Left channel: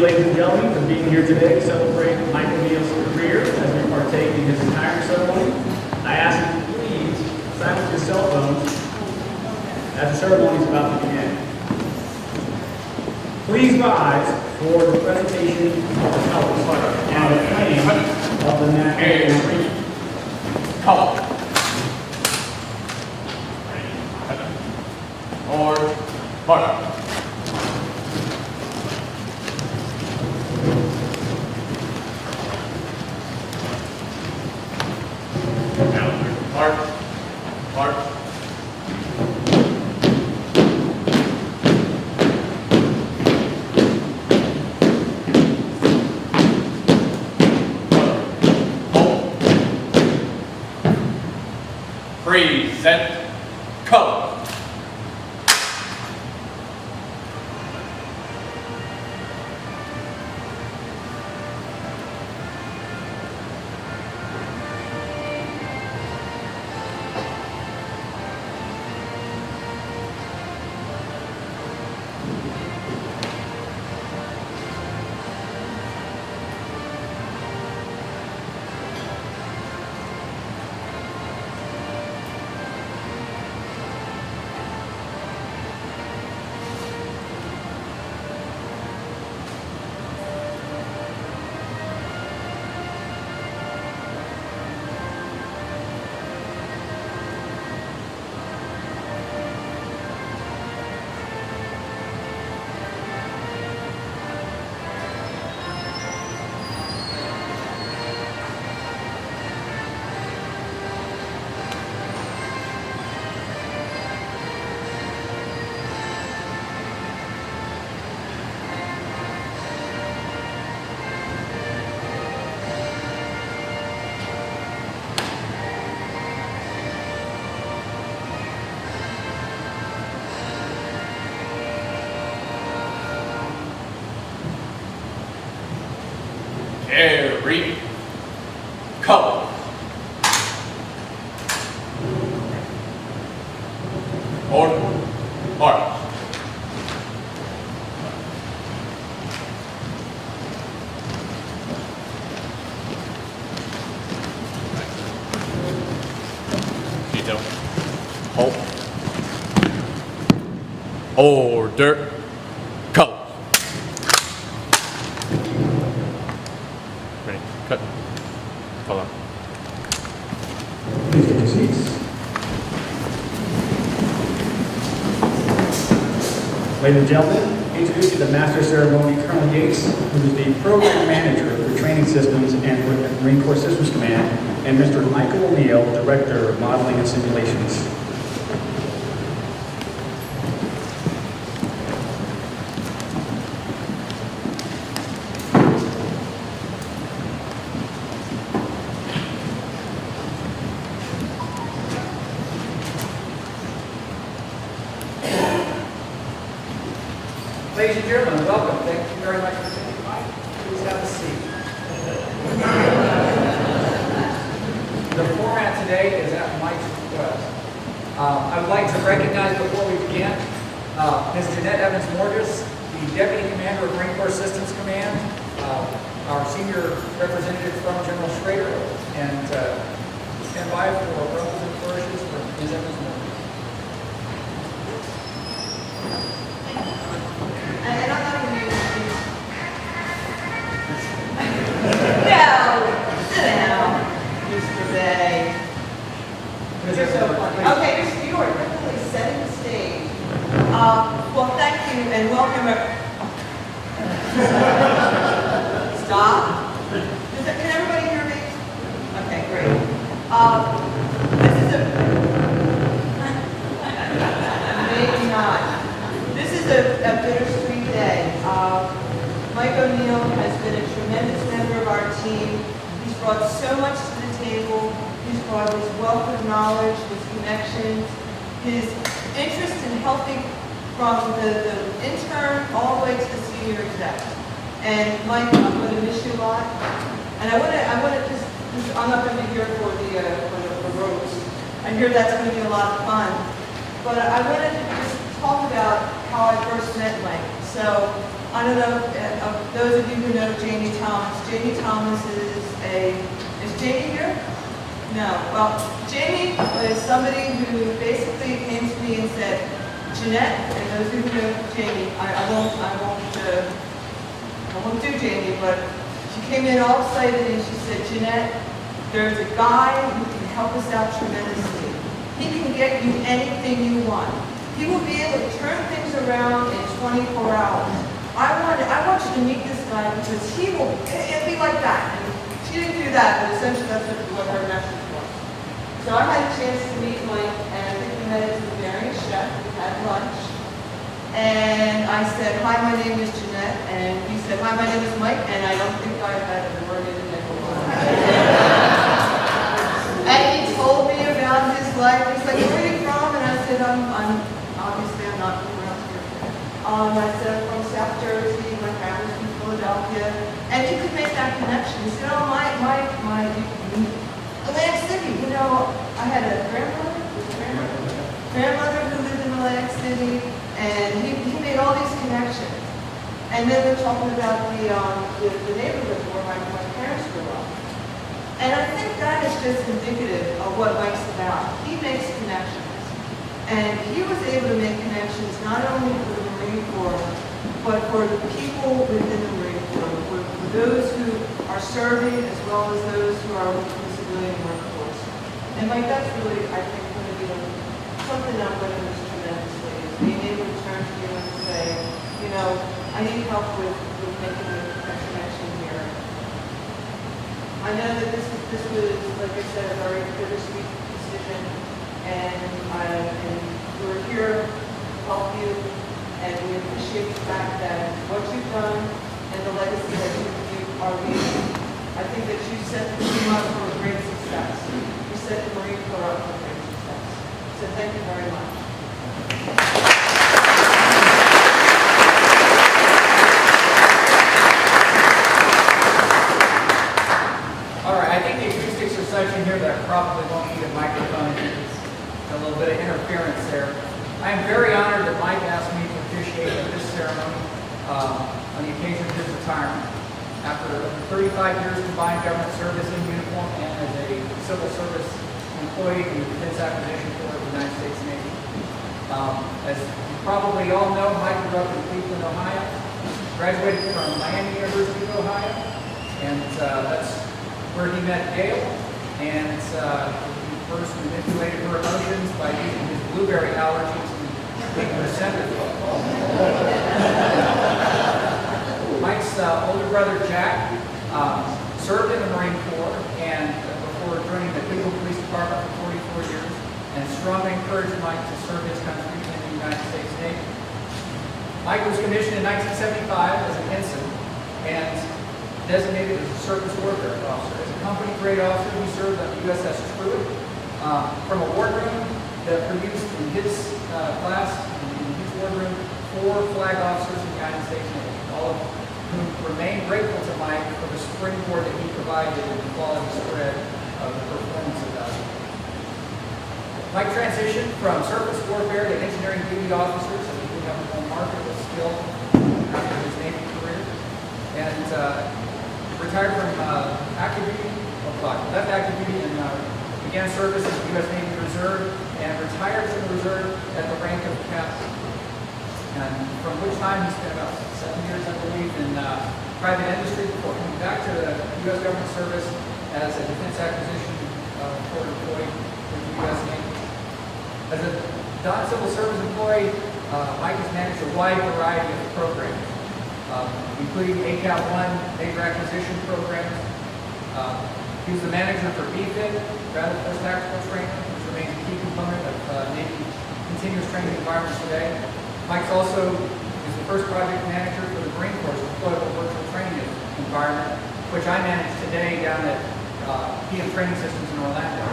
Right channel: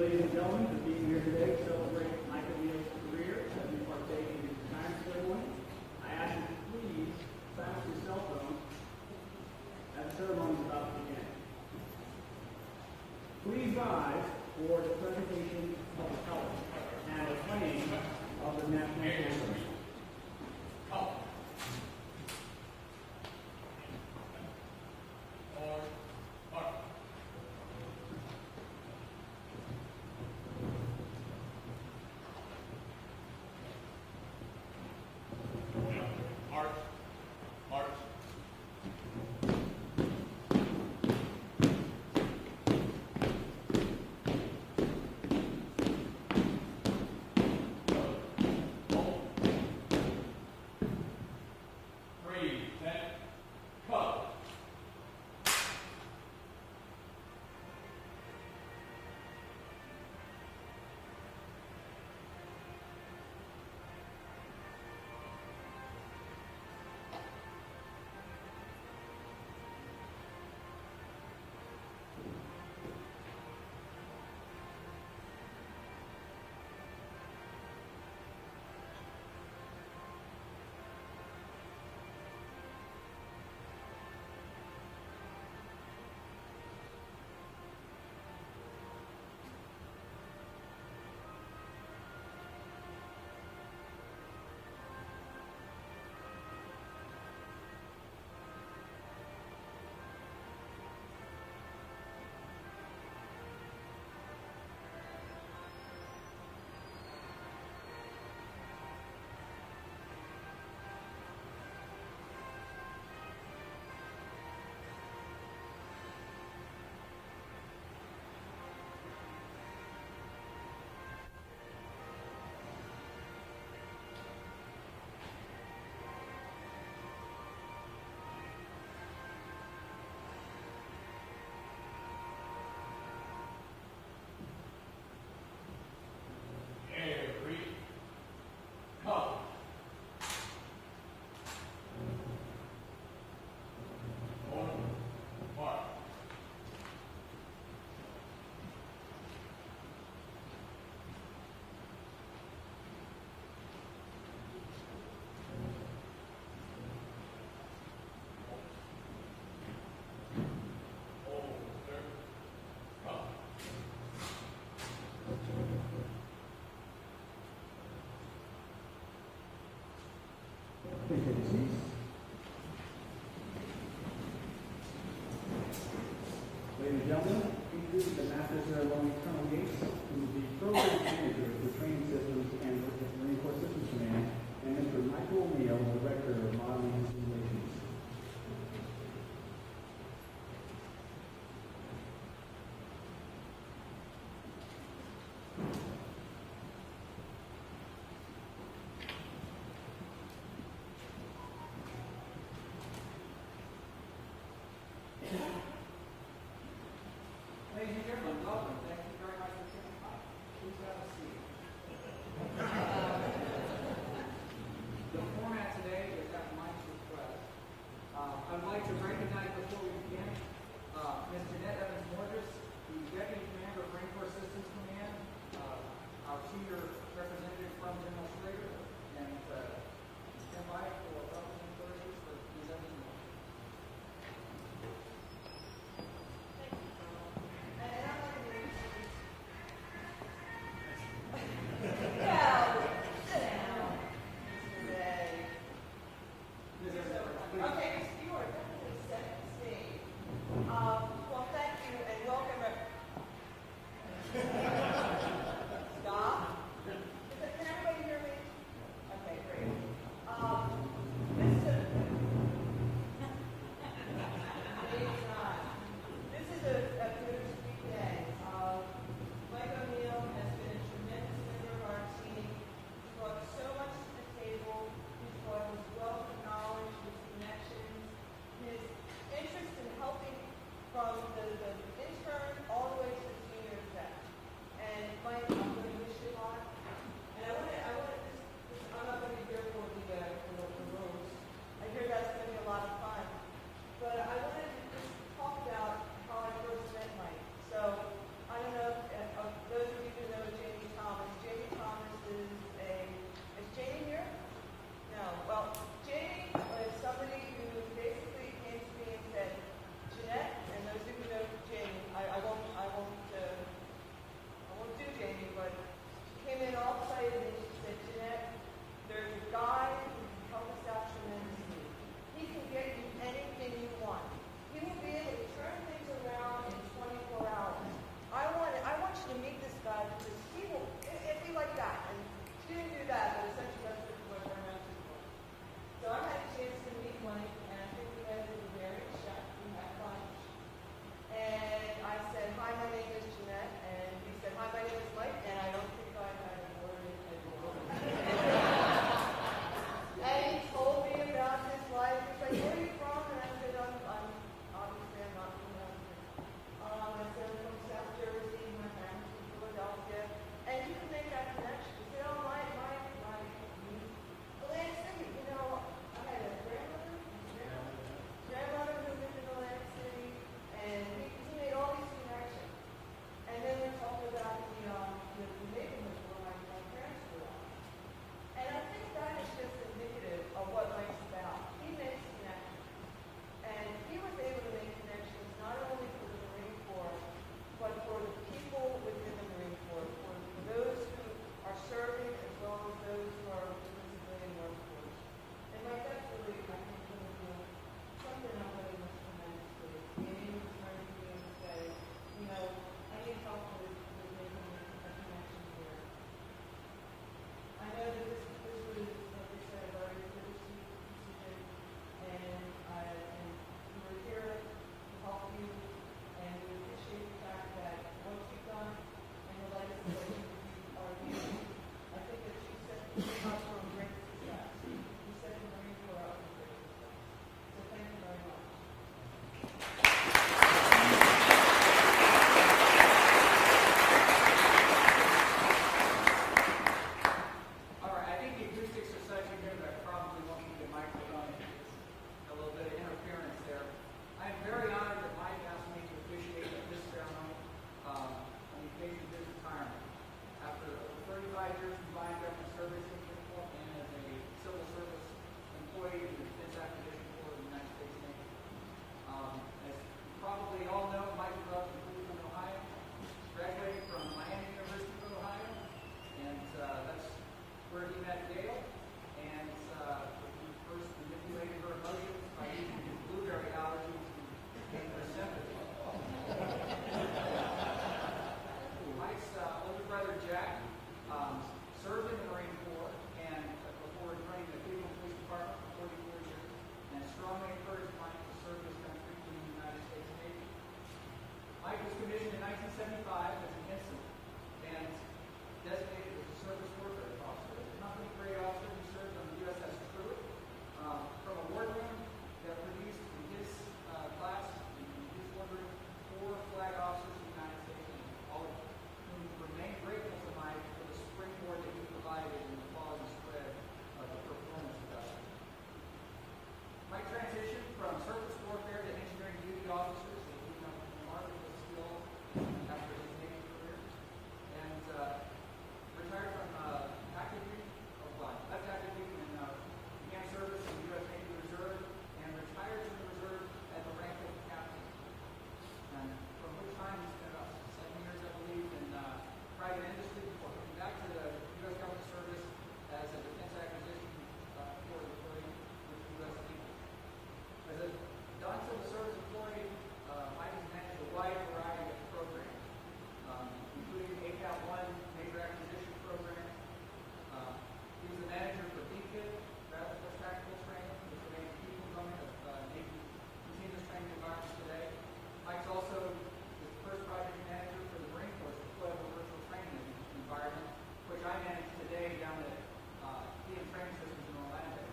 you, ladies and gentlemen, for being here today to celebrate Michael Neal's career as we partake in his retirement ceremony. I ask you to please silence your cell phones as the ceremony is about to begin. Please rise for the presentation of the colors and the playing of the national anthem. Color. Orange, mark. Mark. Mark. Present color. Every color. Order. March. Detail. Hold. Order. Color. Ready. Cut. Follow. Please take your seats. Ladies and gentlemen, introduce you to the Master of Ceremony, Colonel Yates, who is the Program Manager for Training Systems and Marine Corps Systems Command, and Mr. Michael O'Neill, Director of Modeling and Simulations. Ladies and gentlemen, welcome. Thank you very much for taking time. Please have a seat. The format today is at Mike's request. I would like to recognize before we begin Ms. Jeanette Evans-Morges, the Deputy Commander of Marine Corps Systems Command, our Senior Representative from General Schrader, and stand by for ruffles and flourishes for Ms. Evans-Morges. And I'm not going to use these. No, sit down, Mr. Bay. You're so funny. Okay, Mr. York, we're really setting the stage. Well, thank you and welcome. Stop. Can everybody hear me? Okay, great. This is maybe not. This is a bittersweet day. Mike O'Neill has been a tremendous member of our team. He's brought so much to the table. He's brought his wealth of knowledge, his connections, his interest in helping from the intern all the way to the senior exec. And Mike, I'm going to miss you a lot. And I want to just, I'm not going to be here for the ropes. I hear that's going to be a lot of fun. But I wanted to just talk about how I first met Mike. So I don't know, those of you who know Jamie Thomas. Jamie Thomas is Jamie here? No. Well, Jamie was somebody who basically came to me and said, Jeanette, and those of you who know Jamie, I won't do Jamie, but she came in all excited and she said, Jeanette, there's a guy who can help us out tremendously. He can get you anything you want. He will be able to turn things around in 24 hours. I want you to meet this guy because it'll be like that. And she didn't do that, but essentially that's what her message was. So I had a chance to meet Mike, and I think we met at the Bavarian Chef. We had lunch. And I said, hi, my name is Jeanette. And he said, hi, my name is Mike. And I don't think I've had a word in the nickel. And he told me about his life. He's like, where are you from? And I said, I'm obviously I'm not from around here. I said, I'm from South Jersey. My family's from Philadelphia. And you could make that connection. He said, oh, Atlantic City. You know, I had a grandmother who lived in Atlantic City, and he made all these connections. And then we're talking about the neighborhood where my parents grew up. And I think that is just indicative of what Mike's about. He makes connections. And he was able to make connections not only for the Marine Corps, but for the people within the Marine Corps, for those who are serving as well as those who are within the civilian workforce. And Mike, that's really, I think, going to be something I'm going to miss tremendously, is being able to turn to you and say, you know, I need help with making a connection here. I know that this was, like I said, a very bittersweet decision, and we're here to help you, and we appreciate the fact that what you've done and the legacy that you are leaving, I think that you set the team up for a great success. You set the Marine Corps up for great success. So thank you very much. All right, I think the acoustics are such in here that I probably won't need a microphone. There's a little bit of interference there. I am very honored that Mike asked me to officiate at this ceremony on the occasion of his retirement. After over 35 years combined government service in uniform and as a civil service employee in the Defense Acquisition Corps of the United States Navy. As you probably all know, Mike grew up in Cleveland, Ohio, graduated from Miami University of Ohio, and that's where he met Gail, and he first manipulated her emotions by using his blueberry allergies to make her send it. Mike's older brother, Jack, served in the Marine Corps and before joining the Cleveland Police Department for 44 years, and strongly encouraged Mike to serve his country in the United States Navy. Mike was commissioned in 1975 as an ensign and designated as a surface warfare officer. As a company grade officer, he served on the USS Truett from a wardroom that produced in his class, in his wardroom, 4 flag officers in the United States Navy, all of whom remain grateful to Mike for the springboard that he provided in the quality spread of the performance of that. Mike transitioned from surface warfare to engineering duty officer, so he would have a more marketable skill after his Navy career, and retired from active duty, left active duty and began service in the U.S. Navy Reserve, and retired from the Reserve at the rank of captain. And from which time he spent about 7 years, I believe, in private industry before coming back to the U.S. government service as a defense acquisition corps employee with the U.S. Navy. As a non-civil service employee, Mike has managed a wide variety of programs, including ACAP-1 major acquisition programs. He was the manager for BFIT, Battle Force Tactical Training, which remains a key component of Navy continuous training environments today. Mike's also is the first project manager for the Marine Corps' deployable virtual training environment, which I manage today down at PM Training Systems in Orlando.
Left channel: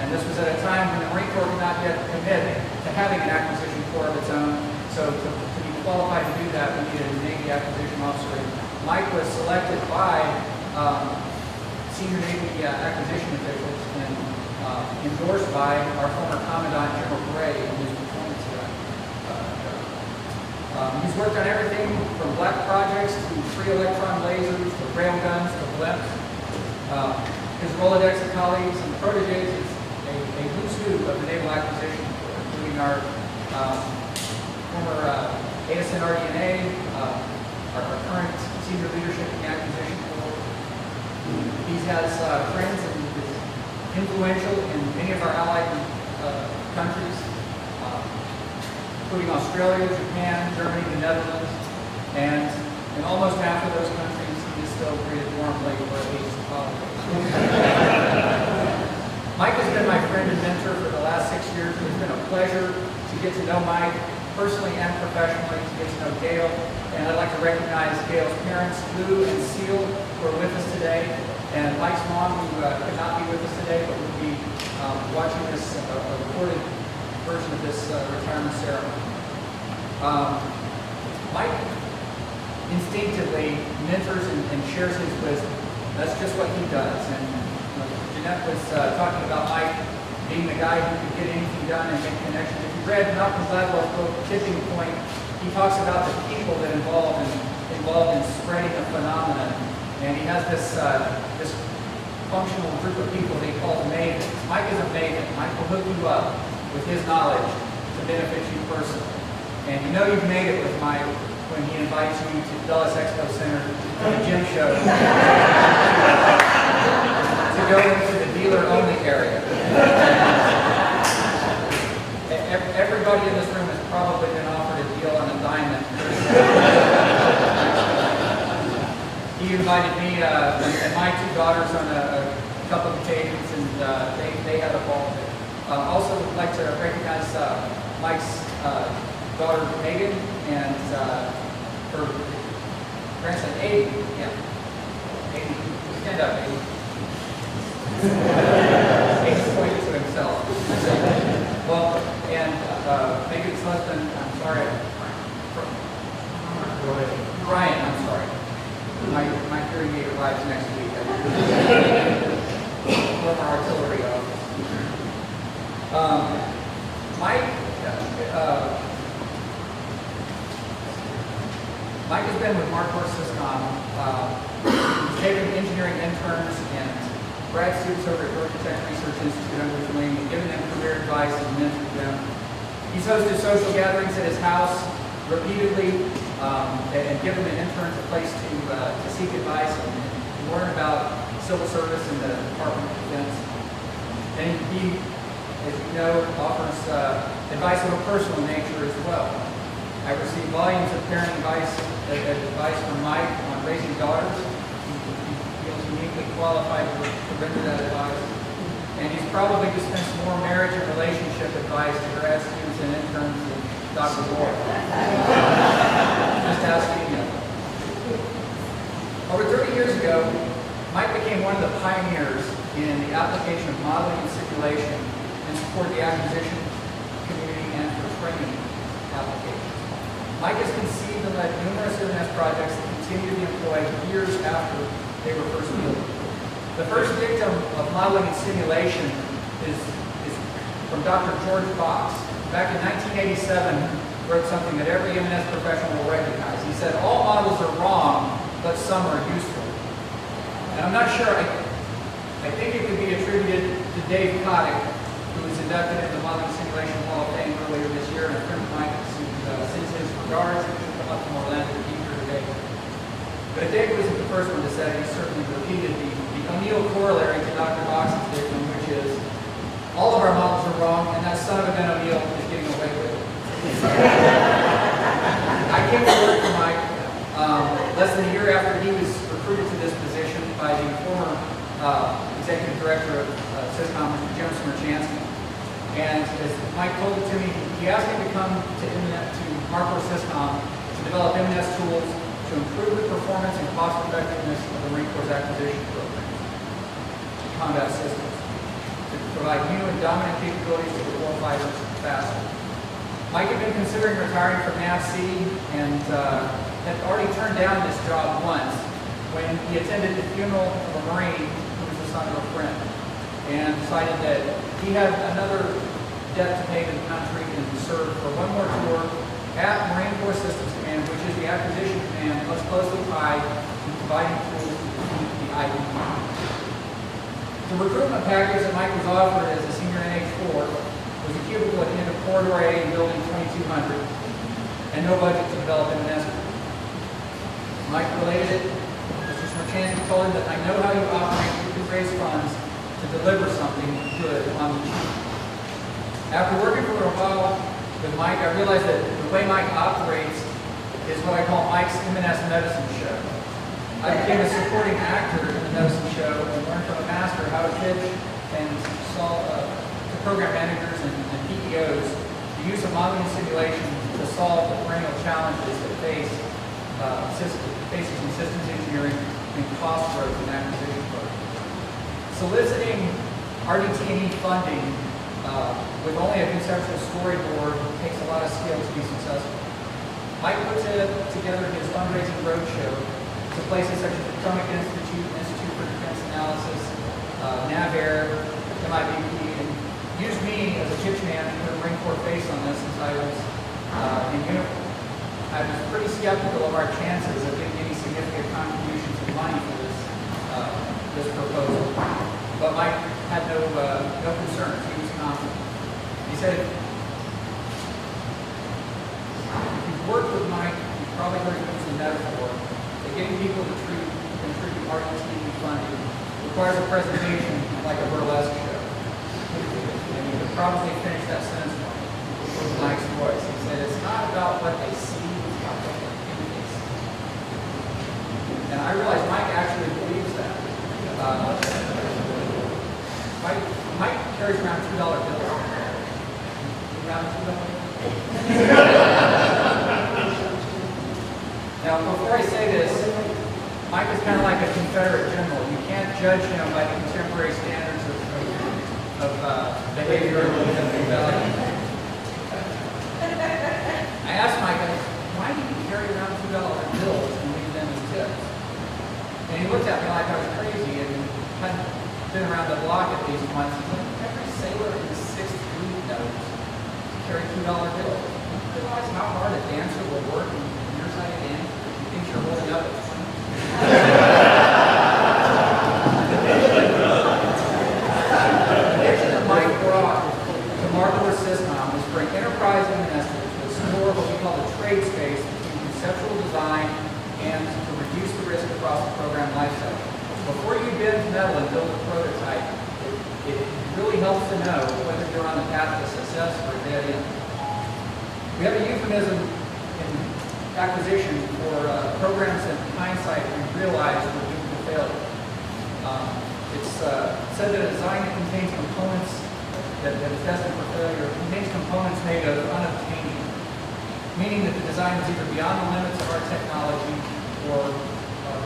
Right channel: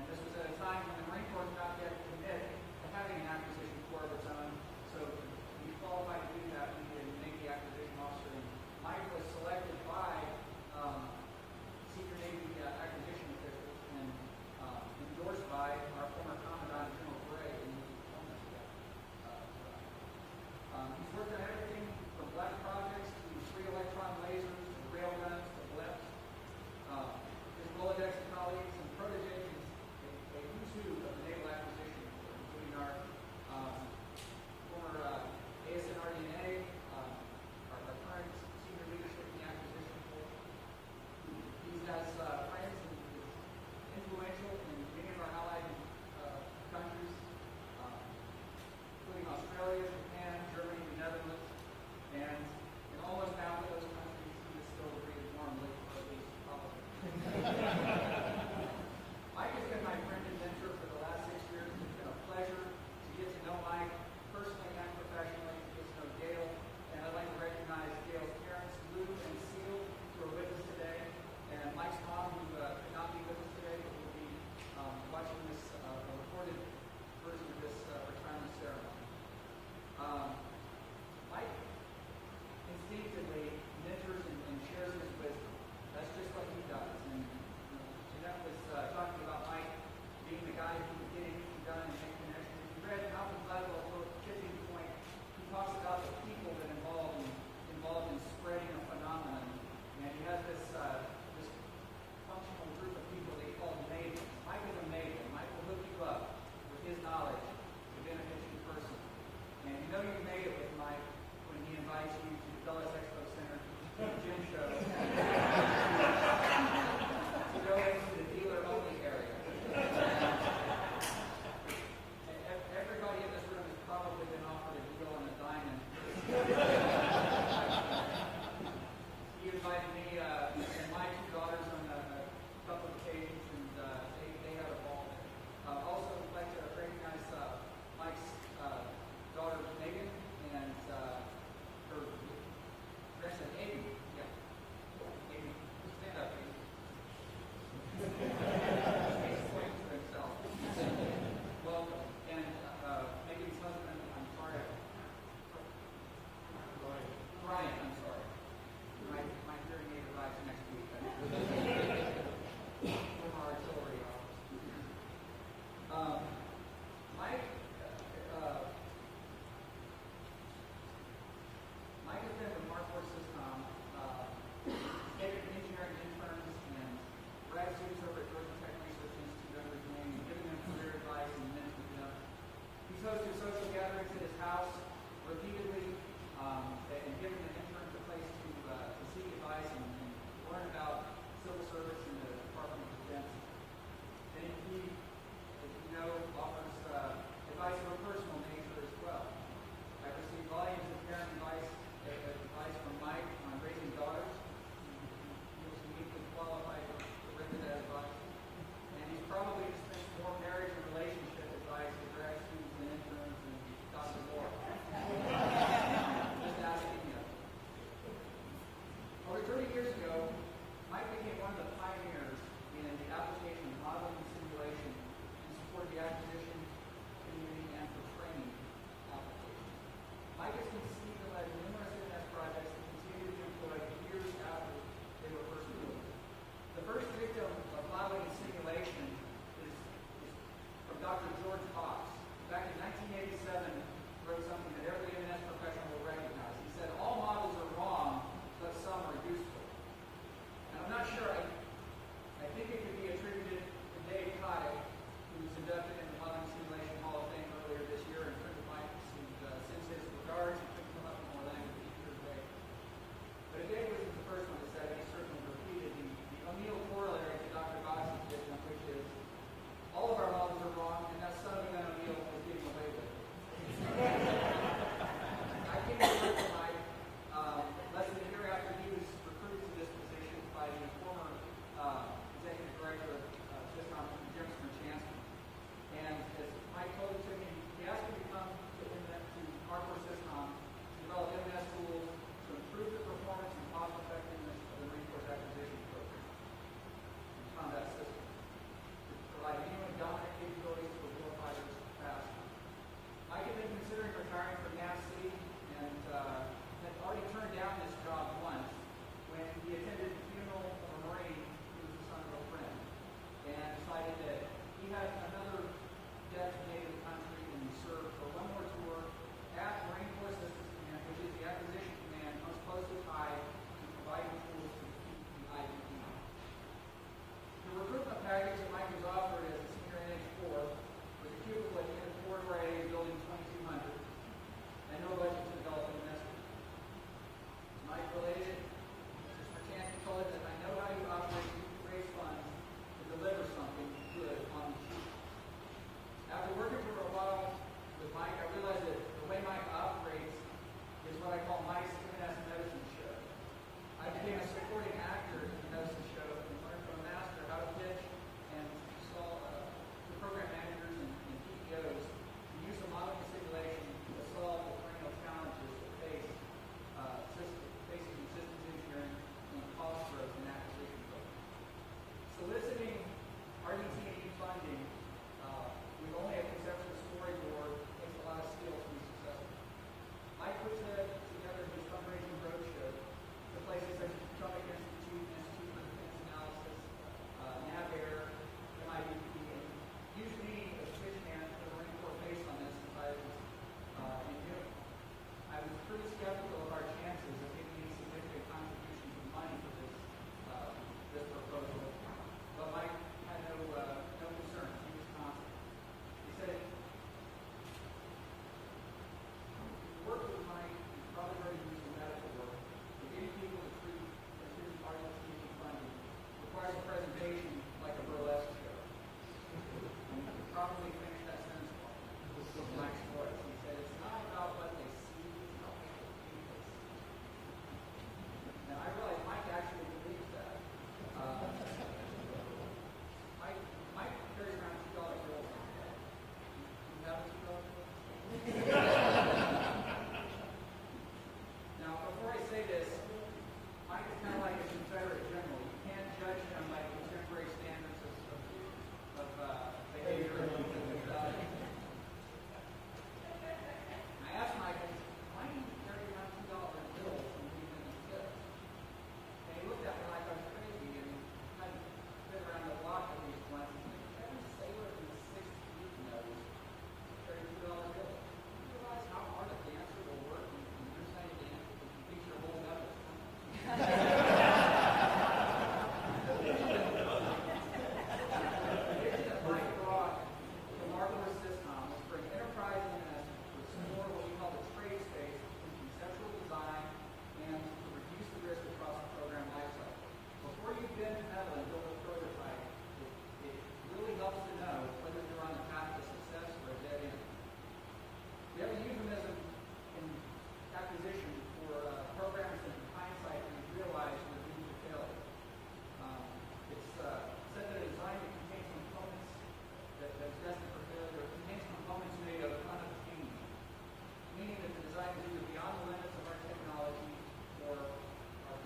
And this was at a time when the Marine Corps did not yet commit to having an acquisition corps of its own. So to be qualified to do that, we needed a Navy acquisition officer. And Mike was selected by senior Navy acquisition officials and endorsed by our former Commandant General Gray in his performance of that job. He's worked on everything from black projects to free electron lasers to rail guns to blimps. His Rolodex of colleagues and proteges is a who's who of the naval acquisition, including our former ASN RDNA, our current senior leadership in the acquisition board. He has friends and is influential in many of our allied countries, including Australia, Japan, Germany, the Netherlands, and in almost half of those countries, he is still greeted warmly where he's politics. Mike has been my friend and mentor for the last 6 years. It's been a pleasure to get to know Mike personally and professionally, to get to know Gail, and I'd like to recognize Gail's parents, Lou and Seal, who are with us today, and Mike's mom, who could not be with us today, but will be watching this recorded version of this retirement ceremony. Mike instinctively mentors and shares his wisdom. That's just what he does. And Jeanette was talking about Mike being the guy who could get anything done and make connections. If you read Malcolm Gladwell's book, Tipping Point, he talks about the people that involved in spreading a phenomenon. And he has this functional group of people that he calls mavens. Mike is a maven. Mike will hook you up with his knowledge to benefit you personally. And you know you've made it with Mike when he invites you to Dulles Expo Center for the gym show to go into the dealer-only area. Everybody in this room has probably been offered a deal on a diamond. He invited me and my two daughters on a couple of occasions, and they had a ball. Also, would like to recognize Mike's daughter Megan and her grandson Aiden. Yeah, Aiden, stand up, Aiden. Aiden's pointing to himself. Well, and Megan's husband, I'm sorry, Brian, I'm sorry. My hearing aid arrives next week. Former artillery officer. Mike has been with Mark Syscom. He's taken engineering interns and grad students over at Georgia Tech Research Institute under his wing and given them career advice and mentored them. He's hosted social gatherings at his house repeatedly and given the interns a place to seek advice and learn about civil service and the Department of Defense. And he, as you know, offers advice of a personal nature as well. I received volumes of parent advice from Mike on raising daughters. He feels uniquely qualified to render that advice. And he's probably dispensed more marriage and relationship advice to grad students and interns than Dr. Moore. Just asking him. Over 30 years ago, Mike became one of the pioneers in the application of modeling and simulation in support of the acquisition community and for training applications. Mike has conceived and led numerous M&S projects that continue to be employed years after they were first built. The first victim of modeling and simulation is from Dr. George Fox. Back in 1987, wrote something that every M&S professional will recognize. He said, all models are wrong, but some are useful. And I'm not sure, I think it could be attributed to Dave Kotick, who was inducted into the Modeling Simulation Hall of Fame earlier this year, and a friend of mine who sends his regards and should come up from Orlando to be here today. But if Dave wasn't the first one to say it, he certainly repeated the O'Neill corollary to Dr. Fox's dictum, which is, all of our models are wrong, and that son of a gun O'Neill is getting away with it. I came to work for Mike less than a year after he was recruited to this position by the former executive director of Syscom, Mr. Jim Smerchansky. And as Mike told it to me, he asked me to come to Marco Syscom to develop M&S tools to improve the performance and cost effectiveness of the Marine Corps acquisition program, combat systems, to provide new and dominant capabilities to the warfighters faster. Mike had been considering retiring from NAVC and had already turned down this job once when he attended the funeral of a Marine who was the son of a friend, and decided that he had another debt to pay to the country and served for one more tour at Marine Corps Systems Command, which package that Mike was offered as a senior NH4 was a cubicle at the end of corridor A in building 2200, and no budget to develop an estimate. Mike related it. Mr. Smirchanski told him that I know how you operate. You can raise funds to deliver something good on the cheap. After working for a while with Mike, I realized that the way Mike operates is what I call Mike's M&S medicine show. I became a supporting actor in the medicine show and learned from a master how to pitch and solve to program managers and PEOs the use of modeling and simulation to solve the perennial challenges that faces in systems engineering and cost growth and acquisition growth. Soliciting RDT&E funding with only a conceptual storyboard takes a lot of skill to be successful. Mike put together his fundraising roadshow to places such as the Potomac Institute, Institute for Defense Analysis, NAVAIR, MIBP, and used me as a pitch man to put a Marine Corps face on this since I was in uniform. I was pretty skeptical of our chances of getting any significant contributions of money for this proposal, but Mike had no concerns. He was confident. He said, if you've worked with Mike, you've probably heard him use the metaphor that getting people to contribute RDT&E funding requires a presentation like a burlesque show. And you could probably finish that sentence with Mike's voice. He said, it's not about what they see, it's about what they think they see. And I realized Mike actually believes that. Mike carries around $2 bills. Around $2? Now, before I say this, Mike is kind of like a Confederate general. You can't judge him by the contemporary standards of behavior. I asked Mike, why do you carry around $2 bills and leave them as tips? And he looked at me like I was crazy and hadn't been around the block at least once. He said, every sailor in the 6th Fleet knows to carry $2 bills. You realize how hard a dancer will work in your side of the dance? You think you're holding up at 20? The vision that Mike brought to Marble System was for an enterprise M&S to explore what we call the trade space between conceptual design and to reduce the risk across the program lifecycle. Before you bend metal and build a prototype, it really helps to know whether you're on the path to success or a dead end. We have a euphemism in acquisition for programs that in hindsight we realize were doomed to failure. It's said that a design that contains components that is destined for failure contains components made of unobtainium, meaning that the design is either beyond the limits of our technology or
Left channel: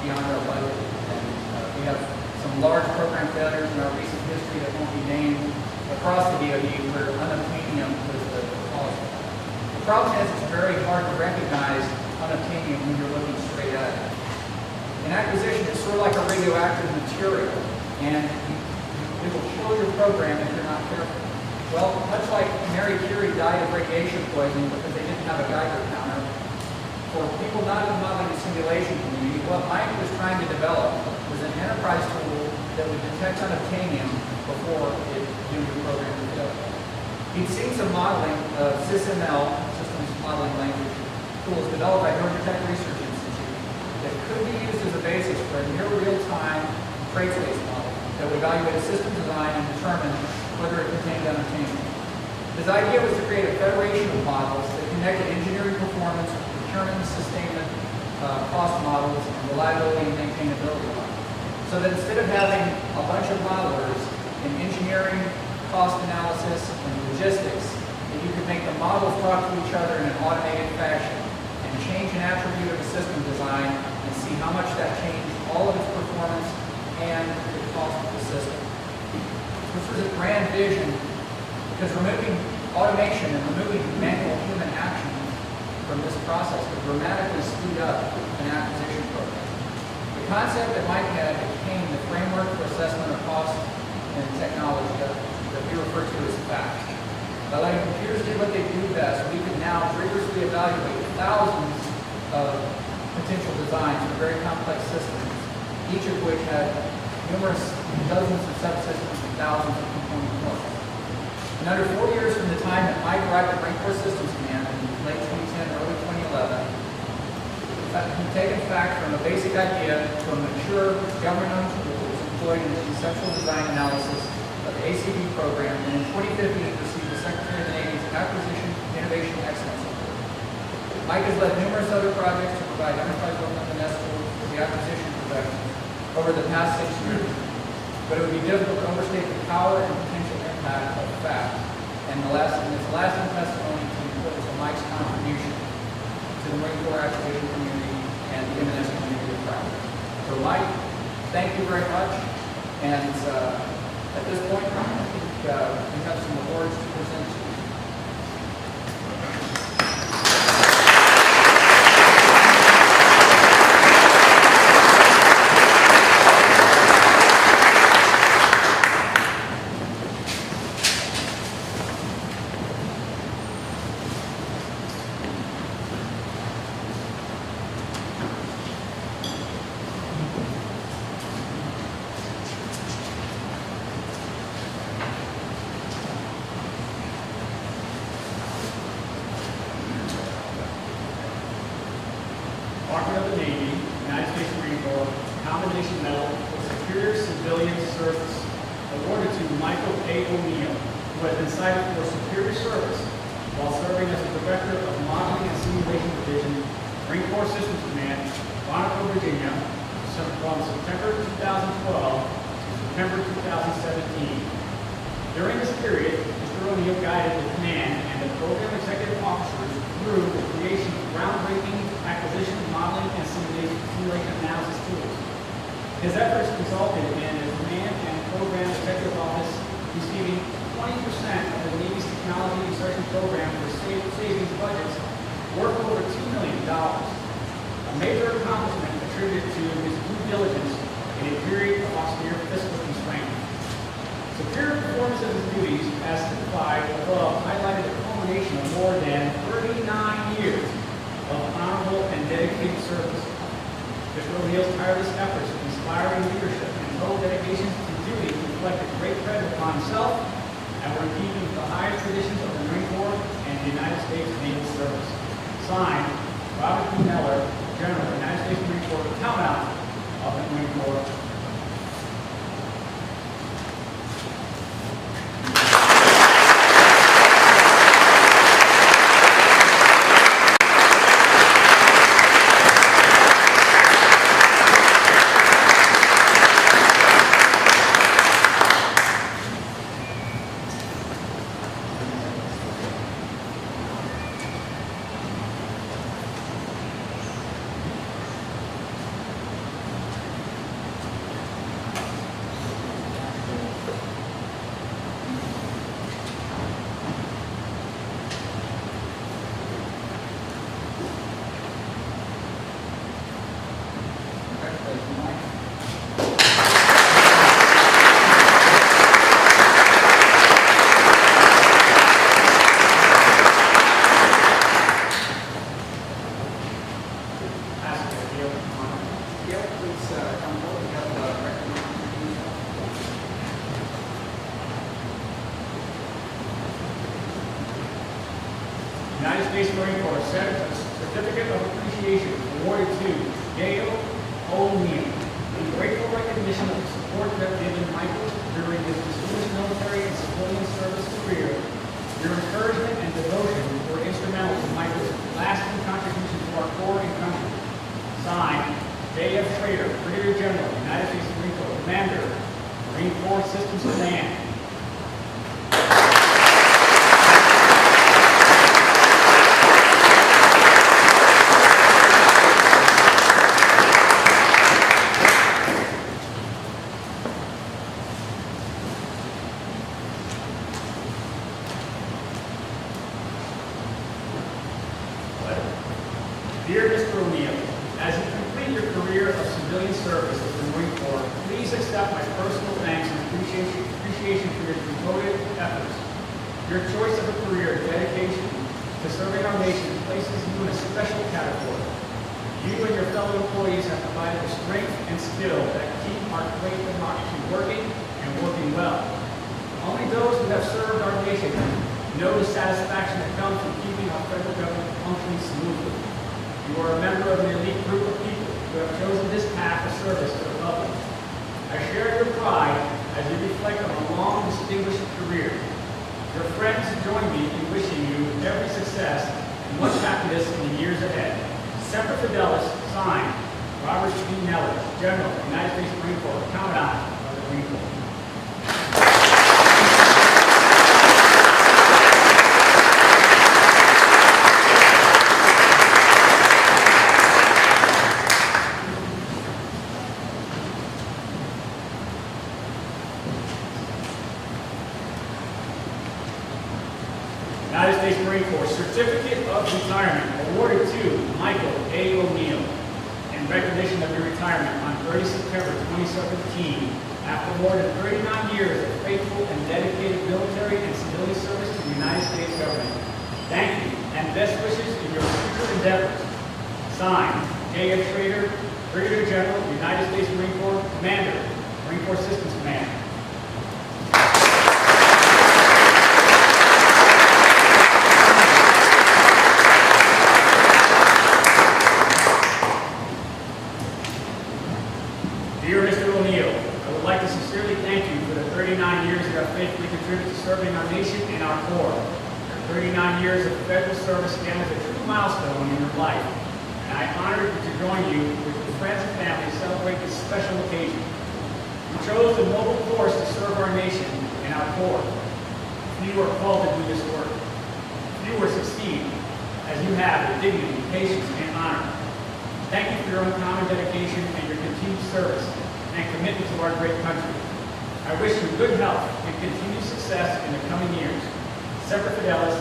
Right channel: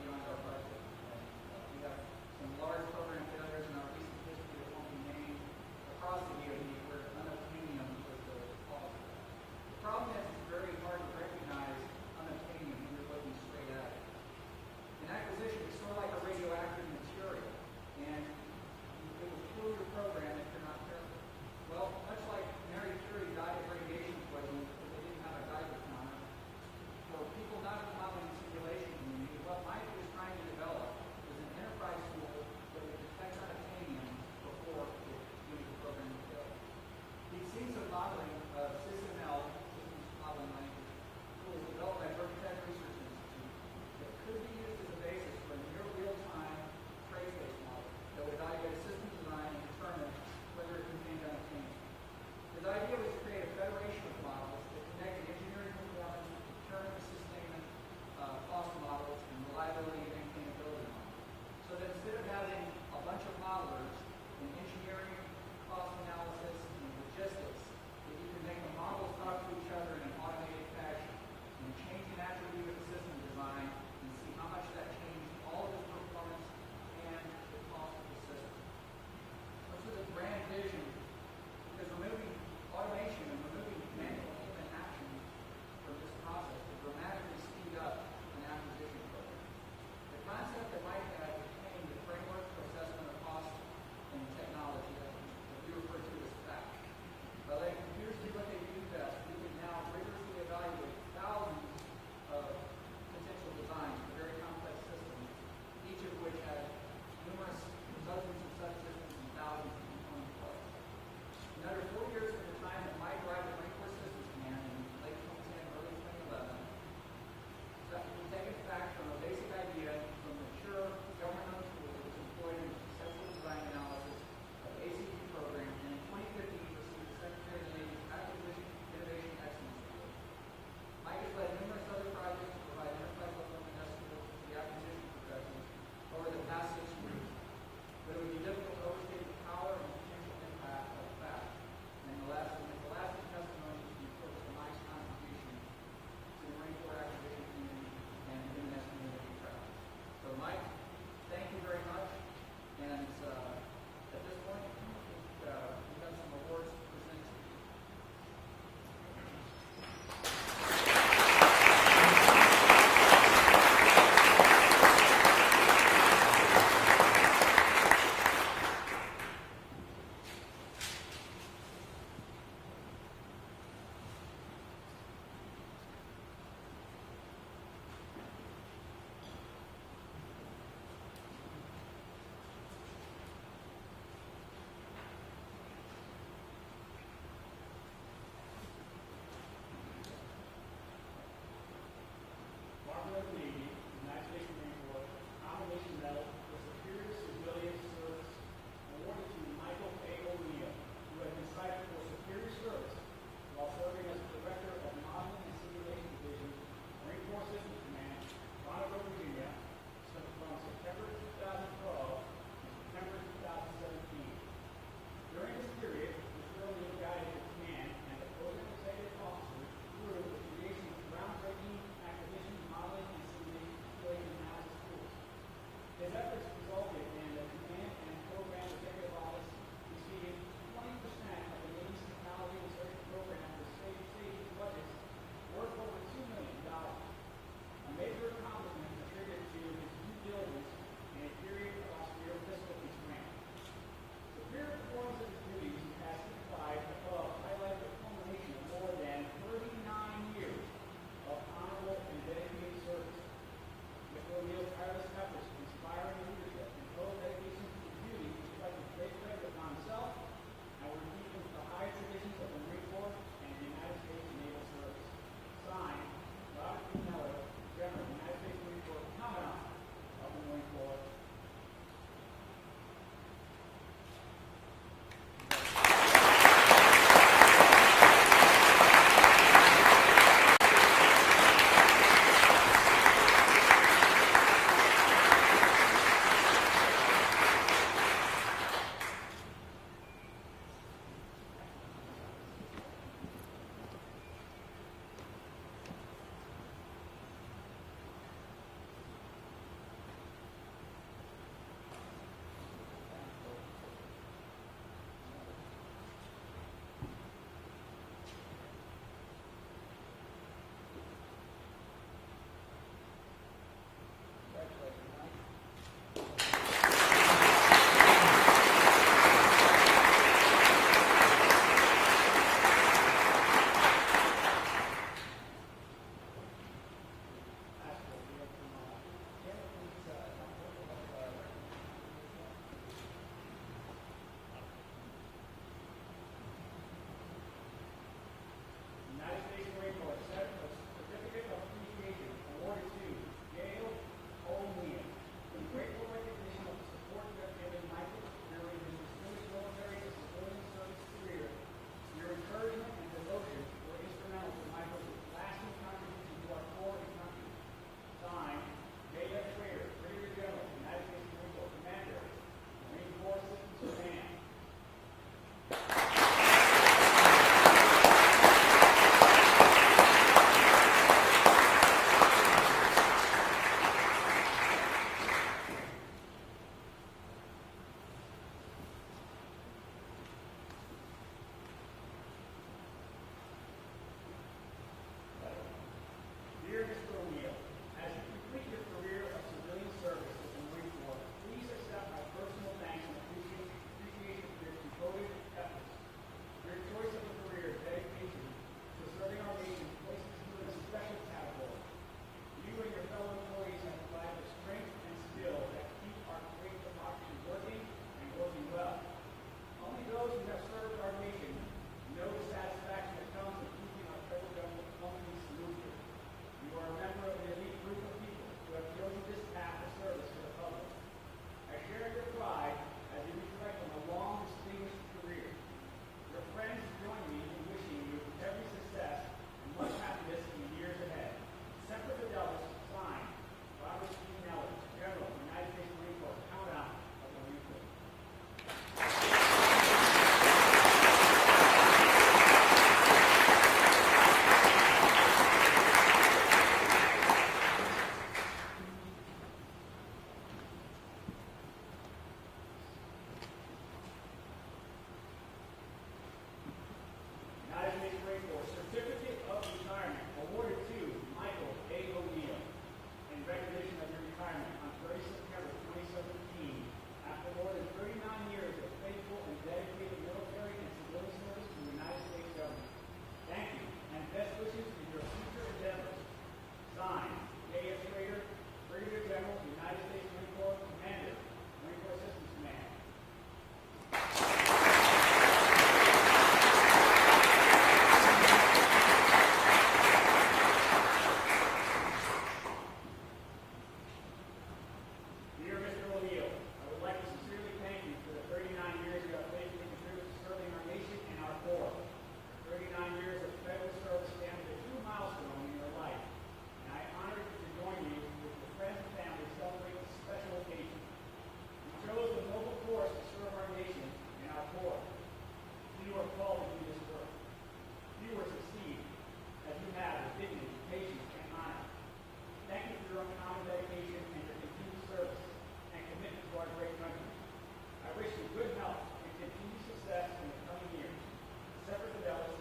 beyond our budget. We have some large program failures in our recent history that won't be named across the DoD where unobtainium was the cause. The problem is it's very hard to recognize unobtainium when you're looking straight at it. In acquisition, it's sort of like a radioactive material, and it will kill your program if you're not careful. Well, much like Mary Curie died of radiation poisoning because they didn't have a Geiger counter, for people not in the modeling and simulation community, what Mike was trying to develop was an enterprise tool that would detect unobtainium before it doomed the program to failure. He'd seen some modeling of SysML, Systems Modeling Language, tools developed by Georgia Tech Research Institute that could be used as a basis for a near real-time trade space model that would evaluate a system design and determine whether it contained unobtainium. His idea was to create a federation of models that connected engineering performance, procurement and sustainment, cost models, and reliability and maintainability models. So that instead of having a bunch of modelers in engineering, cost analysis, and logistics, that you could make the models talk to each other in an automated fashion and change an attribute of a system design and see how much that changed all of its performance and the cost of the system. This was a grand vision because removing automation and removing manual human action from this process would dramatically speed up an acquisition program. The concept that Mike had became the framework for assessment of cost and technology that we refer to as FACT. By letting computers do what they do best, we can now rigorously evaluate thousands of potential designs for very complex systems, each of which had numerous dozens of subsystems thousands of component parts. In under 4 years from the time that Mike arrived at Marine Corps Systems Command in late 2010, early 2011, he's taken fact from a basic idea to a mature government-owned tool that was employed in the conceptual design analysis of the ACV program, and in 2015 he received the Secretary of the Navy's Acquisition Innovation Excellence Award. Mike has led numerous other projects to provide enterprise weapons and S tools for the acquisition profession over the past 6 years, but it would be difficult to overstate the power and potential impact of FACT and its lasting testimony to the importance of Mike's contribution to the Marine Corps acquisition community and the M&S community of practice. So Mike, thank you very much. And at this point, I think we have some awards to present to you. Department of the Navy, United States Marine Corps, Combination Medal for Superior Civilian Service, awarded to Michael A. O'Neill, who has been cited for superior service while serving as the Director of Modeling and Simulation Division, Marine Corps Systems Command, Quantico, Virginia, from September 2012 to September 2017. During this period, Mr. O'Neill guided the command and the program executive officers through the creation of groundbreaking acquisition, modeling, and simulation analysis tools. His efforts resulted in the command and program executive office receiving 20% of the Navy's technology research and program for savings budgets worth over $2 million. A major accomplishment attributed to his due diligence in a period of austere fiscal constraint. Superior performance of his duties, as typified above, highlighted a culmination of more than 39 years of honorable and dedicated service. Mr. O'Neill's tireless efforts of inspiring leadership and total dedication to duty reflected great credit upon himself and were in keeping with the highest traditions of the Marine Corps and the United States Naval Service. Signed, Robert P. Miller, General, United States Marine Corps, Commandant of the Marine Corps. Congratulations, Mike. Yeah, please come forward. We have recognition. United States Marine Corps Sept Certificate of Appreciation awarded to Gail O'Neill in grateful recognition of the support that given Michael during his distinguished military and civilian service career. Your encouragement and devotion were instrumental in Michael's lasting contribution to our Corps and country. Signed, J.F. Schrader, Brigadier General, United States Marine Corps Commander, Marine Corps Systems Command. Dear Mr. O'Neill, as you complete your career of civilian service with the Marine Corps, please accept my personal thanks and appreciation for your devoted efforts. Your choice of a career dedication to serving our nation places you in a special category. You and your fellow employees have provided the strength and skill that keep our great democracy working and working well. Only those who have served our nation know the satisfaction that comes from keeping our federal government functioning smoothly. You are a member of an elite group of people who have chosen this path of service to the public. I share your pride as you reflect on a long, distinguished career. Your friends join me in wishing you every success and much happiness in the years ahead. Semper Fidelis, signed, Robert E. Neller, General, United States Marine Corps, Commandant of the Marine Corps. United States Marine Corps Certificate of Retirement awarded to Michael A. O'Neill in recognition of your retirement on 30 September 2017 after more than 39 years of faithful and dedicated military and civilian service to the United States government. Thank you and best wishes in your future endeavors. Signed, J.F. Schrader, Brigadier General, United States Marine Corps, Commander, Marine Corps Systems Command. Dear Mr. O'Neill, I would like to sincerely thank you for the 39 years you have faithfully contributed to serving our nation and our Corps. Your 39 years of federal service stand as a true milestone in your life, and I am honored to join you with your friends and family to celebrate this special occasion. You chose the noble course to serve our nation and our Corps. Few are called to do this work. Few will succeed as you have with dignity, patience, and honor. Thank you for your uncommon dedication and your continued service and commitment to our great country. I wish you good health and continued success in the coming years. Semper Fidelis,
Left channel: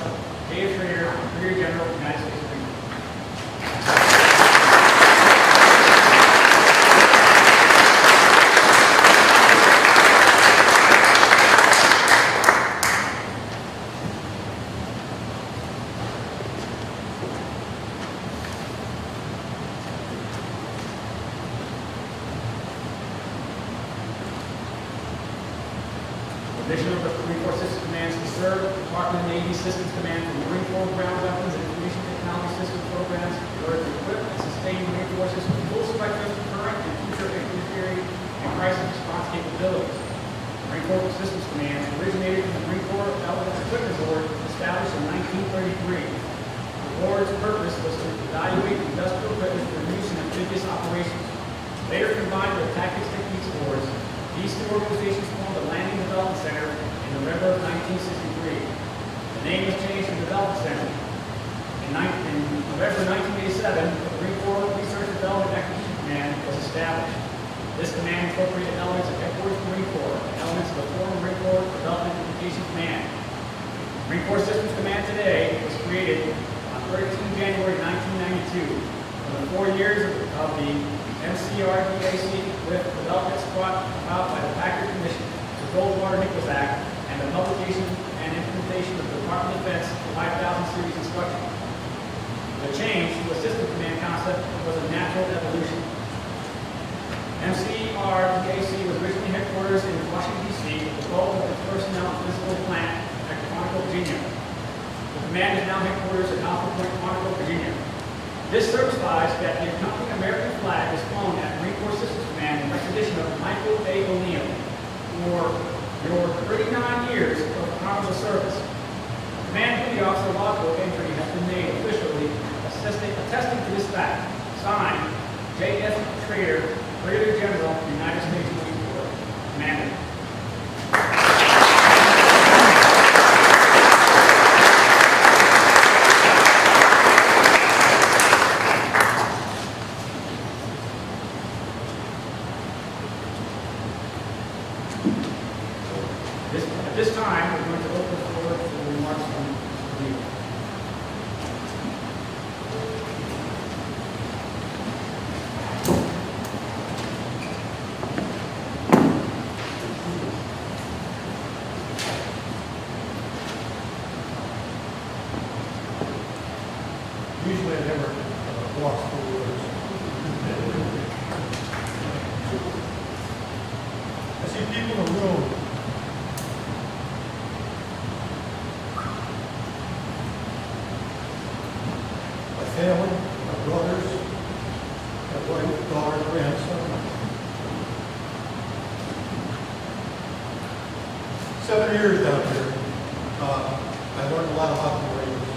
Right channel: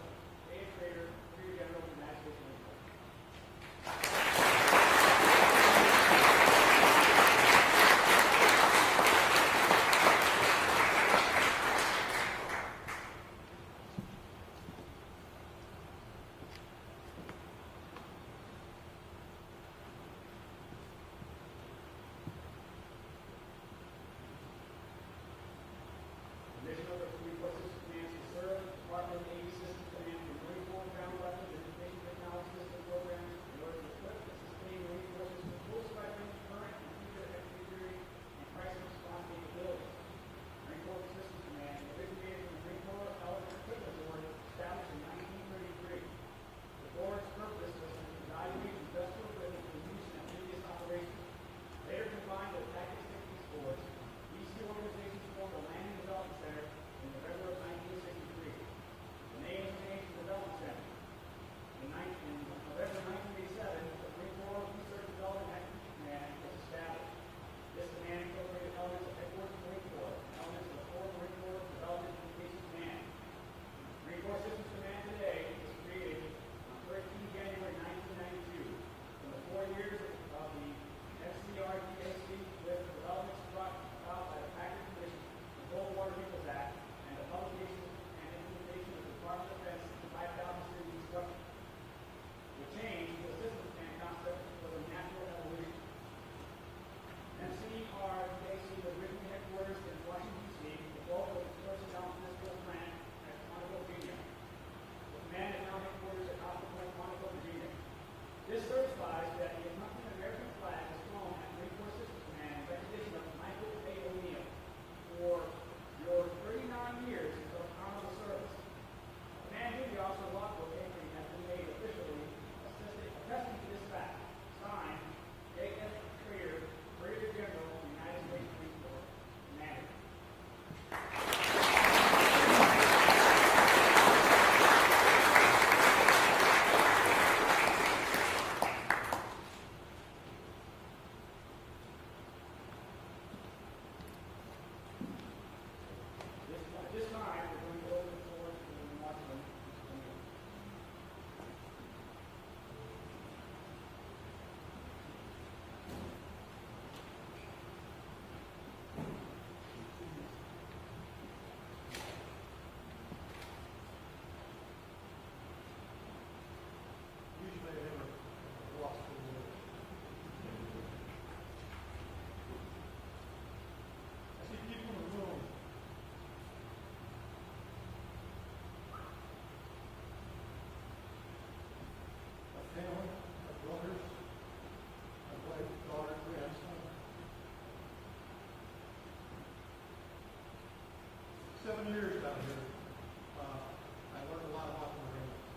J.F. Schrader, Brigadier General, United States Marine Corps. Commissioner of the Marine Corps Systems Command to serve Department of Navy Systems Command for Marine Corps Ground Weapons and Information Technology System programs in order to equip and sustain Marine forces with full spectrum current and future infantry and crisis response capabilities. Marine Corps Systems Command originated from the Marine Corps Element Equipment Board established in 1933. The board's purpose was to evaluate industrial equipment for use in amphibious operations. Later combined with Tactics Techniques boards, these two organizations formed the Landing Development Center in November of 1963. The name was changed to Development Center. In November 1987, the Marine Corps Research and Development Acquisition Command was established. This command incorporated elements of Headquarters Marine Corps and elements of the former Marine Corps Development Communication Command. Marine Corps Systems Command today was created on 13 January 1992 for the 4 years of the MCRDAC with developments brought about by the Packard Commission, the Goldwater-Nichols Act, and the publication and implementation of the Department of Defense 5000 series instruction. The change to a system command concept was a natural evolution. MCRDAC was originally headquarters in Washington, D.C., with the bulk of its personnel and physical plant at Quantico, Virginia. The command is now headquarters at Alpha Point, Quantico, Virginia. This certifies that the accompanying American flag is flown at Marine Corps Systems Command in recognition of Michael A. O'Neill for your 39 years of honorable service. Command Duty Officer logbook entry has been made officially attesting to this fact. Signed, J.F. Schrader, Brigadier General, United States Marine Corps, Commander. At this time, we're going to open the floor for remarks from the leader. Usually I never walk through words. I see people in the room family, my brothers, my wife, daughter, grandson. 7 years down here, I learned a lot about the Marines.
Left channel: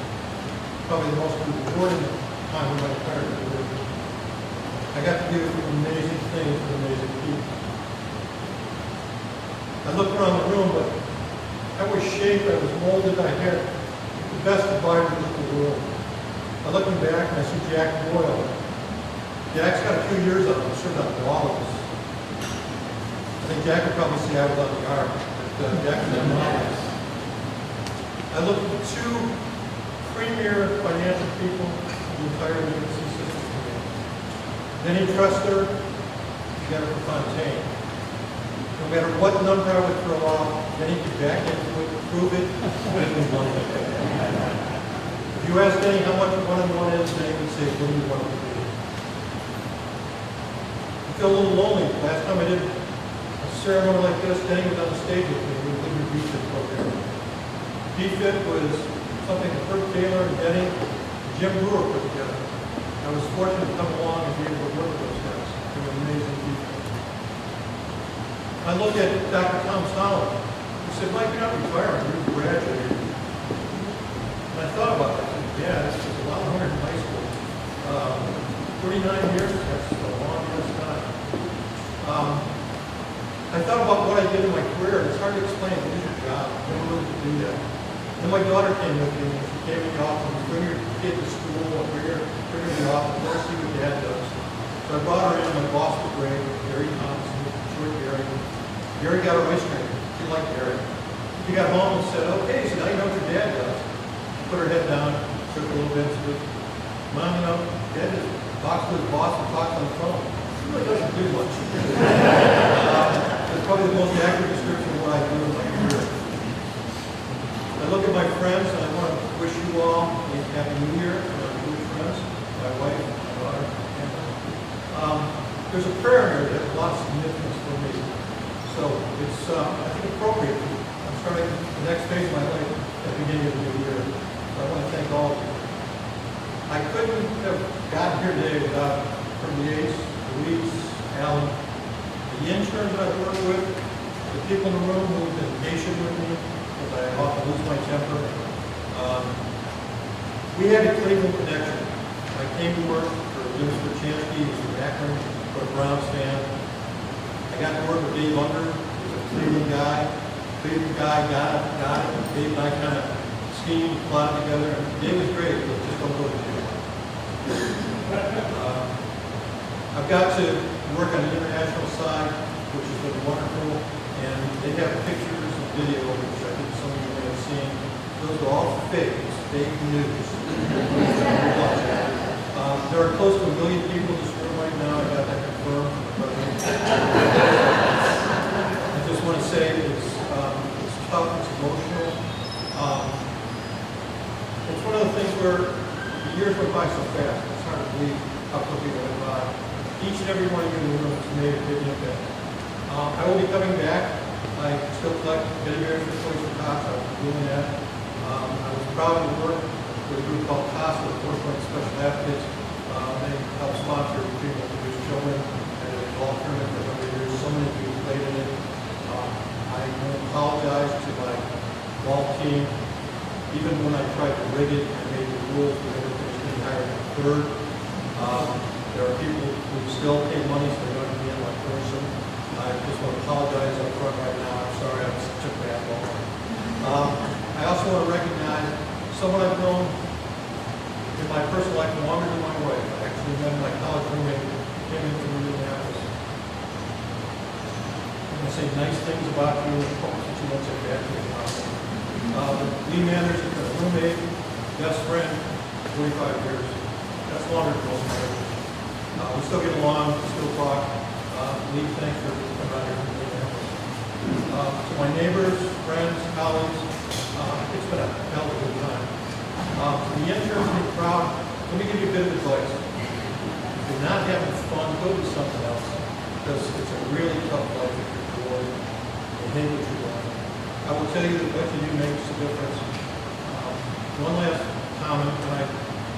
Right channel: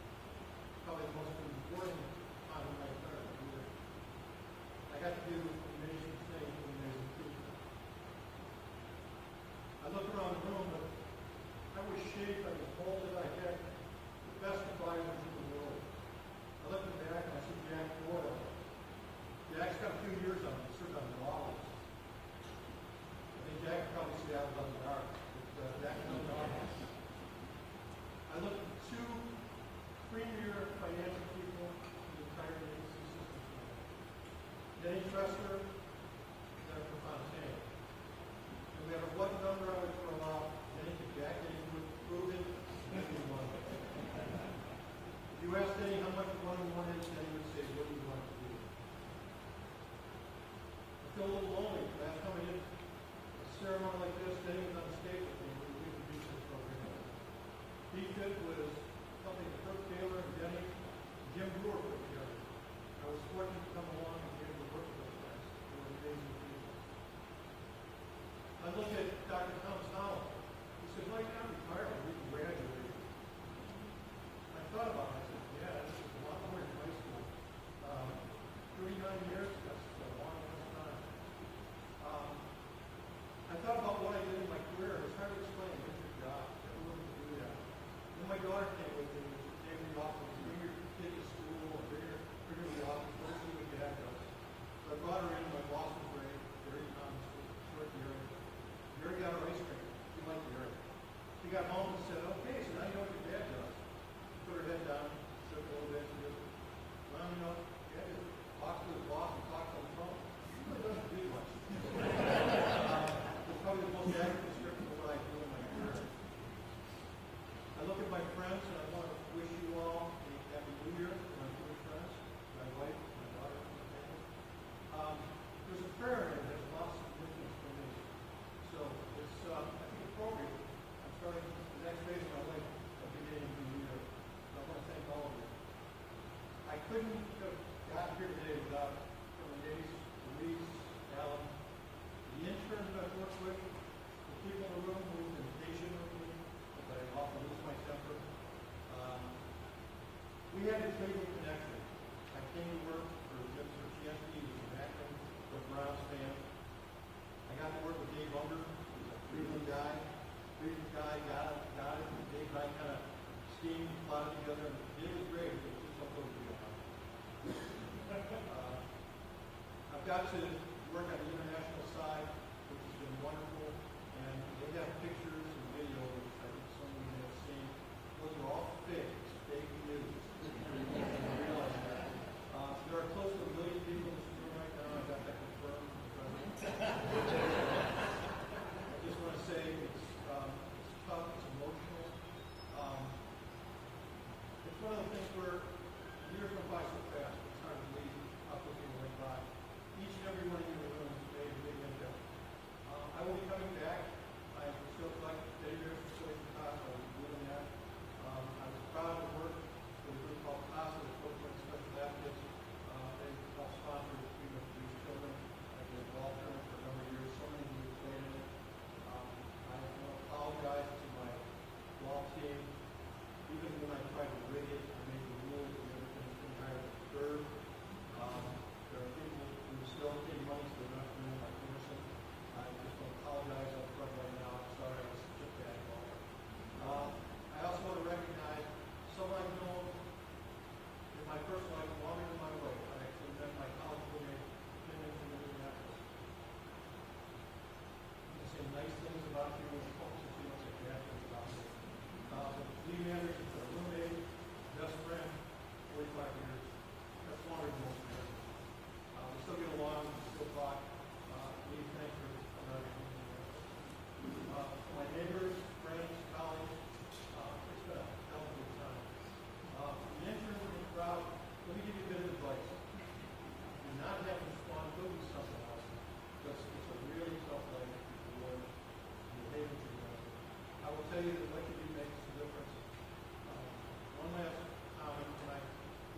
Probably the most rewarding time of my entire career. I got to do amazing things with amazing people. I look around the room, but I was shaped, I was molded, I had the best advisors in the world. I looking back and I see Jack Boyle. Jack's got a few years on him, served on all of us. I think Jack would probably say I was on the guard, but Jack was on all of us. I looked at the two premier financial people in the entire agency system today. Denny Trester, Jennifer Fontaine. No matter what number I would throw out, Denny could back into it, prove it, and we won it. If you ask Denny how much 1 and 1 is, Denny would say, what do you want it to be? I feel a little lonely. Last time I did a ceremony like this, Denny was on the stage with me. We were doing the BFIT program. BFIT was something that Kurt Taylor and Denny, Jim Brewer put together. I was fortunate to come along and be able to work with those guys. They were amazing people. I look at Dr. Tom Solomon. He said, Mike, you're not retiring, you're graduating. And I thought about that. I said, yeah, this is a lot harder in high school. 39 years, that's a long year's time. I thought about what I did in my career, and it's hard to explain. It is your job. I never really could do that. Then my daughter came with me, and she came in the office and bring your kid to school, or bring her in the office, let her see what dad does. So I brought her in, my boss was great, Gary Thompson, short Gary. Gary got her ice cream. She liked Gary. She got home and said, okay, so now you know what your dad does. She put her head down, took a little bit, and said, Mom, you know, Dad just talks to his boss and talks on the phone. He really doesn't do much. It's probably the most accurate description of what I do in my career. I look at my friends, and I want to wish you all a happy New Year, my Jewish friends, my wife, my daughter, and there's a prayer here that has a lot of significance for me. So it's, I think, appropriate. I'm starting the next phase of my life at the beginning of the new year. So I want to thank all of you. I couldn't have gotten here today without from the Ace, Louise, Alan, the interns that I've worked with, the people in the room who have been patient with me, because I often lose my temper. We had a Cleveland connection. I came to work for Jim Straczynski, who's from Akron, for a Browns fan. I got to work with Dave Unger, who's a Cleveland guy. Cleveland guy got it. Dave and I kind of schemed, plotted together. Dave was great, but just don't go to jail. I've got to work on the international side, which has been wonderful, and they have pictures and video, which I think some of you may have seen. Those are all fake. It's fake news. There are close to 1 million people in this room right now. I got that confirmed from the president. I just want to say it's tough, it's emotional. It's one of the things where the years went by so fast. It's hard to believe how quickly they went by. Each and every one of you in the room has made a big impact. I will be coming back. I still collect teddy bears for Toys for Tots. I've been doing that. I was proud to work with a group called CASA, the Force Special Advocates. They help sponsor people to produce children and a golf tournament for 100 years. So many people played in it. I want to apologize to my golf team. Even when I tried to rig it and made the rules, we never finished getting higher than third. There are people who still pay money, so they're not going to be in my person. I just want to apologize up front right now. I'm sorry I was such a bad ball. I also want to recognize someone I've known in my personal life longer than my wife. I actually met my college roommate who came in from Indianapolis. I'm going to say nice things about you and hope that you won't say bad things about me. The lead manager, the roommate, best friend, 45 years. That's longer than most marriages. We still get along, we still talk. Lee, thanks for coming out here from Indianapolis. To my neighbors, friends, colleagues, it's been a hell of a good time. To the interns in the crowd, let me give you a bit of advice. If you're not having fun, go do something else. Because it's a really tough life if you're bored and hate what you're doing. I will tell you that what you do makes a difference. One last comment, and I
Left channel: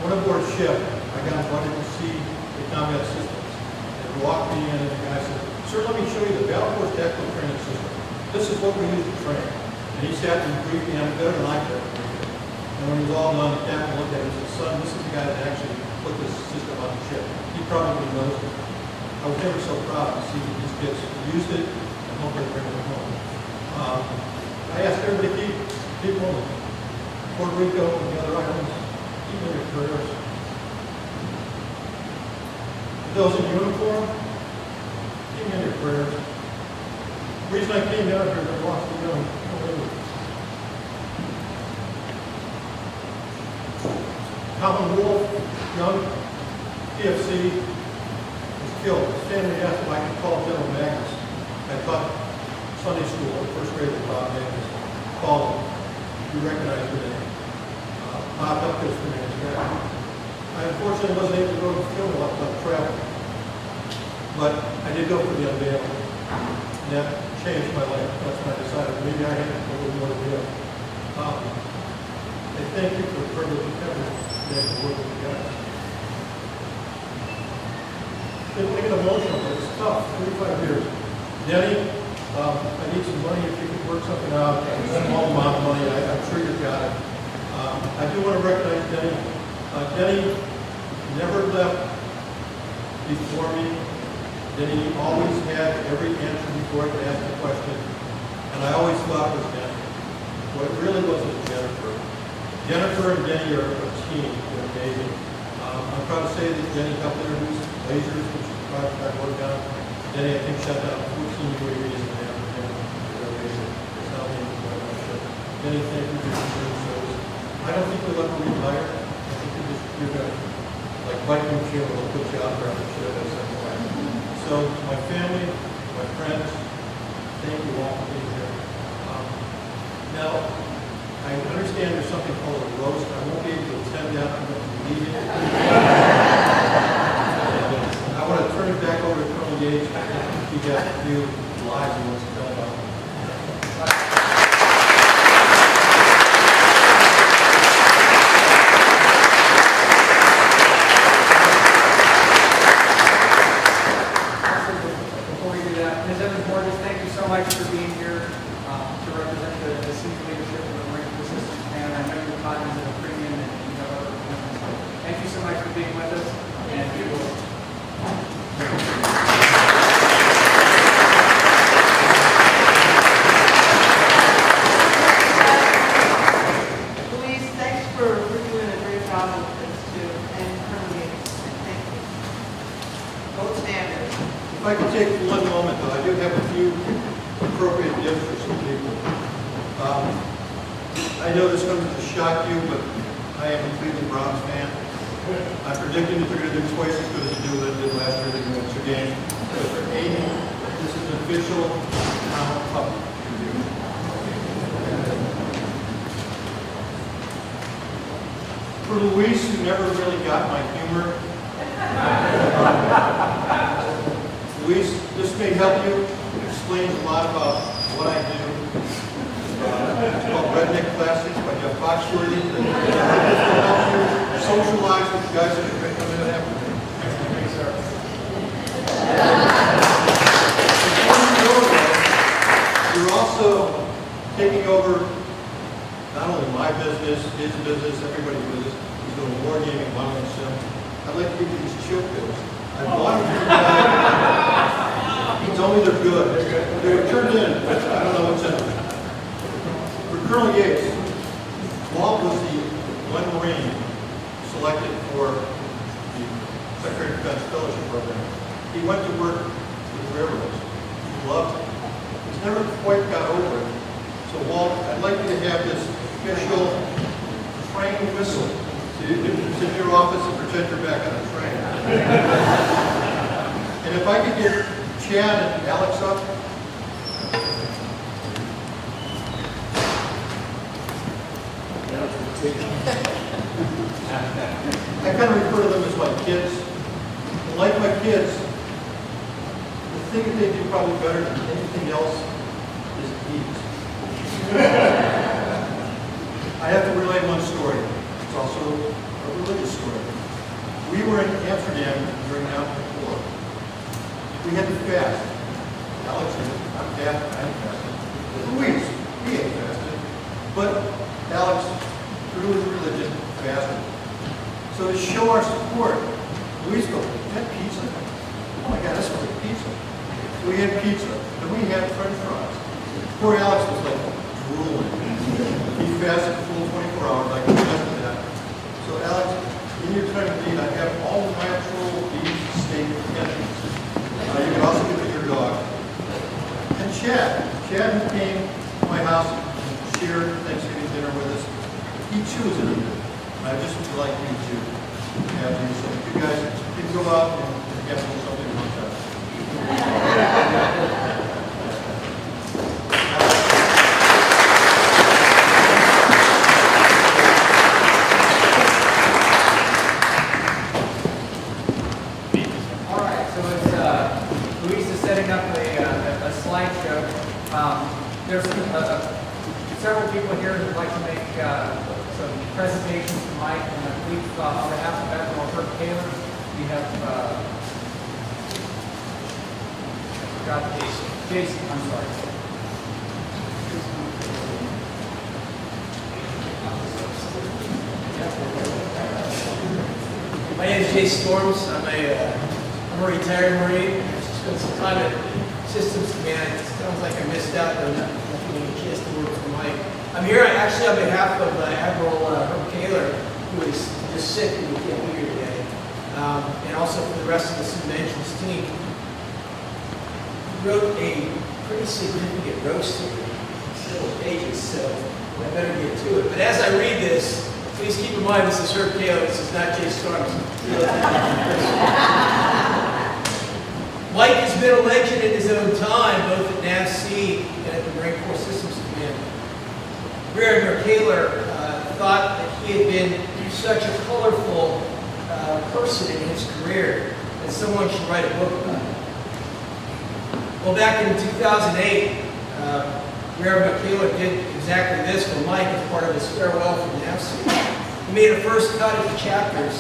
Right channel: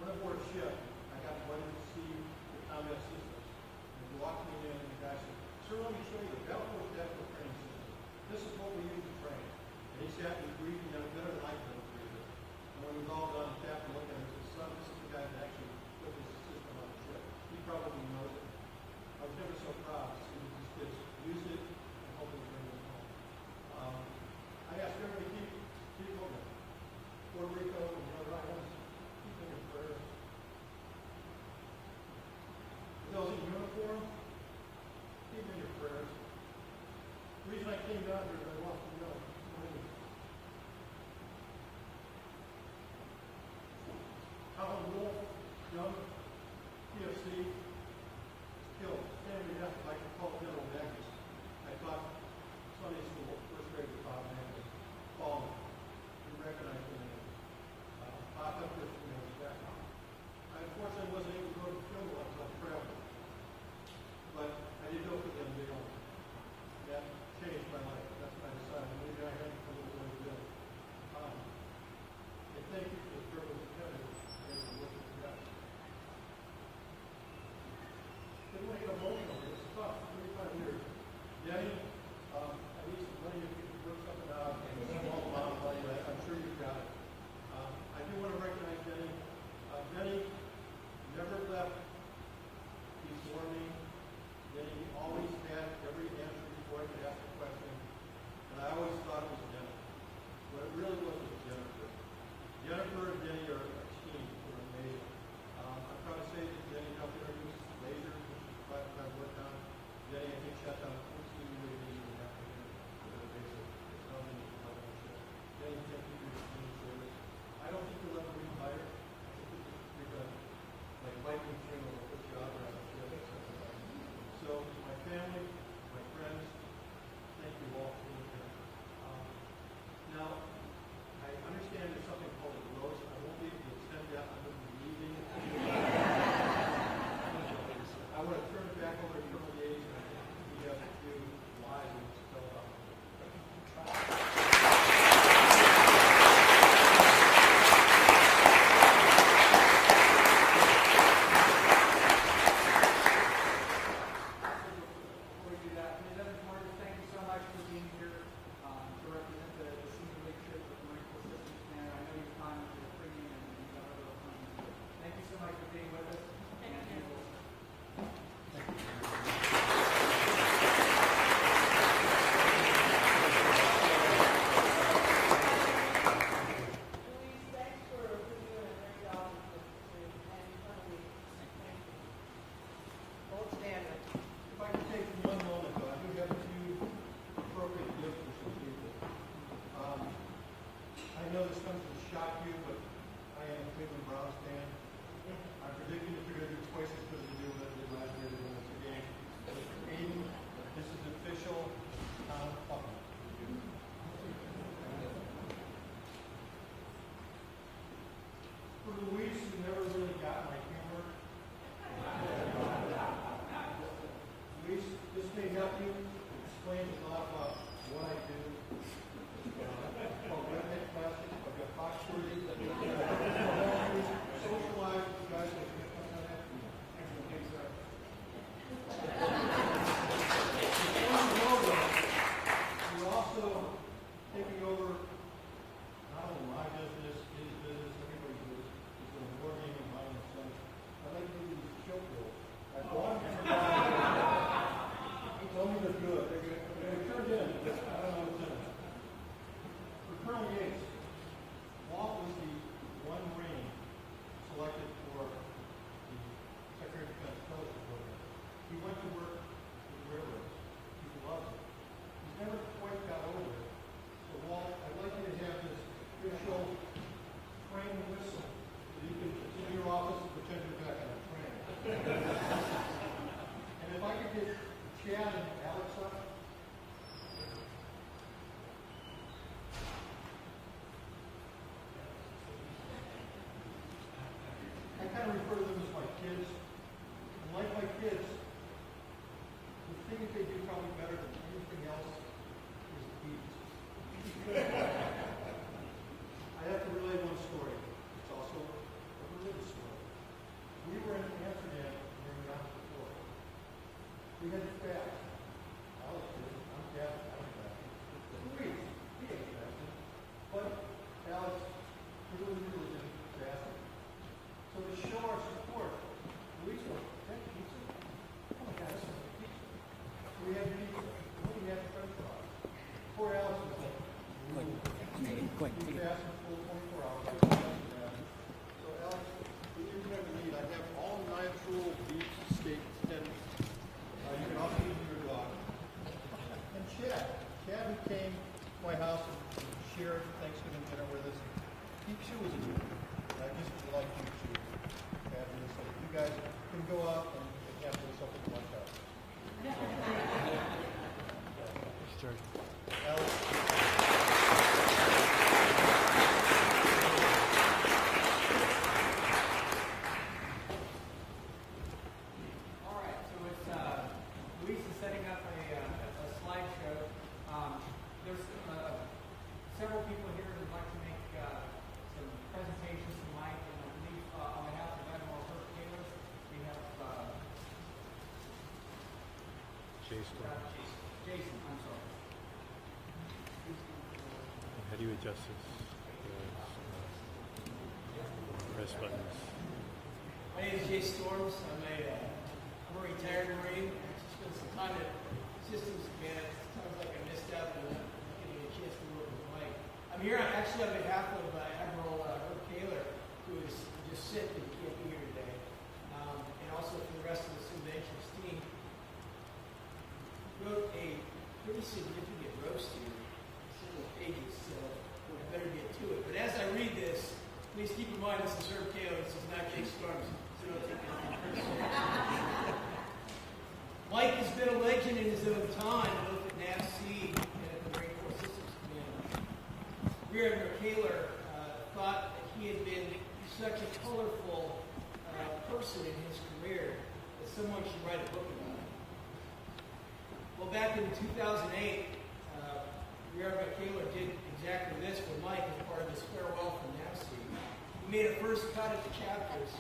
When aboard ship, I got invited to see the combat systems. They walked me in and the guy said, "Sir, let me show you the Battle Force Tactical Training System. This is what we use to train." And he sat and briefed me on it better than I could. And when he was all done, the captain looked at it and said, "Son, this is the guy that actually put this system on the ship. He probably knows it." I was never so proud to see that these kids used it and hopefully bring it home. I asked everybody to keep moving. Puerto Rico and the other islands, keep in your prayers. Those in uniform, keep in your prayers. The reason I came down here is I lost the young. Common Wolf, young PFC, was killed. His family asked if I could call General Magnus. I taught Sunday school at first grade with Bob Magnus. Called him. You recognize the name. Popped up his command. I unfortunately wasn't able to go to the funeral up on travel. But I did go for the unveiling. And that changed my life. That's when I decided maybe I had a little more to give. I thank you for the privilege of having to work with you guys. Didn't make it emotional, but it's tough. 35 years. Denny, I need some money if you could work something out. A small amount of money. I'm sure you've got it. I do want to recognize Denny. Denny never left before me. Denny always had every answer before I could ask a question. And I always thought it was Denny. What it really was Jennifer. Jennifer and Denny are a team. They're amazing. I'm proud to say that Denny helped introduce lasers, which is a project I worked on. Denny, I think, shut down 14 UAVs in the afternoon. It's not me, but I should. Denny, thank you for your service. I don't think we'll ever retire. I think you're going to, like Viking Funeral, will put you out there on the ship at some point. So, my family, my friends, thank you all for being here. Now, I understand there's something called a roast. I won't be able to attend that. I'm going to be leaving. I want to turn it back over to Colonel Yates. I think he got a few lives he wants to tell about. Before we do that, Ms. Evans-Morgan, thank you so much for being here to represent the senior leadership of the Marine Corps Systems Command. I know you're cognizant of premium and you have other commitments. So thank you so much for being with us, and we will. Louise, thanks for doing a great job with this too, and Colonel Yates, thank you. Gold standard. If I could take one moment, though, I do have a few appropriate gifts for some people. I know this comes as a shock to you, but I am a Cleveland Browns fan. I'm predicting that they're going to do twice as good as they did last year. They're going to win 2 games. But for 80, this is an official cup. For Luis, who never really got my humor, Luis, this may help you. It explains a lot about what I do. It's called Redneck Classics by Jeff Foxworthy. It helps you socialize with the guys that are going to come in and have me. Thanks, sir. You're also taking over not only my business, his business, everybody's business. He's doing wargaming, violent sim. I'd like to give you these chill pills. I bought them from the guy. He told me they're good. They were turned in. I don't know what's in them. For Colonel Yates, Walt was the one Marine selected for the Secretary of Defense Fellowship Program. He went to work with railroads. He loved it. He's never quite got over it. So Walt, I'd like you to have this official train whistle. So you can sit in your office and pretend you're back on a train. And if I could get Chad and Alex up. I kind of refer to them as my kids. And like my kids, the thing that they do probably better than anything else is eat. I have to relay one story. It's also a a religious story. We were in Amsterdam during the Alpine War. We had to fast. Alex did. I'm fasting. Luis, he ain't fasted. But Alex, through his religion, fasted. So to show our support, Luis goes, "Is that pizza? Oh my God, that smells like pizza." So we had pizza, and we had French fries. Poor Alex was like drooling. He fasted the full 24 hours, like the rest of that. So Alex, in your time of need, I have all natural beef steak connections. You can also give it your dog. And Chad who came to my house and shared Thanksgiving dinner with us, he chews it a bit. And I just would like you to have you, so you guys can go out and have something like that. All right, so it's Luis is setting up a slideshow. There's several people here who'd like to make some presentations to Mike, and I believe on behalf of Admiral Herb Taylor, we have got Jason. I'm sorry. My name is Jay Storms. I'm a retired Marine. I spent some time at Systems Command. It sounds like I missed out on not getting a chance to work for Mike. I'm here actually on behalf of Admiral Herb Taylor, who is just sick and we can't be here today, and also for the rest of the Subventions team. He wrote a pretty significant roast here, several pages, so I better get to it. But as I read this, please keep in mind this is Herb Taylor, this is not Jay Storms. Mike has been a legend in his own time, both at NAVC and at the Marine Corps Systems Command. Rear Admiral Taylor thought that he had been such a colorful person in his career that someone should write a book about it. Well, back in 2008, Rear Admiral Taylor did exactly this for Mike as part of his farewell from NAVC. He made a first cut of the chapter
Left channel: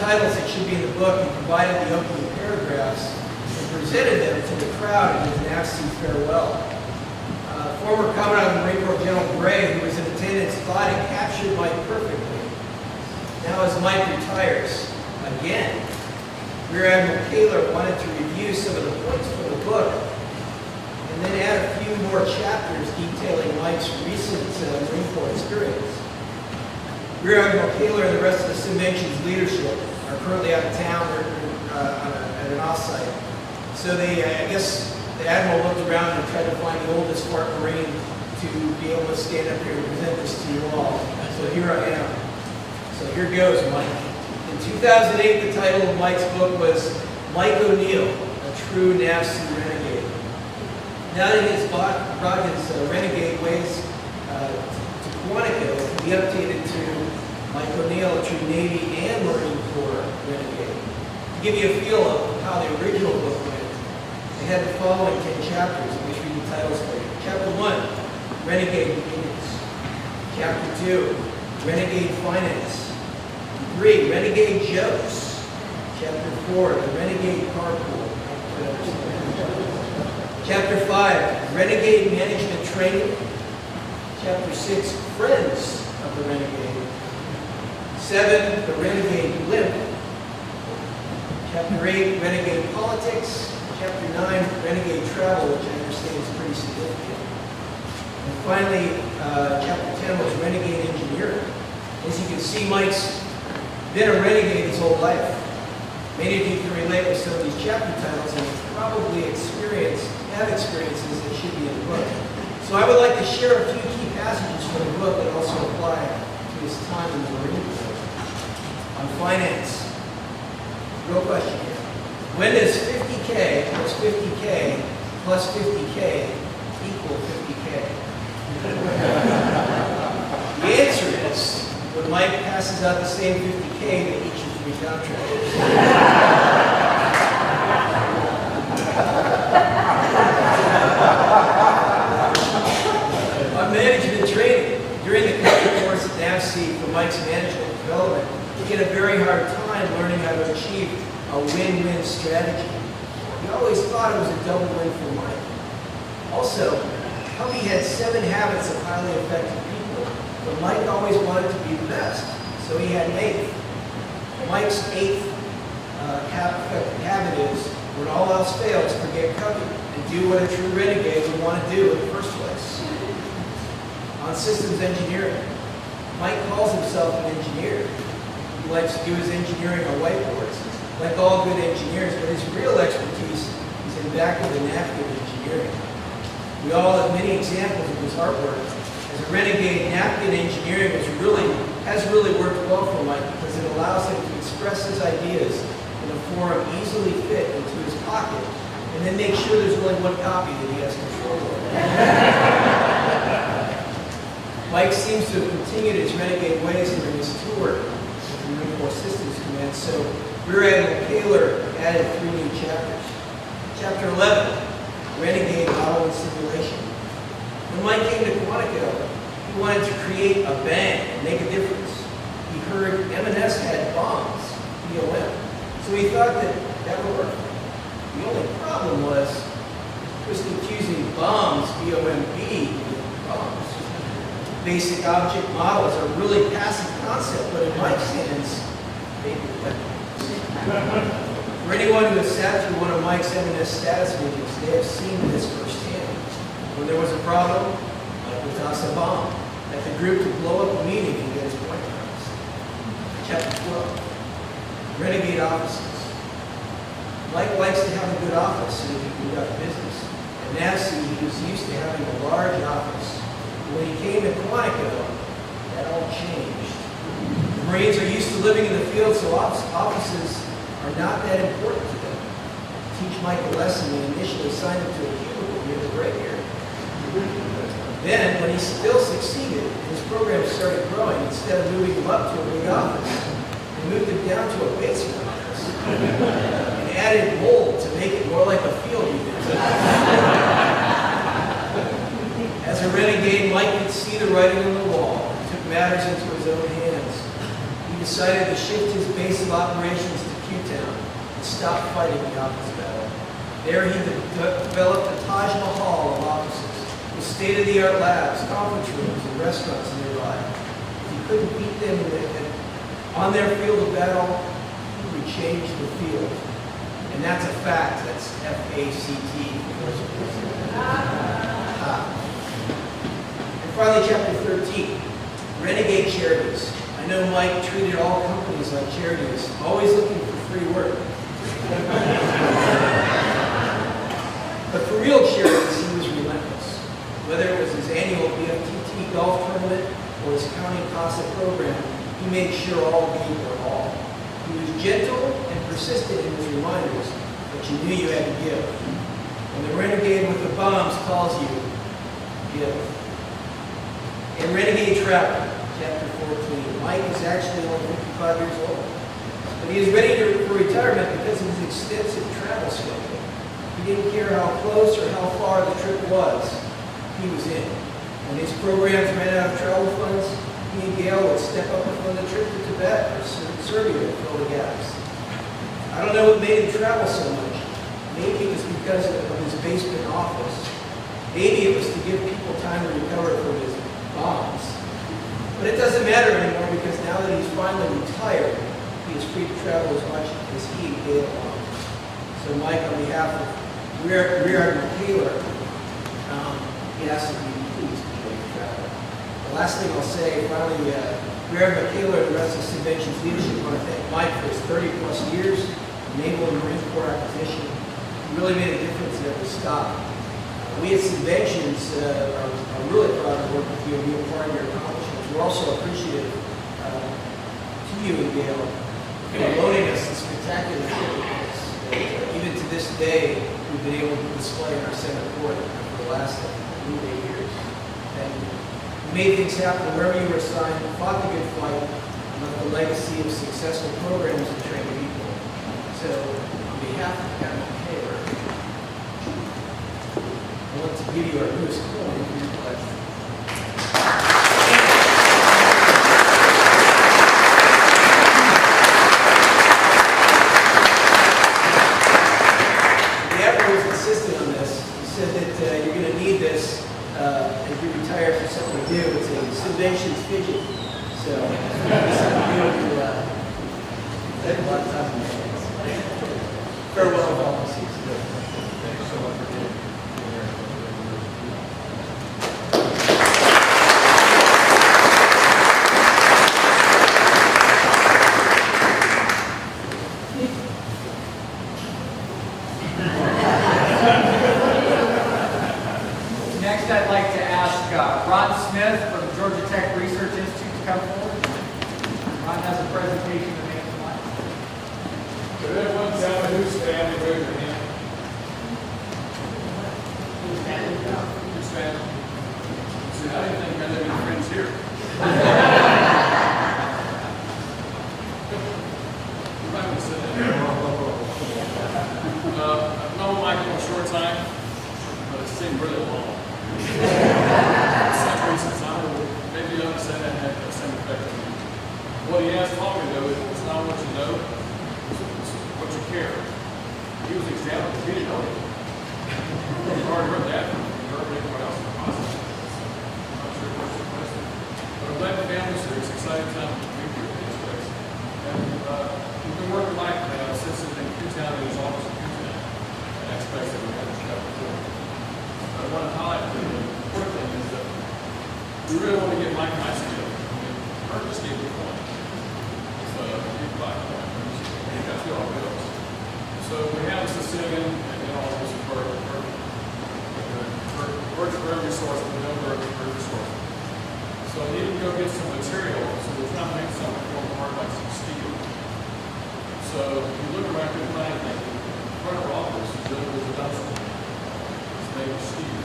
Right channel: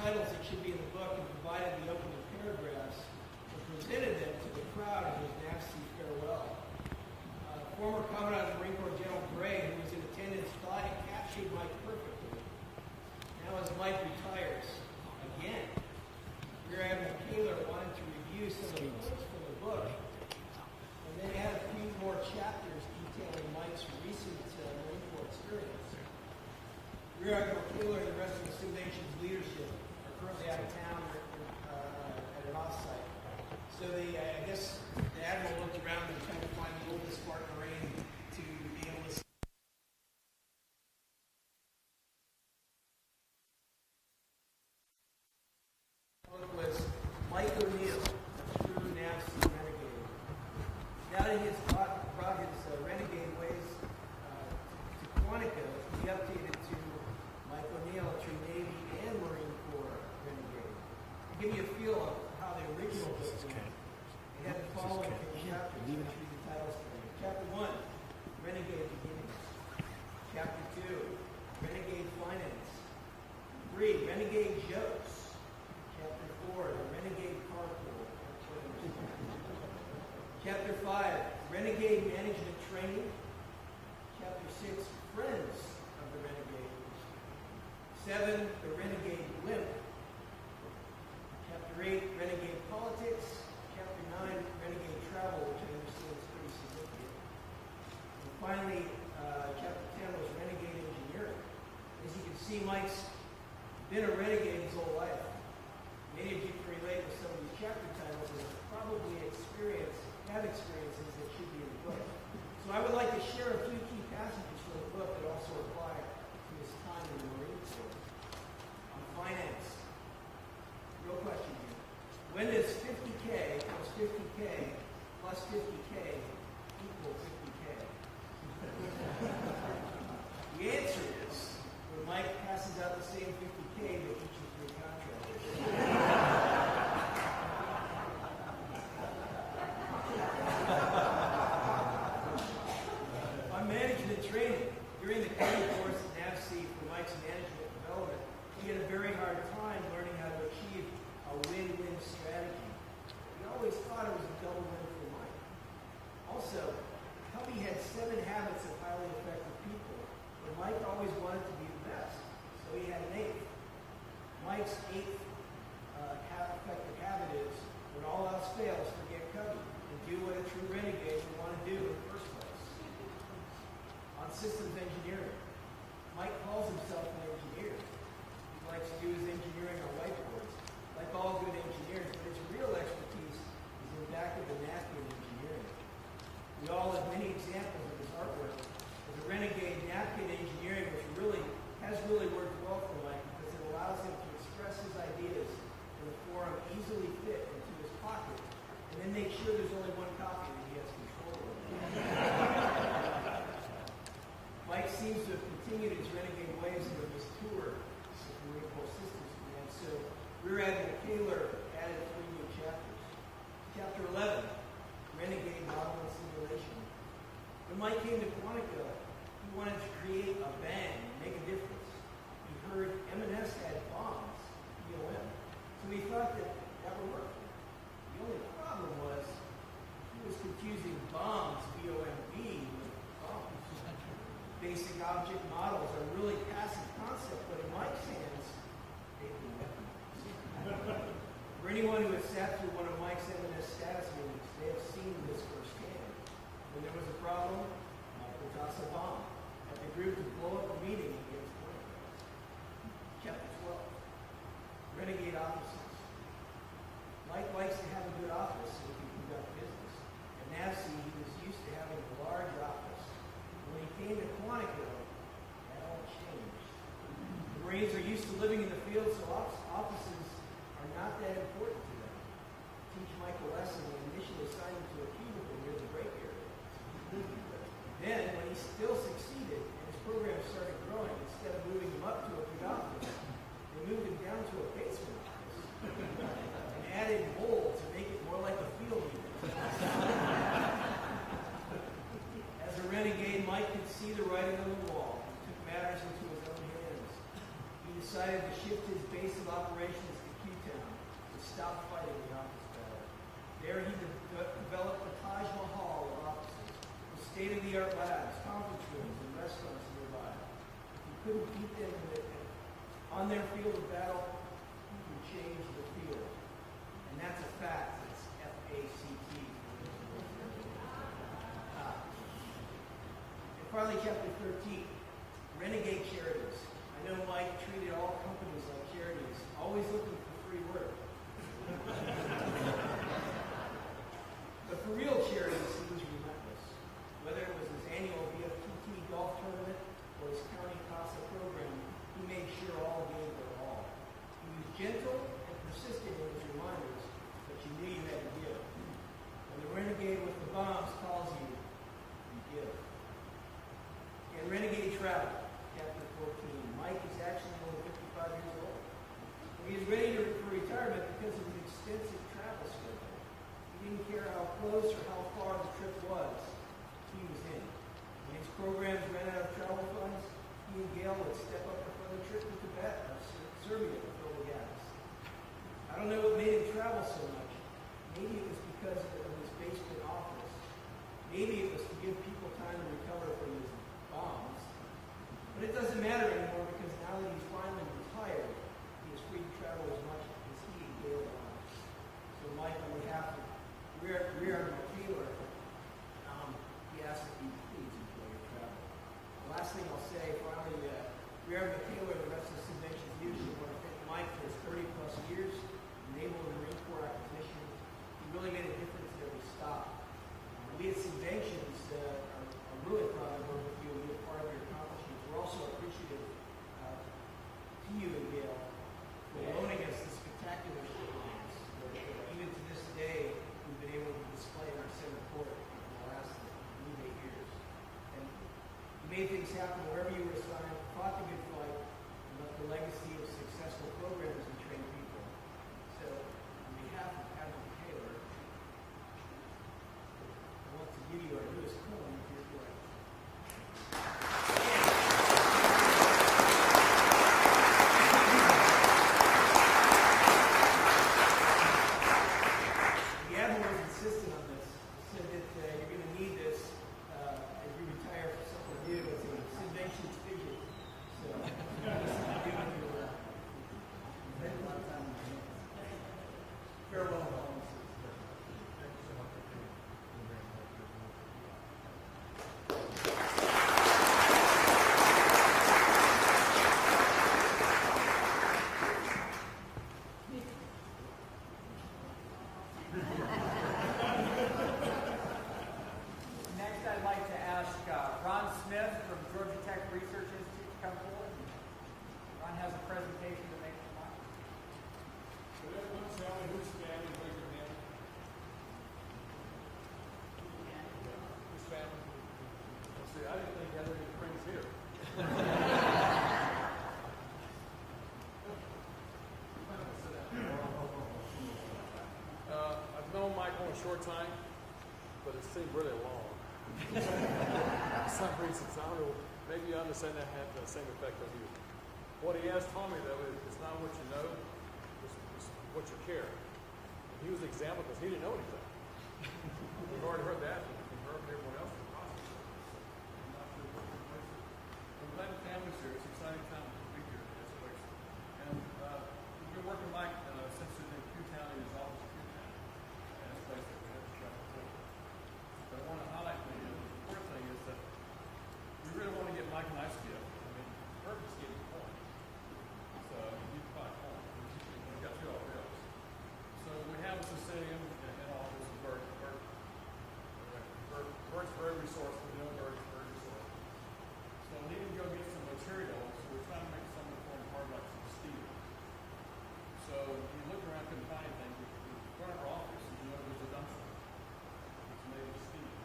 titles that should be in the book, and provided the opening paragraphs and presented them to the crowd in his NAVC farewell. Former Commandant of the Marine Corps General Gray, who was in attendance, thought it captured Mike perfectly. Now as Mike retires, again, Rear Admiral Taylor wanted to review some of the points from the book and then add a few more chapters detailing Mike's recent Marine Corps experience. Rear Admiral Taylor and the rest of the Subventions leadership are currently out of town or at an offsite. So I guess the Admiral looked around and tried to find the oldest Spark Marine to be able to stand up here and present this to you all. So here I am. So here goes, Mike. In 2008, the title of Mike's book was Mike O'Neill, A True NAVC Renegade. Now that he has brought his renegade ways to Quantico, he updated to Mike O'Neill, a true Navy and Marine Corps renegade. To give you a feel of how the original book went, they had the following 10 chapters, in which read the titles for you. Chapter 1, Renegade Beginnings. Chapter 2, Renegade Finance. 3, Renegade Jokes. Chapter 4, The Renegade Carpool. Chapter 5, Renegade Management Training. Chapter 6, Friends of the Renegade. 7, The Renegade Blimp. Chapter 8, Renegade Politics. Chapter 9, Renegade Travel, which I understand is pretty significant. And finally, Chapter 10 was Renegade Engineering. As you can see, Mike's been a renegade his whole life. Many of you can relate with some of these chapter titles and probably have experiences that should be in the book. So I would like to share a few key passages from the book that also apply to his time in the Marine Corps. On finance. Real question here. When does 50K plus 50K plus 50K equal 50K? The answer is when Mike passes out the same 50K to each of 3 contractors. On management training, during the course at NAVC for Mike's management development, time learning how to achieve a win-win strategy. He always thought it was a double win for Mike. Also, Covey had 7 habits of highly effective people, but Mike always wanted to be the best, so he had an 8th. Mike's 8th effective habit is, when all else fails, forget Covey and do what a true renegade would want to do in the first place. On systems engineering, Mike calls himself an engineer. He likes to do his engineering on whiteboards, like all good engineers, but his real expertise is in back-of-the-napkin engineering. We all have many examples of his artwork. As a renegade, napkin engineering has really worked well for Mike because it allows him to express his ideas in a form easily fit into his pocket, and then make sure there's only one copy that he has control over. Mike seems to have continued his renegade ways during his tour with the Marine Corps Systems Command, so Rear Admiral Kaler added 3 new chapters. Chapter 11, Renegade Model and Simulation. When Mike came to Quantico, he wanted to create a bang and make a difference. He heard M&S had bombs, BOM, so he thought that would work. The only problem was he was confusing bombs, B-O-M-B, with bombs. Basic object models are really passive concept, but in Mike's hands, they do weapons. For anyone who has sat through one of Mike's M&S status meetings, they have seen this firsthand. When there was a problem, Mike would toss a bomb at the group to blow up the meeting and get his point across. Chapter 12, Renegade Offices. Mike likes to have a good office so he can conduct business. At NAVSEA, he was used to having a large office. When he came to Quantico, that all changed. The Marines are used to living in the field, so offices are not that important to them. To teach Mike a lesson, they initially signed him to a cubicle near the break area. Then, when he still succeeded, his program started growing. Instead of moving him up to a big office, they moved him down to a basement office and added mold to make it more like a field unit. As a renegade, Mike could see the writing on the wall and took matters into his own hands. He decided to shift his base of operations to Q-Town and stop fighting the office battle. There he developed a Taj Mahal of offices with state-of-the-art labs, conference rooms, and restaurants nearby. If he couldn't beat them on their field of battle, he would change the field. And that's a fact. That's F-A-C-T. And finally, chapter 13, Renegade Charities. I know Mike treated all companies like charities, always looking for free work. But for real charities, he was relentless. Whether it was his annual BFTT golf tournament or his county CASA program, he made sure all gave their all. He was gentle and persistent in his reminders, but you knew you had to give. When the renegade with the bombs calls you, give. In Renegade Travel, chapter 14, Mike is actually only 55 years old. But he is ready for retirement because of his extensive travel schedule. He didn't care how close or how far the trip was. He was in. When his programs ran out of travel funds, he and Gail would step up and fund the trip to Tibet or Serbia to fill the gaps. I don't know what made him travel so much. Maybe it was because of his basement office. Maybe it was to give people time to recover from his bombs. But it doesn't matter anymore because now that he's finally retired, he is free to travel as much as he and Gail want. So Mike, on behalf of Rear Admiral Kaler, he asks that you please enjoy your travel. The last thing I'll say, finally, Rear Admiral Kaler and the rest of the convention's leadership want to thank Mike for his 30-plus years in Naval and Marine Corps acquisition. He really made a difference at every stop. We at Conventions are really proud to work with you and be a part of your accomplishments. We're also appreciative to you and Gail for loaning us this spectacular ship. Even to this day, we've been able to display in our center court for the last 8 years. And you made things happen wherever you were assigned, fought the good fight, and left a legacy of successful programs and trained people. So, on behalf of Admiral Kaler, I want to give you our newest coin for your pledge. Farewell. Next, I'd like to ask Ron Smith from Georgia Tech Research Institute to come forward. Ron has a presentation to make tonight. Could everyone tell me who's family? Raise your hand. Who's family? See, I didn't think you had that many friends here. You might want to sit down. I've known Michael a short time, but it seemed really long. For some reasons, I will maybe understand that had the same effect on me. What he asked Tommy to do is it's not what you know, it's what you care. He was examined, he didn't know it. You've already heard that from everyone else in the hospital. I'm not sure what's the question. But I'm glad the family's here. It's an exciting time to be here in this place. And we've been working like that since in Q-Town and his office in Q-Town. And aspects that we had to cover before. I want to highlight the important thing is that we really want to get Mike and I together. I mean, Kurt just gave me one. So, big black one. That's what all goes. So we have a Sicilian and then all this Bird for every source, but no Bird for every source. So we need to go get some material. So we're trying to make something more hard like some steel. So if you look around, you can find anything. In front of our office, there was a dumpster. It's made of steel.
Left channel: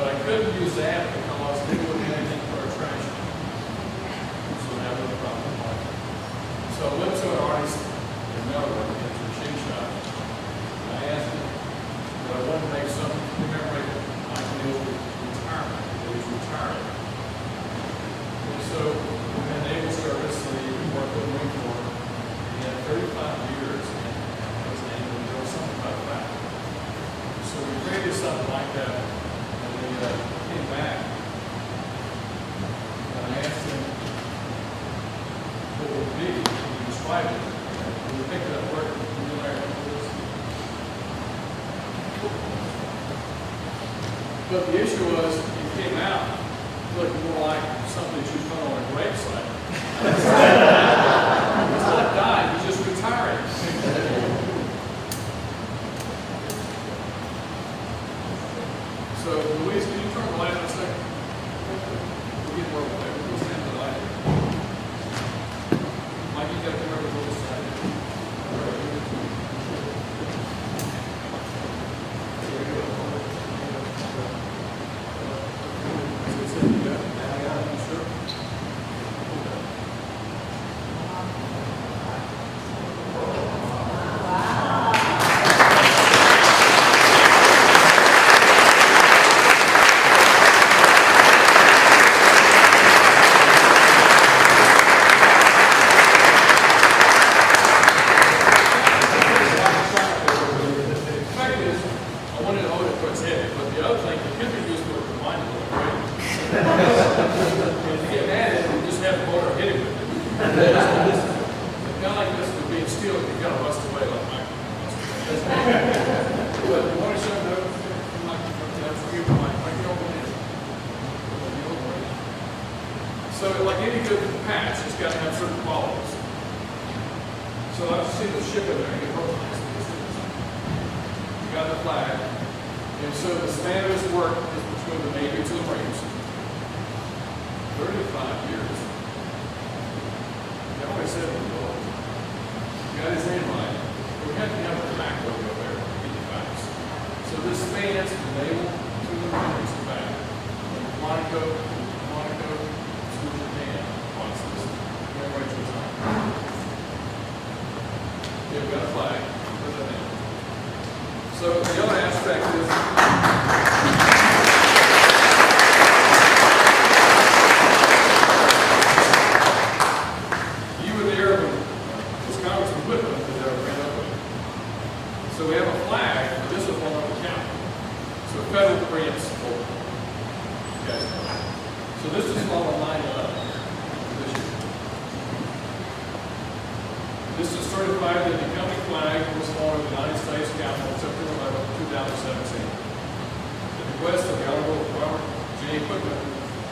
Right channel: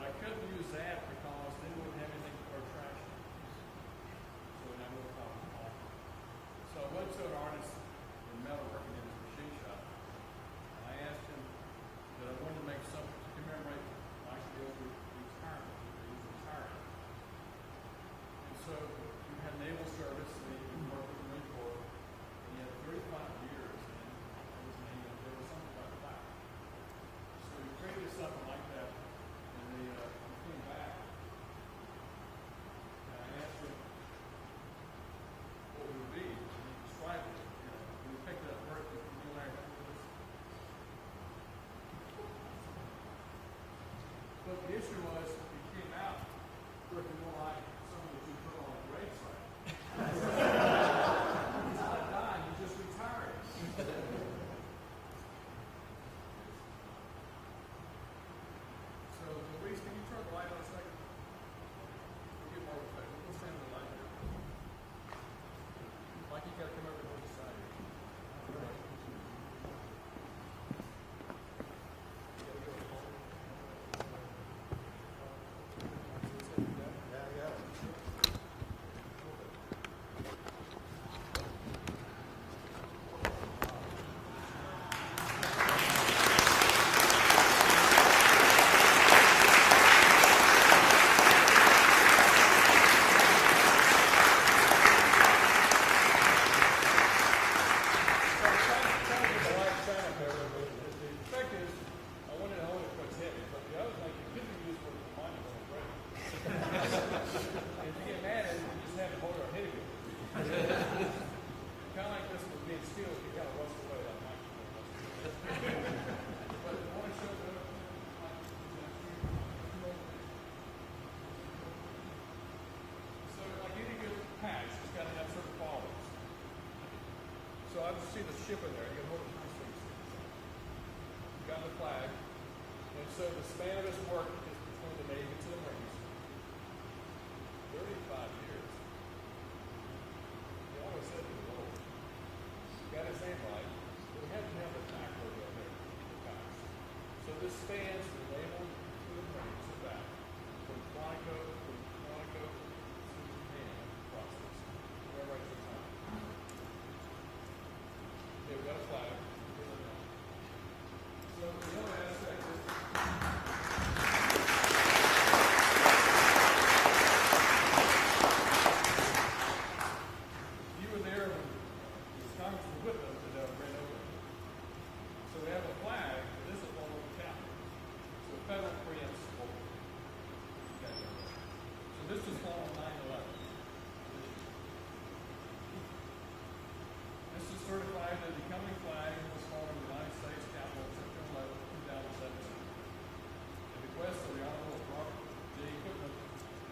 But I couldn't use that because they wouldn't have anything for our trash. So now we're the problem. So I went to an artist in Melbourne, into a machine shop. And I asked him, but I wanted to make something to commemorate Michael Neal's retirement. He was retiring. And so we had naval service, and he worked with the Marine Corps. He had 35 years in his name, and there was something about that. So we created something like that, and he came back. And I asked him what it would be, and he described it. And we picked it up work with the Larry. But the issue was, he came out looking more like something that you put on a gravesite. He's not dying, he's just retiring. So, Louise, can you turn the light on a second? We'll get more away. We'll stand the light. Mike, you got to come over to this side. So, like any good patch, it's got to have certain qualities. So, I've seen the ship in there. You got the flag. And so, the span of his work is between the Navy to the Marines. 35 years. He always said he was old. He got his name right. We have to have a back logo there to get the facts. So, this spans from the naval to the Marines to back. From Quantico to Japan, once this commemorates his time. Yeah, we've got a flag. Where's that name? So, the other aspect is you were there when this Congressman Whitman was there and ran up with it. So we have a flag, but this is one of the county. So federal grants over. You guys know. So this is all aligned up this year. This is certified that the company flag was flown in the United States Capitol September 11, 2017. At the request of the Honorable Robert J. Cookman,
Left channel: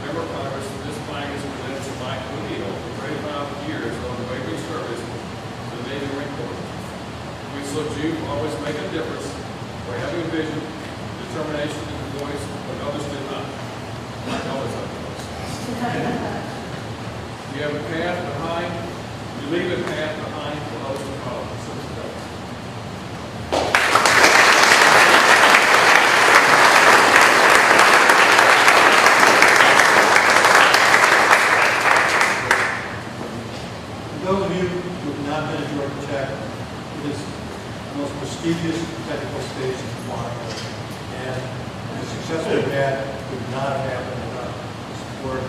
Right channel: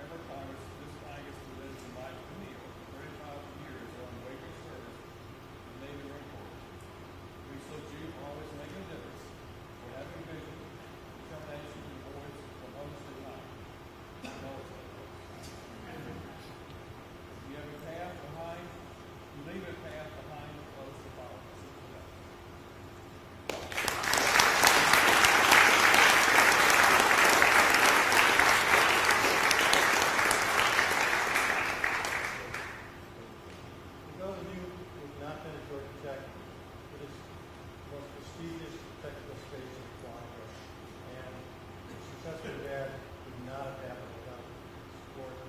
Member of Congress, this flag is presented to Mike O'Neill for 35 years on the Waverly service to the Navy Marine Corps. We salute you for always making a difference, for having a vision, determination, and a voice when others did not. Mike always had a voice. You have a path behind, you leave a path behind for others to follow. So it's done. For those of you who have not been to Georgia Tech, it is the most prestigious technical station in Quantico. And the success we've had would not have happened without the support of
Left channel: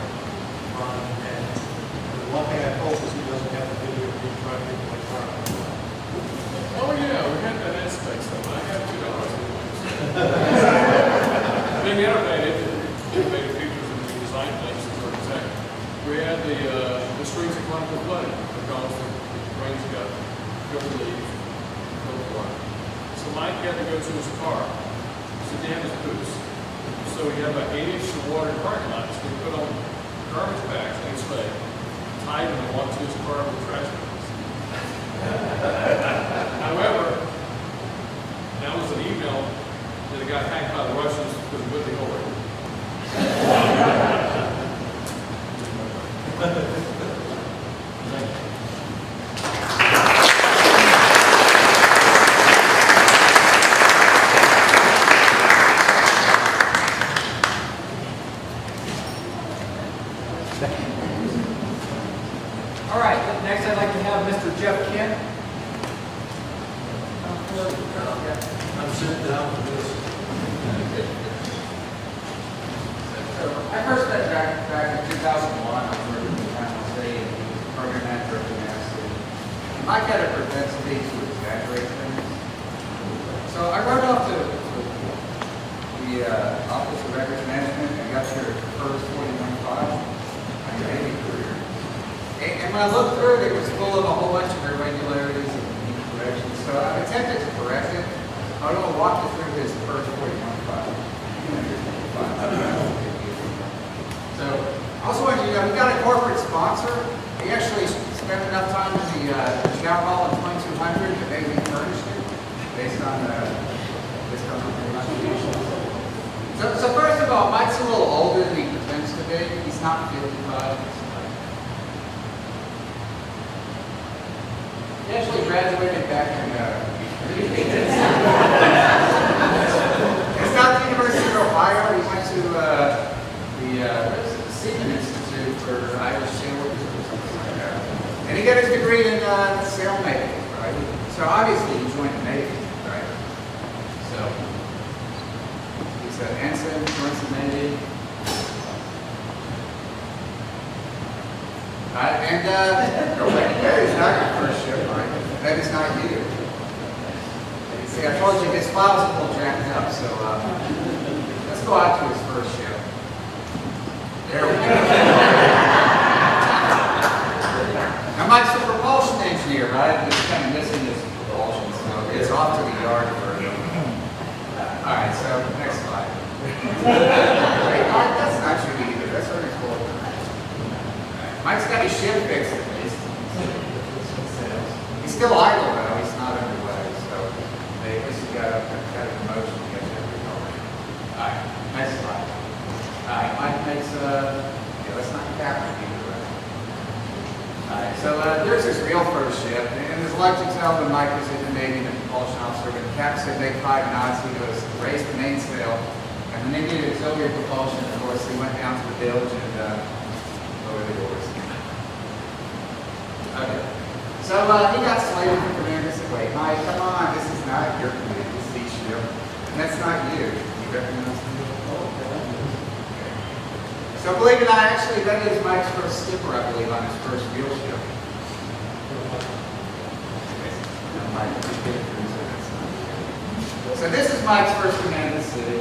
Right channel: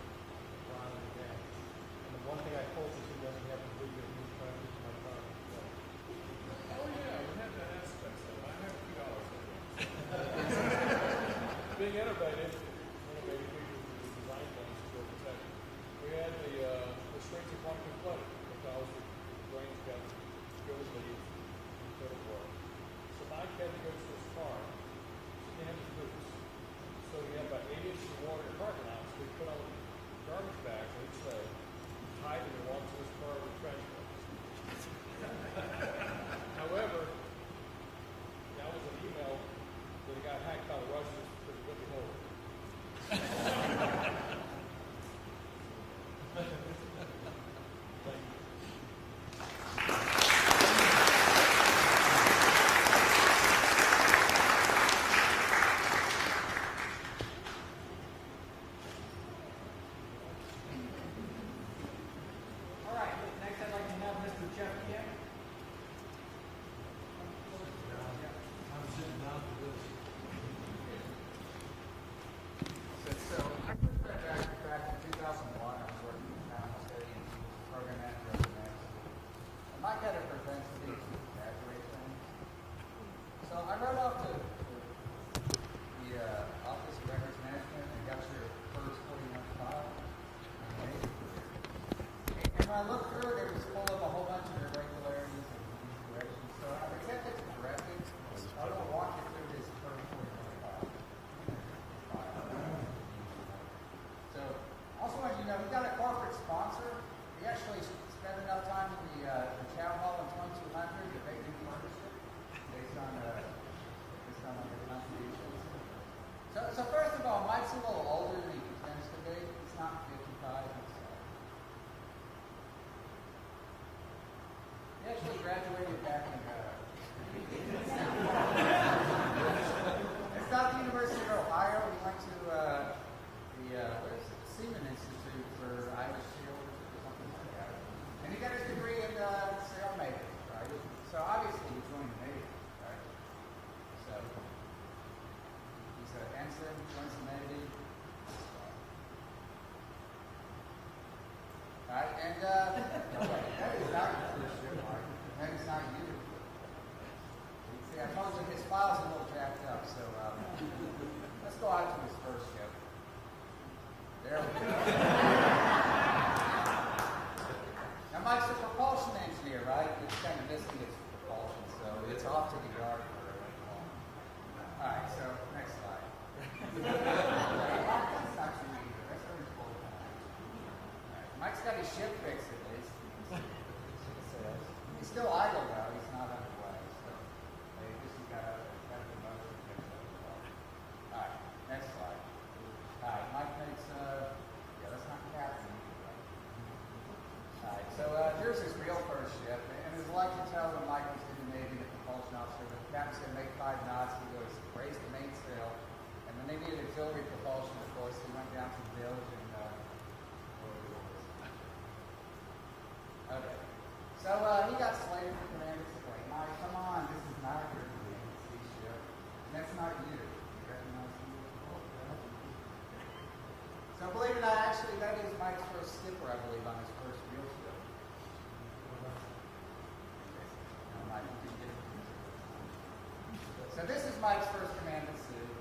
Ron. And the one thing I hope is he doesn't have the video of me trying to play car. Oh, yeah, we had that aspect, so I have $2. Being innovative, innovative features and design things in Georgia Tech. We had the streets of Quantico flooded because the rains got over the water. So Mike had to go to his car to dam his boots. So we have about 8 inches of water in the parking lot. So we put on garbage bags and sleigh, tied them and walked to his car with trash bags. However, that was an email that got hacked by the Russians because of Whitney Hillary. All right, next I'd like to have Mr. Jeff Kent. I'm sitting down for this. I first met Jack back in 2001. I was working with Capital State and he was the program manager of the University. Mike had a propensity to exaggerate things. So I wrote off to the Office of Records Management and got your first 41 file on your Navy career. And when I looked through it, it was full of a whole bunch of irregularities and incorrections. So I attempted to correct it. I want to walk you through his first 41 file. So, I also want you to know, we got a corporate sponsor. He actually spent enough time in the Chow Hall in 2200 that maybe we furnished it based on the contributions. So first of all, Mike's a little older than he pretends to be. He's not 55. He actually graduated back in it's not the University of Ohio. He went to the Seaman Institute for Irish sailors or something like that. And he got his degree in sailmaking, right? So obviously he joined the Navy, right? So he's an ensign, joins the Navy. That is not your first ship, right? That is not you. See, I told you his file's a little jacked up, so let's go out to his first ship. There we go. Now, Mike's a propulsion engineer, right? He's kind of missing his propulsion, so it's off to the yard for him. All right, so next slide. Wait, that's not you either. That's already cool. Mike's got his ship fixed at least. He's still idle though. He's not underway, so they at least got a promotion to get him going. All right, next slide. All right, Mike makes let's not cap it either, right? All right, so there's his real first ship, and as I like to tell when Mike was in the Navy, the propulsion officer, when the cap said make 5 knots, he goes raise the mainsail, and when they needed auxiliary propulsion, of course, he went down to the bilge and lowered the oars. Okay. So he got slated for command. He said, wait, Mike, come on, this is not your command, this is each ship. And that's not you. You recognize me? Okay. So believe it or not, actually, that is Mike's first skipper, I believe, on his first real ship. So this is Mike's first command of the city.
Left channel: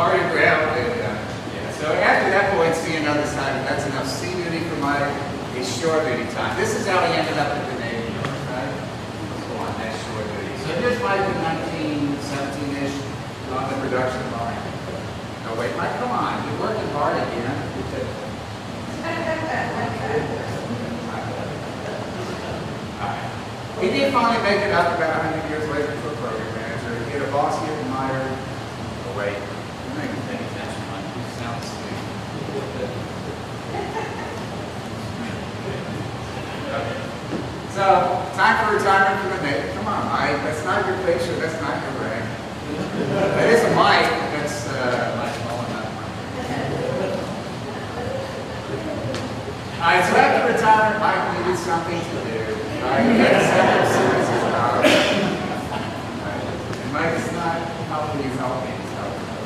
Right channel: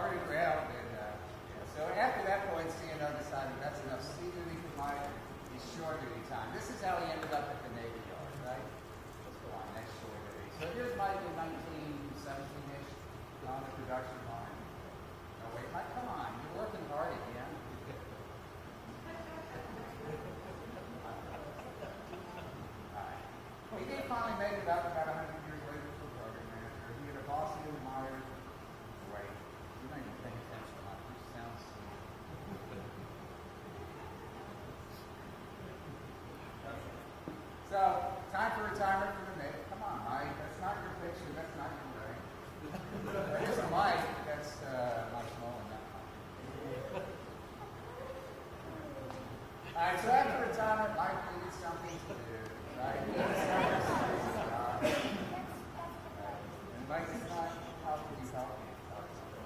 already grabbed it. Yeah. So after that point, C another side, that's enough C duty for my shore duty time. This is how he ended up at the Navy, right? So on that shore duty. So here's Mike in 1917-ish on the production line. No, wait, Mike, come on. You're working hard again. He did finally make it up about 100 years later to a program manager. He had a boss he admired. Oh, wait. You're not even paying attention, Mike. You sound asleep. Okay. So, time for retirement from the Navy. Come on, Mike. That's not your picture. That's not your rank. That is a Mike. That's Mike Mullen, not Mike. All right, so after retirement, Mike needed something to do. Right? He had several series of jobs. And Mike is not helping you help me. He's helping you.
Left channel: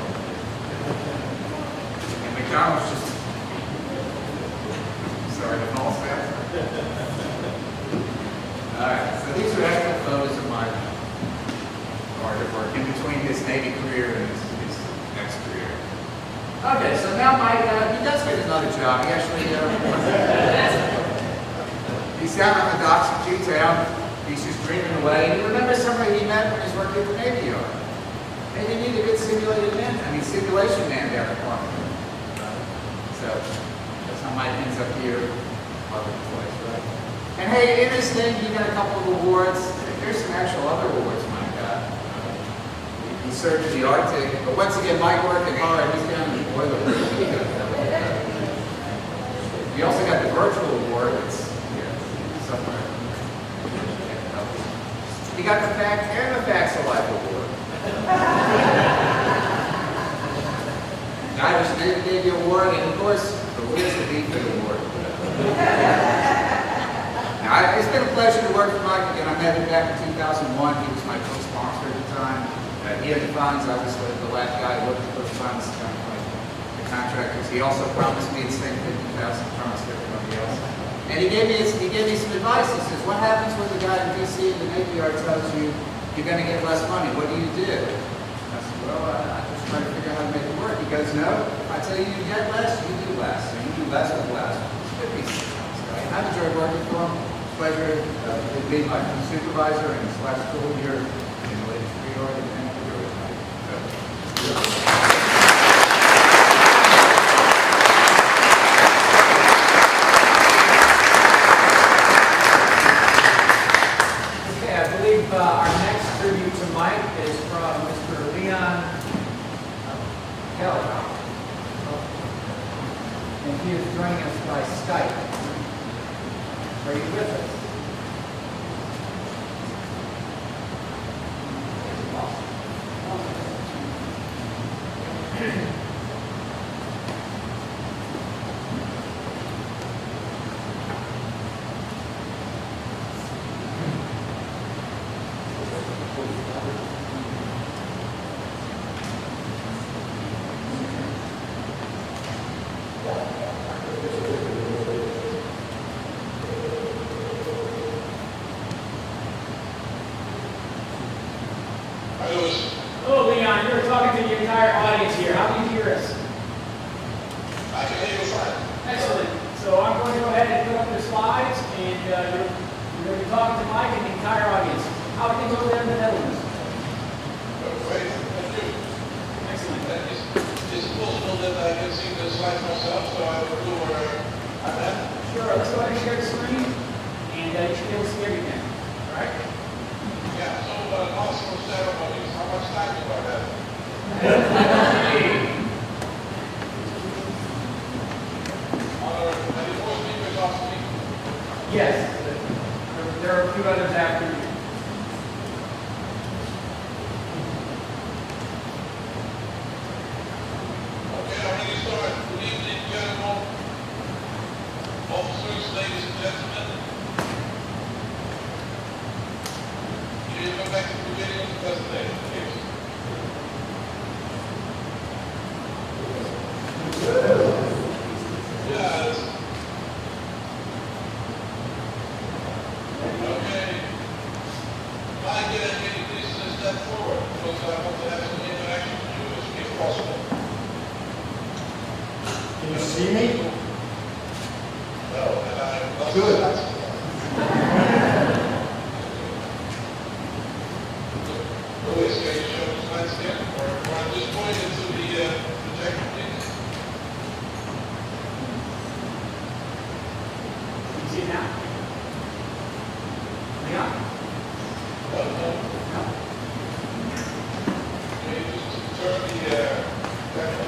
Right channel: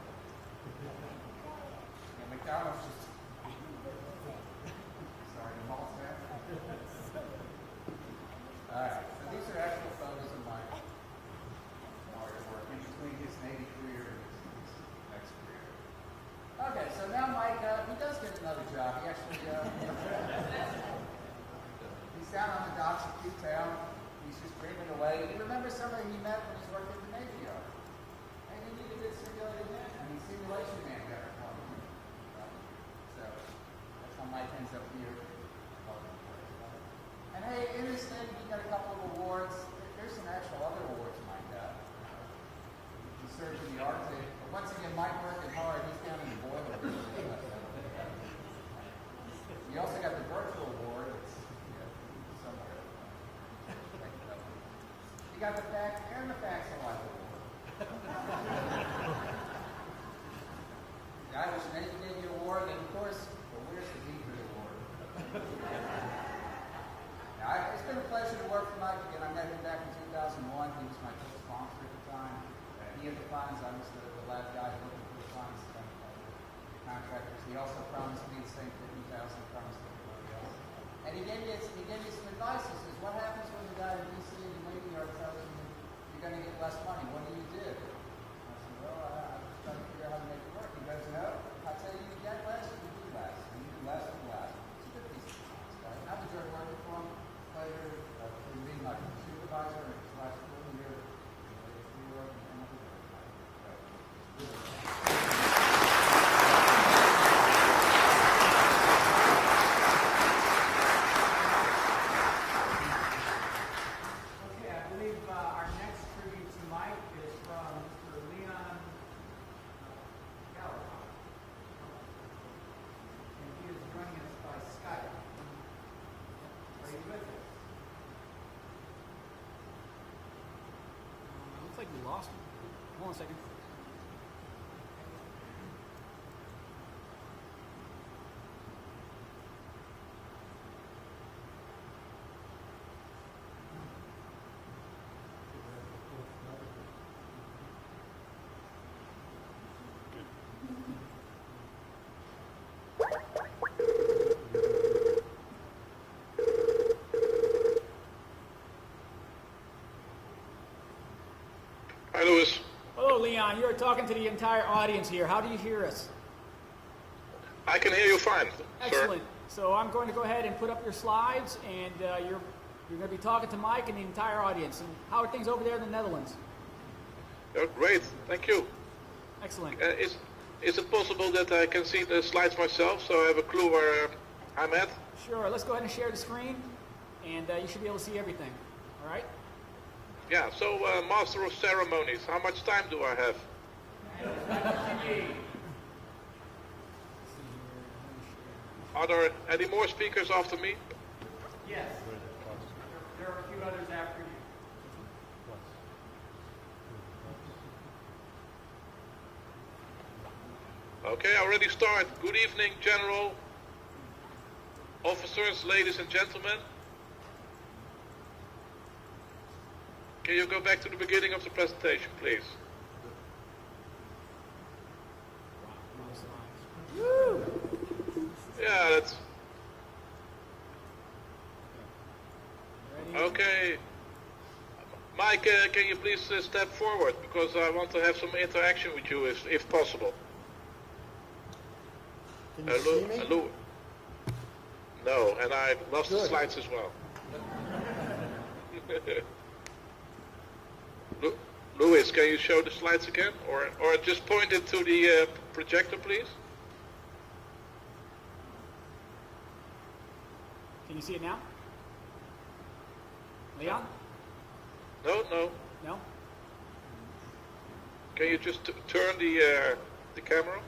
And McDonald's just sorry, the whole staff. All right, so these are actual photos of my hard work in between his Navy career and his next career. Okay, so now Mike, he does get another job. He actually, he's down on the docks of G-Town. He's just dreaming away. And he remembers somebody he met when he was working at the Navy Yard. And he needed a good simulated man. Simulation man down at Quantico. So that's how Mike ends up here. Place, right? And hey, in this thing, he got a couple of awards. Here's some actual other awards Mike got. He served in the Arctic. But once again, Mike working hard. He's down in the boiler room. He also got the virtual award. It's somewhere. He got the fact and the Facts of Life award. The Irish Navy award, and of course, the Where's the Beefy award. Now, it's been a pleasure to work with Mike again. I met him back in 2001. He was my co-sponsor at the time. He had the funds. I was the last guy who looked at those funds, kind of like the contractors. He also promised me the same 50,000 promised everybody else. And he gave me some advice. He says, what happens when the guy in D.C. in the Navy Yard tells you you're going to get less money? What do you do? I said, well, I just try to figure out how to make it work. He goes, no, I tell you, you get less, you do less. And you do less with less. I've enjoyed working for him. Pleasure to be my supervisor and / school here in the latest reorg and Okay, I believe our next tribute to Mike is from Mr. Leon Kelly. And he is joining us by Skype. Are you with us? Oh, Leon, you're talking to the entire audience here. How do you hear you show the slides again, or at this point into the projector, please? You see it now? Now? No, no. Can you just turn the camera?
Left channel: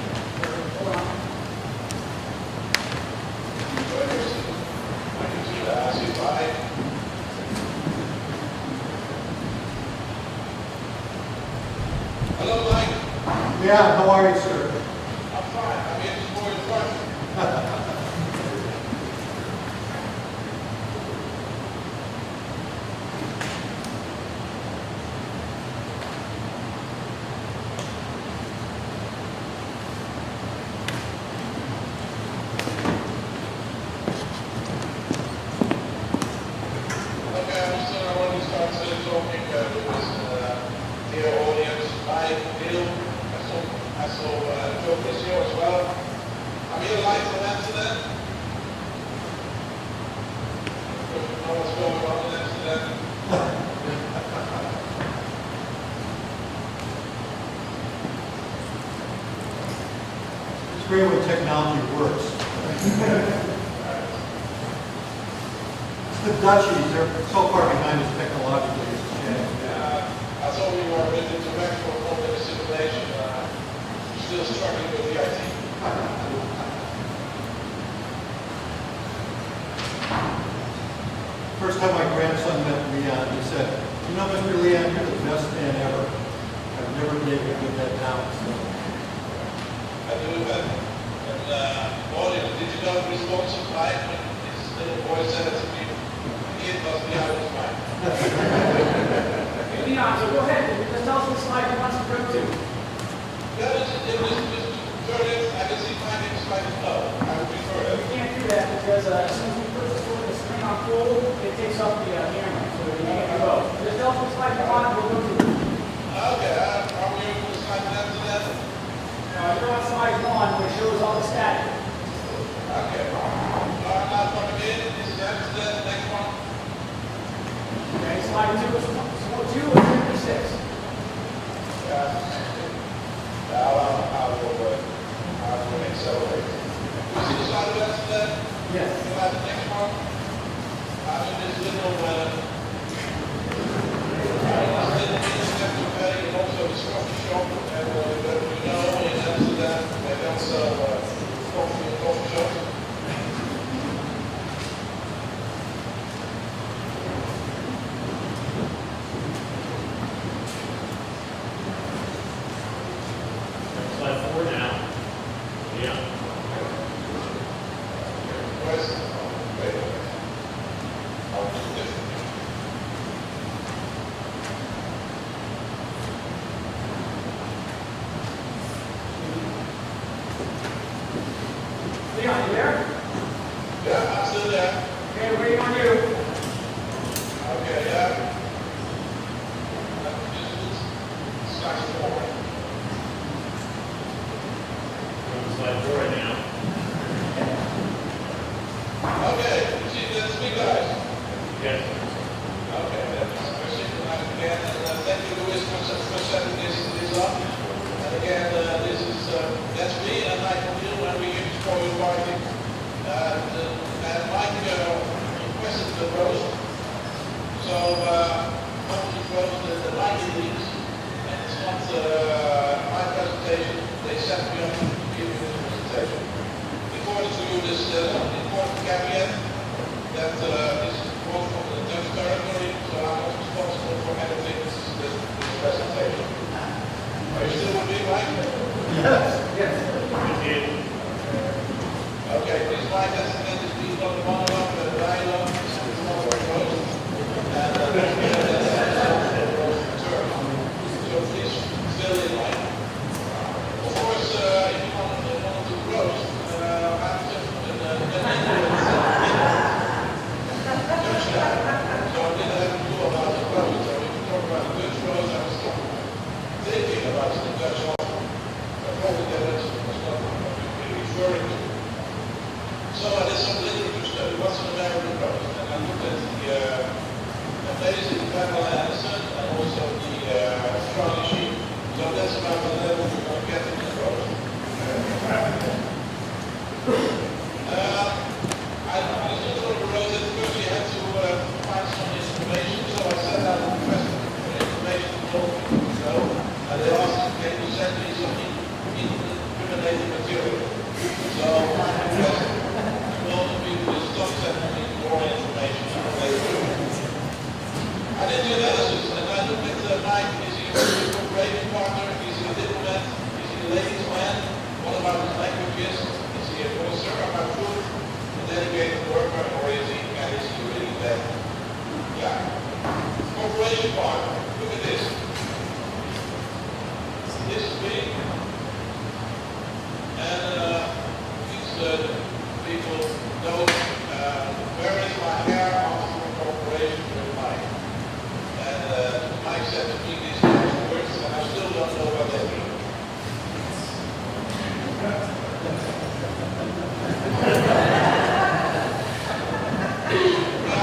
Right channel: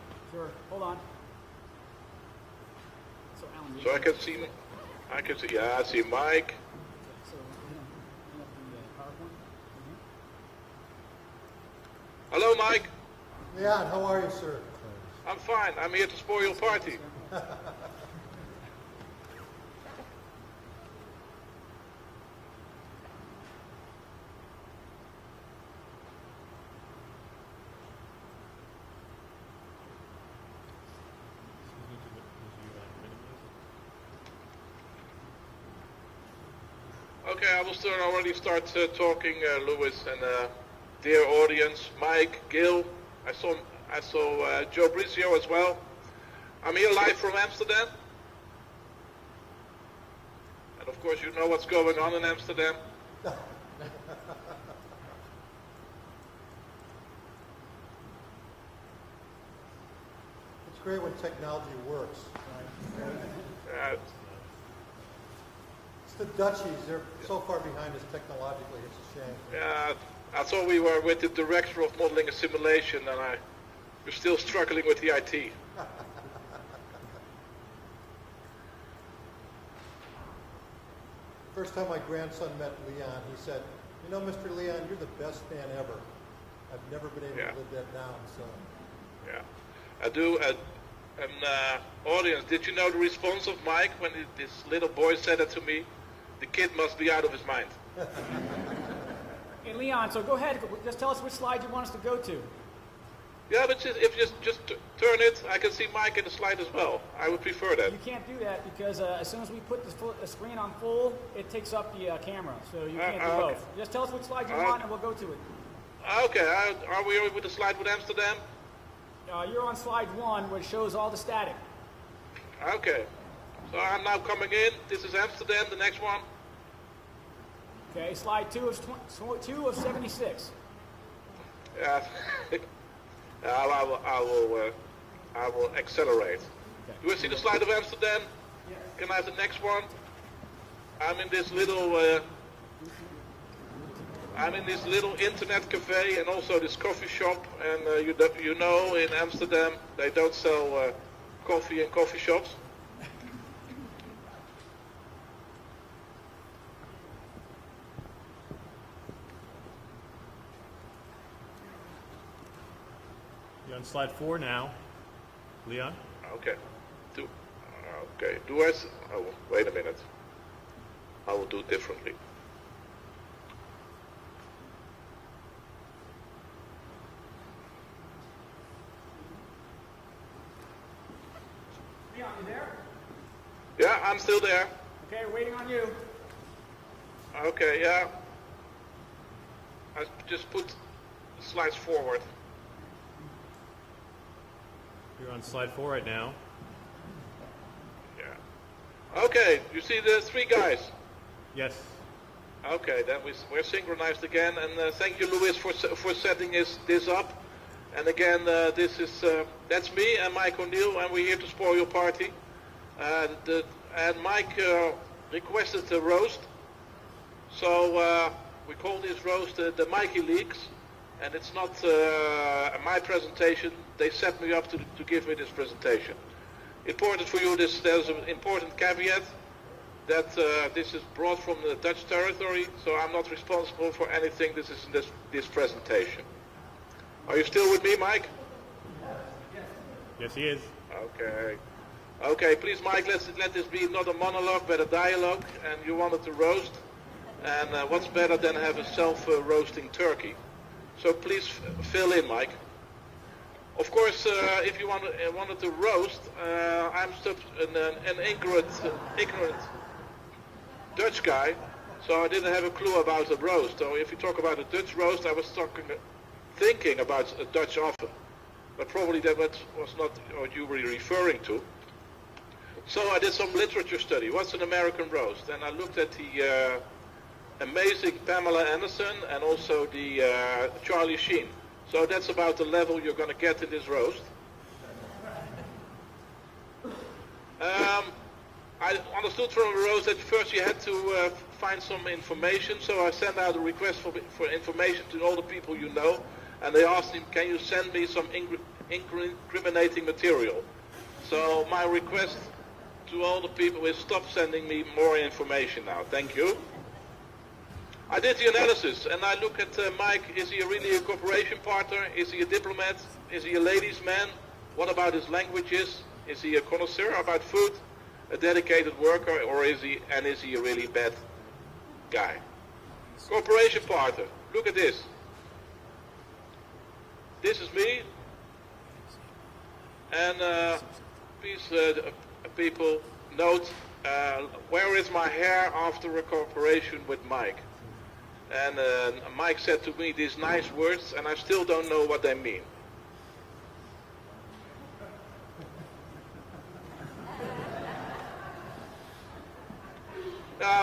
So I can see, I see Mike. Hello, Mike. Yeah, how are you, sir? I'm fine. I'm here for your party. Okay, I will already start talking, Louis, and dear audience, Mike, Gil, I saw Joe Rizio as well. I'm here live from Amsterdam. Of course, you know what's going on in Amsterdam. It's great when technology works. The Dutchies, they're so far behind us technologically, it's a shame. I thought we were with the director of public assimilation, and we're still struggling with the IT. First time my grandson met Leon, he said, you know, Mr. Leon, you're the best man ever. I've never been able to get that down. So. I do, and audience, did you know the results of Mike when his little boy said it to me? The kid must be out of his mind. Leon, go ahead. Tell us the slide you want to go to. Yeah, but if this is just turn it, I can see Mike in the slide as well. I would prefer that. We can't do that because as soon as we put the screen on full, it takes up the camera. So we can't go. Just tell us the slide you want to go to. Okay, are we over the slide after that? You're on slide 1, which shows all the static. Okay. So I'm now coming in. This is after that, the next one. Okay, slide 2 is 6. I will accelerate. We see the slide after that? Yes. Can I have the next one? I'm in this little internet cafe and also this coffee shop. You know in Amsterdam they don't sell coffee in coffee shops. Slide 4 now. Yeah. Okay. Okay. US. Wait a minute. I'll do this. Leon, you there? Yeah, I'm still there. Okay, waiting on you. Okay, yeah. I just put slides forward. Slide 4 now. Okay, we see the three guys. Yes. Okay, we're synchronized again, and thank you, Louis, for setting this up. And again, that's me and Mike O'Neill, and we're here for your party. And Mike requested the roast, so from this roast, the Mikey leaks, and it's not my presentation. They set me up to give me this presentation. Important for you, this important caveat that this is brought from the Dutch territory, so I'm not responsible for anything this presentation. Are you still with me, Mike? Yes. Okay, please, Mike, let's extend this meeting on a monologue and a dialogue, and we want to propose, and much better than Turkey. So please fill in, Mike. Of course, if you want to roast, I'm an Dutch guy, so I didn't have a clue about the roast. So if you talk about the Dutch roast, I was thinking about the Dutch offer. Probably that was not what you were referring to. So I did some literature study. What's an American roast? And I looked at the amazing Pamela Anderson and also the Charlie Sheen. he a diplomat? Is he a ladies' man? What about his languages? Is he a connoisseur about food? A dedicated worker, or is he a really bad guy? Cooperation partner. Look at this. This is me. And these people know where is my hair after a cooperation with Mike. And Mike said to me these nice words, and I still don't know what they mean.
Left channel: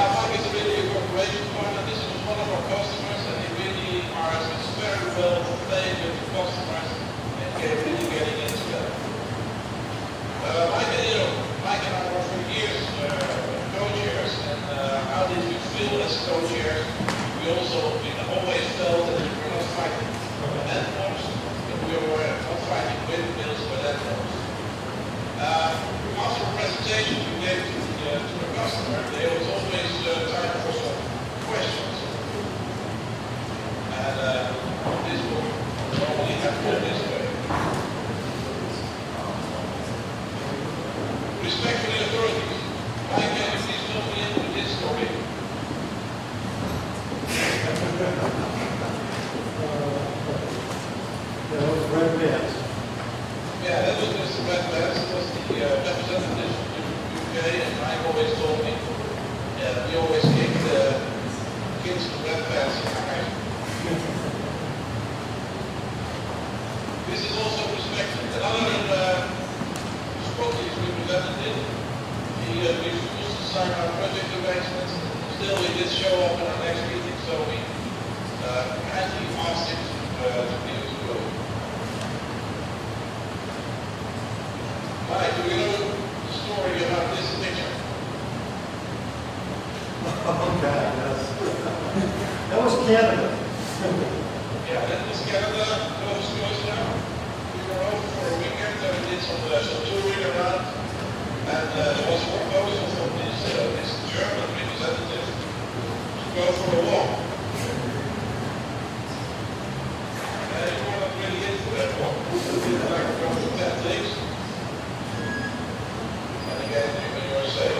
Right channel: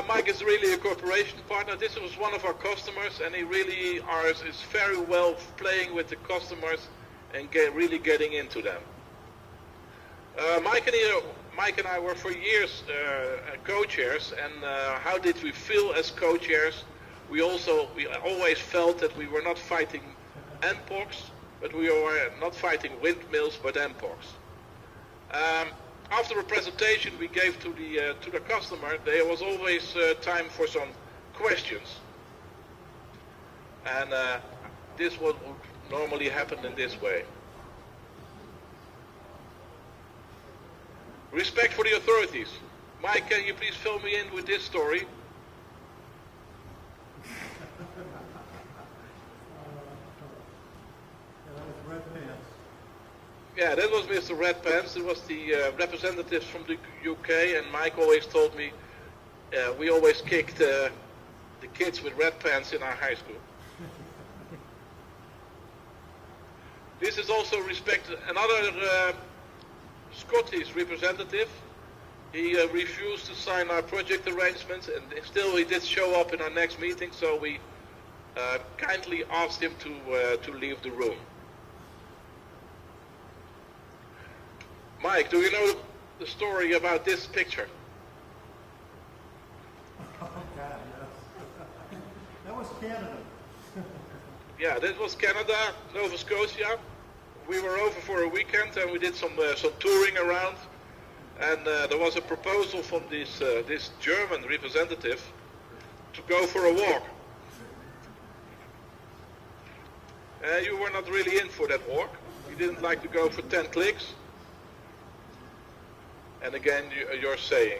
Mike is really a cooperation partner. This is one of our customers, and he really is very well playing with the customers and really getting into them. Mike and I worked for years co-chairs, and how did we feel as co-chairs? We always felt that we were not fighting endforms, but we were not fighting windmills or endforms. After the presentation we gave to the customer, there was always time for some questions. And this would normally happen this way. Respect for the authorities. Mike, can you please fill me in with this story? Red Vans. Yeah, that was Mr. Red Vans. He was the representative of the UK, and Mike always told me we always kicked kids with Red Vans in our house. This is also respected. Another Scottish representative, he refused to sign our project directions, and still he didn't show up in our next meeting, so we kindly asked him to leave the room. Mike, do you know the story about this picture? Oh, God, yes. That was Canada. Yeah, that was Canada, Nova Scotia. We were over for a weekend and we did some touring around. And there was a proposal from this German representative to go for a walk. And you were not really in for that walk. You didn't like to go for 10 clicks. And again, you're saying.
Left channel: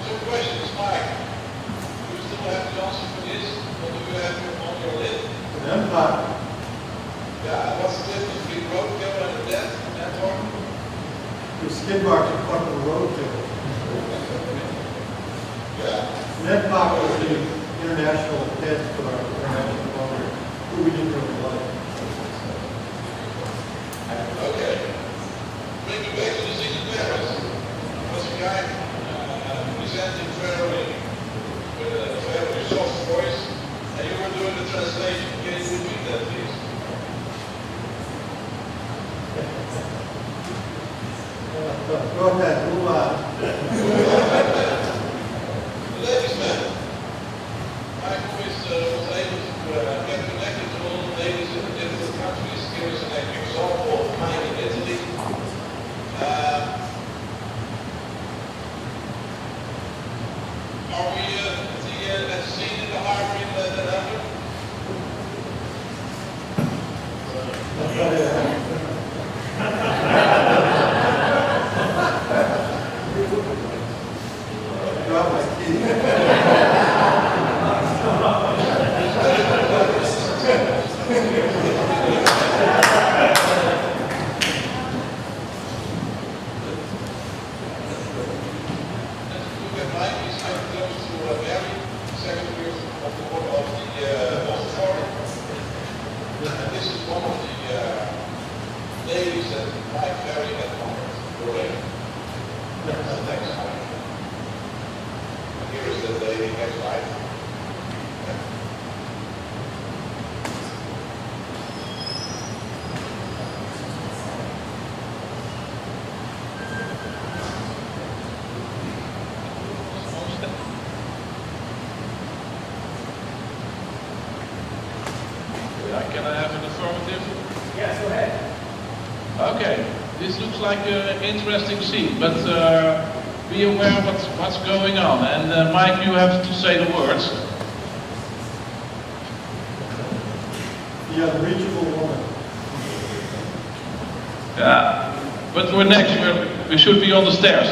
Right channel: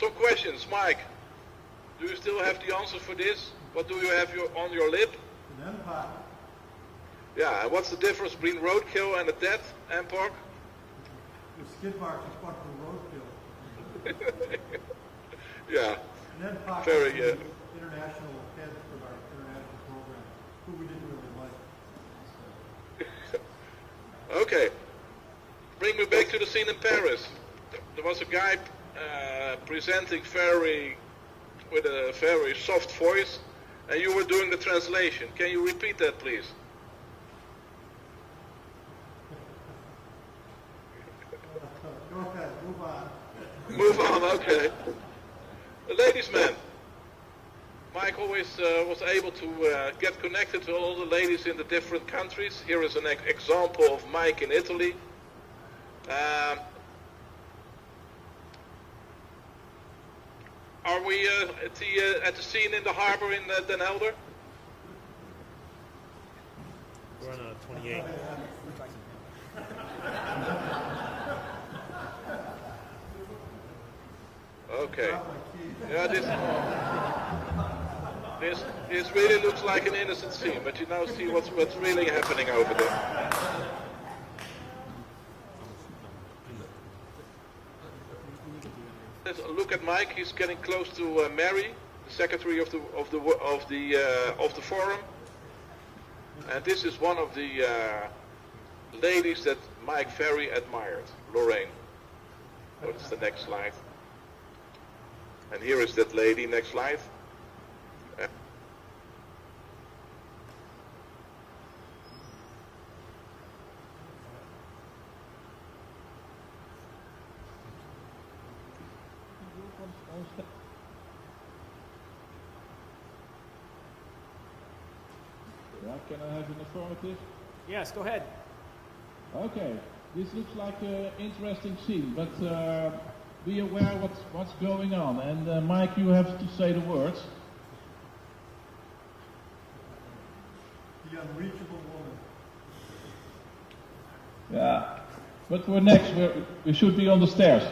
Some questions, Mike. Do you still have the answer to this? What do you have on your list? Empire. Yeah, what's the difference between roadkill and a death endform? The skid marks in front of the road too. Yeah. Ned Power is the international head for our international owner, who we didn't really like. Okay. Bring me back to the scene in Paris. There was a guy presenting with a very soft voice, and you were doing the translation. Can you repeat that, please? Go ahead, move on. The ladies then. Michael was able to get connected with all the ladies in the different countries. Here is an example of Mike in Italy. Are we at the scene in the harbor in Den Helder? Drop my key. Look at Mike, he's getting close to Mary, Secretary of the Forum. And this is one of the ladies that Mike very admired, Lorraine. That's the next slide. And here is the lady, next slide. Can I have an affirmative? Yes, go ahead. Okay, this looks like an interesting scene, but be aware of what's going on. And Mike, you have to say the words. The unreachable woman. Yeah. But we're next, we should be on the stairs.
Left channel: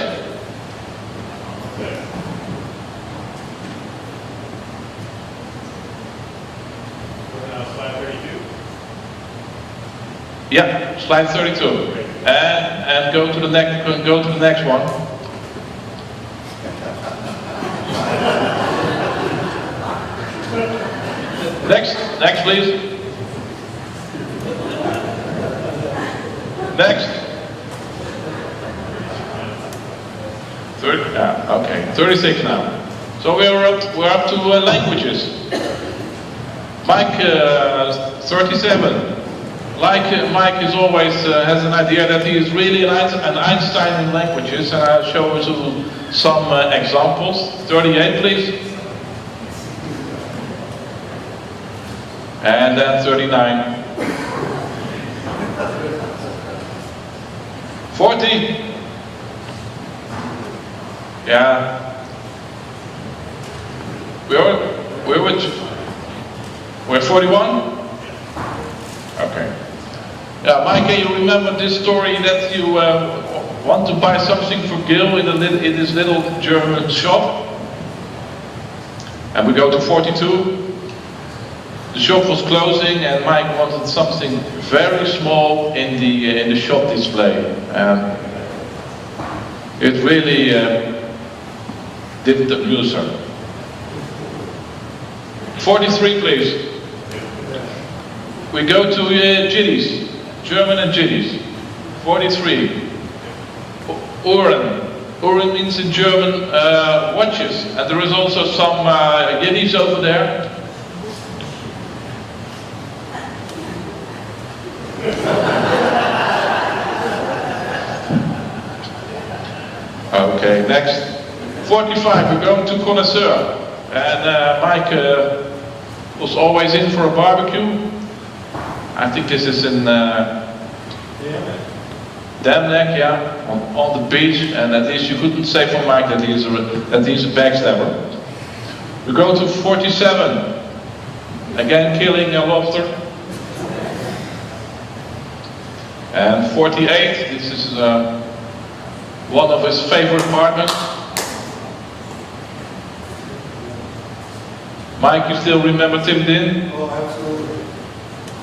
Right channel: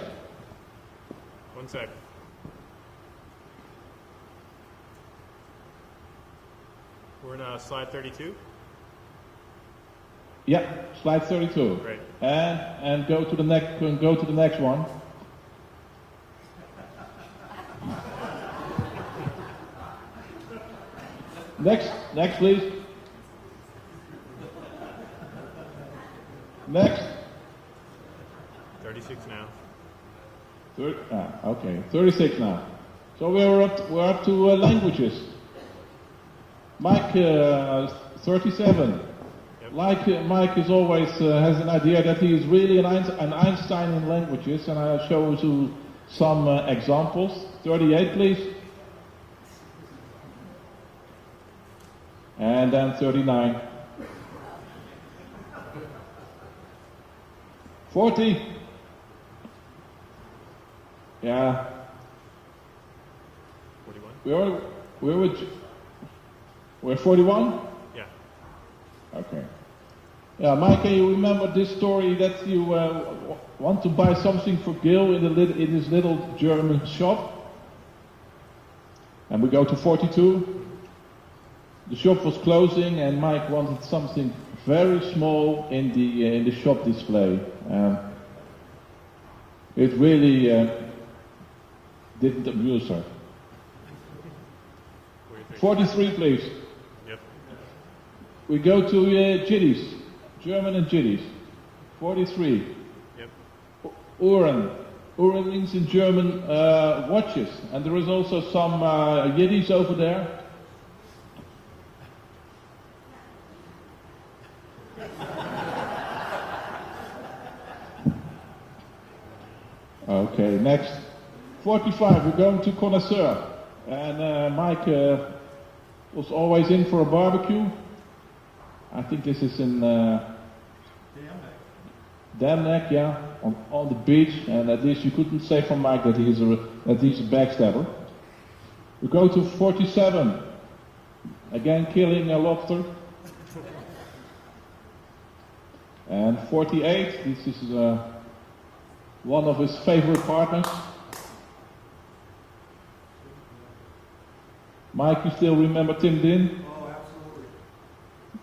Yeah, slide 32. And go to the next one. Next please. Next. 36 now. So we're up to languages. Mike 37. Mike is always has an idea that he is really an Einstein in languages, and I'll show you some examples. 38, please. And then 39. 40. Yeah. We're 41? Okay. Yeah, Mike, you remember this story that you want to buy something for Gil in this little German shop? And we go to 42. The shop was closing and Mike wanted something very small in the shop display. It really didn't abuse her. 43, please. We go to Gillies, German and Gillies. 43. Uhren. Uhren means in German watches. And there is also some Yiddish over there. Okay, next. 45, we're going to Connoisseur. And Mike was always in for a barbecue. I think this is in Damneck, yeah, on the beach. And at least you couldn't say for Mike that he's a backstabber. We go to 47. Again, killing a lobster. And 48, this is one of his favorite partners. Mike, you still remember Tim Din? Oh, absolutely.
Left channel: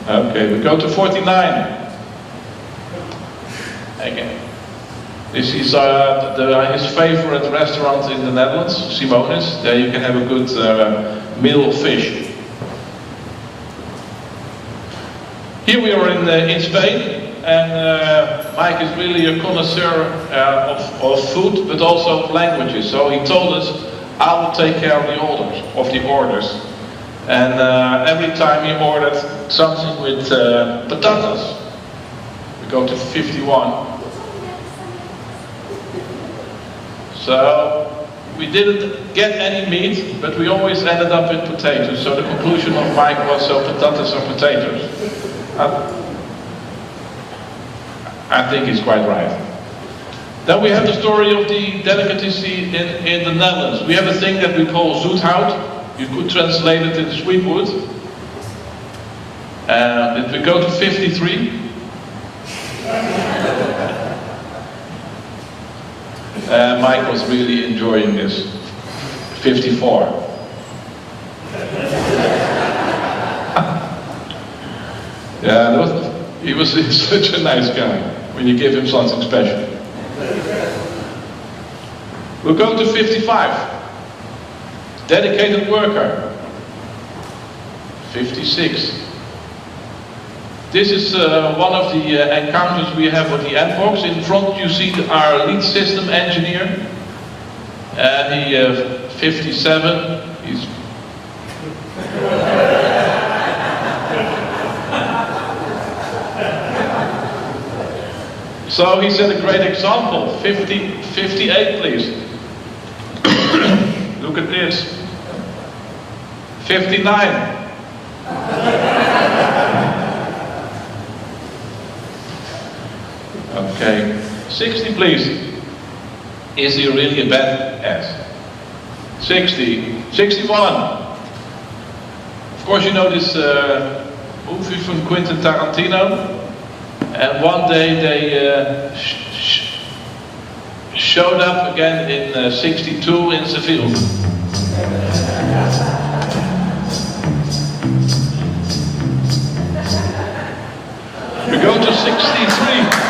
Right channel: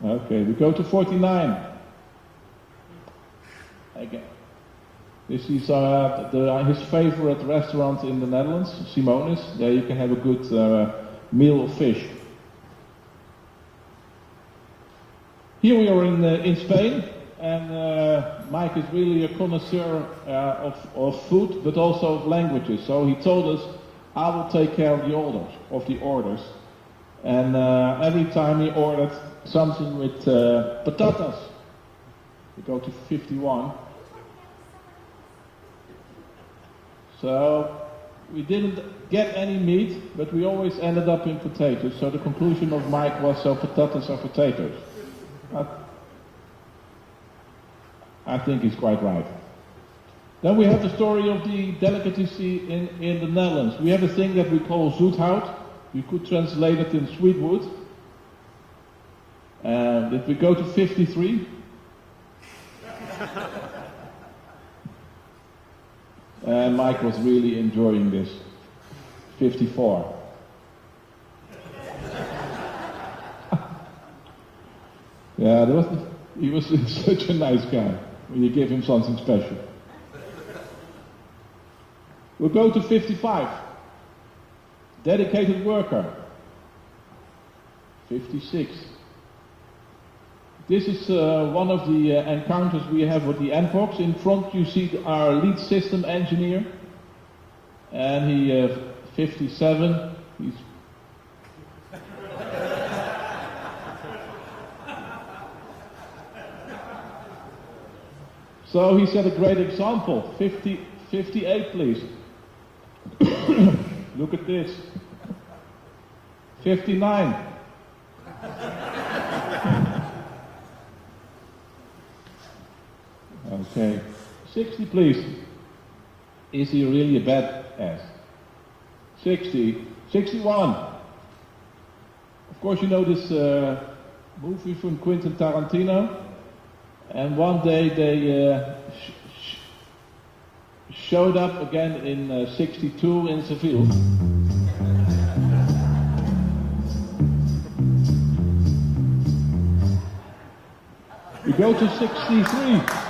Okay, we go to 49. Again. This is his favorite restaurant in the Netherlands, Simonis. There you can have a good meal of fish. Here we are in Spain. And Mike is really a connoisseur of food, but also of languages. So he told us, I will take care of the orders. And every time he ordered something with potatoes. We go to 51. So we didn't get any meat, but we always ended up with potatoes. So the conclusion of Mike was, so potatoes are potatoes. I think it's quite right. Then we have the story of the delicacy in the Netherlands. We have a thing that we call zoethout. You could translate it into sweetwood. And we go to 53. Mike was really enjoying this. 54. Yeah, he was such a nice guy when you give him something special. We'll go to 55. Dedicated worker. 56. This is one of the encounters we have with the advocs. In front you see our lead system engineer. And the 57, he's so he set a great example. 58 please. Look at this. 59. Okay. 60 please. Is he really a badass? 60. 61. Of course you know this movie from Quentin Tarantino. And one day they showed up again in 62 in Seville. We go to 63.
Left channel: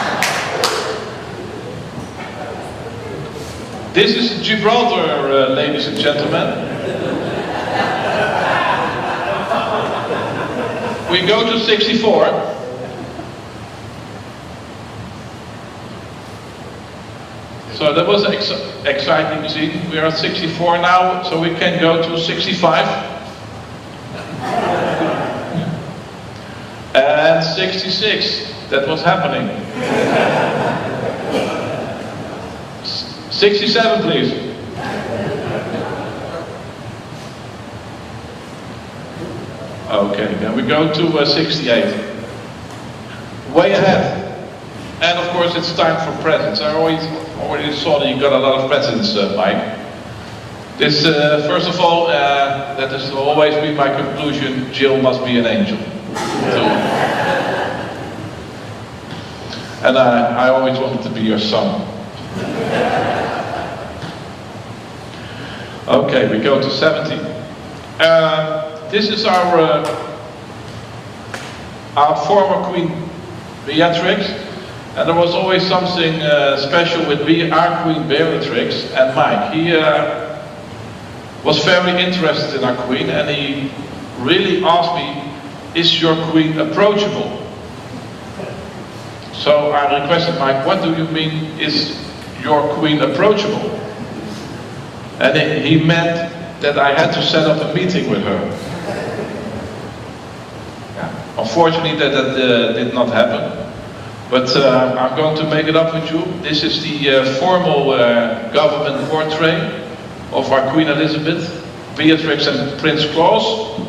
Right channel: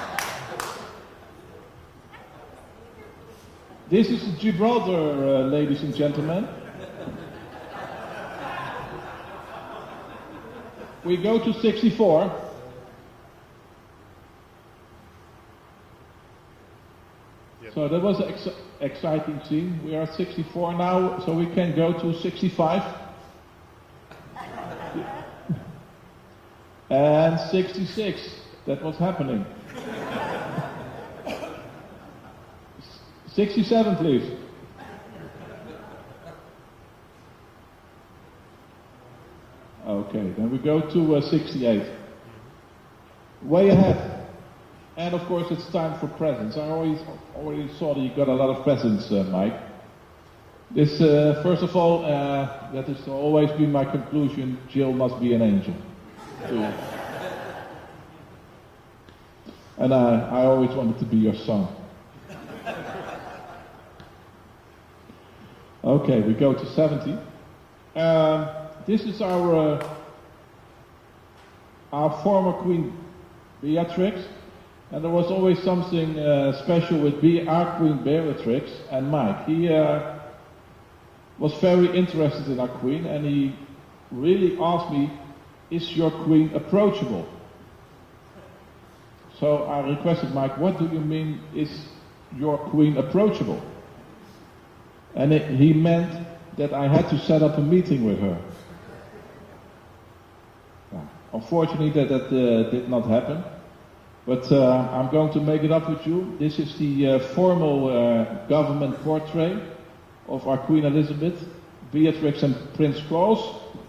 This is Gibraltar, ladies and gentlemen. We go to 64. So that was exciting scene. We are at 64 now, so we can go to 65. And 66, that was happening. 67, please. Okay, then we go to 68. Way ahead. And of course it's time for presents. I already saw that you got a lot of presents, Mike. This, first of all, that is always be my conclusion, Jill must be an angel. So, and I always wanted to be your son. Okay, we go to 70. This is our former Queen Beatrix, and there was always something special with our Queen Beatrix and Mike. He was very interested in our Queen, and he really asked me, is your Queen approachable? So I requested Mike, what do you mean, is your Queen approachable? And he meant that I had to set up a meeting with her. Unfortunately, that did not happen. But I'm going to make it up with you. This is the formal government portrait of our Queen Elizabeth, Beatrix and Prince Claus.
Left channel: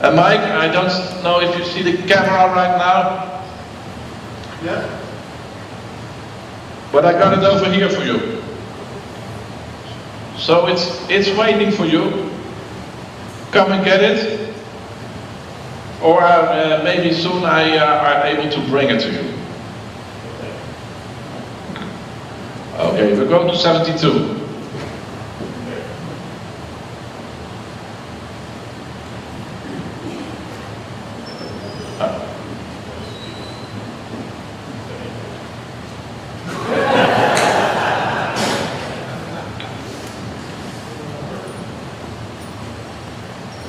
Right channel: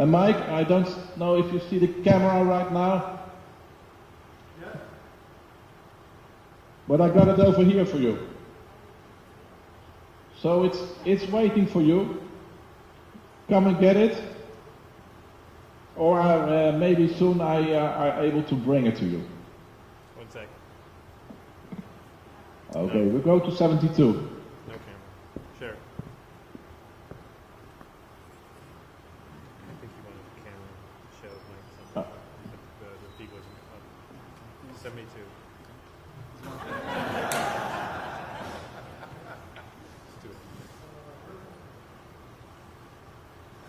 And Mike, I don't know if you see the camera right now. Yeah. But I got it over here for you. So it's waiting for you. Come and get it. Or maybe soon I are able to bring it to you. Okay, we go to 72.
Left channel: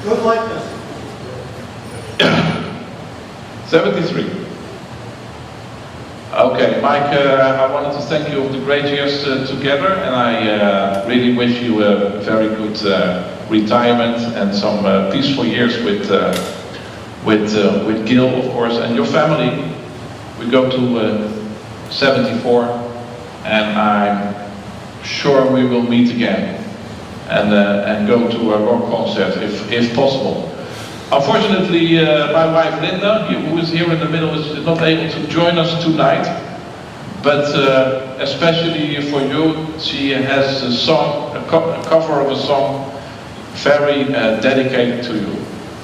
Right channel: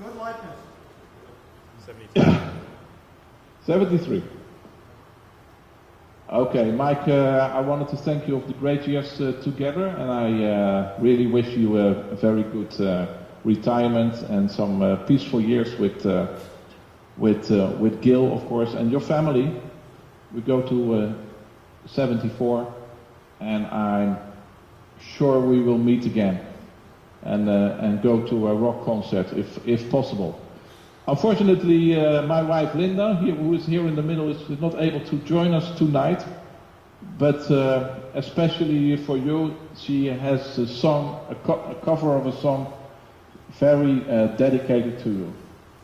Good likeness. 73. Okay, Mike, I wanted to thank you for the great years together, and I really wish you a very good retirement and some peaceful years with Gil, of course, and your family. We go to 74, and I'm sure we will meet again and go to a rock concert if possible. Unfortunately, my wife Linda, who is here in the middle, is not able to join us tonight. But especially for you, she has a song, a cover of a song, very dedicated to you.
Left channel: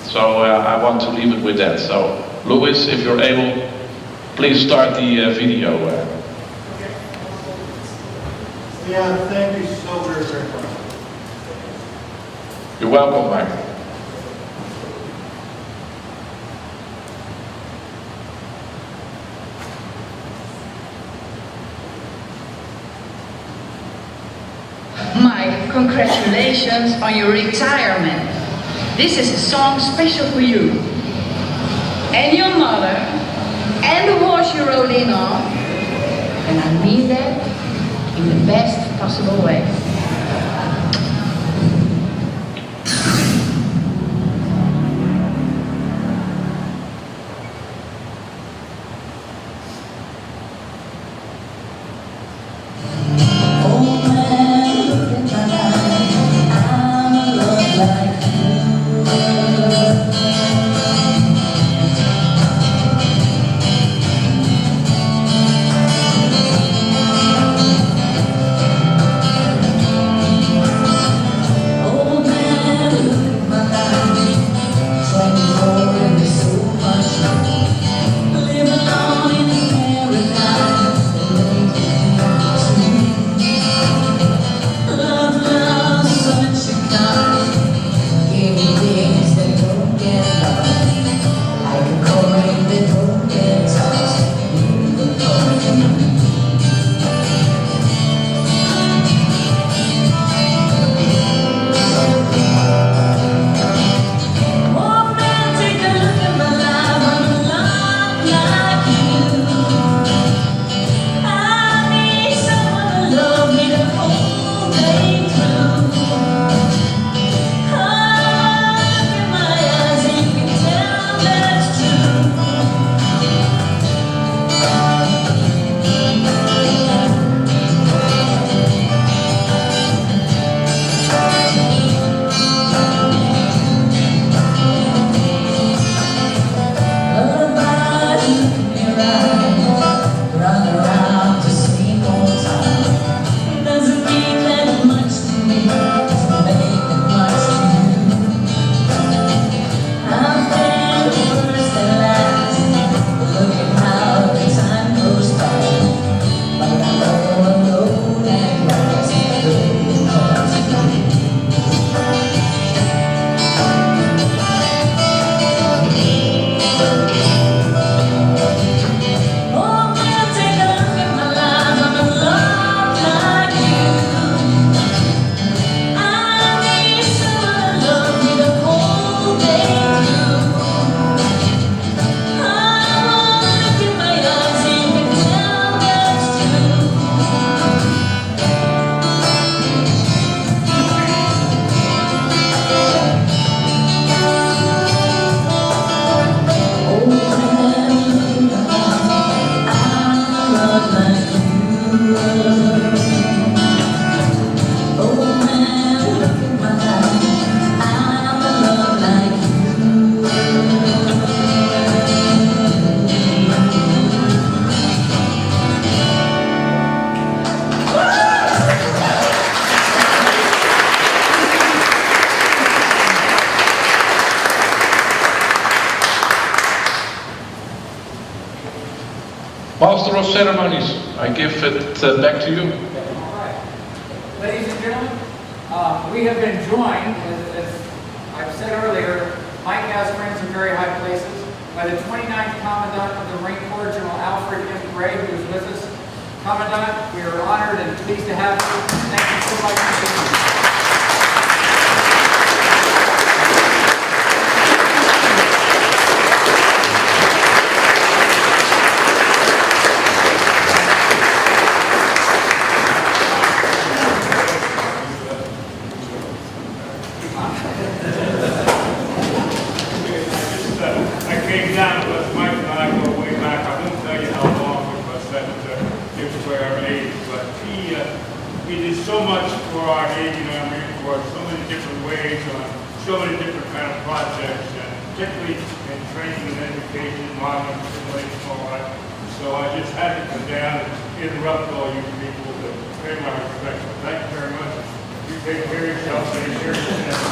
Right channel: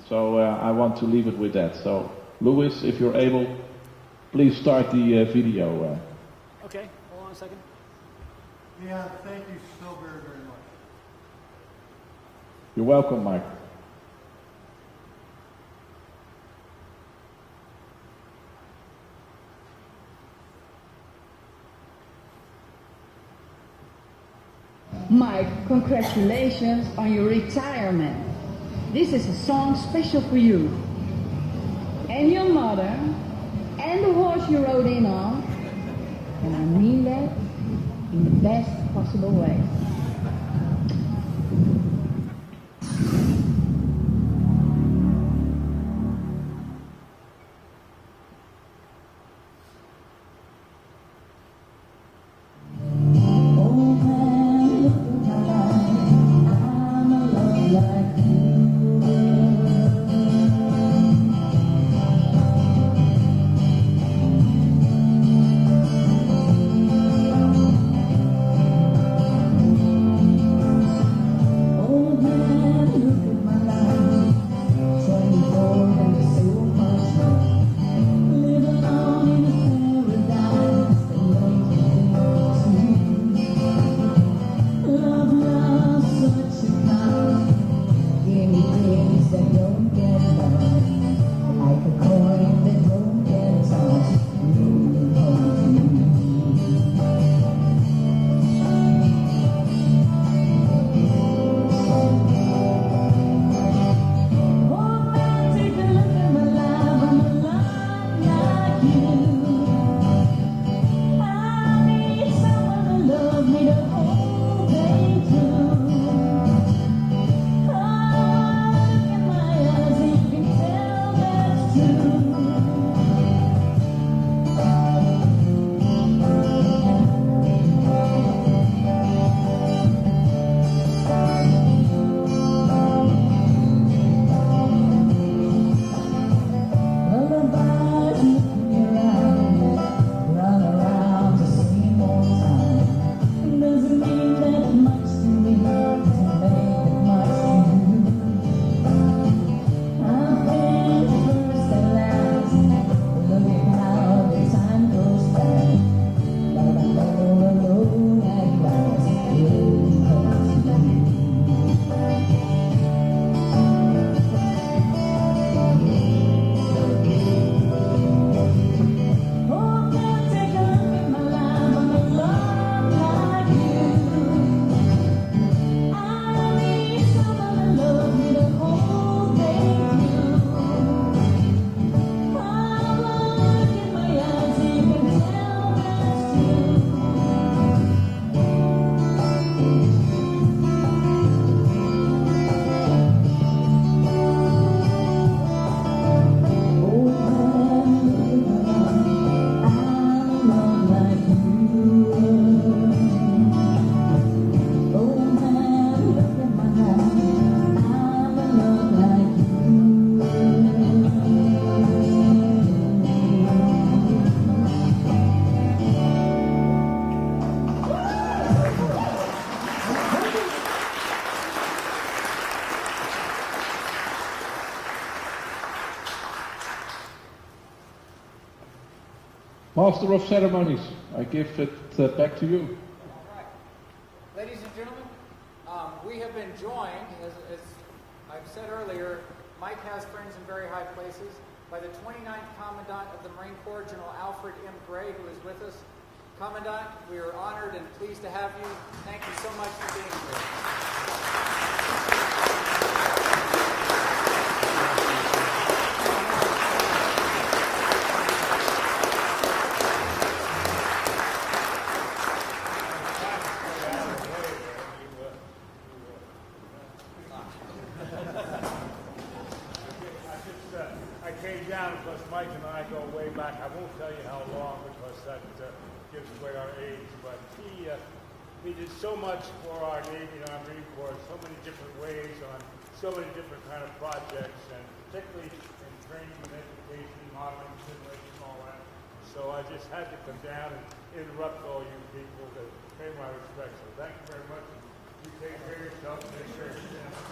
So I want to leave it with that. So, Louis, if you're able, please start the video. Yeah, thank you so very, very much. You're welcome, Mike. Mike, congratulations on your retirement. This is a song special for you. And your mother, and the horse you rode in on. And I mean that in the best possible way. Master of Ceremonies. I give it back to you. All right. Ladies and gentlemen, we have been joined, as I've said earlier, Mike has friends in very high places, by the 29th Commandant of the Marine Corps, General Alfred M. Gray, who is with us. Commandant, we are honored and pleased to have you. Thank you so much for being here. I came down with Mike and I go way back. I won't tell you how long it was that it was where our age, but he did so much for our Navy and our Marine Corps, so many different ways, on so many different kind of projects, and particularly in training and education, modeling, simulation, all that. So I just had to come down and interrupt all you people to pay my respects. So thank you very much. You take care of yourself, take care of yourself.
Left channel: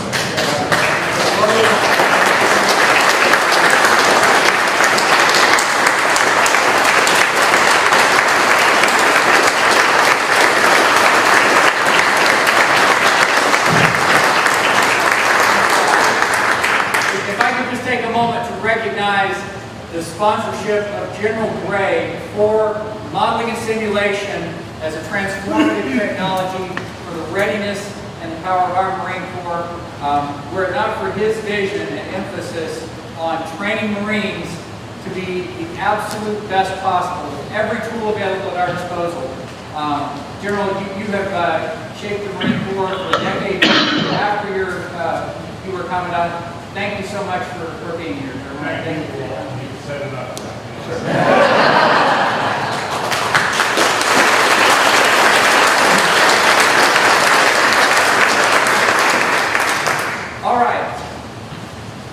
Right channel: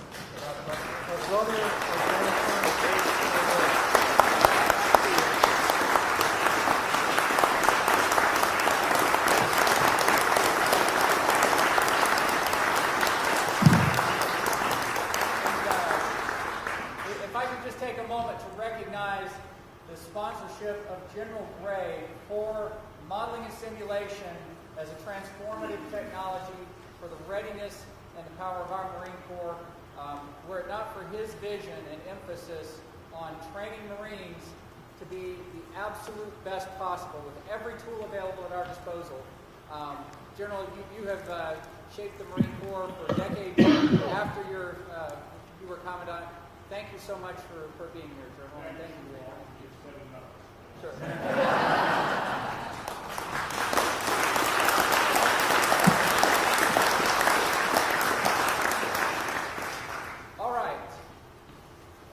If I could just take a moment to recognize the sponsorship of General Gray for modeling and simulation as a transformative technology for the readiness and the power of our Marine Corps. Were it not for his vision and emphasis on training Marines to be the absolute best possible, with every tool available at our disposal. General, you have shaped the Marine Corps for decades after you were Commandant. Thank you so much for being here. Thank you. You said enough. All right.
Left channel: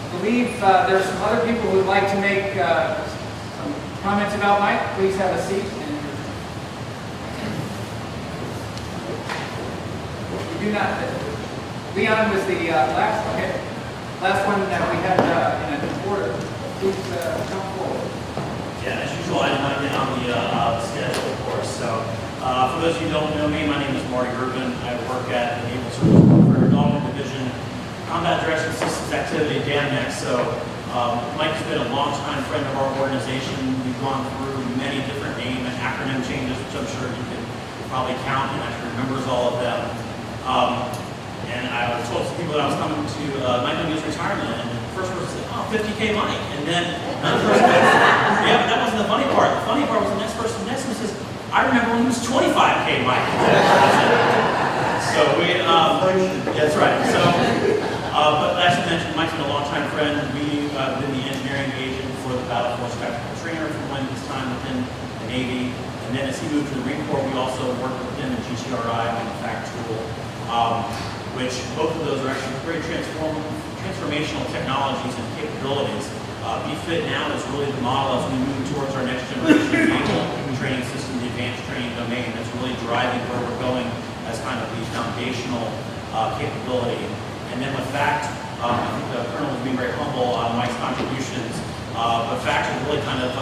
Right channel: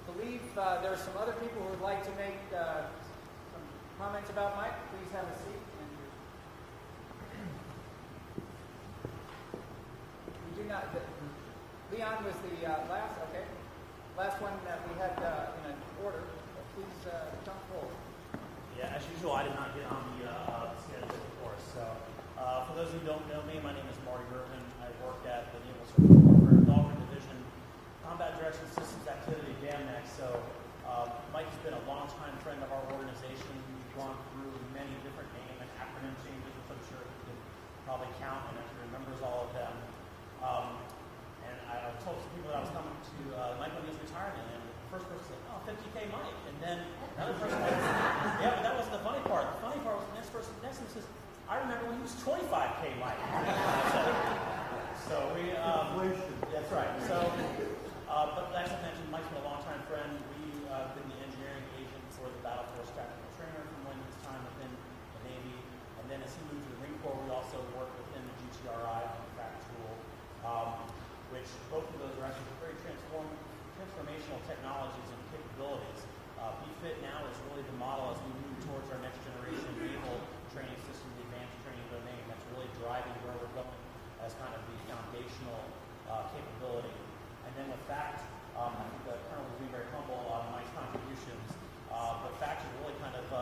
I believe there's some other people who would like to make some comments about Mike. Please have a seat. You do not. Leon was the last. Okay. Last one that we had in a quarter. Please come forward. Yeah, as usual, I did not get on the schedule, of course. So, for those of you who don't know me, my name is Marty Urban. I work at the Naval Surface Development Division, Combat Direction Systems Activity, DAMNEC. So, Mike's been a longtime friend of our organization. We've gone through many different name and acronym changes, which I'm sure you can probably count and actually remembers all of them. And I told some people that I was coming to Mike O'Neill's retirement, and the first person said, "Oh, 50K Mike." And then another person said, "Yeah, but that wasn't the funny part. The funny part was the next person next to me says, I remember when he was 25K Mike." So that's right. So, but as you mentioned, Mike's been a longtime friend. We've been the engineering agent for the Battle Force Tactical Trainer from his time within the Navy. And then as he moved to the Marine Corps, we also worked with him in GTRI on the FACT tool. Which both of those are actually very transformational technologies and capabilities. BFIT now is really the model as we move towards our next generation naval training system, the advanced training domain, that's really driving where we're going as kind of the foundational capability. And then with FACT, the Colonel was being very humble on Mike's contributions, but FACT has really kind of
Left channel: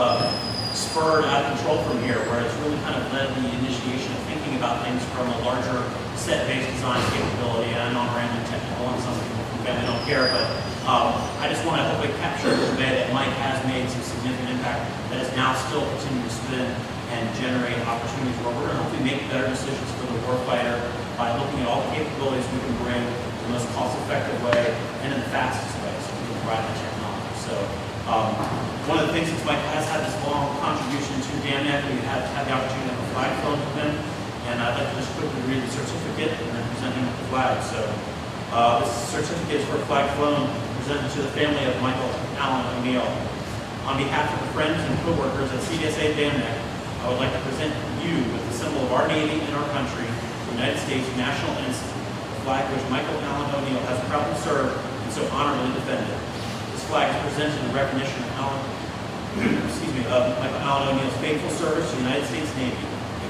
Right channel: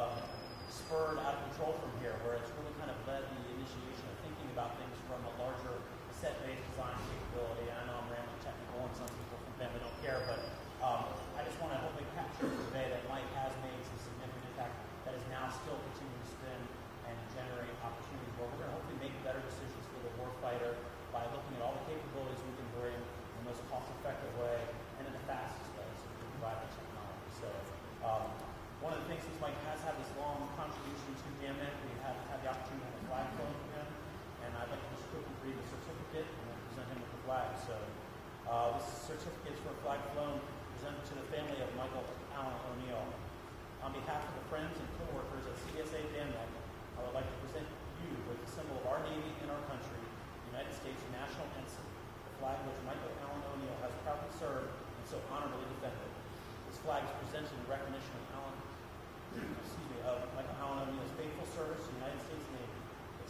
spurred out of control from here, where it's really kind of led the initiation of thinking about things from a larger set-based design capability. And I know I'm rambling technical and some people from family don't care, but I just want to hopefully capture and convey that Mike has made some significant impact that is now still continuing to spin and generate opportunities where we're going to hopefully make better decisions for the warfighter by looking at all the capabilities we can bring in the most cost-effective way and in the fastest way so we can provide that technology. So one of the things that Mike has had this long contribution to DAMNEC, we have had the opportunity to have a flag flown with him. And I'd like to just quickly read the certificate and then present him with the flag. So this certificate is for flag flown presented to the family of Michael Allen O'Neill. On behalf of the friends and co-workers at CDSA DAMNEC, I would like to present you with the symbol of our Navy and our country, the United States National Ensign, the flag which Michael Allen O'Neill has proudly served and so honorably defended. This flag is presented in recognition of Michael Allen O'Neill's faithful service to the United States Navy.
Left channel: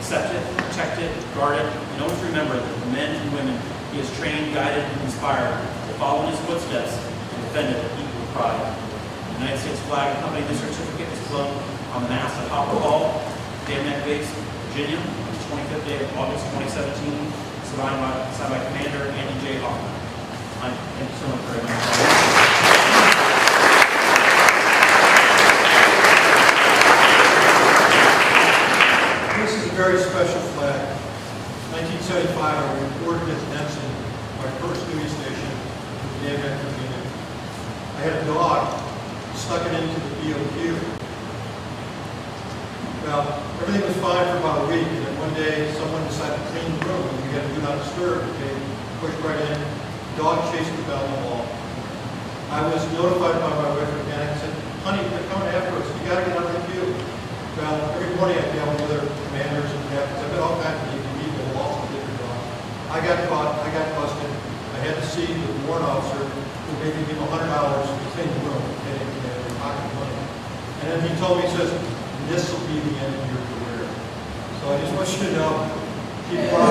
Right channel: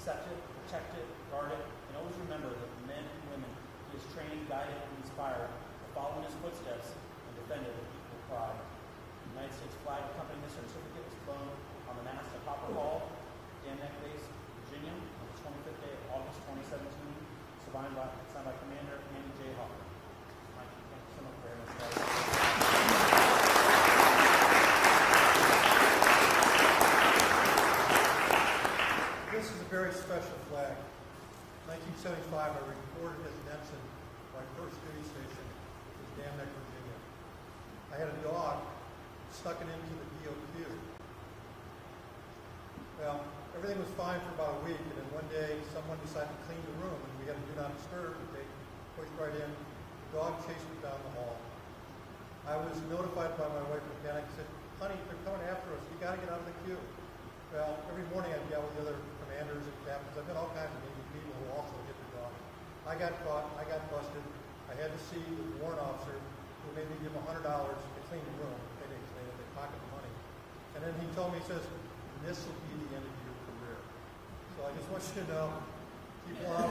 Accept it, protect it, guard it, and always remember that the men and women he has trained, guided, and inspired to follow in his footsteps and defend it with equal pride. The United States flag accompanying this certificate is flown on the mast at Hopper Hall, Van Ness Base, Virginia, on the 25th day of August 2017, signed by Commander Andy J. Hoffman. Thank you so much very much. This is a very special flag. 1975, I reported as ensign, my first duty station in Van Ness, Virginia. I had a dog, stuck it into the BOQ. Well, everything was fine for about a week, and then one day someone decided to clean the room, and we had to do not disturb. They pushed right in, dog chased the bell in the wall. I was notified by my wife again and said, honey, they're coming after us, you gotta get out of the queue. Well, every morning I dealt with other commanders and captains, I've been all kinds of people, all sorts of different dogs. I got caught, I got busted, I had to see the warrant officer who made me give him $100 to clean the room, and pocket money. And then he told me, he says, this will be the end of your career. So I just want you to know, keep on.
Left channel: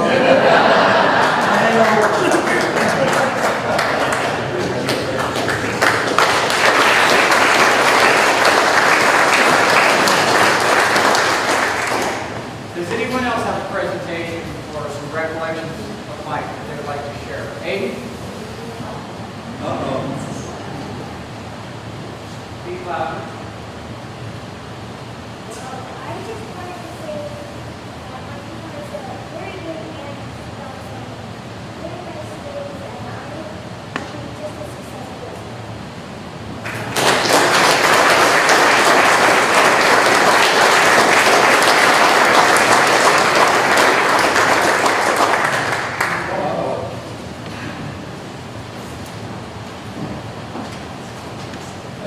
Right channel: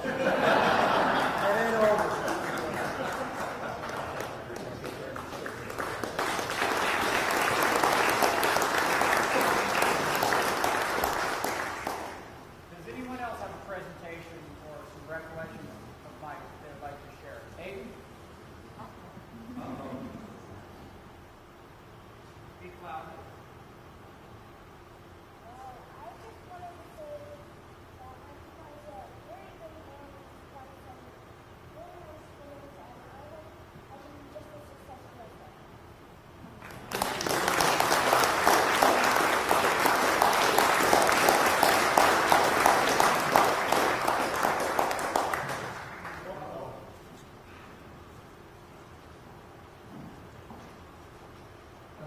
Does anyone else have a presentation or some recollections of Mike that they would like to share? Aiden? Speak louder.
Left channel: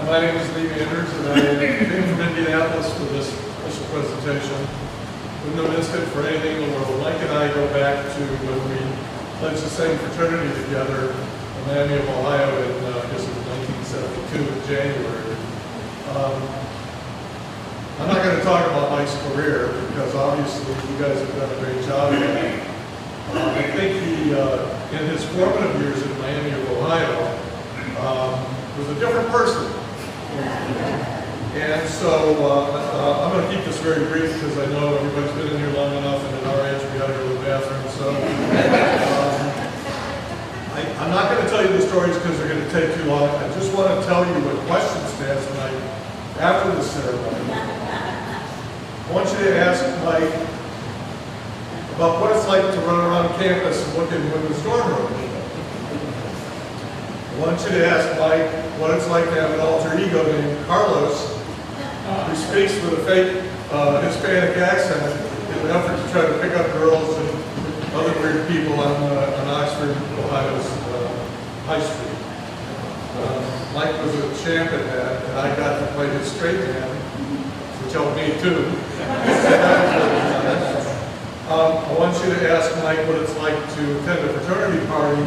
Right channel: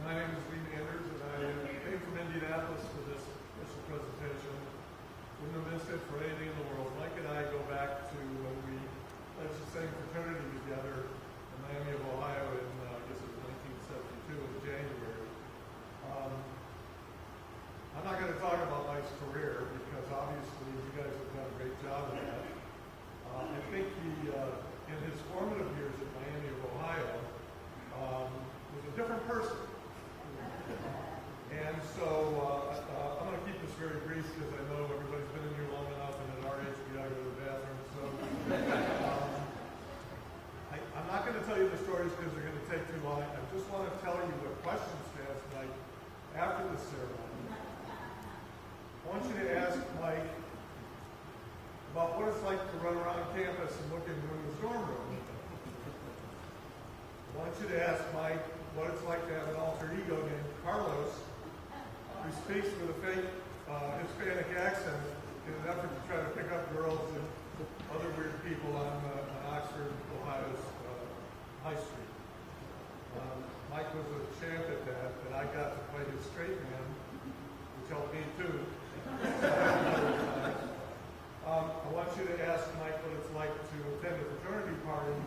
My name is Lee Anders, and I came from Indianapolis for this special presentation. With no instant for anything in the world, Mike and I go back to when we pledged the same fraternity together in Miami of Ohio in, I guess it was 1972 in January. I'm not going to talk about Mike's career because obviously you guys have done a great job of that. I think he, in his formative years in Miami of Ohio, was a different person. And so I'm going to keep this very brief because I know everybody's been in here long enough, and at our age we got to go to the bathroom. So I'm not going to tell you the stories because they're going to take too long. I just want to tell you what questions to ask Mike after the ceremony. I want you to ask Mike about what it's like to run around campus and look in women's dorm rooms. I want you to ask Mike what it's like to have an alter ego named Carlos, who speaks with a fake Hispanic accent in an effort to try to pick up girls and other weird people on Oxford, Ohio's High Street. Mike was a champ at that, and I got to play his straight man, which helped me too. I want you to ask Mike what it's like to attend a fraternity party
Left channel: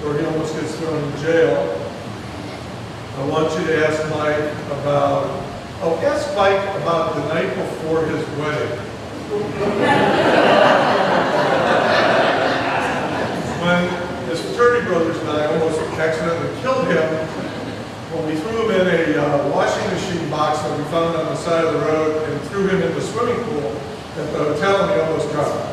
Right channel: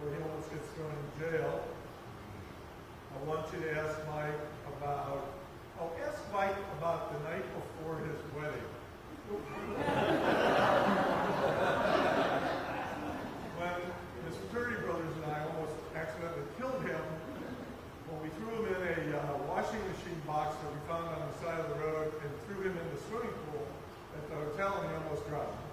where he almost gets thrown in jail. I want you to ask Mike about, ask Mike about the night before his wedding. When his fraternity brothers and I almost accidentally killed him when we threw him in a washing machine box that we found on the side of the road and threw him in the swimming pool at the hotel, and he almost drowned.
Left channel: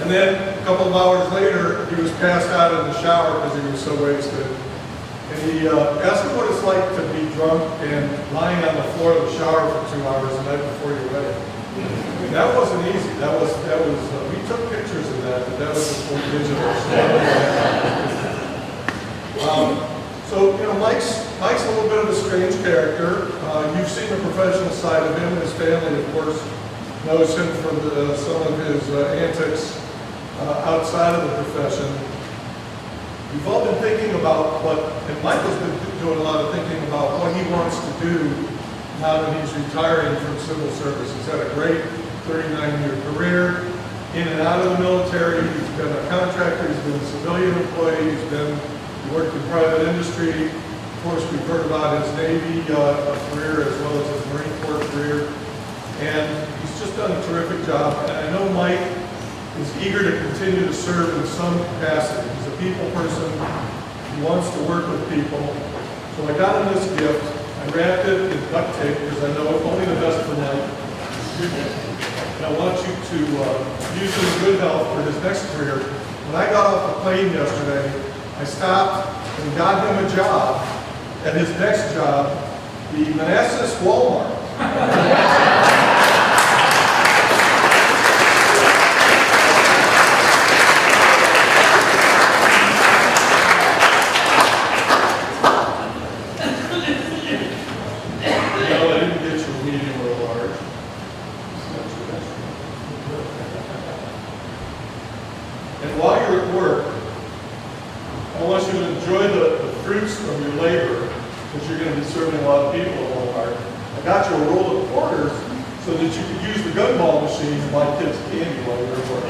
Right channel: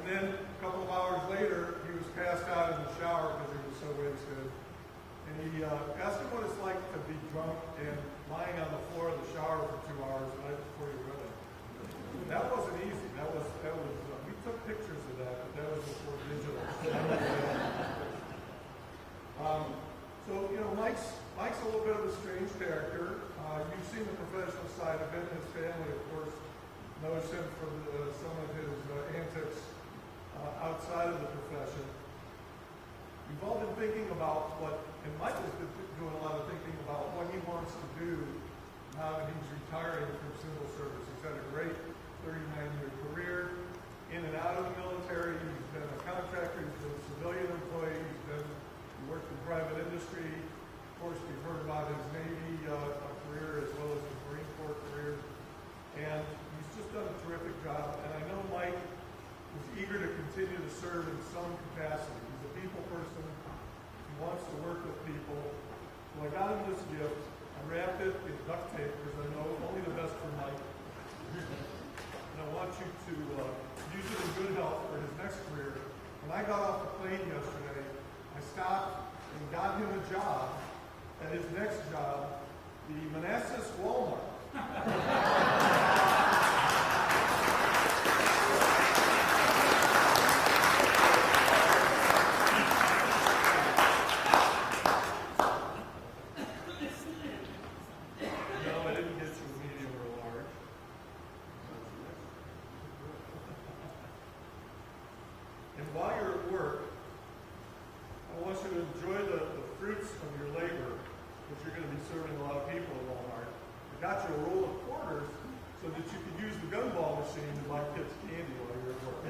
And then a couple of hours later, he was passed out in the shower because he was so wasted. And he asked him what it's like to be drunk and lying on the floor of the shower for 2 hours the night before your wedding. And that wasn't easy. That was we took pictures of that, but that was before digital. So, you know, Mike's a little bit of a strange character. You've seen the professional side of him. His family, of course, knows him for some of his antics outside of the profession. We've all been thinking about and Mike has been doing a lot of thinking about what he wants to do now that he's retiring from civil service. He's had a great 39-year career in and out of the military. He's been a contractor, he's been a civilian employee, he worked in private industry. Of course, we've heard about his Navy career as well as his Marine Corps career. And he's just done a terrific job. And I know Mike is eager to continue to serve in some capacity. He's a people person. He wants to work with people. So I got him this gift. I wrapped it in duct tape because I know only the best for Mike. and I want you to use him in good health for his next career. When I got off the plane yesterday, I stopped and got him a job at his next job, the Manassas Walmart. No, I didn't get you a medium or a large. And while you're at work, I want you to enjoy the fruits of your labor, because you're going to be serving a lot of people at Walmart. I got you a roll of quarters so that you could use the gumball machine and buy kids candy while you're at work.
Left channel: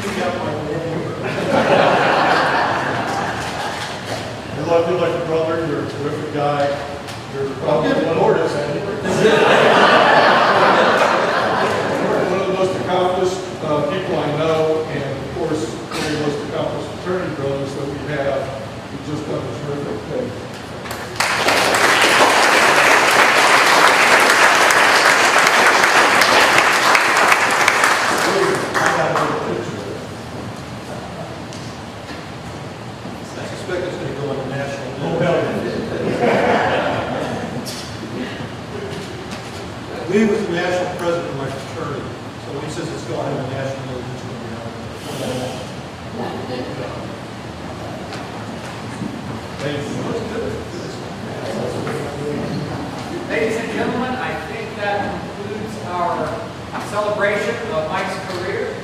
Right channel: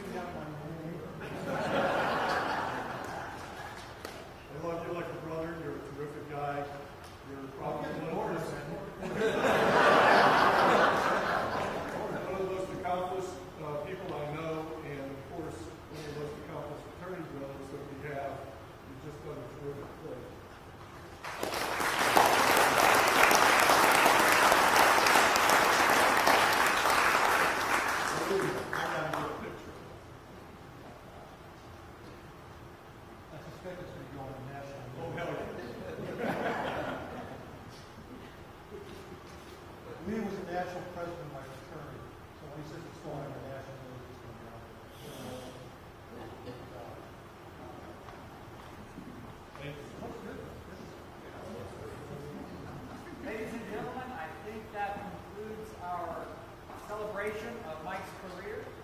You got my name. I love you like a brother. You're a terrific guy. You're probably one of the most accomplished people I know, and of course, one of the most accomplished fraternity brothers that we have. You've just done a terrific thing. I got another picture. I suspect it's going to go on the national news. Oh, hell yeah. Lee was the national president of my fraternity, so when he says it's going on the national news, it's going to be on. Thank you. Ladies and gentlemen, I think that concludes our celebration of Mike's career.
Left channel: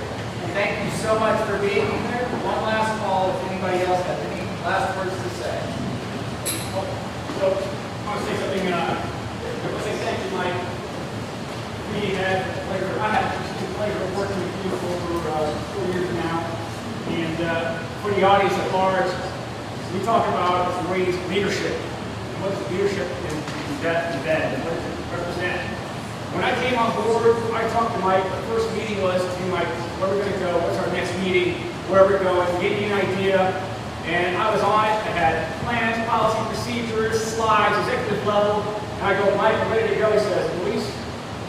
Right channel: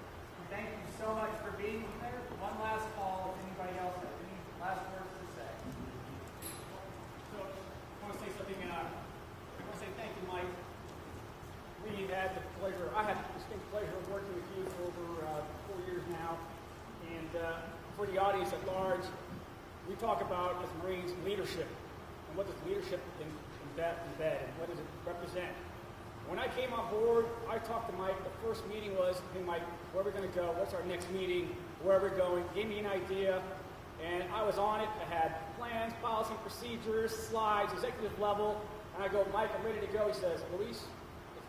Thank you so much for being here. One last call if anybody else has any last words to say. So, I want to say something, I want to say thank you, Mike. We had the pleasure, I had the pleasure of working with you for over 4 years now. And for the audience at large, we talk about the ways leadership. What's leadership in that event? What does it represent? When I came on board, I talked to Mike. The first meeting was, hey Mike, where are we going to go? What's our next meeting? Where are we going? He gave me an idea. And I was on it. I had plans, policy, procedures, slides, executive level. And I go, Mike, I'm ready to go. He says, Luis,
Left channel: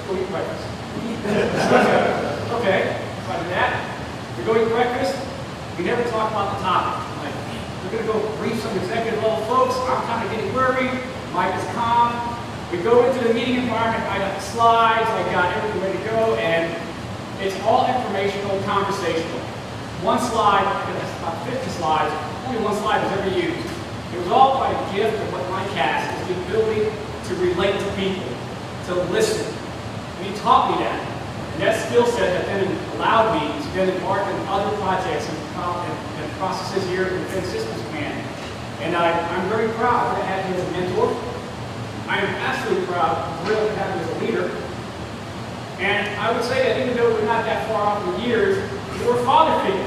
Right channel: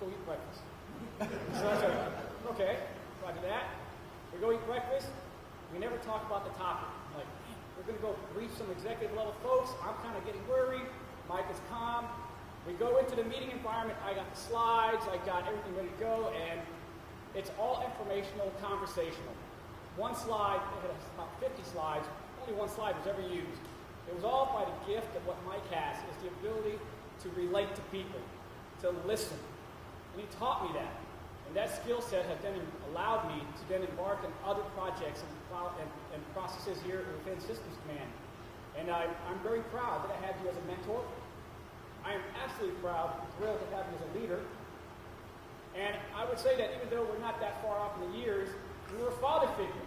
go eat breakfast. So I go, okay, so I did that. We go eat breakfast. We never talk about the topic. I'm like, we're going to go brief some executive level folks. I'm kind of getting worried. Mike is calm. We go into the meeting environment. I got the slides. I got everything ready to go. And it's all informational, conversational. One slide, about 50 slides, only one slide was ever used. It was all by the gift of what Mike has, is the ability to relate to people, to listen. And he taught me that. And that skill set that then allowed me to then embark on other projects and processes here in the Defense Systems Command. And I'm very proud to have him as a mentor. I'm absolutely proud, thrilled to have him as a leader. And I would say that even though we're not that far off in years, we're a father figure.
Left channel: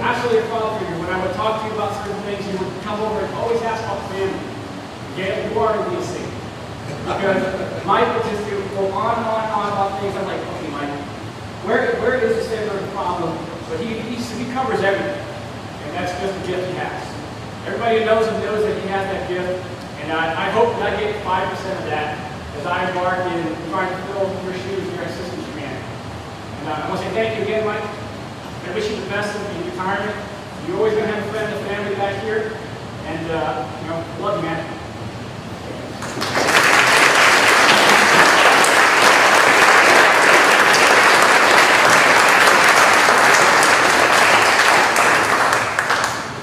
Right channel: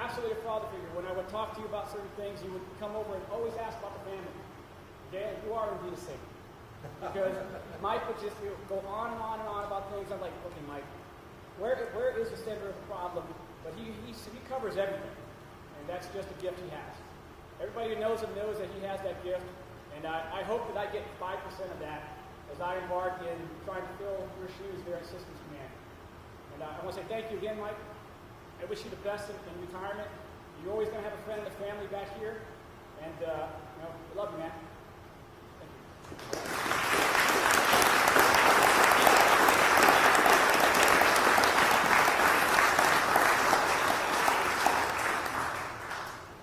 Absolutely a father figure. When I would talk to you about certain things, you would come over and always ask about the family. Yeah, you are in DC. Because Mike would just go on and on and on about things. I'm like, okay, Mike, where is the center of the problem? But he covers everything. And that's just the gift he has. Everybody who knows him knows that he has that gift. And I hope that I get 5% of that as I embark in trying to fill your shoes here at Systems Command. And I want to say thank you again, Mike. I wish you the best in retirement. You're always going to have a friend and family back here. And, love you, man.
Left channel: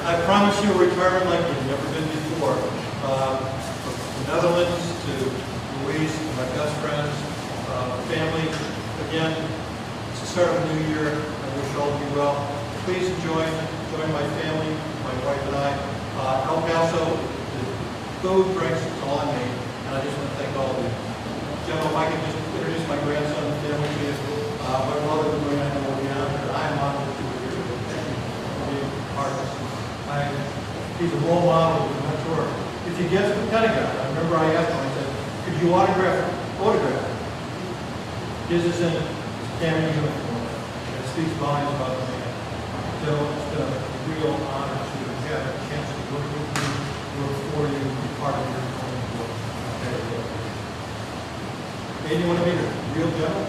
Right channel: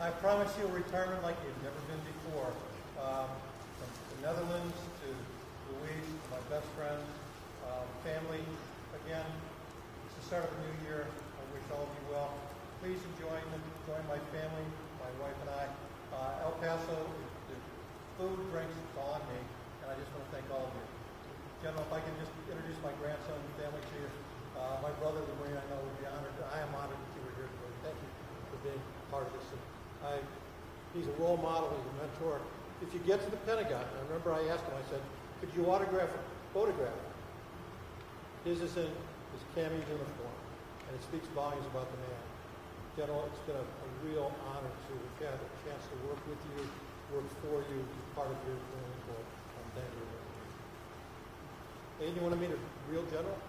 I promise you a retirement like you've never been before. From the Netherlands to Louise, my best friends, family. Again, it's the start of a new year. I wish all of you well. Please join my family, my wife and I. El Paso, the food, drinks, it's all on me. And I just want to thank all of you. General, if I can just introduce my grandson to you. My brother, who I know will be on here. I'm honored to be here. Thank you for being part of this. He's a role model, he's a mentor. If he gets to the Pentagon, I remember I asked him, I said, could you autograph him? His is in Canada uniform. It speaks volumes about the man. So it's been a real honor to have a chance to work with you, work for you, be part of your coming board. Hey, you want to be the real devil?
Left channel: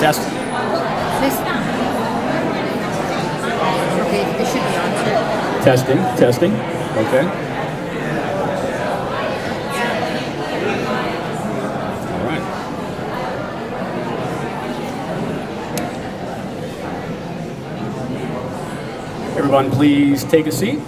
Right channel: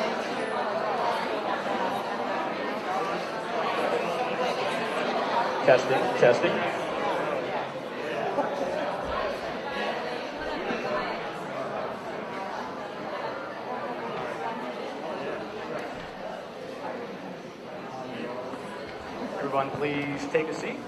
Test. Okay, this should be on. Testing, testing. Okay. All right. Everyone, please take a seat.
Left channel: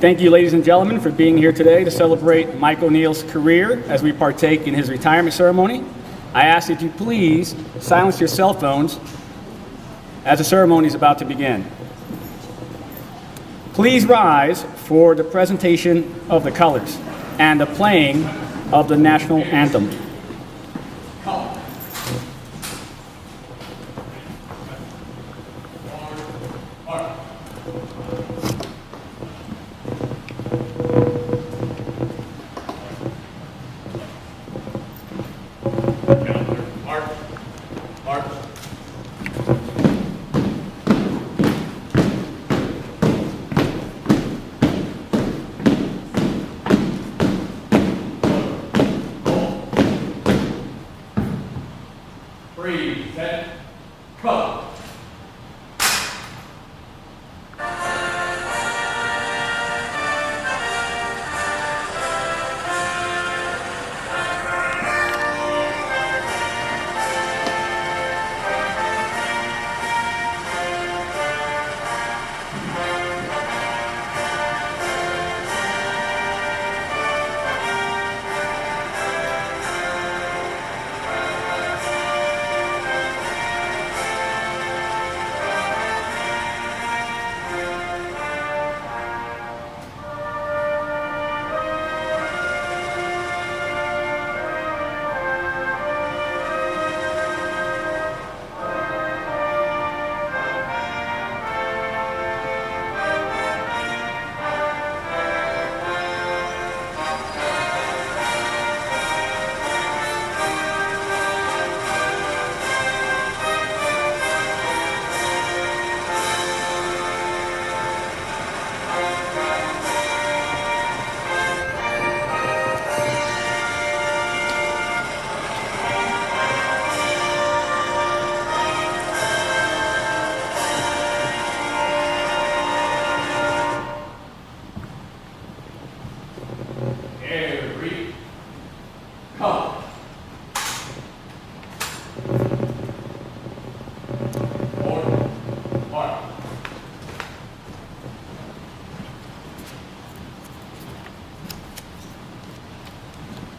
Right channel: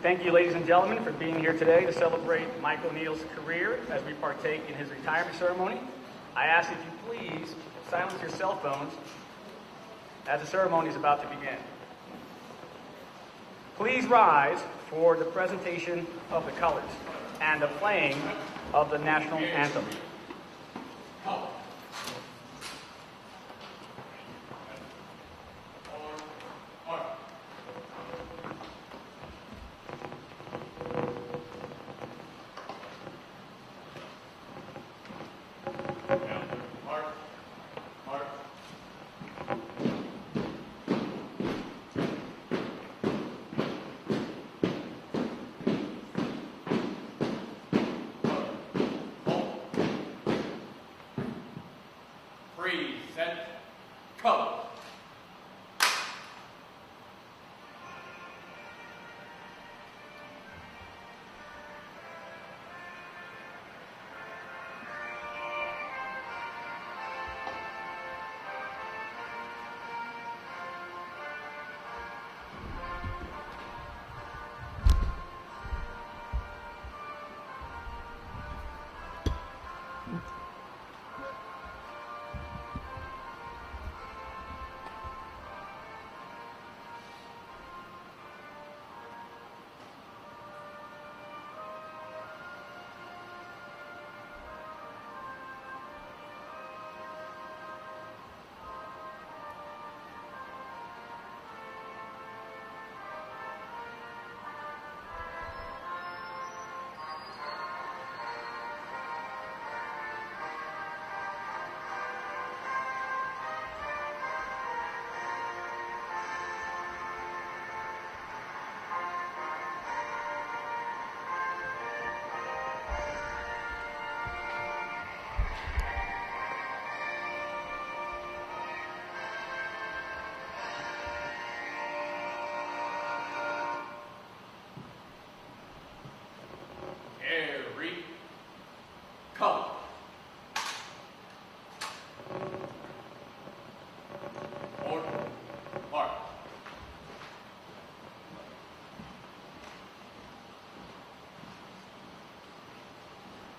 Thank you, ladies and gentlemen, for being here today to celebrate Mike O'Neill's career as we partake in his retirement ceremony. I ask that you please silence your cell phones as the ceremony is about to begin. Please rise for the presentation of the colors and the playing of the national anthem.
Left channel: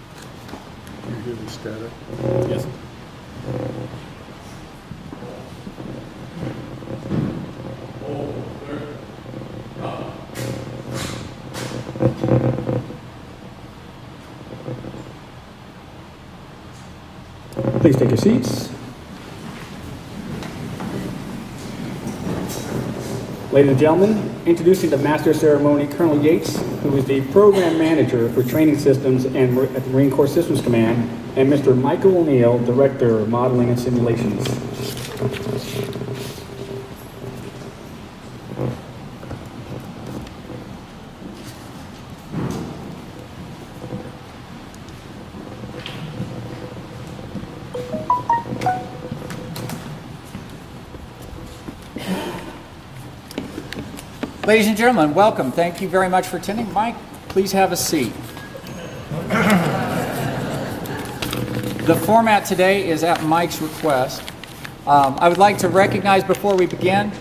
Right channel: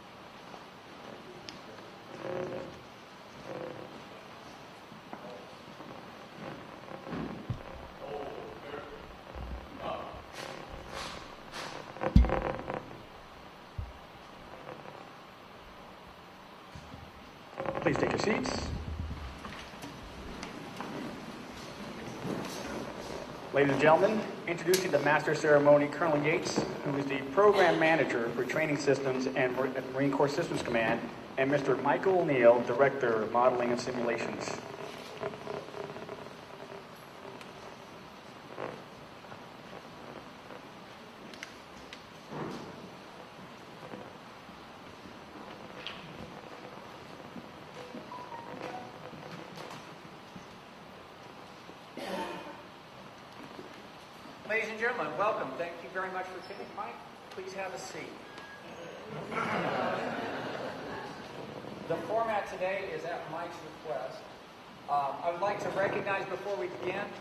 Set, go. Yes. Please take your seats. Ladies and gentlemen, introducing the Master of Ceremony, Colonel Yates, who is the Program Manager for Training Systems at the Marine Corps Systems Command, and Mr. Michael O'Neill, Director of Modeling and Simulations. Ladies and gentlemen, welcome. Thank you very much for attending. Mike, please have a seat. The format today is at Mike's request. I would like to recognize before we begin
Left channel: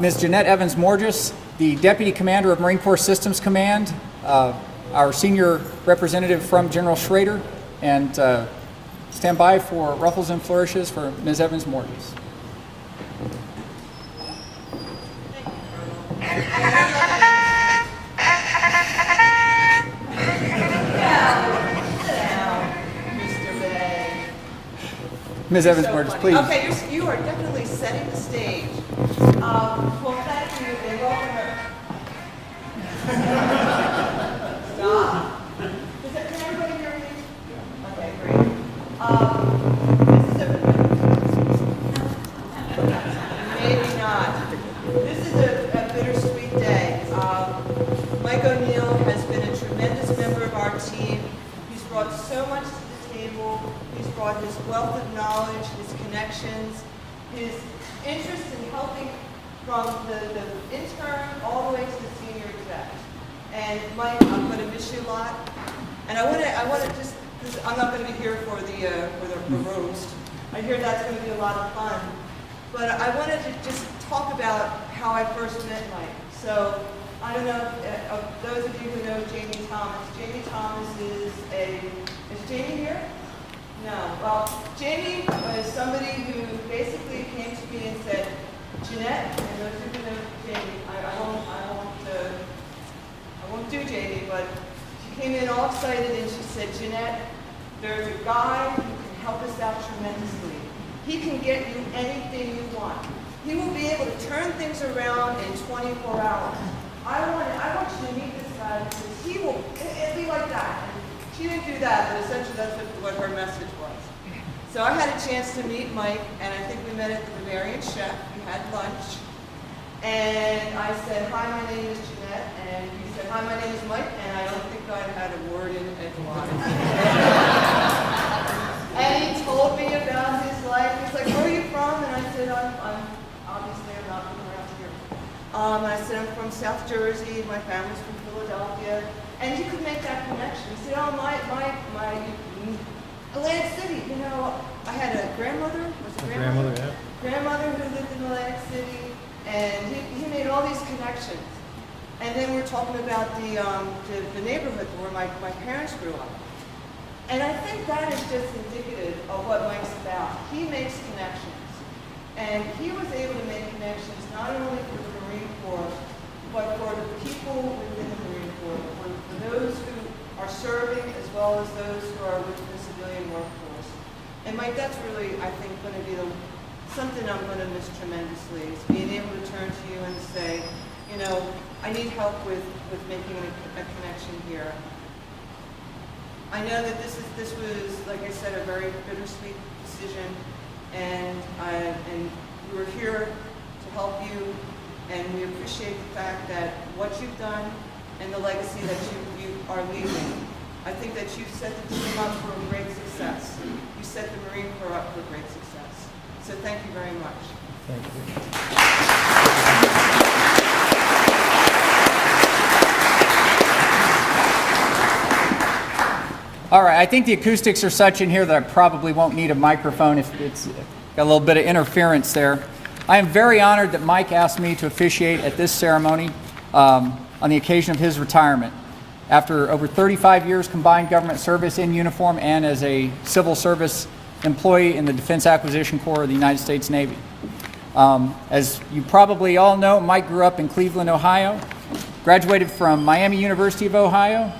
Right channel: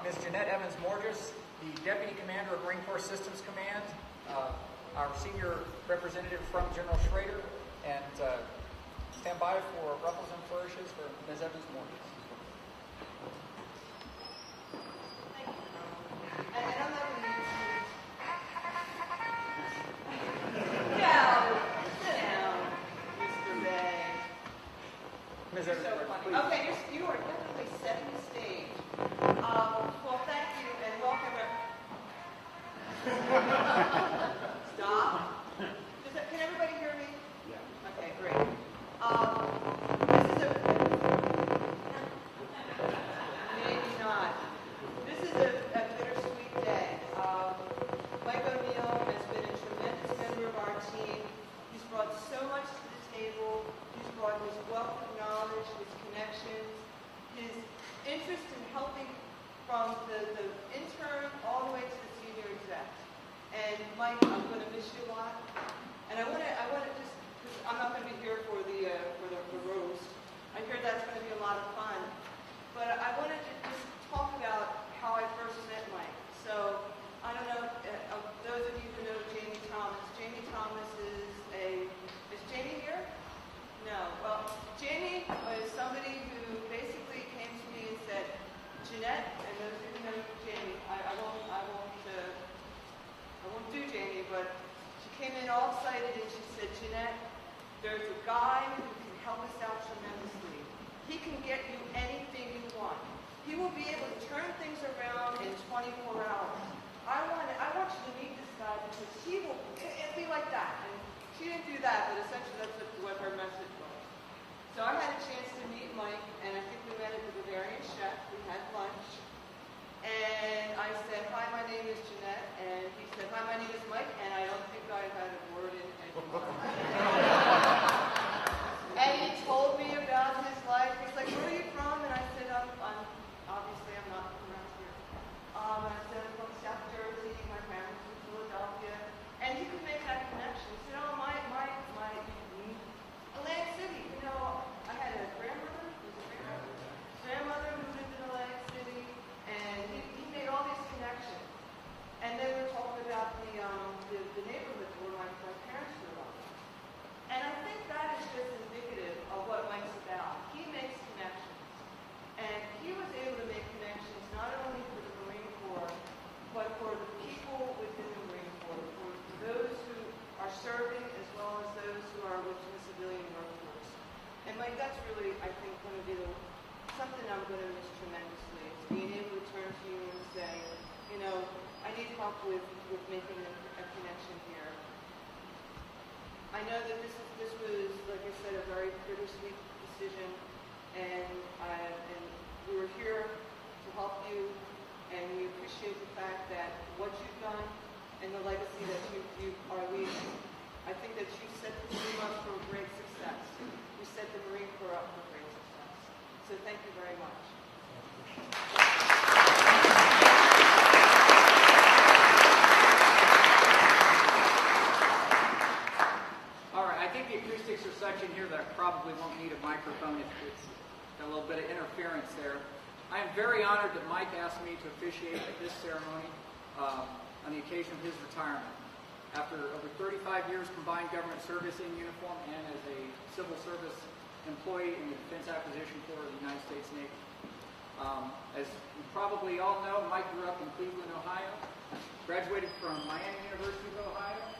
Ms. Jeanette Evans-Morges, the Deputy Commander of Marine Corps Systems Command, our senior representative from General Schrader, and stand by for ruffles and flourishes for Ms. Evans-Mortis. Ms. Evans-Mortis, please. Okay, you are definitely setting the stage. Well, thank you, and welcome her. Stop. Can everybody hear me? Okay, great. Maybe not. This is a bittersweet day. Mike O'Neill has been a tremendous member of our team. He's brought so much to the table. He's brought his wealth of knowledge, his connections, his interest in helping from the intern all the way to the senior exec. And Mike, I'm going to miss you a lot. And I want to just, because I'm not going to be here for the roast. I hear that's going to be a lot of fun. But I wanted to just talk about how I first met Mike. So I don't know, those of you who know Jamie Thomas. Jamie Thomas is Jamie here? No. Well, Jamie was somebody who basically came to me and said, Jeanette, and those of you who know Jamie, I won't do Jamie, but she came in all excited and she said, Jeanette, there's a guy who can help us out tremendously. He can get you anything you want. He will be able to turn things around in 24 hours. I want you to meet this guy because it'll be like that. She didn't do that, but essentially that's what her message was. So I had a chance to meet Mike, and I think we met at the Bavarian Chef. We had lunch. And I said, hi, my name is Jeanette. And he said, hi, my name is Mike. And I don't think I had a word in edgewise. And he told me about his life. He's like, where are you from? And I said, I'm obviously I'm not from around here. And I said, I'm from South Jersey. My family's from Philadelphia. And he could make that connection. He said, oh, my Atlantic City, you know, I had a grandmother, grandmother who lived in Atlantic City, and he made all these connections. And then we're talking about the neighborhood where my parents grew up. And I think that is just indicative of what Mike's about. He makes connections. And he was able to make connections not only for the Marine Corps, but for the people within the Marine Corps, for those who are serving as well as those who are within the civilian workforce. And Mike, that's really, I think, going to be something I'm going to miss tremendously, is being able to turn to you and say, you know, I need help with making a connection here. I know that this was, like I said, a very bittersweet decision, and we're here to help you, and we appreciate the fact that what you've done and the legacy that you are leaving. I think that you've set the team up for a great success. You set the Marine Corps up for great success. So thank you very much. Thank you. All right, I think the acoustics are such in here that I probably won't need a microphone if it's got a little bit of interference there. I am very honored that Mike asked me to officiate at this ceremony on the occasion of his retirement. After over 35 years combined government service in uniform and as a civil service employee in the Defense Acquisition Corps of the United States Navy. As you probably all know, Mike grew up in Cleveland, Ohio, graduated from Miami University of Ohio,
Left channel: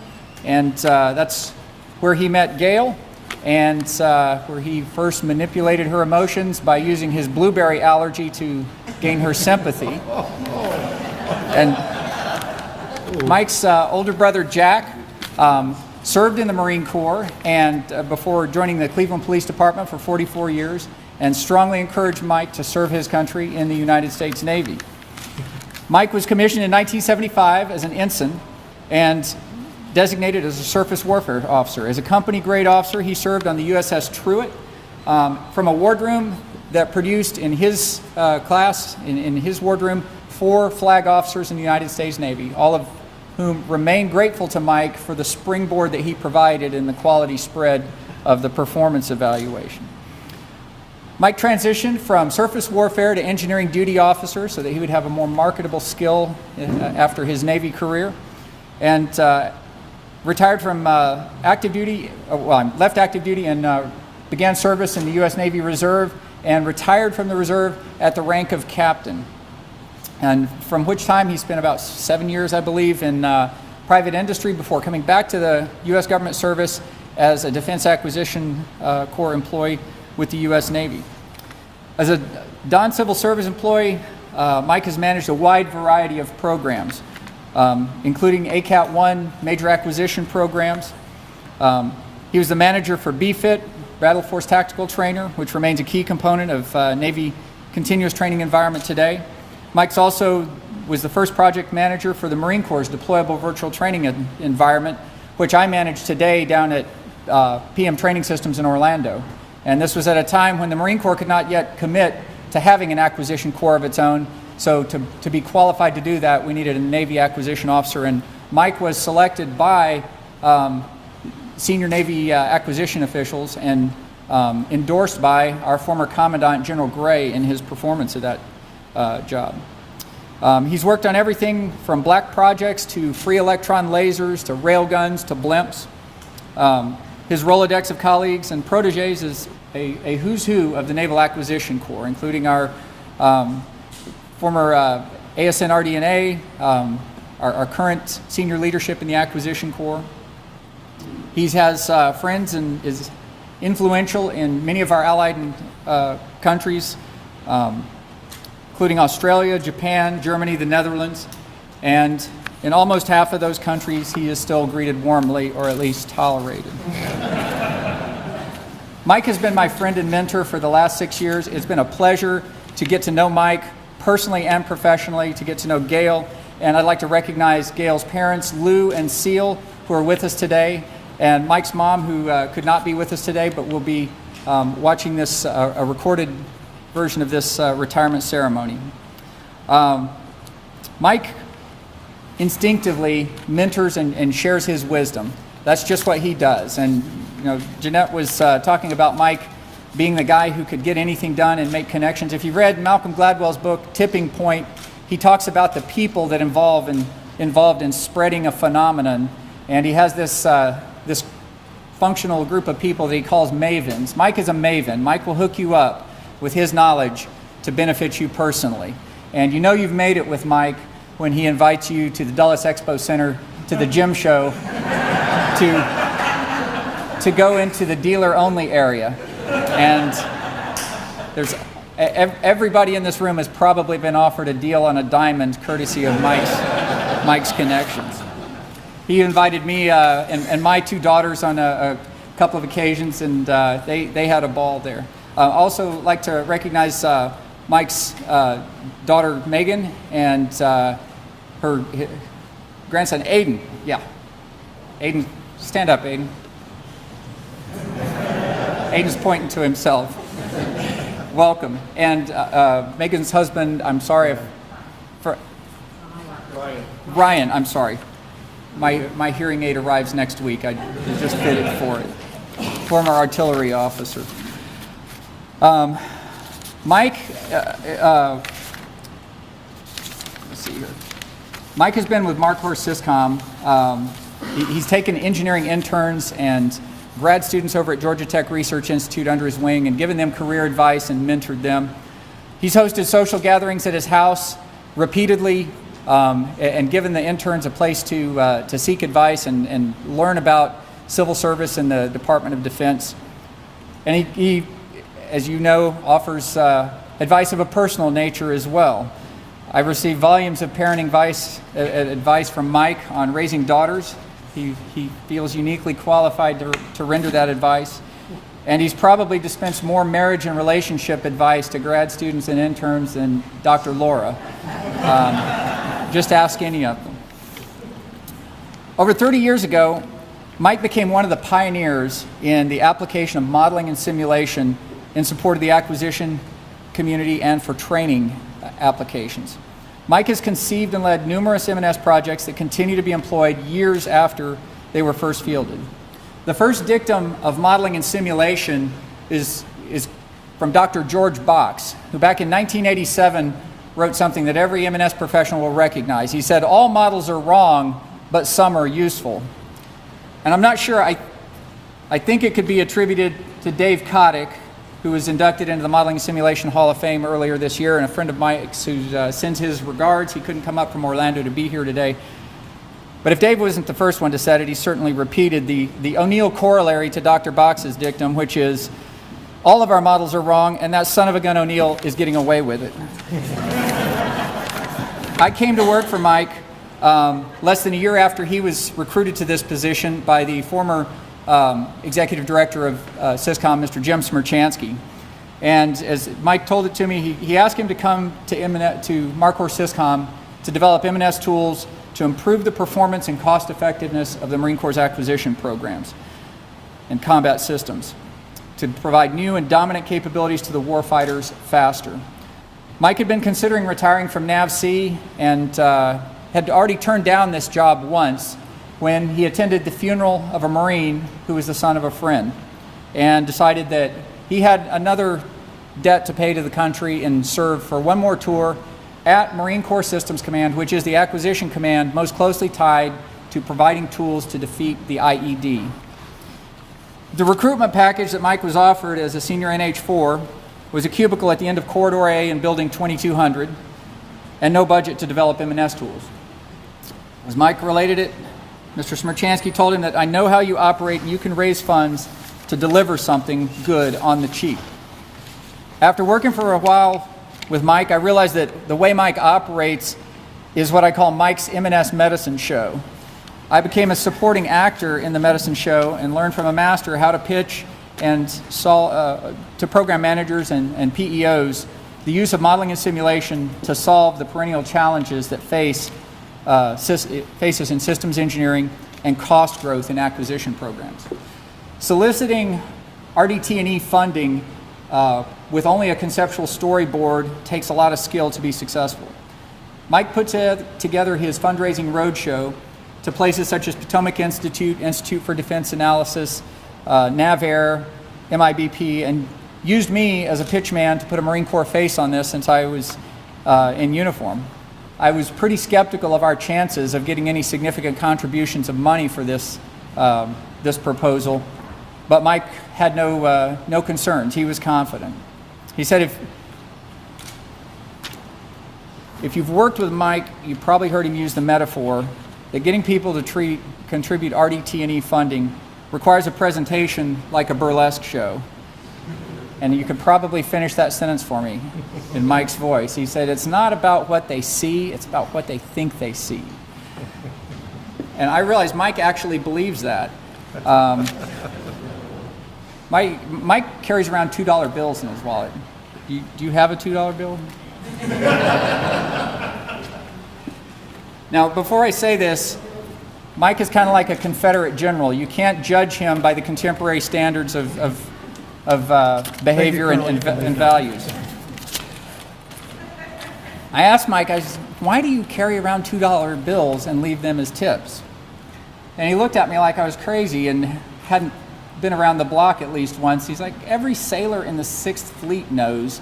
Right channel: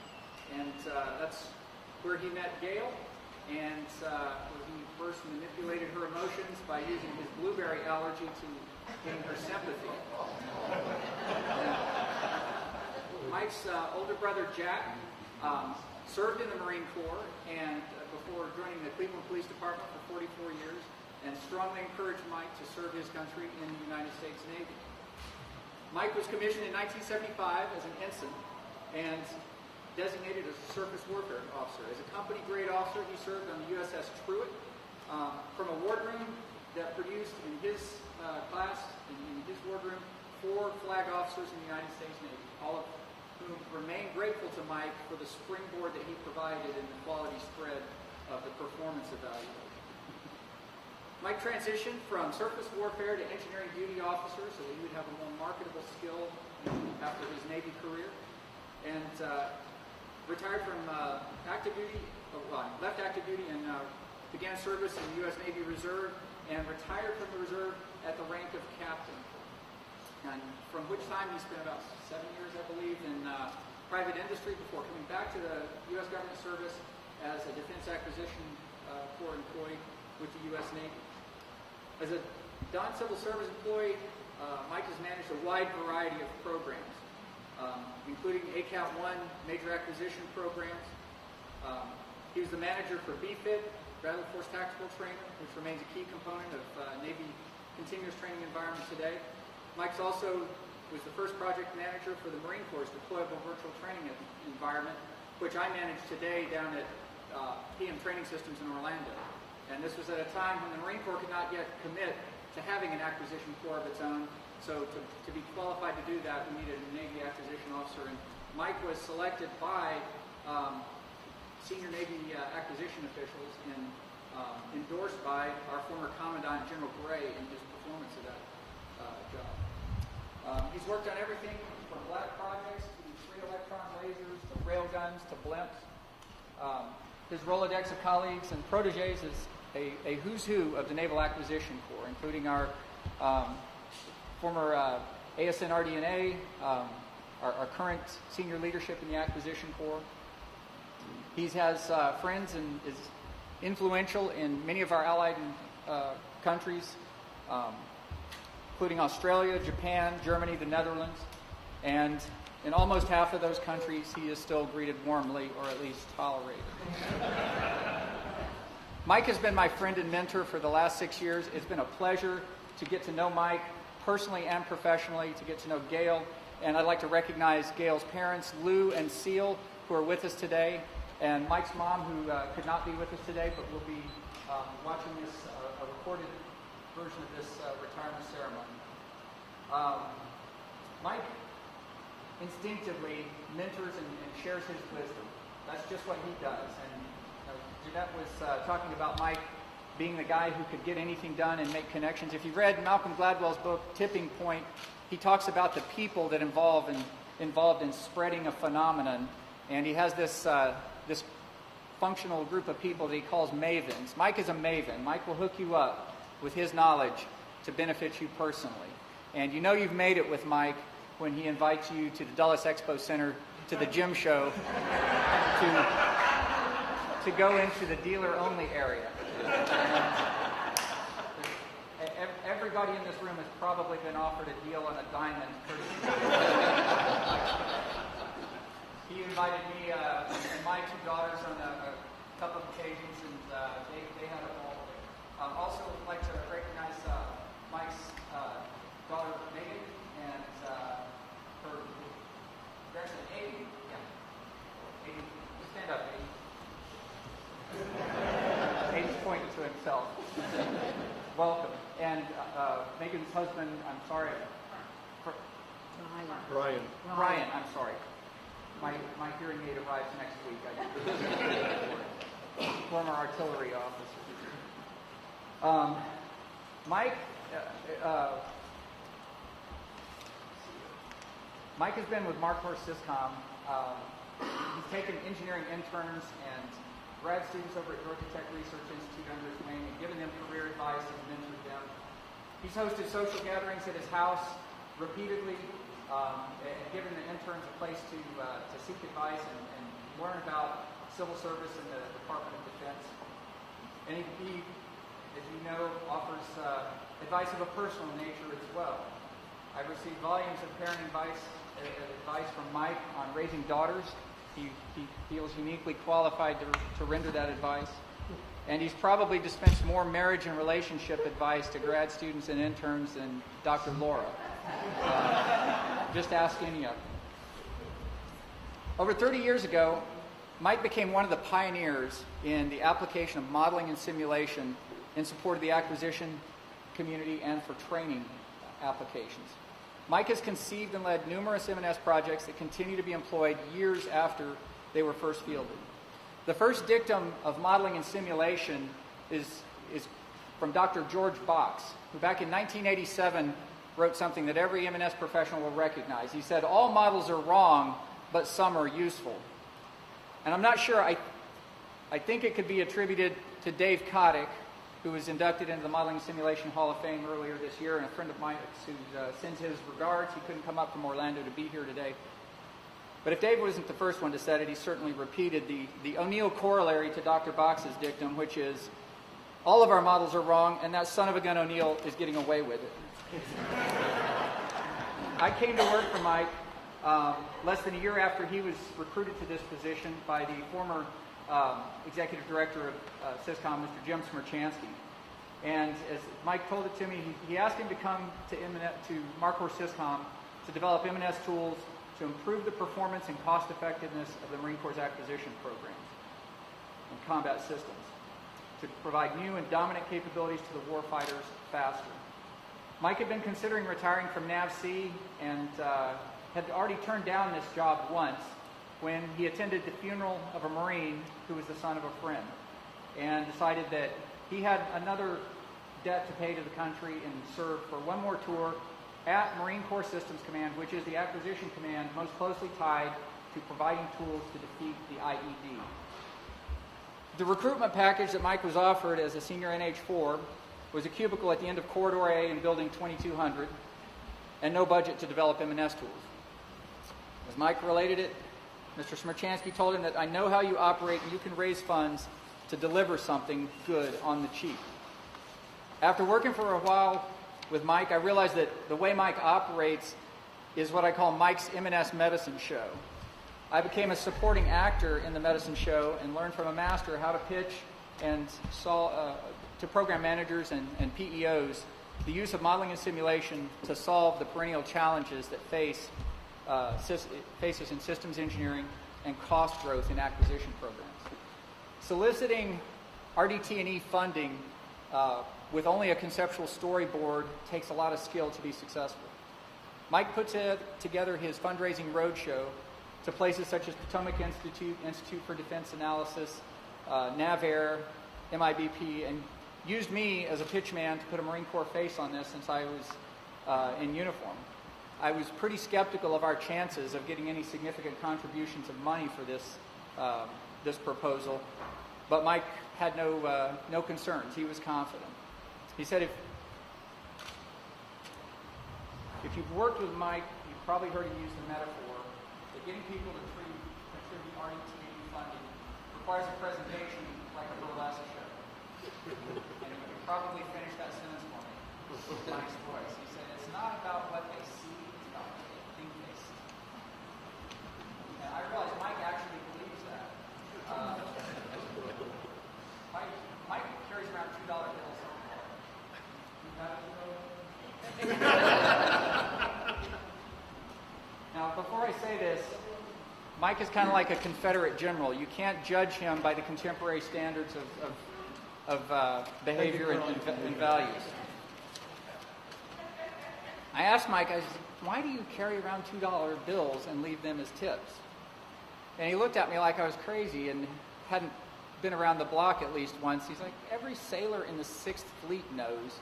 and that's where he met Gail, and where he first manipulated her emotions by using his blueberry allergy to gain her sympathy. And Mike's older brother, Jack, served in the Marine Corps and before joining the Cleveland Police Department for 44 years, and strongly encouraged Mike to serve his country in the United States Navy. Mike was commissioned in 1975 as an ensign and designated as a surface warfare officer. As a company grade officer, he served on the USS Truett from a wardroom that produced in his class, in his wardroom, 4 flag officers in the United States Navy, all of whom remain grateful to Mike for the springboard that he provided in the quality spread of the performance evaluation. Mike transitioned from surface warfare to engineering duty officer so that he would have a more marketable skill after his Navy career. And retired from active duty, I left active duty and began service in the U.S. Navy Reserve and retired from the Reserve at the rank of captain. And from which time he spent about 7 years, I believe, in private industry before coming back to the U.S. government service as a Defense Acquisition Corps employee with the U.S. Navy. As a non-civil service employee, Mike has managed a wide variety of programs, including ACAT-1 major acquisition programs. He was the manager for BFIT, Battle Force Tactical Trainer, which remains a key component of Navy continuous training environment today. Mike's also was the first project manager for the Marine Corps' deployable virtual training environment, which I manage today down at PM Training Systems in Orlando. And this was at a time when the Marine Corps could not yet commit to having an acquisition corps of its own. So to be qualified to do that, we needed a Navy acquisition officer. And Mike was selected by senior Navy acquisition officials and endorsed by our former Commandant General Gray in his performance of that job. He's worked on everything from black projects to free electron lasers to railguns to blimps. His Rolodex of colleagues and proteges is a who's who of the Naval Acquisition Corps, including our former ASN RDNA, our current senior leadership in the Acquisition Corps. He has friends and is influential in many of our allied countries, including Australia, Japan, Germany, the Netherlands, and in almost half of those countries, he is still greeted warmly, or at least tolerated. Mike has been my friend and mentor for the last 6 years. It's been a pleasure to get to know Mike personally and professionally, to get to know Gail, and I'd like to recognize Gail's parents, Lou and Seal, who are with us today, and Mike's mom, who could not be with us today, but will be watching this, a recorded version of this retirement ceremony. Mike instinctively mentors and shares his wisdom. That's just what he does. And you know, Jeanette was talking about Mike being the guy who could get anything done and make connections. If you read Malcolm Gladwell's book, Tipping Point, he talks about the people that involved in spreading a phenomenon. And he has this, this functional group of people that he calls mavens. Mike is a maven. Mike will hook you up with his knowledge to benefit you personally. And you know you've made it with Mike when he invites you to the Dulles Expo Center, to the gym show, to go into the dealer-only area. And there's everybody in this room has probably been offered a deal on a diamond courtesy of Mike's connections. He invited me and my two daughters on a couple of occasions, and they had a ball there. Also like to recognize Mike's daughter Megan and her grandson Aiden. Yeah, Aiden, stand up, Aiden. Aiden's pointing to himself. Welcome. And Megan's husband, I'm sorry for Ryan, I'm sorry. My hearing aid arrives next week. I just fitted for it. Former artillery officer. Mike, let's see here. Mike has been with Mark Horse Syscom. He's taken engineering interns and grad students over at Georgia Tech Research Institute under his wing and given them career advice and mentored them. He's hosted social gatherings at his house repeatedly and given the interns a place to seek advice and learn about civil service in the Department of Defense. And he, as you know, offers advice of a personal nature as well. I've received volumes of parenting advice from Mike on raising daughters. He feels uniquely qualified to render that advice. And he's probably dispensed more marriage and relationship advice to grad students and interns than Dr. Laura. Just ask any of them. Over 30 years ago, Mike became one of the pioneers in the application of modeling and simulation in support of the acquisition community and for training applications. Mike has conceived and led numerous M&S projects that continue to be employed years after they were first fielded. The first dictum of modeling and simulation is from Dr. George Box, who back in 1987 wrote something that every M&S professional will recognize. He said, "All models are wrong, but some are useful." And I'm not sure, I think it could be attributed to Dave Kotick, who was inducted into the Modeling and Simulation Hall of Fame earlier this year, and a friend of Mike's who sends his regards. He couldn't come up from Orlando to be here today. But if Dave wasn't the first one to set it, he certainly repeated the O'Neill corollary to Dr. Box's dictum, which is, all of our models are wrong, and that son of a gun O'Neill is getting away with it. I came to work for Mike less than a year after he was recruited to this position by the former executive director of Syscom, Mr. Jim Smerchansky. And as Mike told it to me, he asked him to come to Marcor Syscom to develop M&S tools to improve the performance and cost effectiveness of the Marine Corps' acquisition programs and combat systems, to provide new and dominant capabilities to the warfighters faster. Mike had been considering retiring from NAVC and had already turned down this job once when he attended the funeral of a Marine who was the son of a friend, and decided that he had another debt to pay to the country and served for one more tour at Marine Corps Systems Command, which is the acquisition command most closely tied to providing tools to defeat the IED. The recruitment package that Mike was offered as a senior NH4 was a cubicle at the end of Corridor A in Building 2200 and no budget to develop M&S tools. As Mike related it, Mr. Smerchansky told him that, I know how you operate and you can raise funds to deliver something good on the cheap. After working for a while with Mike, I realized that the way Mike operates is what I call Mike's M&S medicine show. I became a supporting actor in the medicine show and learned from a master how to pitch and to program managers and PEOs the use of modeling and simulation to solve the perennial challenges that faces in systems engineering and cost growth in acquisition programs. Soliciting RDT&E funding with only a conceptual storyboard takes a lot of skill to be successful. Mike put together his fundraising roadshow to places such as Potomac Institute, Institute for Defense Analysis, NAVAIR, MIBP, and used me as a pitch man to put a Marine Corps face on this since I was in uniform. I was pretty skeptical of our chances of getting any significant contributions of money for this, this proposal, but Mike had no concerns. He was confident. He said, if you've worked with Mike, you've probably heard him use the metaphor that getting people to contribute RDT&E funding requires a presentation like a burlesque show. And you could probably finish that sentence for me in Mike's voice. He said, it's not about what they see, it's about what they think they see. And I realized Mike actually believes that. Mike carries around $2 bills in his wallet. Do you have a $2 bill? Now, before I say this, Mike is kind of like a Confederate general. You can't judge him by the contemporary standards of behavior and values. I asked Mike, I said, why do you carry around $2 bills and leave them as tips? And he looked at me like I was crazy and hadn't been around the block at least once. He's like, every sailor in the 6th Fleet knows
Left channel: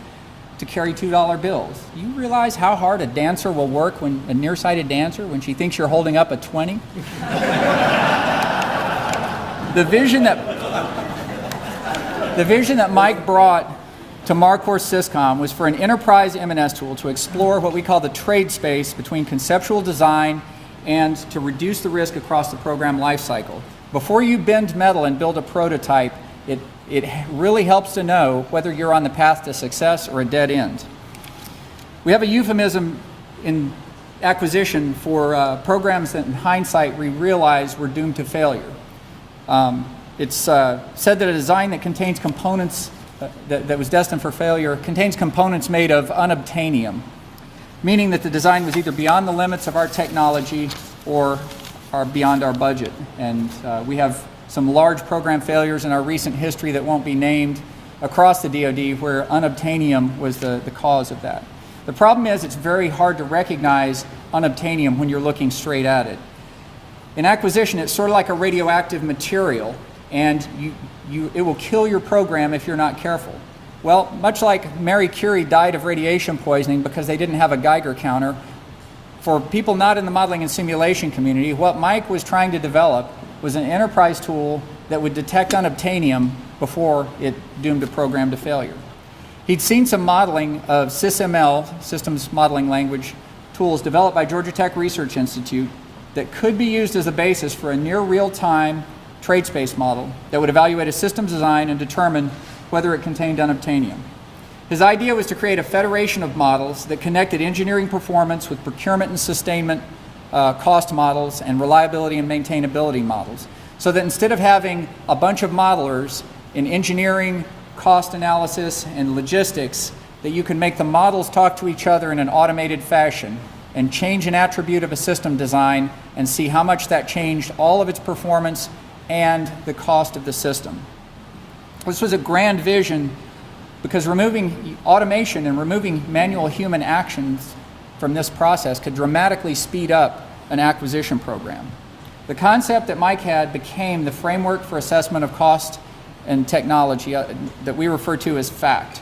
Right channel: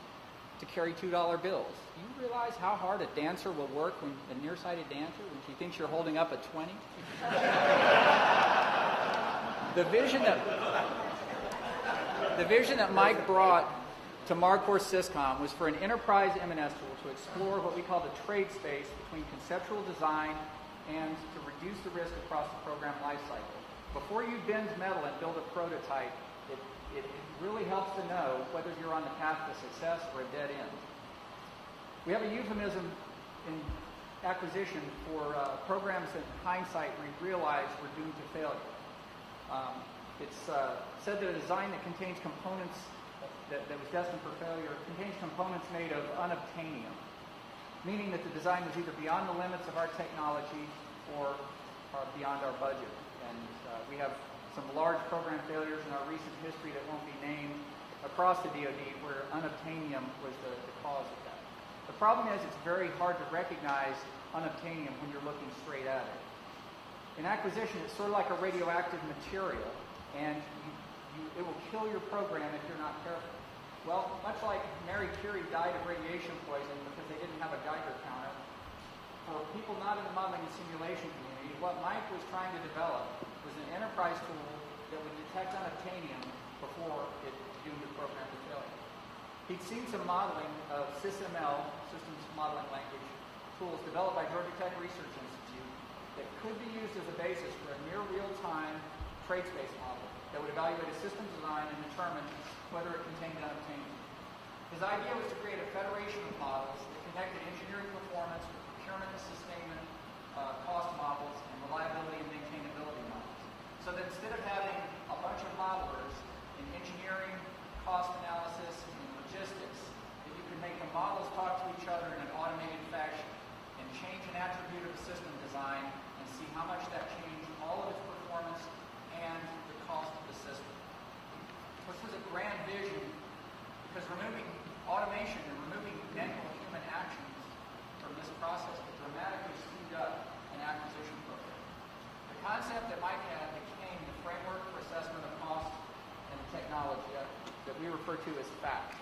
to carry $2 bills. You realize how hard a dancer will work, when a nearsighted dancer, when she thinks you're holding up a 20? The vision that Mike brought to Marcor Syscom was for an enterprise M&S tool to explore what we call the trade space between conceptual design and to reduce the risk across the program lifecycle. Before you bend metal and build a prototype, it really helps to know whether you're on the path to success or a dead end. We have a euphemism in acquisition for programs that in hindsight we realize were doomed to failure. It's said that a design that contains components that was destined for failure contains components made of unobtainium, meaning that the design was either beyond the limits of our technology or are beyond our budget. And we have some large program failures in our recent history that won't be named across the DoD where unobtainium was the cause of that. The problem is it's very hard to recognize unobtainium when you're looking straight at it. In acquisition, it's sort of like a radioactive material, and it will kill your program if you're not careful. Well, much like Marie Curie died of radiation poisoning because they didn't have a Geiger counter, for people not in the modeling and simulation community, what Mike was trying to develop was an enterprise tool that would detect unobtainium before it doomed a program to failure. He'd seen some modeling of SysML, Systems Modeling Language, tools developed by Georgia Tech Research Institute that could be used as a basis for a near real-time trade space model that would evaluate a systems design and determine whether it contained unobtainium. His idea was to create a federation of models that connected engineering performance with procurement and sustainment cost models and reliability and maintainability models, so that instead of having a bunch of modelers in engineering, cost analysis, and logistics, that you can make the models talk to each other in an automated fashion and change an attribute of a system design and see how much that changed all of its performance and the cost of the system. This was a grand vision because removing automation and removing manual human actions from this process could dramatically speed up an acquisition program. The concept that Mike had became the framework for assessment of cost and technology that we refer to as FACT.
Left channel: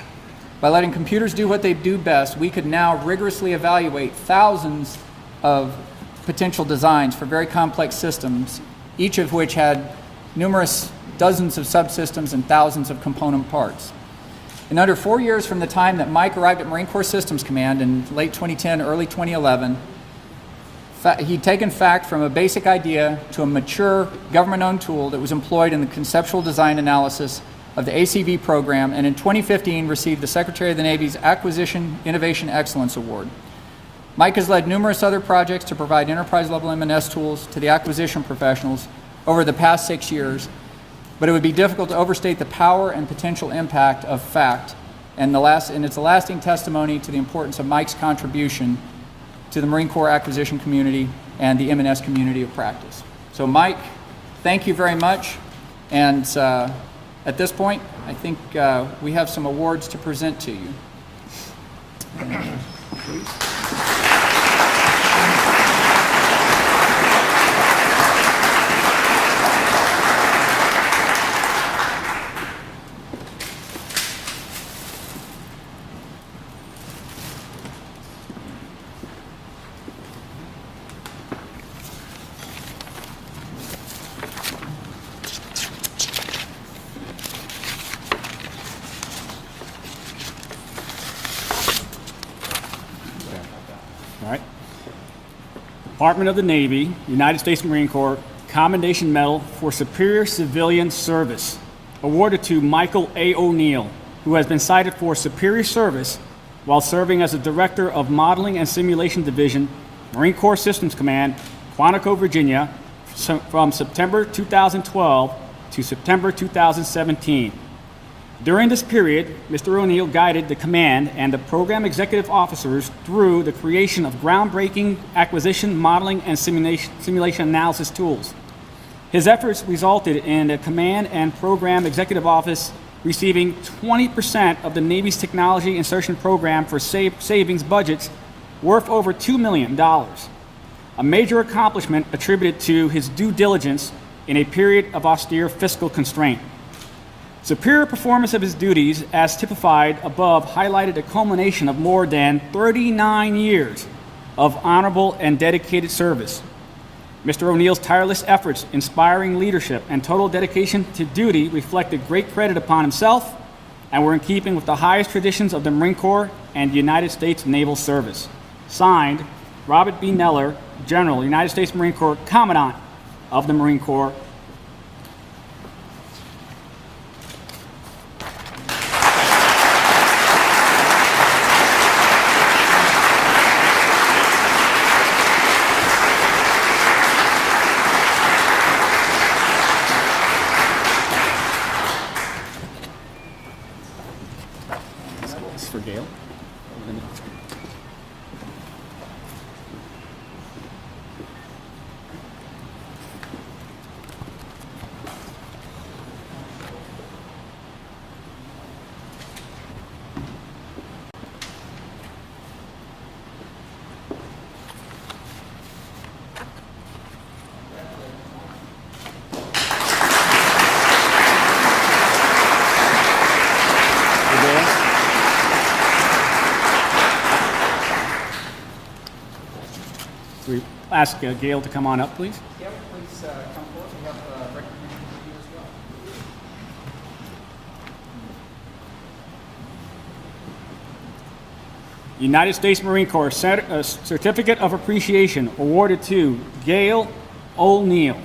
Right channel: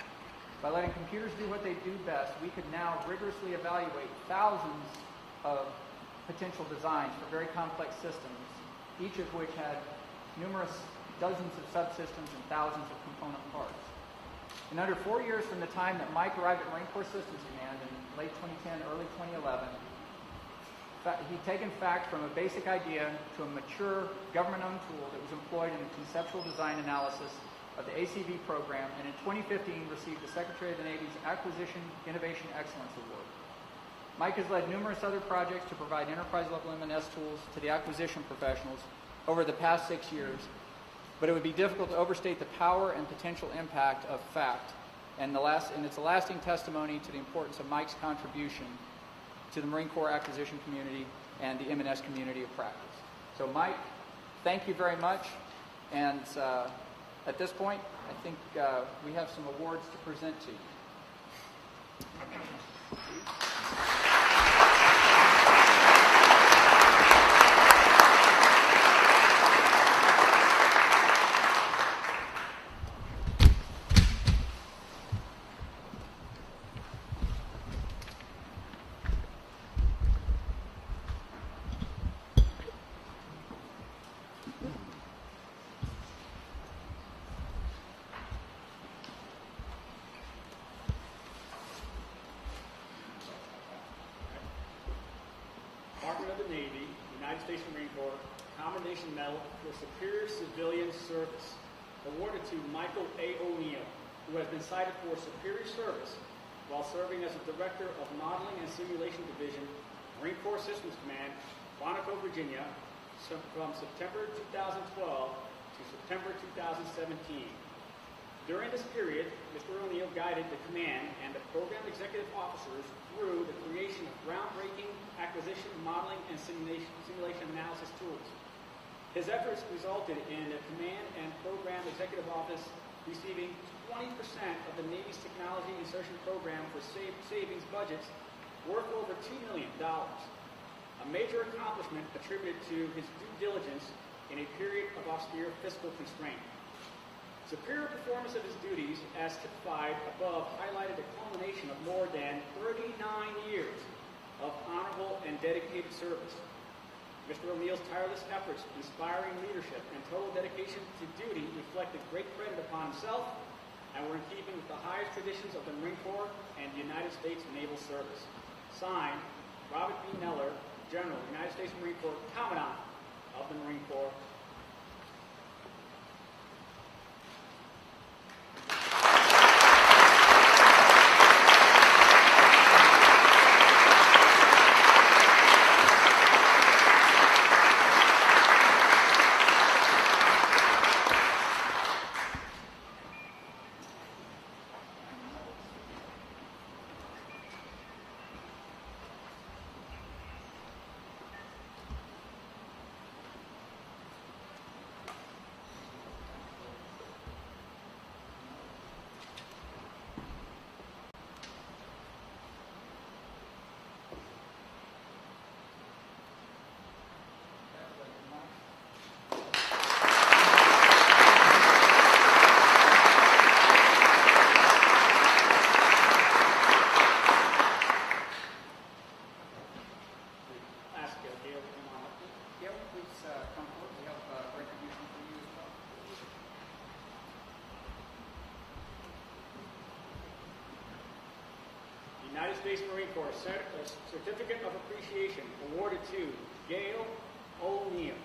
By letting computers do what they do best, we could now rigorously evaluate thousands of potential designs for very complex systems, each of which had numerous dozens of subsystems and thousands of component parts. In under 4 years from the time that Mike arrived at Marine Corps Systems Command in late 2010, early 2011, he'd taken FACT from a basic idea to a mature government-owned tool that was employed in the conceptual design analysis of the ACV program, and in 2015 received the Secretary of the Navy's Acquisition Innovation Excellence Award. Mike has led numerous other projects to provide enterprise-level M&S tools to the acquisition professionals over the past 6 years, but it would be difficult to overstate the power and potential impact of FACT, and it's a lasting testimony to the importance of Mike's contribution to the Marine Corps acquisition community and the M&S community of practice. So Mike, thank you very much, and at this point, I think we have some awards to present to you. Please. All right. Department of the Navy, United States Marine Corps, Commendation Medal for Superior Civilian Service, awarded to Michael A. O'Neill, who has been cited for superior service while serving as the Director of Modeling and Simulation Division, Marine Corps Systems Command, Quantico, Virginia, from September 2012 to September 2017. During this period, Mr. O'Neill guided the command and the program executive officers through the creation of groundbreaking acquisition, modeling, and simulation analysis tools. His efforts resulted in the command and program executive office receiving 20% of the Navy's technology insertion program for savings budgets worth over $2 million, a major accomplishment attributed to his due diligence in a period of austere fiscal constraint. Superior performance of his duties, as typified above, highlighted a culmination of more than 39 years of honorable and dedicated service. Mr. O'Neill's tireless efforts, inspiring leadership, and total dedication to duty reflected great credit upon himself and were in keeping with the highest traditions of the Marine Corps and United States Naval Service. Signed, Robert B. Neller, General, United States Marine Corps, Commandant of the Marine Corps. For Gail. We ask Gail to come on up, please. Gail, please come forward. We have United States Marine Corps Certificate of Appreciation awarded to Gail O'Neill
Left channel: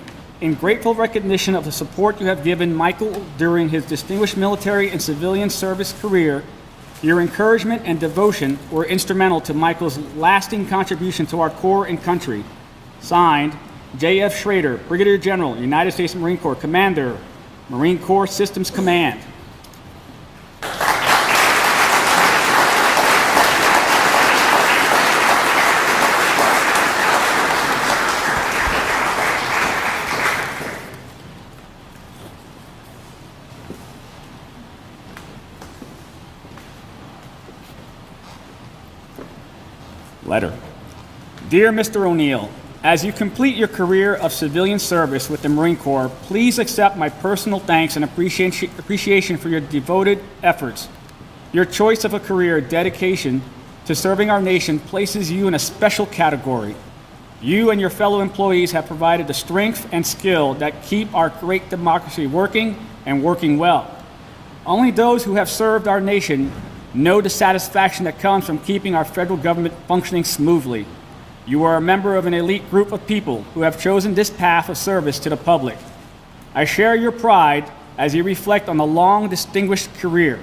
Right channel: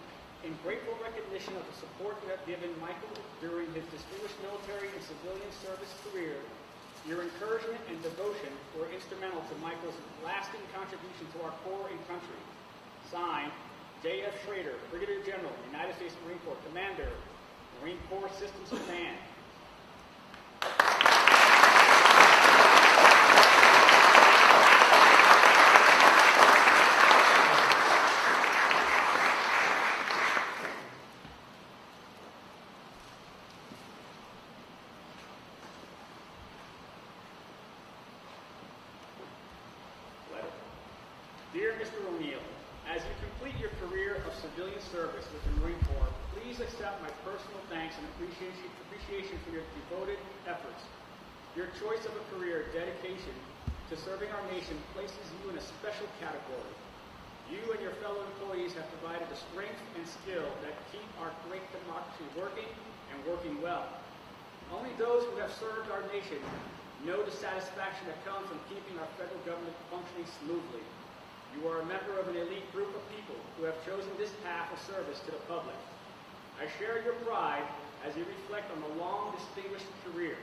in grateful recognition of the support you have given Michael during his distinguished military and civilian service career. Your encouragement and devotion were instrumental to Michael's lasting contribution to our Corps and country. Signed, J.F. Schrader, Brigadier General, United States Marine Corps, Commander, Marine Corps Systems Command. Letter. Dear Mr. O'Neill, as you complete your career of civilian service with the Marine Corps, please accept my personal thanks and appreciation for your devoted efforts. Your choice of a career dedication to serving our nation places you in a special category. You and your fellow employees have provided the strength and skill that keep our great democracy working and working well. Only those who have served our nation know the satisfaction that comes from keeping our federal government functioning smoothly. You are a member of an elite group of people who have chosen this path of service to the public. I share your pride as you reflect on the long, distinguished career.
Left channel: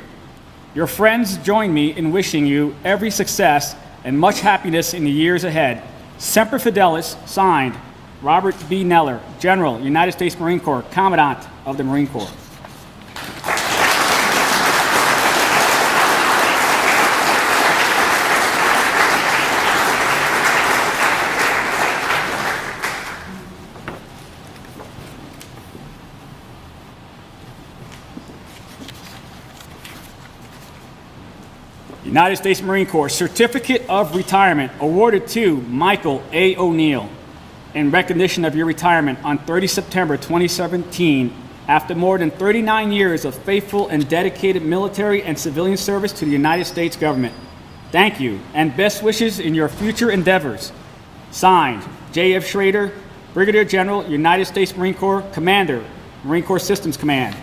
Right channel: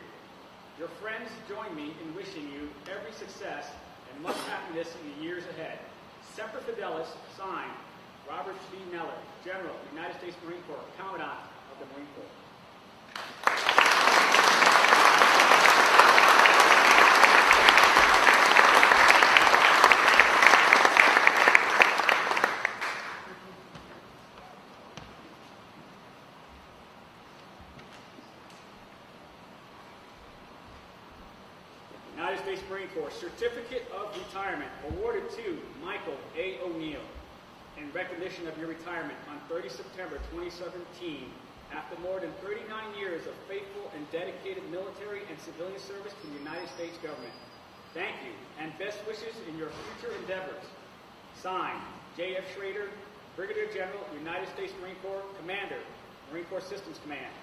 Your friends join me in wishing you every success and much happiness in the years ahead. Semper Fidelis, signed, Robert B. Neller, General, United States Marine Corps, Commandant of the Marine Corps. United States Marine Corps Certificate of Retirement awarded to Michael A. O'Neill in recognition of your retirement on 30 September 2017 after more than 39 years of faithful and dedicated military and civilian service to the United States government. Thank you and best wishes in your future endeavors. Signed, J.F. Schrader, Brigadier General, United States Marine Corps, Commander, Marine Corps Systems Command.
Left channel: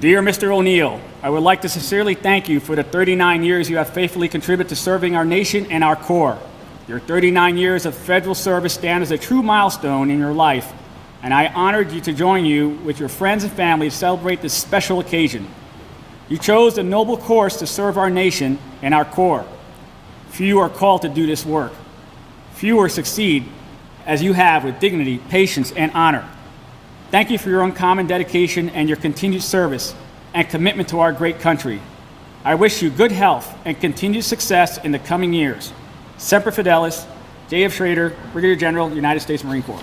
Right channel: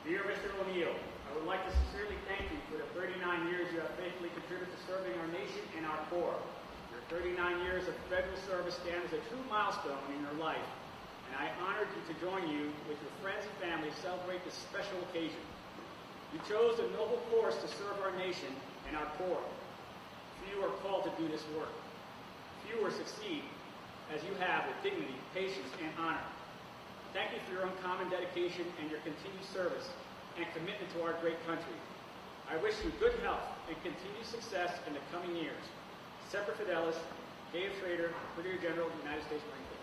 Dear Mr. O'Neill, I would like to sincerely thank you for the 39 years you have faithfully contributed to serving our nation and our Corps. Your 39 years of federal service stand as a true milestone in your life, and I honored you to join you with your friends and family to celebrate this special occasion. You chose the noble course to serve our nation and our Corps. Few are called to do this work. Fewer succeed as you have with dignity, patience, and honor. Thank you for your uncommon dedication and your continued service and commitment to our great country. I wish you good health and continued success in the coming years. Semper Fidelis, J.F. Schrader, Brigadier General, United States Marine Corps.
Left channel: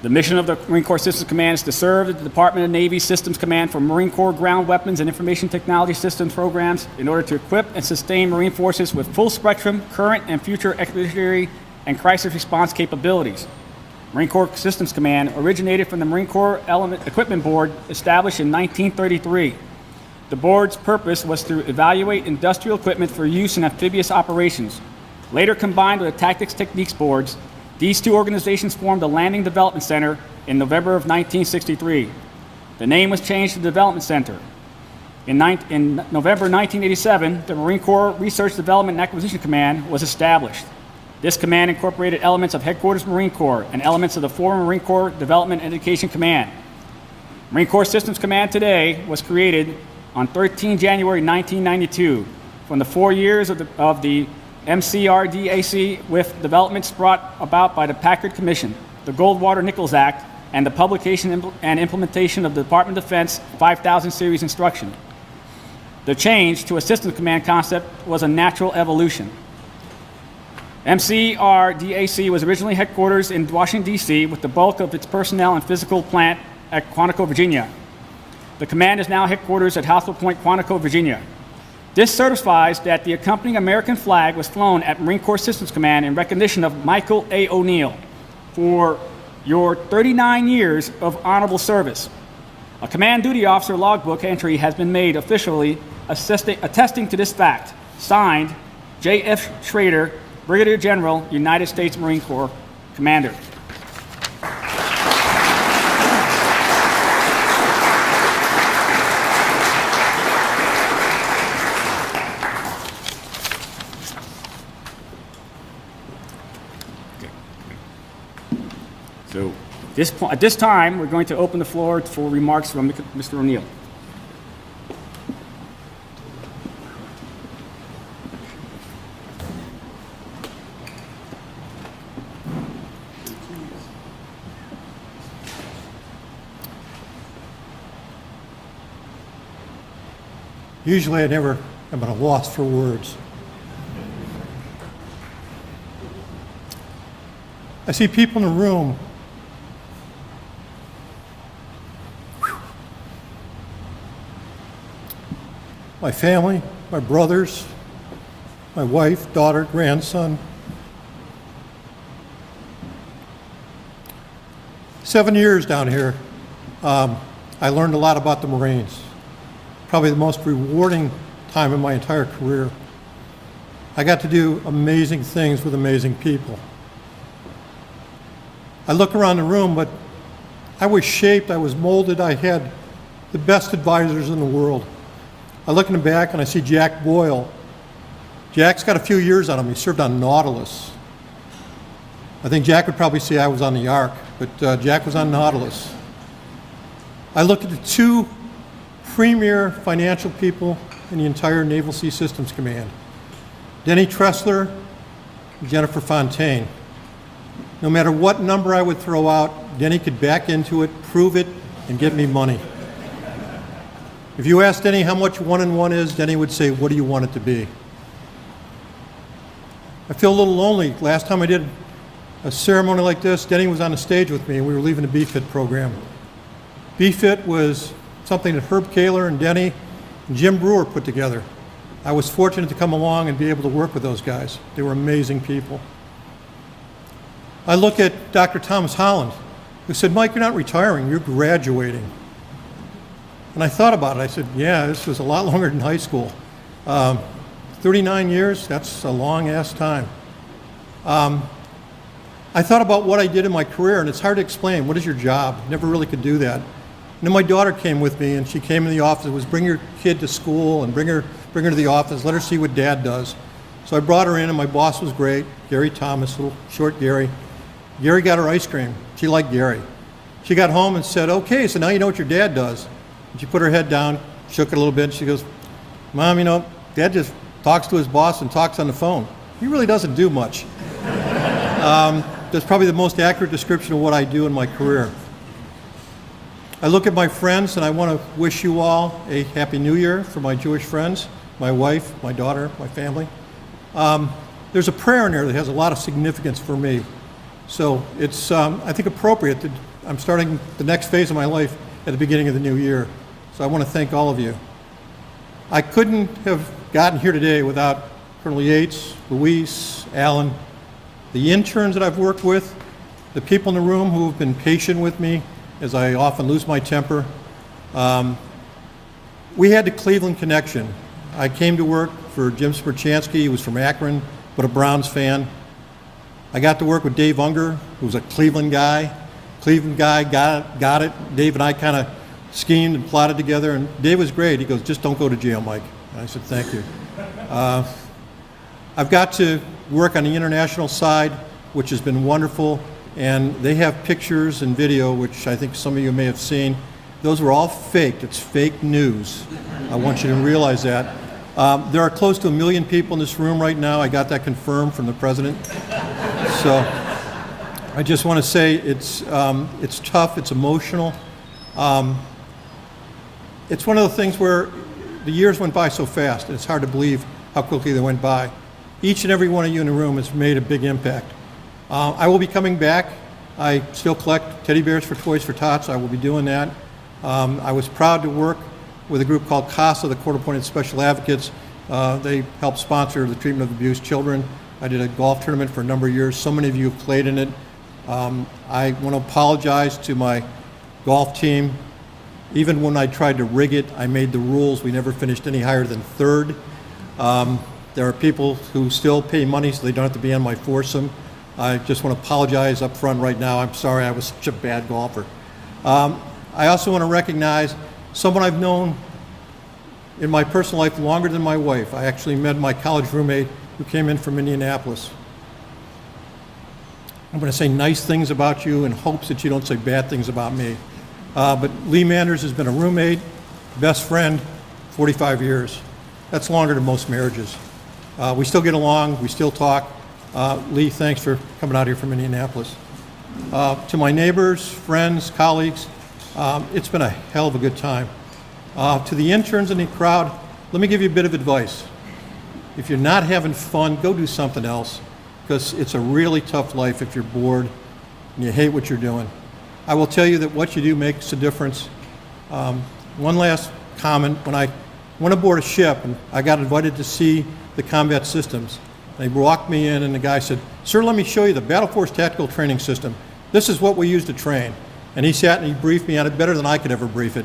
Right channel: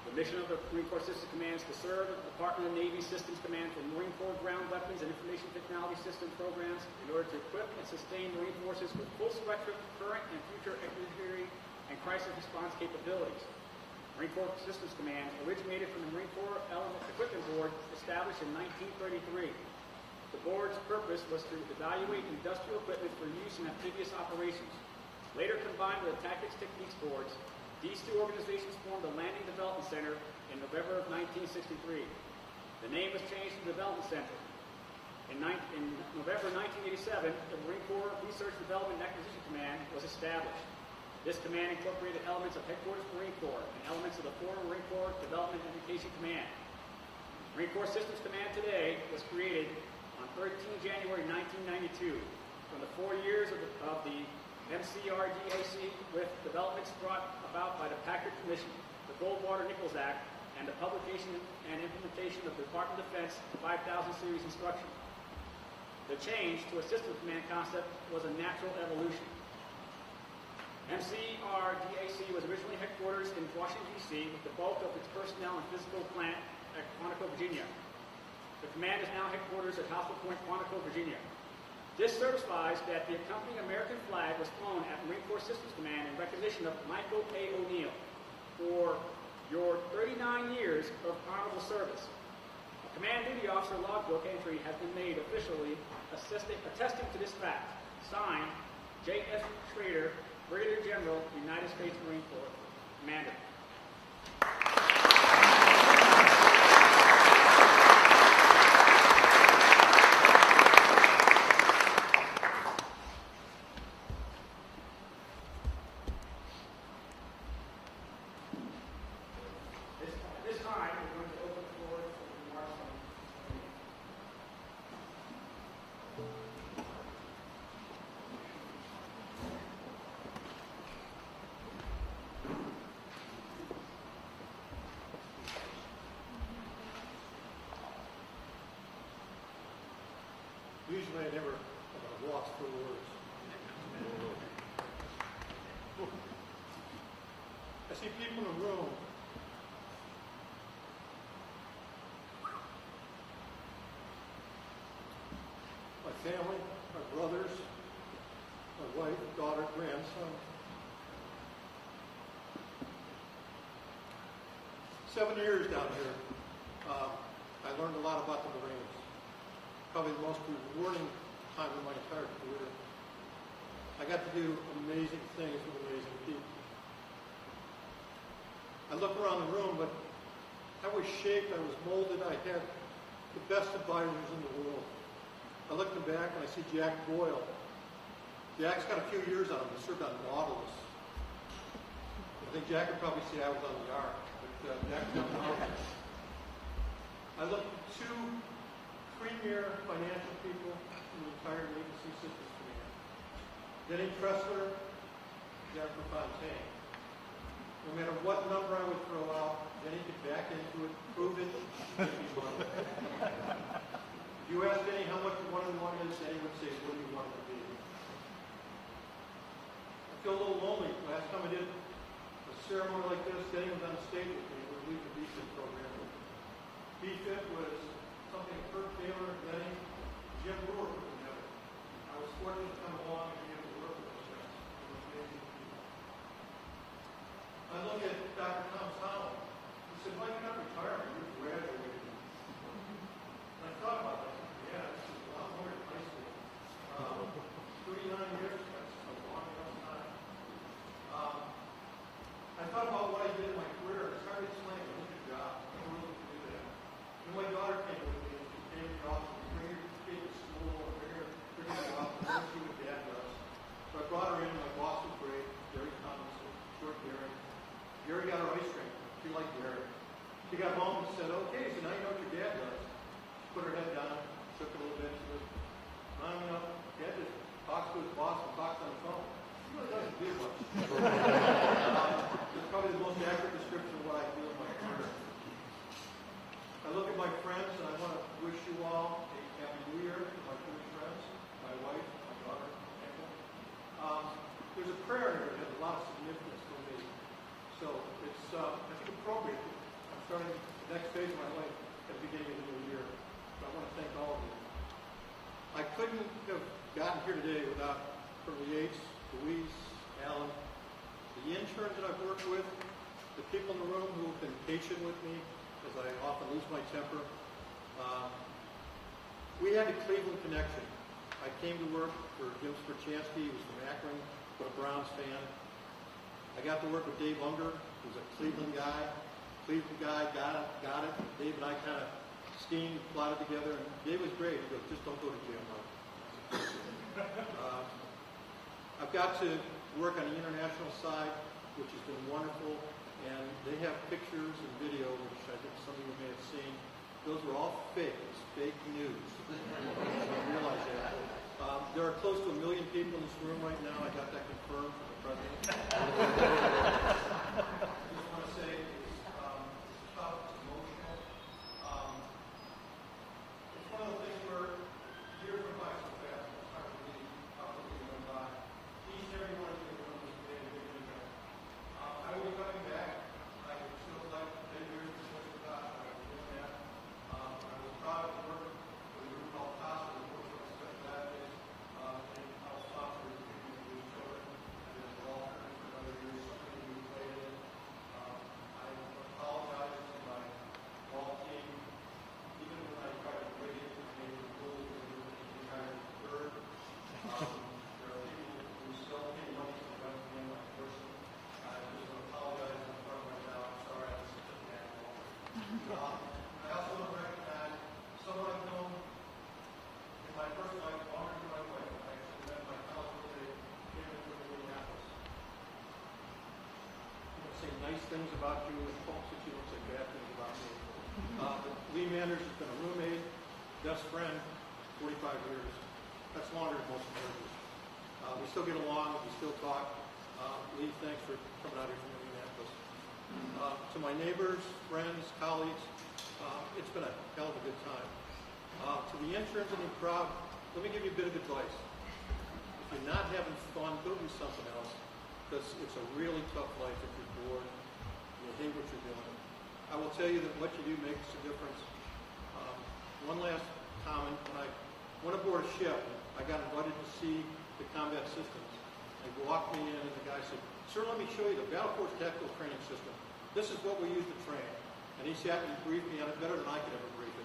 The mission of the Marine Corps Systems Command is to serve the Department of Navy Systems Command for Marine Corps ground weapons and information technology systems programs in order to equip and sustain Marine forces with full spectrum, current and future expeditionary and crisis response capabilities. Marine Corps Systems Command originated from the Marine Corps Equipment Board established in 1933. The board's purpose was to evaluate industrial equipment for use in amphibious operations. Later combined with the Tactics Techniques Boards, these two organizations formed the Landing Development Center in November of 1963. The name was changed to Development Center. In November 1987, the Marine Corps Research Development and Acquisition Command was established. This command incorporated elements of Headquarters Marine Corps and elements of the former Marine Corps Development and Education Command. Marine Corps Systems Command today was created on 13 January 1992 from the 4 years of the MCRDAC with developments brought about by the Packard Commission, the Goldwater-Nichols Act, and the publication and implementation of the Department of Defense 5000 series instruction. The change to a systems command concept was a natural evolution. MCRDAC was originally headquarters in Washington, D.C., with the bulk of its personnel and physical plant at Quantico, Virginia. The command is now headquarters at Hospital Point, Quantico, Virginia. This certifies that the accompanying American flag was flown at Marine Corps Systems Command in recognition of Michael A. O'Neill for your 39 years of honorable service. A command duty officer logbook entry has been made officially attesting to this fact. Signed, J.F. Schrader, Brigadier General, United States Marine Corps Commander. So at this time, we're going to open the floor for remarks from Mr. O'Neill. Usually I never am at a loss for words. I see people in the room. My family, my brothers, my wife, daughter, grandson. 7 years down here, I learned a lot about the Marines. Probably the most rewarding time in my entire career. I got to do amazing things with amazing people. I look around the room, but I was shaped, I was molded, I had the best advisors in the world. I look in the back and I see Jack Boyle. Jack's got a few years on him. He served on Nautilus. I think Jack would probably say I was on the Ark, but Jack was on Nautilus. I look at the two premier financial people in the entire Naval Sea Systems Command, Denny Tressler and Jennifer Fontaine. No matter what number I would throw out, Denny could back into it, prove it, and get me money. If you asked Denny how much 1 and 1 is, Denny would say, what do you want it to be? I feel a little lonely. Last time I did a ceremony like this, Denny was on the stage with me and we were leaving the BFIT program. BFIT was something that Herb Kaler and Denny and Jim Brewer put together. I was fortunate to come along and be able to work with those guys. They were amazing people. I look at Dr. Thomas Holland, who said, Mike, you're not retiring, you're graduating. And I thought about it. I said, yeah, this was a lot longer than high school. 39 years, that's a long-ass time. I thought about what I did in my career, and it's hard to explain. What is your job? Never really could do that. And then my daughter came with me, and she came in the office. It was bring your kid to school and bring her to the office, let her see what Dad does. So I brought her in, and my boss was great, Gary Thomas, little short Gary. Gary got her ice cream. She liked Gary. She got home and said, okay, so now you know what your dad does. And she put her head down, shook it a little bit, and she goes, Mom, you know, Dad just talks to his boss and talks on the phone. He really doesn't do much. That's probably the most accurate description of what I do in my career. I look at my friends, and I want to wish you all a Happy New Year for my Jewish friends, my wife, my daughter, my family. There's a prayer in there that has a lot of significance for me. So it's, I think, appropriate that I'm starting the next phase of my life at the beginning of the new year. So I want to thank all of you. I couldn't have gotten here today without Colonel Yates, Luis, Alan, the interns that I've worked with, the people in the room who have been patient with me as I often lose my temper. We had the Cleveland connection. I came to work for Jim Smerchansky. He was from Akron, but a Browns fan. I got to work with Dave Unger, who was a Cleveland guy. Cleveland guy got it. Dave and I kind of schemed and plotted together, and Dave was great. He goes, just don't go to jail, Mike. And I said, thank you. I've got to work on the international side, which has been wonderful, and they have pictures and video, which I think some of you may have seen. Those were all faked. It's fake news. I want you to realize that. There are close to 1 million people in this room right now. I got that confirmed from the president. So I just want to say it's tough, it's emotional. It's one of the things where the years went by so fast, and it's hard to believe how quickly they went by. Each and every one of you in the room has made a big impact. I will be coming back. I still collect teddy bears for Toys for Tots. I will be doing that. I was proud to work with a group called CASA, the Court Appointed Special Advocates. They help sponsor the treatment of abused children. I did a golf tournament for a number of years. So many of you have played in it. I want to apologize to my golf team. Even when I tried to rig it, I made the rules. We never finished any higher than third. There are people who still pay money so they don't have to be on my foursome. I just want to apologize up front right now. I'm sorry I was such a bad golfer. I also want to recognize someone I've known in my personal life longer than my wife. I actually met my college roommate who came in from Indianapolis. I'm going to say nice things about you in hopes that you don't say bad things about me. But Lee Manders has been a roommate, best friend, 45 years. That's longer than most marriages. We still get along, we still talk. Lee, thanks for coming out here from Indianapolis. To my neighbors, friends, colleagues, it's been a hell of a good time. To the interns in the crowd, let me give you a bit of advice. If you're not having fun, go do something else, because it's a really tough life if you're bored and you hate what you're doing. I will tell you that what you do makes a difference. One last comment. When I went aboard a ship, and I got invited to see the combat systems. They walked me in, and the guy said, "Sir, let me show you the Battle Force Tactical Training System. This is what we use to train." And he sat and he briefed me on it better than I could ever brief it.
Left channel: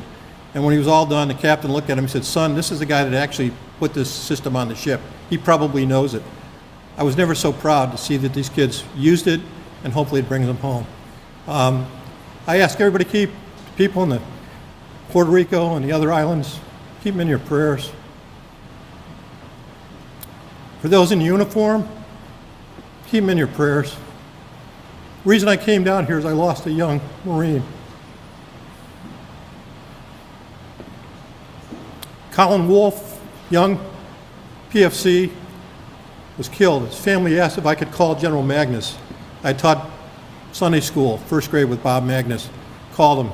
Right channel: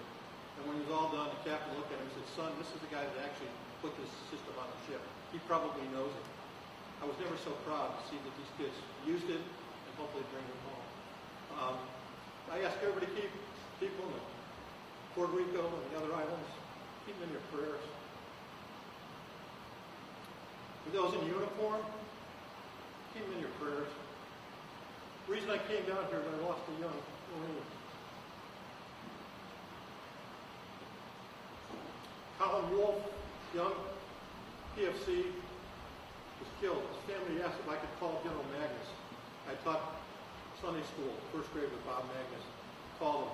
And when he was all done, the captain looked at him and said, "Son, this is the guy that actually put this system on the ship. He probably knows it." I was never so proud to see that these kids used it, and hopefully it brings them home. I ask everybody to keep people in the Puerto Rico and the other islands, keep them in your prayers. For those in uniform, keep them in your prayers. The reason I came down here is I lost a young Marine. Colin Wolf, young PFC, was killed. His family asked if I could call General Magnus. I taught Sunday school, first grade with Bob Magnus. Called him.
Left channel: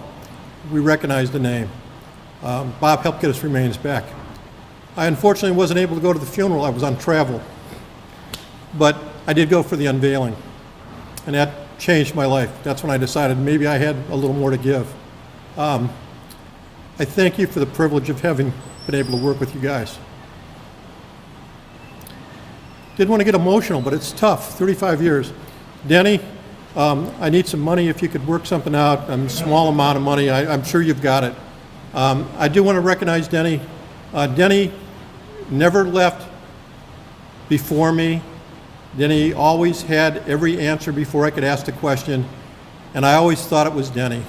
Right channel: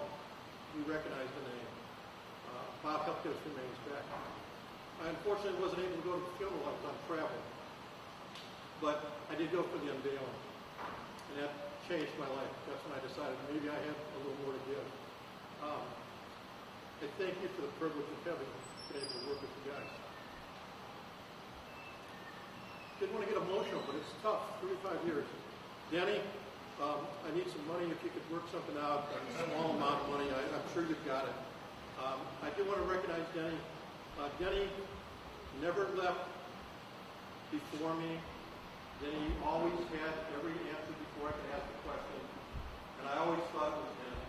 We recognized the name. Bob helped get his remains back. I unfortunately wasn't able to go to the funeral. I was on travel. But I did go for the unveiling. And that changed my life. That's when I decided maybe I had a little more to give. I thank you for the privilege of having been able to work with you guys. Didn't want to get emotional, but it's tough, 35 years. Denny, I need some money if you could work something out. A small amount of money, I'm sure you've got it. I do want to recognize Denny. Denny never left before me. Denny always had every answer before I could ask the question, and I always thought it was Denny.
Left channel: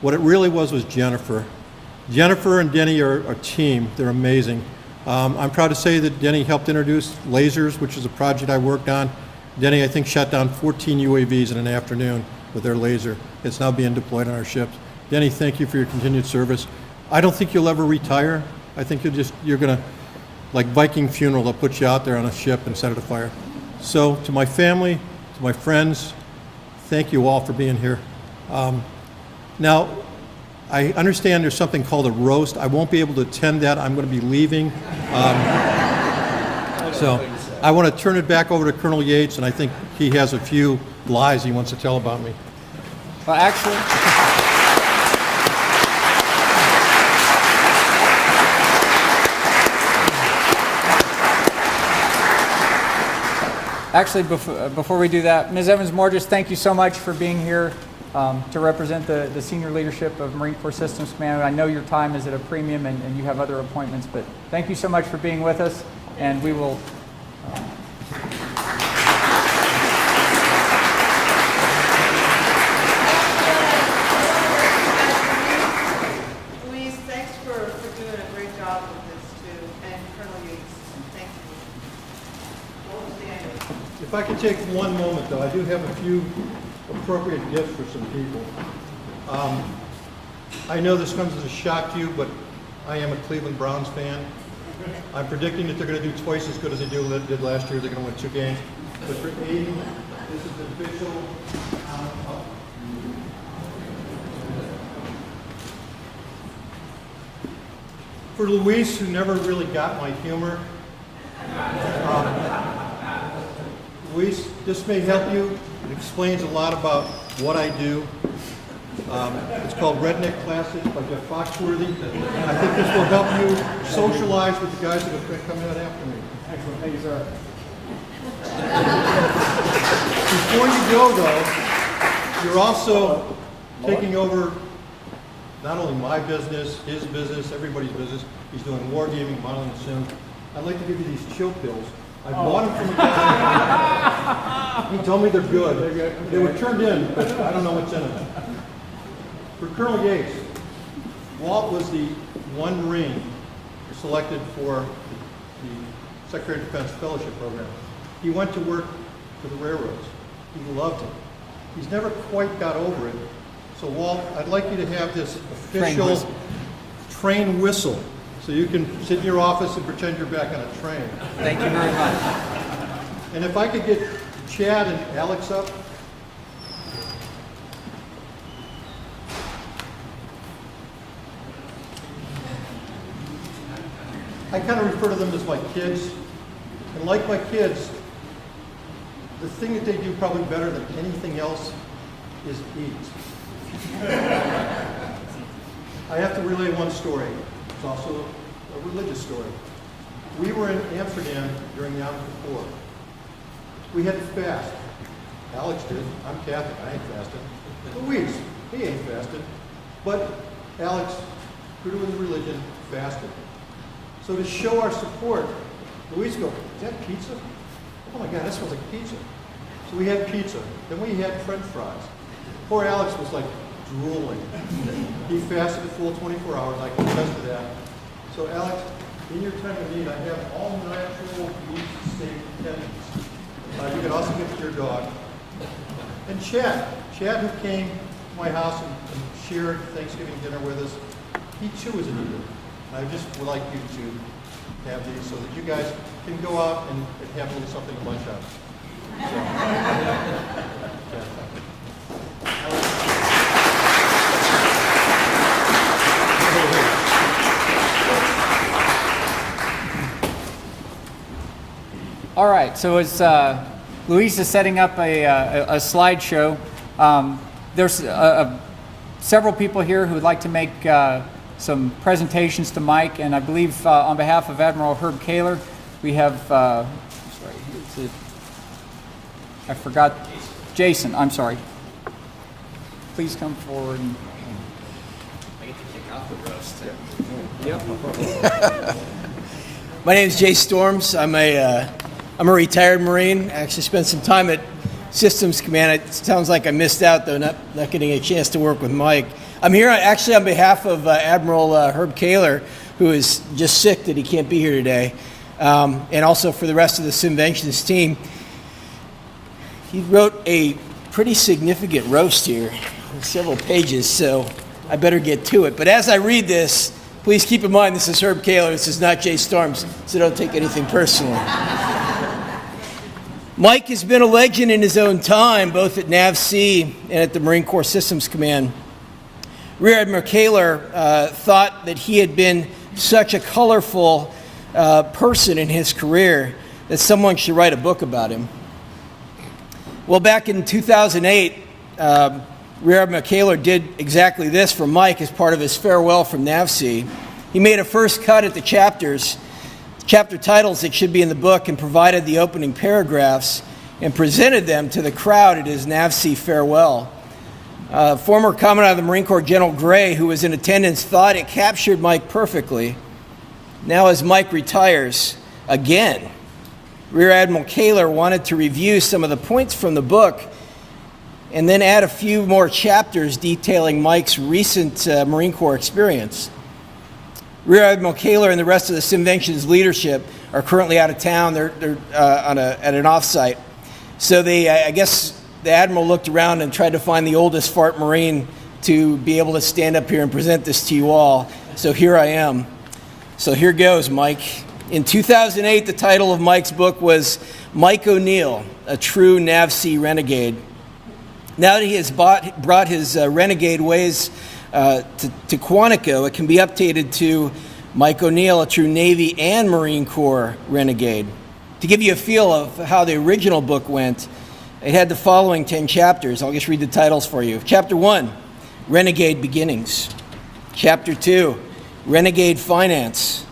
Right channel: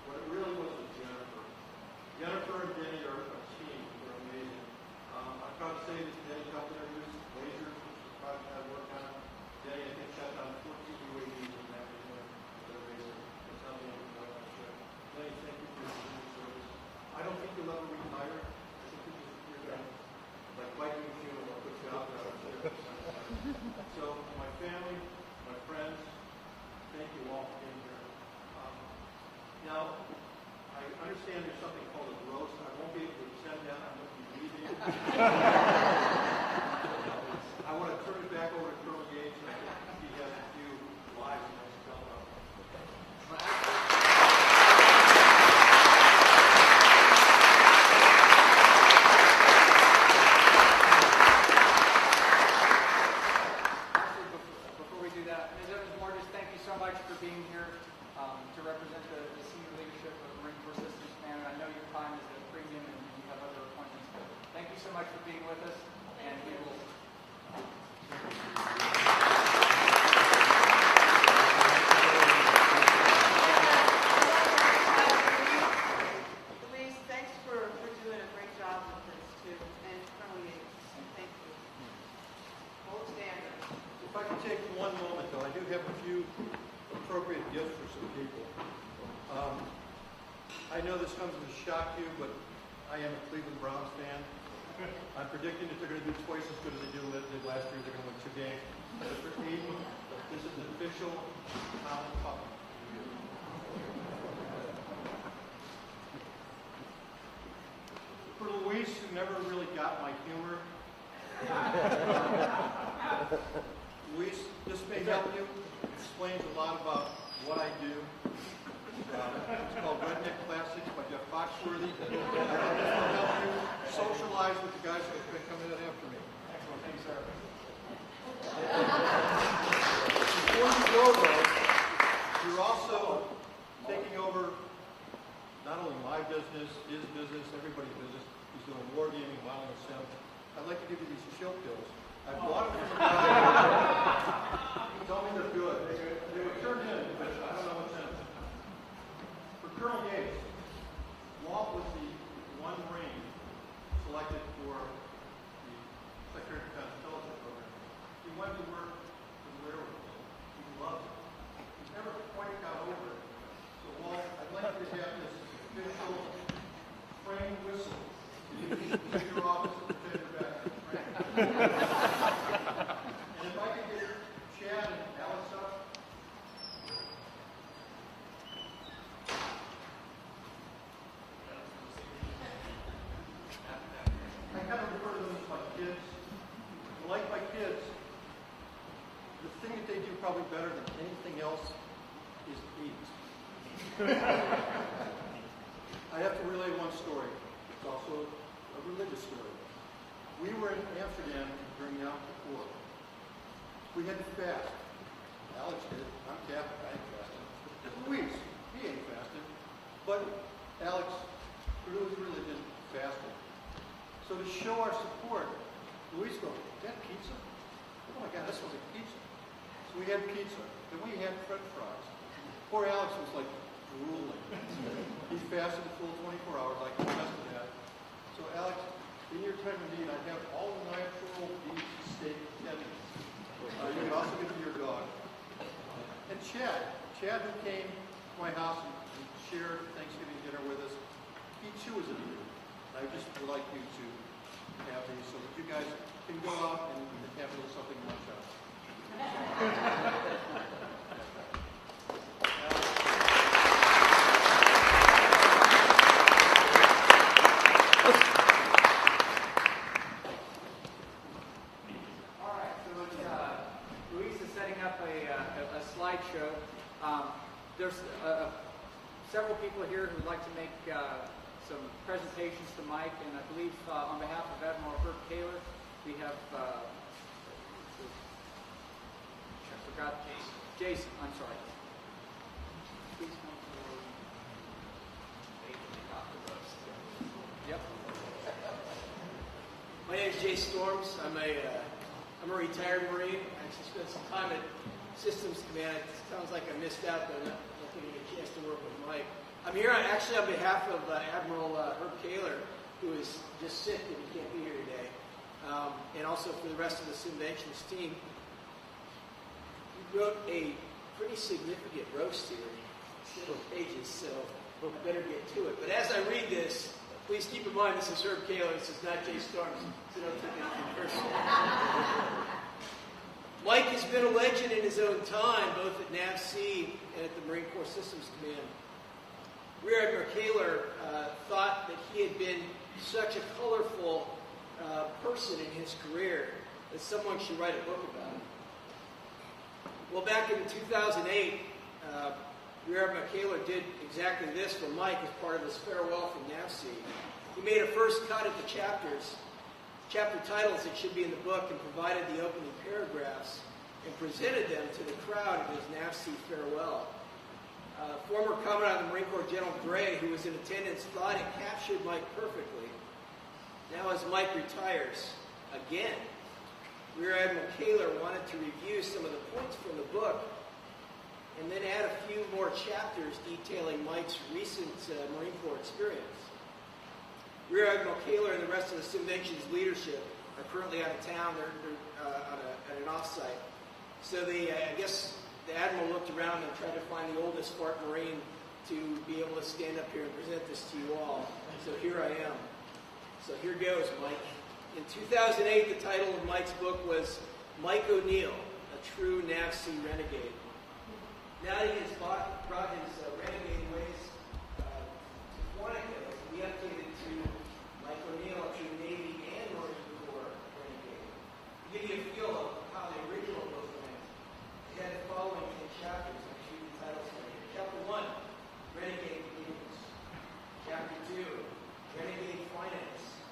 What it really was Jennifer. Jennifer and Denny are a team. They're amazing. I'm proud to say that Denny helped introduce lasers, which is a project I worked on. Denny, I think, shot down 14 UAVs in an afternoon with their laser. It's now being deployed on our ships. Denny, thank you for your continued service. I don't think you'll ever retire. I think you're gonna, like Viking funeral, they'll put you out there on a ship and set it afire. So to my family, to my friends, thank you all for being here. Now, I understand there's something called a roast. I won't be able to attend that. I'm going to be leaving. So I want to turn it back over to Colonel Yates, and I think he has a few lies he wants to tell about me. Well, actually, before we do that, Ms. Evans-Morges, thank you so much for being here to represent the senior leadership of Marine Corps Systems Command. I know your time is at a premium and you have other appointments, but thank you so much for being with us, and we will... Louise, thanks for doing a great job with this too, and Colonel Yates, thank you. Gold standard. If I could take one moment, though, I do have a few appropriate gifts for some people. I know this comes as a shock to you, but I am a Cleveland Browns fan. I'm predicting that they're going to do twice as good as they did last year. They're going to win 2 games. But for Aiden, this is the official cup. For Luis, who never really got my humor, Luis, this may help you. It explains a lot about what I do. It's called Redneck Classic by Jeff Foxworthy. I think this will help you socialize with the guys that are coming out after me. Excellent. Thank you, sir. Before you go, though, you're also taking over not only my business, his business, everybody's business. He's doing wargaming, modeling sim. I'd like to give you these chill pills. I bought them from the guy. He told me they're good. They were turned in, but I don't know what's in them. For Colonel Yates, Walt was the one Marine selected for the Secretary of Defense Fellowship Program. He went to work for the railroads. He loved it. He's never quite got over it. So Walt, I'd like you to have this official train whistle so you can sit in your office and pretend you're back on a train. Thank you very much. And if I could get Chad and Alex up. I kind of refer to them as my kids. And like my kids, the thing that they do probably better than anything else is eat. I have to relay one story. It's also a religious story. We were in Amsterdam during the Yom Kippur. We had to fast. Alex did. I'm Catholic. I ain't fasting. Louise, he ain't fasted. But Alex, true to his religion, fasted. So to show our support, Louise goes, "Is that pizza? Oh my God, that smells like pizza." So we had pizza. Then we had French fries. Poor Alex was like drooling. He fasted a full 24 hours. I can attest to that. So Alex, in your time of need, I have all natural beef steak tendies. You can also give it to your dog. And Chad who came to my house and shared Thanksgiving dinner with us, he too is an eater. I just would like you to have these so that you guys can go out and have a little something at lunch hour. All right, so as Louise is setting up a slideshow, there's several people here who would like to make some presentations to Mike, and I believe on behalf of Admiral Herb Kaler, we have, I forgot, Jason, I'm sorry. Please come forward. My name is Jay Storms. I'm a retired Marine. I actually spent some time at Systems Command. It sounds like I missed out, though, not getting a chance to work with Mike. I'm here actually on behalf of Admiral Herb Kaler, who is just sick that he can't be here today, and also for the rest of the Simventions team. He wrote a pretty significant roast here, several pages, so I better get to it. But as I read this, please keep in mind this is Herb Kaler, this is not Jay Storms, so don't take anything personally. Mike has been a legend in his own time, both at NAVC and at the Marine Corps Systems Command. Rear Admiral Kaler thought that he had been such a colorful person in his career that someone should write a book about him. Well, back in 2008, Rear Admiral Kaler did exactly this for Mike as part of his farewell from NAVC. He made a first cut at the chapter titles that should be in the book and provided the opening paragraphs and presented them to the crowd at his NAVC farewell. Former Commandant of the Marine Corps, General Gray, who was in attendance, thought it captured Mike perfectly. Now as Mike retires again, Rear Admiral Kaler wanted to review some of the points from the book and then add a few more chapters detailing Mike's recent Marine Corps experience. Rear Admiral Kaler and the rest of the Simventions leadership are currently out of town. They're at an offsite. So I guess the Admiral looked around and tried to find the oldest fart Marine to be able to stand up here and present this to you all. So here I am. So here goes, Mike. In 2008, the title of Mike's book was Mike O'Neill, a True NAVC Renegade. Now that he has brought his renegade ways to Quantico, it can be updated to Mike O'Neill, a true Navy and Marine Corps renegade. To give you a feel of how the original book went, it had the following 10 chapters. I'll just read the titles for you. Chapter 1, Renegade Beginnings. Chapter 2, Renegade Finance.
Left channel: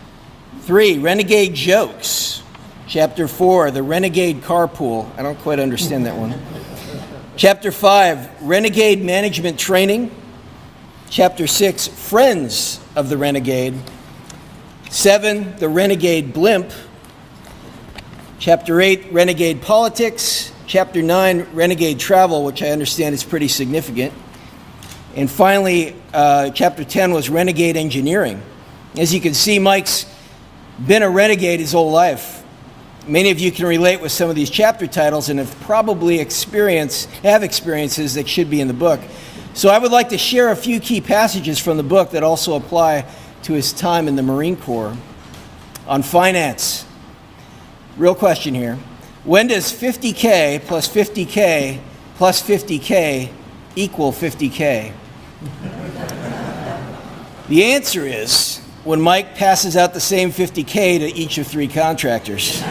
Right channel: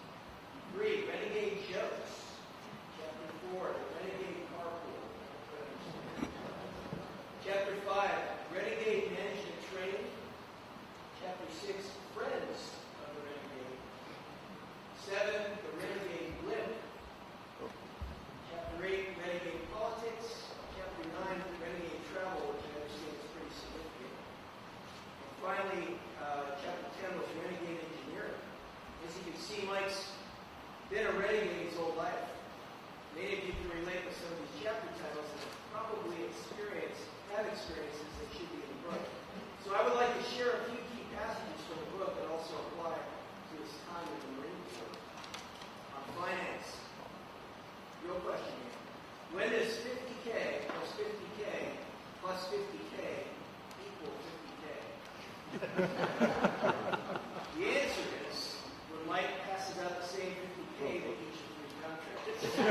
3, Renegade Jokes. Chapter 4, The Renegade Carpool. I don't quite understand that one. Chapter 5, Renegade Management Training. Chapter 6, Friends of the Renegade. 7, The Renegade Blimp. Chapter 8, Renegade Politics. Chapter 9, Renegade Travel, which I understand is pretty significant. And finally, Chapter 10 was Renegade Engineering. As you can see, Mike's been a renegade his whole life. Many of you can relate with some of these chapter titles and have probably have experiences that should be in the book. So I would like to share a few key passages from the book that also apply to his time in the Marine Corps. On finance. Real question here. When does 50K plus 50K plus 50K equal 50K? The answer is when Mike passes out the same 50K to each of 3 contractors.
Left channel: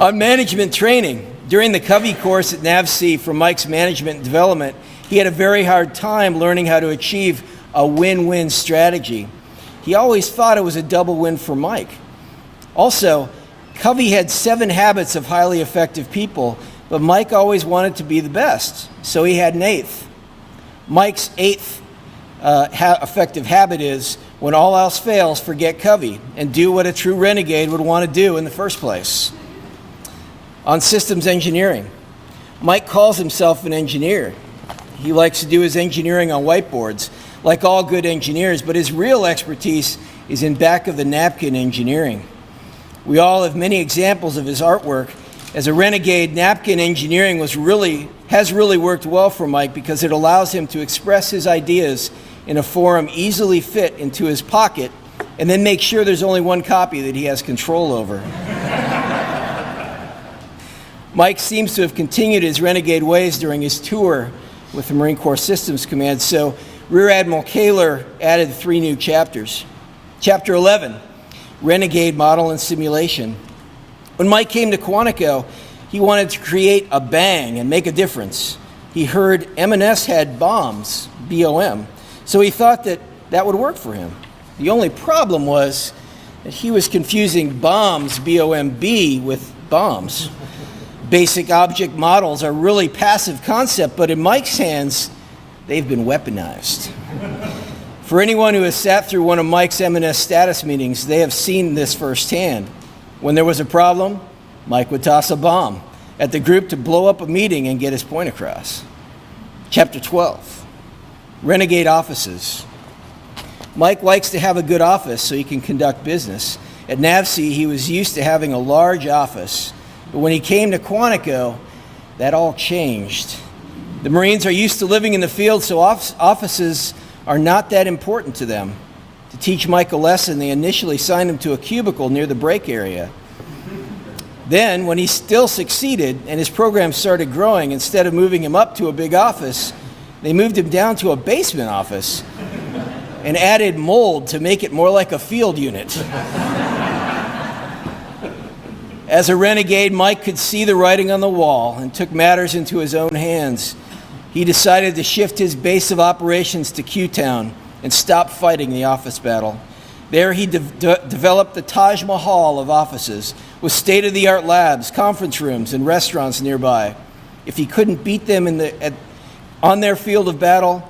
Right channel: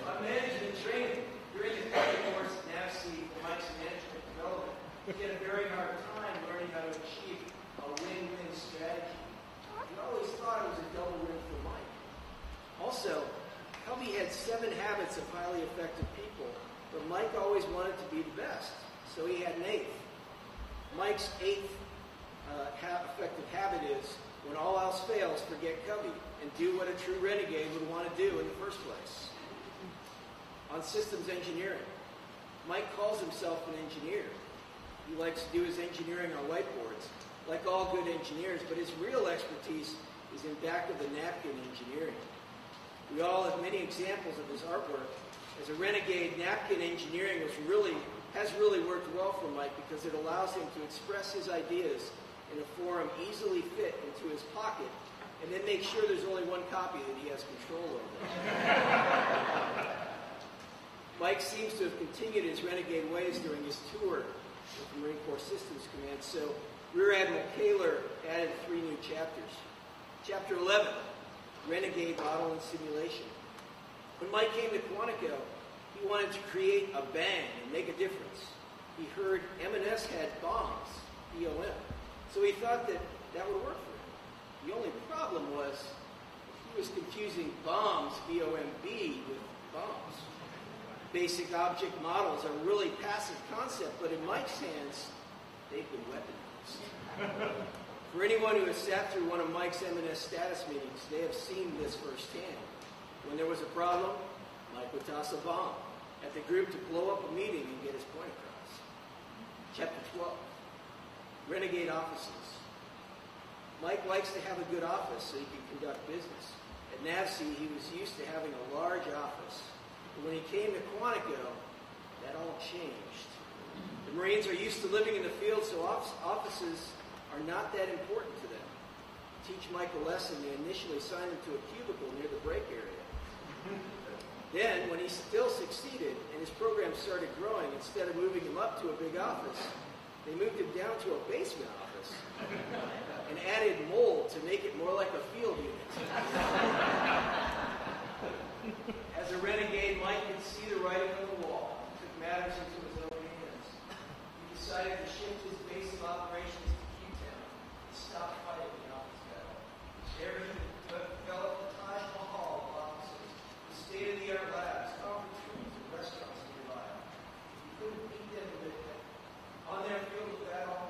On management training, during the Covey course at NAVC for Mike's management development, he had a very hard time learning how to achieve a win-win strategy. He always thought it was a double win for Mike. Also, Covey had 7 habits of highly effective people, but Mike always wanted to be the best, so he had an 8th. Mike's 8th effective habit is, when all else fails, forget Covey and do what a true renegade would want to do in the first place. On systems engineering, Mike calls himself an engineer. He likes to do his engineering on whiteboards, like all good engineers, but his real expertise is in back-of-the-napkin engineering. We all have many examples of his artwork. As a renegade, napkin engineering has really worked well for Mike because it allows him to express his ideas in a forum easily fit into his pocket and then make sure there's only one copy that he has control over. Mike seems to have continued his renegade ways during his tour with the Marine Corps Systems Command, so Rear Admiral Kaler added 3 new chapters. Chapter 11, Renegade Model and Simulation. When Mike came to Quantico, he wanted to create a bang and make a difference. He heard M&S had bombs, B-O-M, so he thought that would work for him. The only problem was that he was confusing bombs, B-O-M-B, with bombs. Basic object models are really passive concept, but in Mike's hands, they've been weaponized. For anyone who has sat through one of Mike's M&S status meetings, they have seen this firsthand. When there was a problem, Mike would toss a bomb at the group to blow up a meeting and get his point across. Chapter 12, Renegade Offices. Mike likes to have a good office so he can conduct business. At NAVC, he was used to having a large office. But when he came to Quantico, that all changed. The Marines are used to living in the field, so offices are not that important to them. To teach Mike a lesson, they initially signed him to a cubicle near the break area. Then, when he still succeeded and his program started growing, instead of moving him up to a big office, they moved him down to a basement office and added mold to make it more like a field unit. As a renegade, Mike could see the writing on the wall and took matters into his own hands. He decided to shift his base of operations to Q-Town and stop fighting the office battle. There he developed the Taj Mahal of offices with state-of-the-art labs, conference rooms, and restaurants nearby. If he couldn't beat them on their field of battle,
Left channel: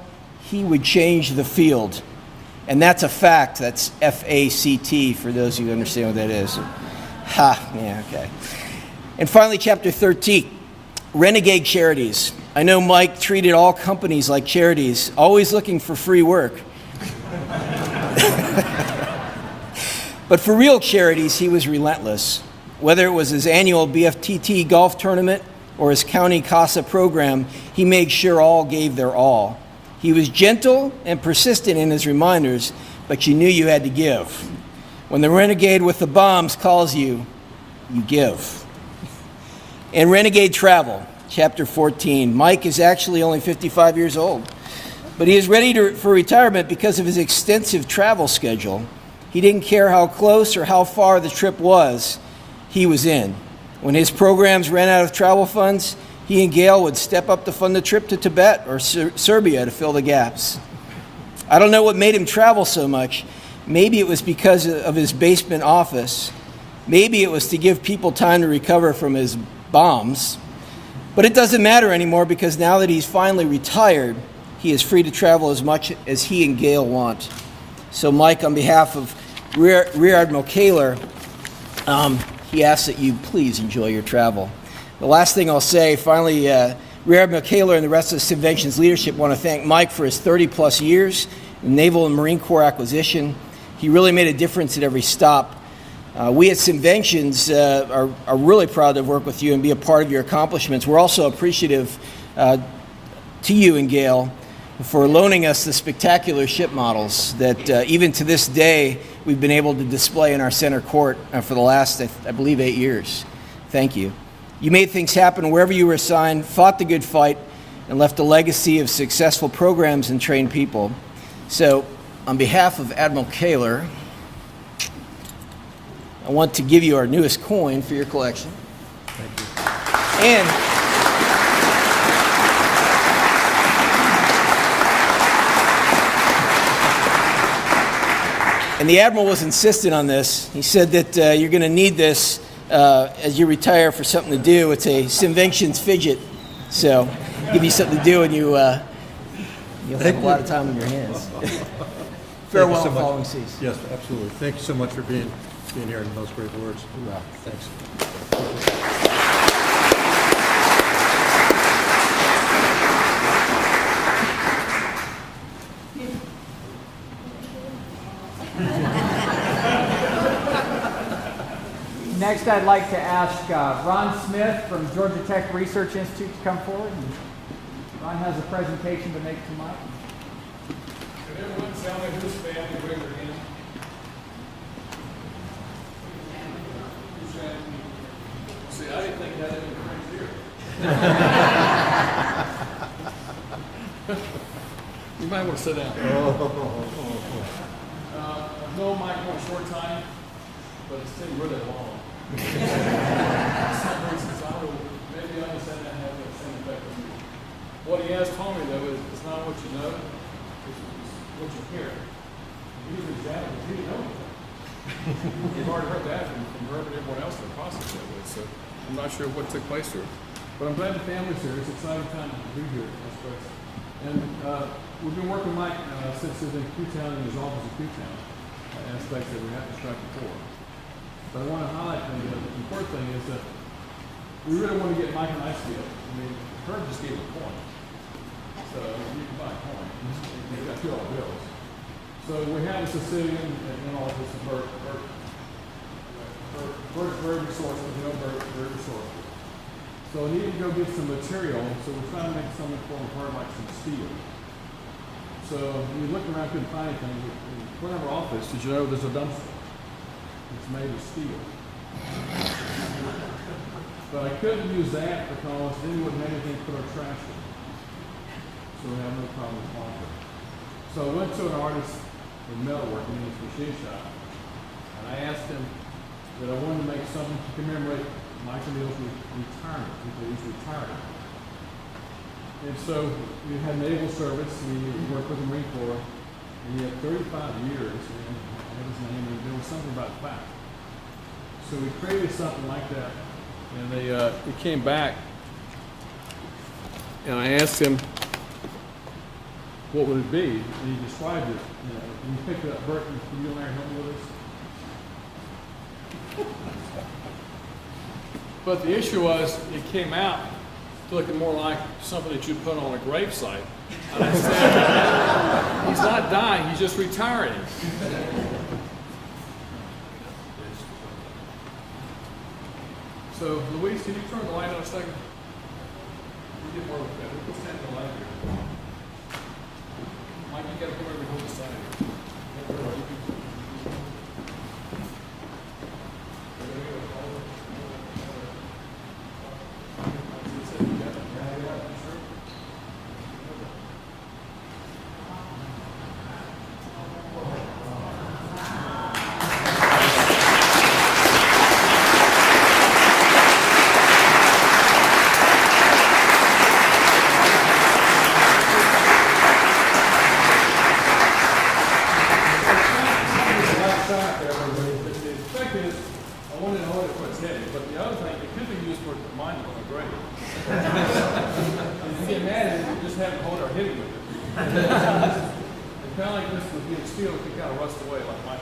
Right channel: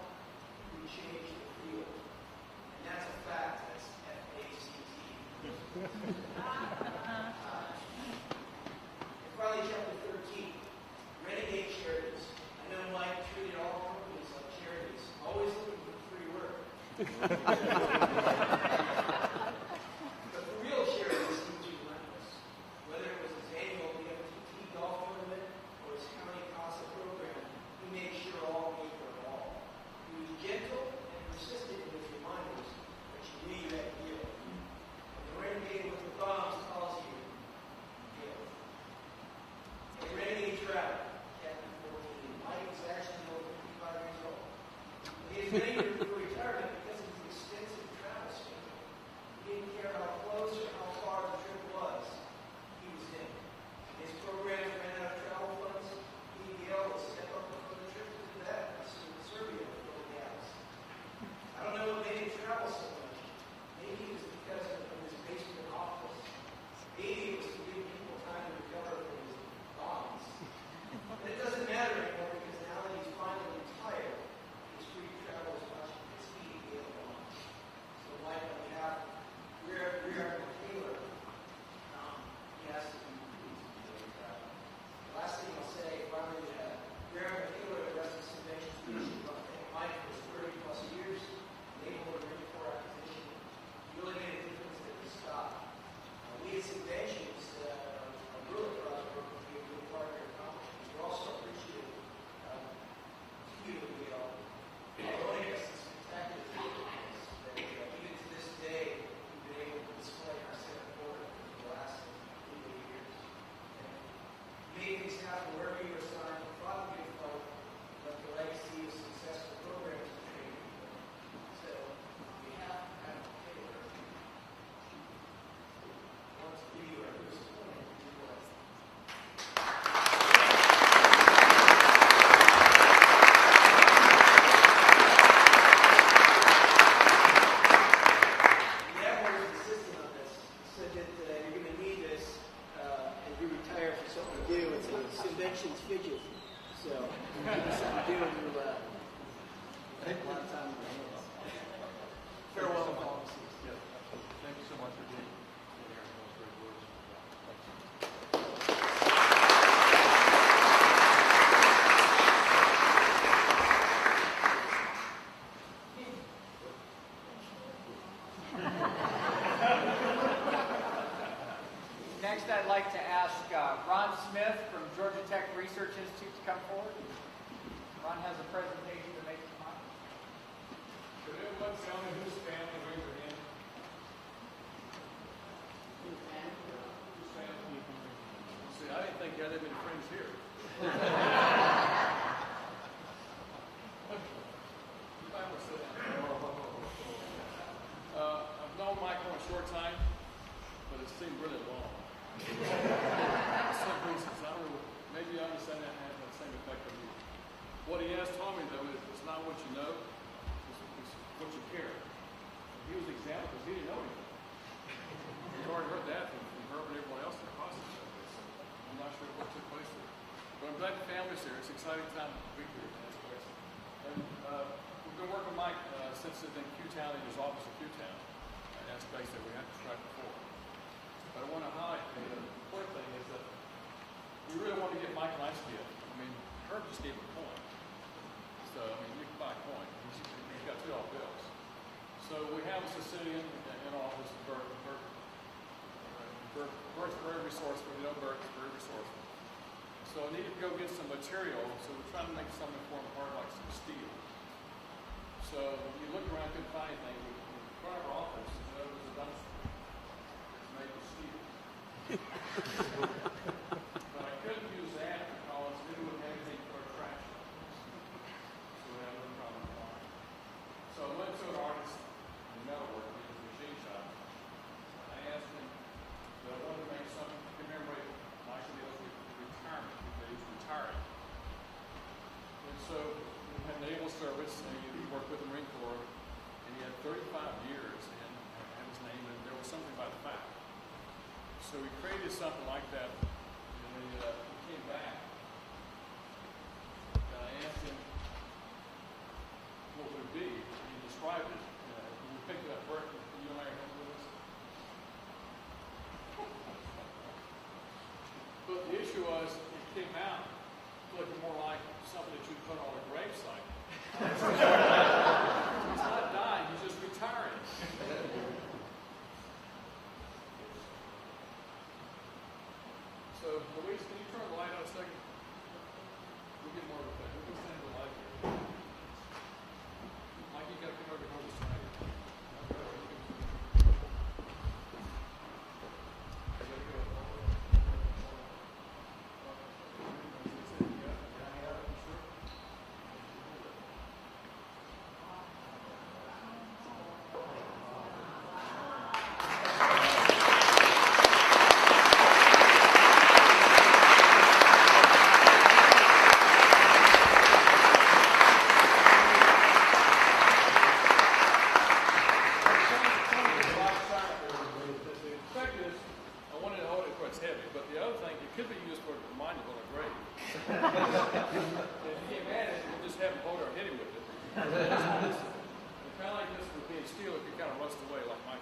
he would change the field. And that's a fact. That's F-A-C-T for those who understand what that is. Yeah, okay. And finally, chapter 13, Renegade Charities. I know Mike treated all companies like charities, always looking for free work. But for real charities, he was relentless. Whether it was his annual BFTT golf tournament or his county CASA program, he made sure all gave their all. He was gentle and persistent in his reminders, but you knew you had to give. When the renegade with the bombs calls you, you give. And Renegade Travel, chapter 14. Mike is actually only 55 years old, but he is ready for retirement because of his extensive travel schedule. He didn't care how close or how far the trip was, he was in. When his programs ran out of travel funds, he and Gail would step up to fund the trip to Tibet or Serbia to fill the gaps. I don't know what made him travel so much. Maybe it was because of his basement office. Maybe it was to give people time to recover from his bombs. But it doesn't matter anymore because now that he's finally retired, he is free to travel as much as he and Gail want. So Mike, on behalf of Rear Admiral Kaler, he asks that you please enjoy your travel. The last thing I'll say, finally, Rear Admiral Kaler and the rest of the Simventions leadership want to thank Mike for his 30-plus years in Naval and Marine Corps acquisition. He really made a difference at every stop. We at Simventions are really proud to work with you and be a part of your accomplishments. We're also appreciative to you and Gail for loaning us the spectacular ship models that even to this day we've been able to display in our center court for the last, I believe, 8 years. Thank you. You made things happen wherever you were assigned, fought the good fight, and left a legacy of successful programs and trained people. So, on behalf of Admiral Kaler, I want to give you our newest coin for your collection. Thank you. And the Admiral was insistent on this. He said that you're going to need this as you retire for something to do. It's a Simventions fidget. So, give you something to do and you'll have a lot of time on your hands. Farewell so and following seas. Yes, absolutely. Thank you so much for being here and those great words. Wow. Thanks. Next, I'd like to ask Ron Smith from Georgia Tech Research Institute to come forward. And Ron has a presentation to make to Mike. Can everyone tell me whose family raised their hand? Whose family? See, I didn't think you had any friends here. You might want to sit down. I've known Mike for a short time, but it's been really long. For some reasons, I will maybe understand that have the same effect on you. What he has told me, though, is it's not what you know, it's what you hear. These examples, he didn't know anything. You've already heard that from Herb and everyone else in the process that way, so I'm not sure what took place here. But I'm glad the family's here. It's an exciting time to be here in this place. And we've been working with Mike since he was in Q-Town and his office in Q-Town, aspects that we haven't described before. But I want to highlight the important thing is that we really want to get Mike a nice deal. I mean, Herb just gave a coin. So you can buy a coin. You've got $2 bills. So we have a Sicilian in office, Bert's very resourceful, very resourceful. So we need to go get some material, so we're trying to make something for hard like some steel. So we looked around, couldn't find anything. In front of our office, did you know there's a dumpster? It's made of steel. But I couldn't use that because then we wouldn't have anything to put our trash in. So we have no problem with quality. So I went to an artist in metalworking in his machine shop, and I asked him that I wanted to make something to commemorate Michael Neal's retirement, because he's retiring. And so we had naval service, we worked with the Marine Corps, and he had 35 years, and I had his name, and there was something about that. So we created something like that, and we came back, and I asked him, what would it be? And he described it. You know, and he picked it up. Bert, can you and Larry help me with this? But the issue was, it came out looking more like something that you put on a gravesite. And I said, he's not dying, he's just retiring. So, Luis, can you turn the light on a second? We'll get more with that. We'll stand the light here. Mike, you gotta come over and hold the sign. kind of like this would be a steel, it can kind of rust away like mine.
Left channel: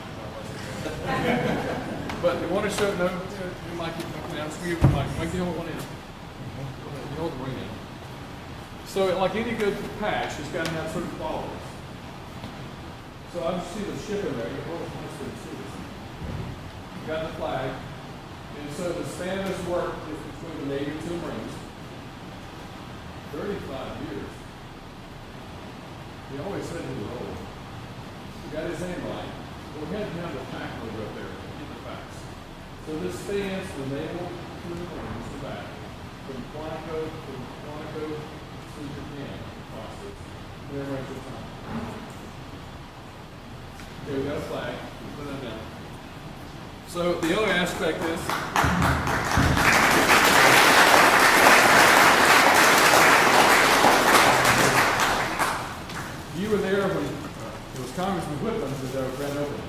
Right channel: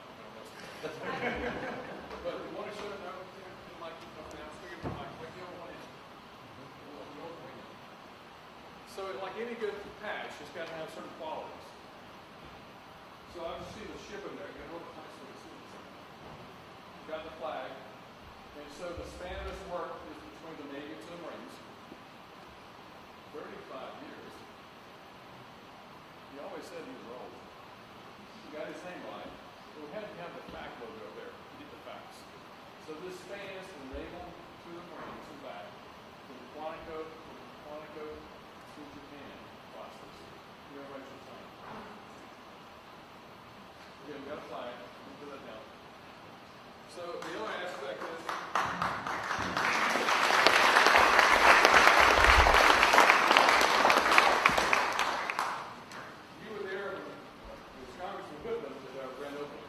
But you want to show, no, you might keep looking down, screw your mic, make the hold one in. You hold the ring in. So like any good patch, it's got to have certain qualities. So I just see the ship in there, you hold it close to the sea. You got the flag, and so the span of this work is between the Navy and the Marines. 35 years. He always said he was old. He got his name right. Well, we had to have the fact logo up there to get the facts. So this spans the naval to the Marines, the back, from Quantico to Japan, across this interracial time. Okay, we got a flag. Put that down. So the other aspect is you were there when it was Congressman Whitman who was our grand opening.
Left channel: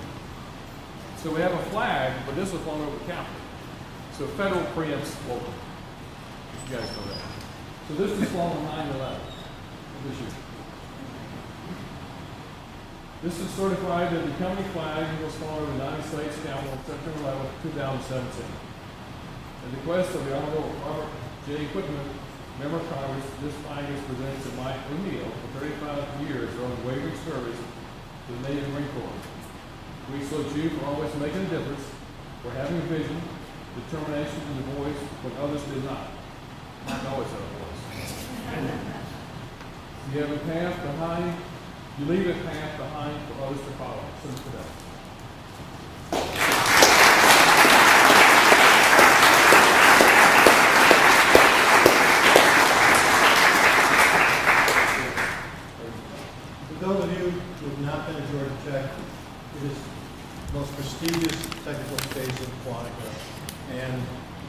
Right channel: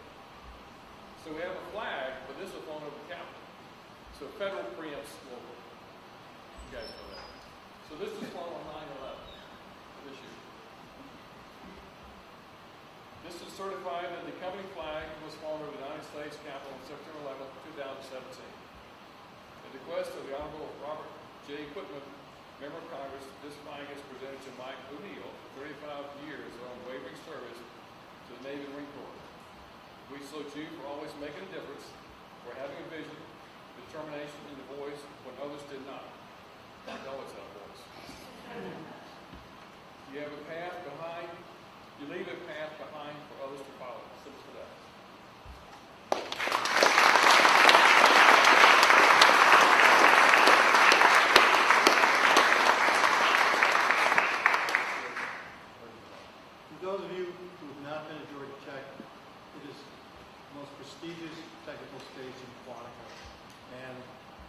So we have a flag, but this was flown over the Capitol. So federal preempts local. You guys know that. So this was flown on 9/11 this year. This is certified that the company flag was flown over the United States Capitol September 11, 2017. At the request of the Honorable Robert J. Whitman, Member of Congress, this flag is presented to Mike O'Neill for 35 years of unwavering service to the Navy and Marine Corps. We salute you for always making a difference, for having a vision, determination, and a voice when others did not. Not always have a voice. You have a path behind, you leave a path behind for others to follow. Salute to that. For those of you who have not been to Georgia Tech, it is the most prestigious technical space in Quantico. And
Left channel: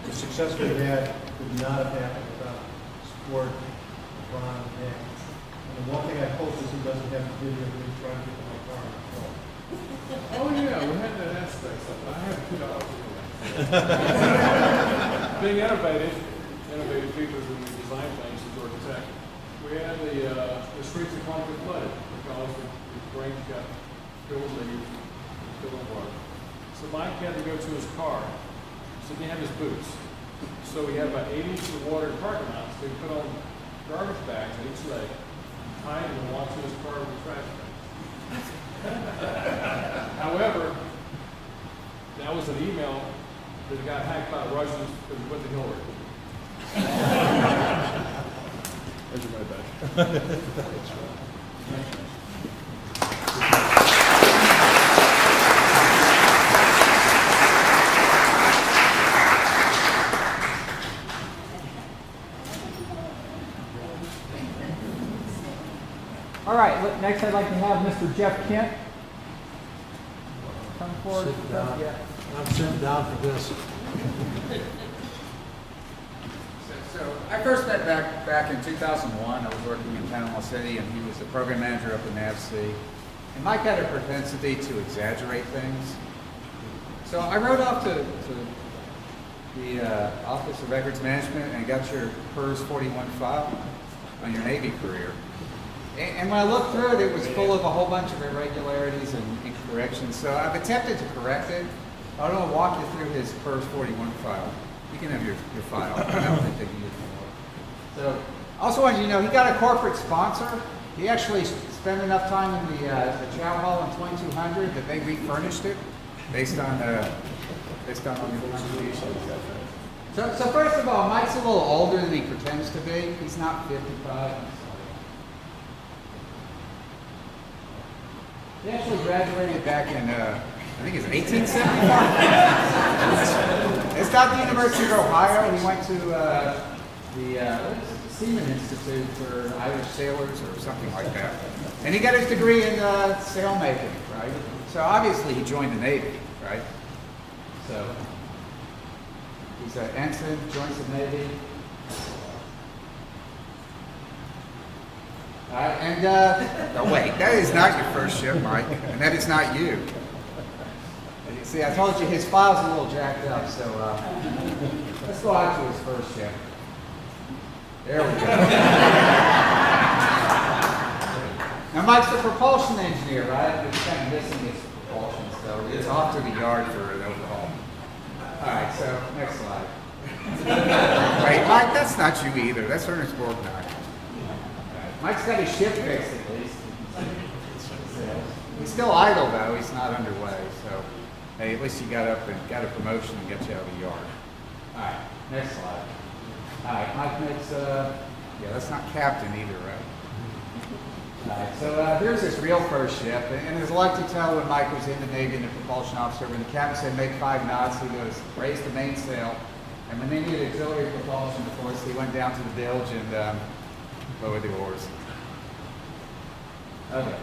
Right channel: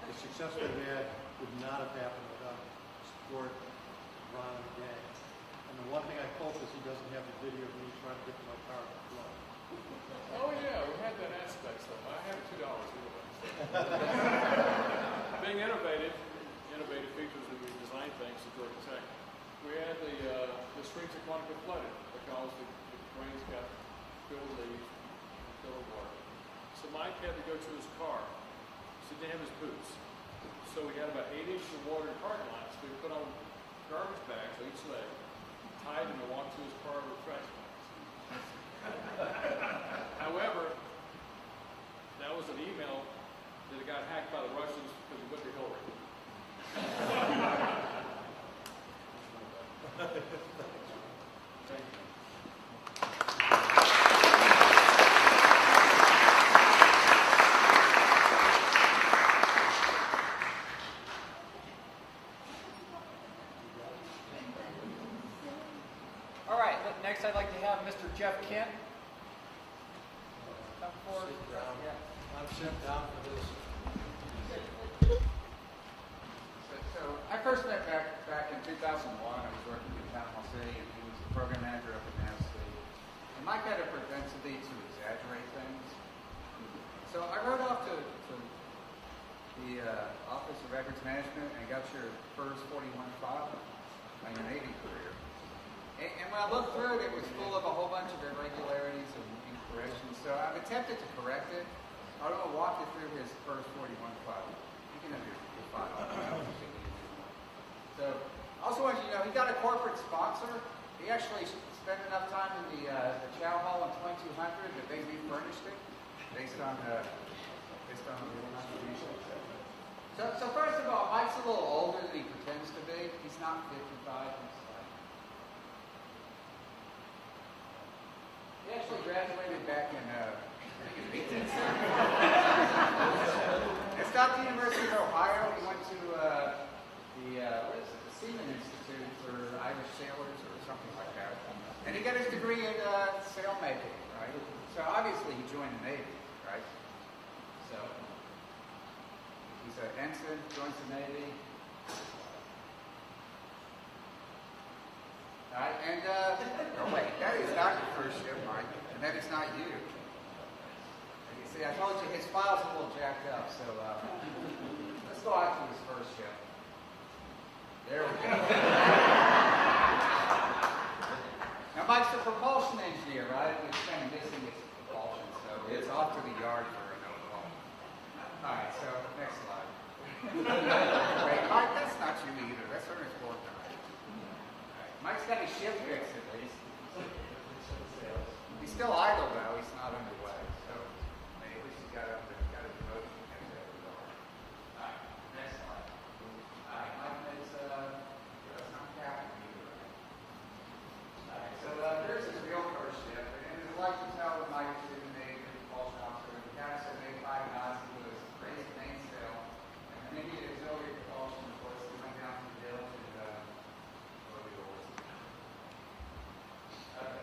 the success we've had would not have happened without support from Ron and Dan. And the one thing I hope is he doesn't have the video of me trying to get to my car on the floor. Oh yeah, we had that aspect. I have $2 for that. Being innovative people who design things at Georgia Tech. We had the streets of Quantico flooded because the rain got filled with leaves, filled with water. So Mike had to go to his car, so he didn't have his boots. So we had about 8 inches of water in the parking lot, so he put on garbage bags at each leg, tied them and walked to his car with a trash bag. However, that was an email that got hacked by the Russians because he put the Hillary. There's your money back. All right, next I'd like to have Mr. Jeff Kent come forward. Yeah. I'm sitting down for this. So I first met back in 2001. I was working in Panama City, and he was the program manager up in NAVC. And Mike had a propensity to exaggerate things. So I wrote off to the Office of Records Management and got your PERS 41 file on your Navy career. And when I looked through it, it was full of a whole bunch of irregularities and incorrections. So I've attempted to correct it. I don't want to walk you through his PERS 41 file. You can have your file. I don't think they need it more. So, also wanted you to know, he got a corporate sponsor. He actually spent enough time in the Chow Hall in 2200 that they refurnished it based on the contribution. So first of all, Mike's a little older than he pretends to be. He's not 55. He actually graduated back in, I think it's 1875. It's not the University of Ohio. He went to the Seaman Institute for Irish sailors or something like that. And he got his degree in sailmaking, right? So obviously he joined the Navy, right? So he's an ensign, joins the Navy. Oh wait, that is not your first ship, Mike, and that is not you. See, I told you his file's a little jacked up, so let's go out to his first ship. There we go. Now, Mike's the propulsion engineer, right? It's kind of missing his propulsion, so it's off to the yard for an overhaul. All right, so next slide. Wait, Mike, that's not you either. That's Ernest Borgnine. Mike's got his ship fixed at least. He's still idle though. He's not underway. So, hey, at least you got up and got a promotion and got you out of the yard. All right, next slide. All right, Mike makes. Yeah, that's not captain either, right? All right, so here's his real first ship, and as I like to tell when Mike was in the Navy and the propulsion officer, when the captain said make 5 knots, he goes raise the mainsail, and when they needed auxiliary propulsion, of course, he went down to the bilge and lowered the oars. Okay.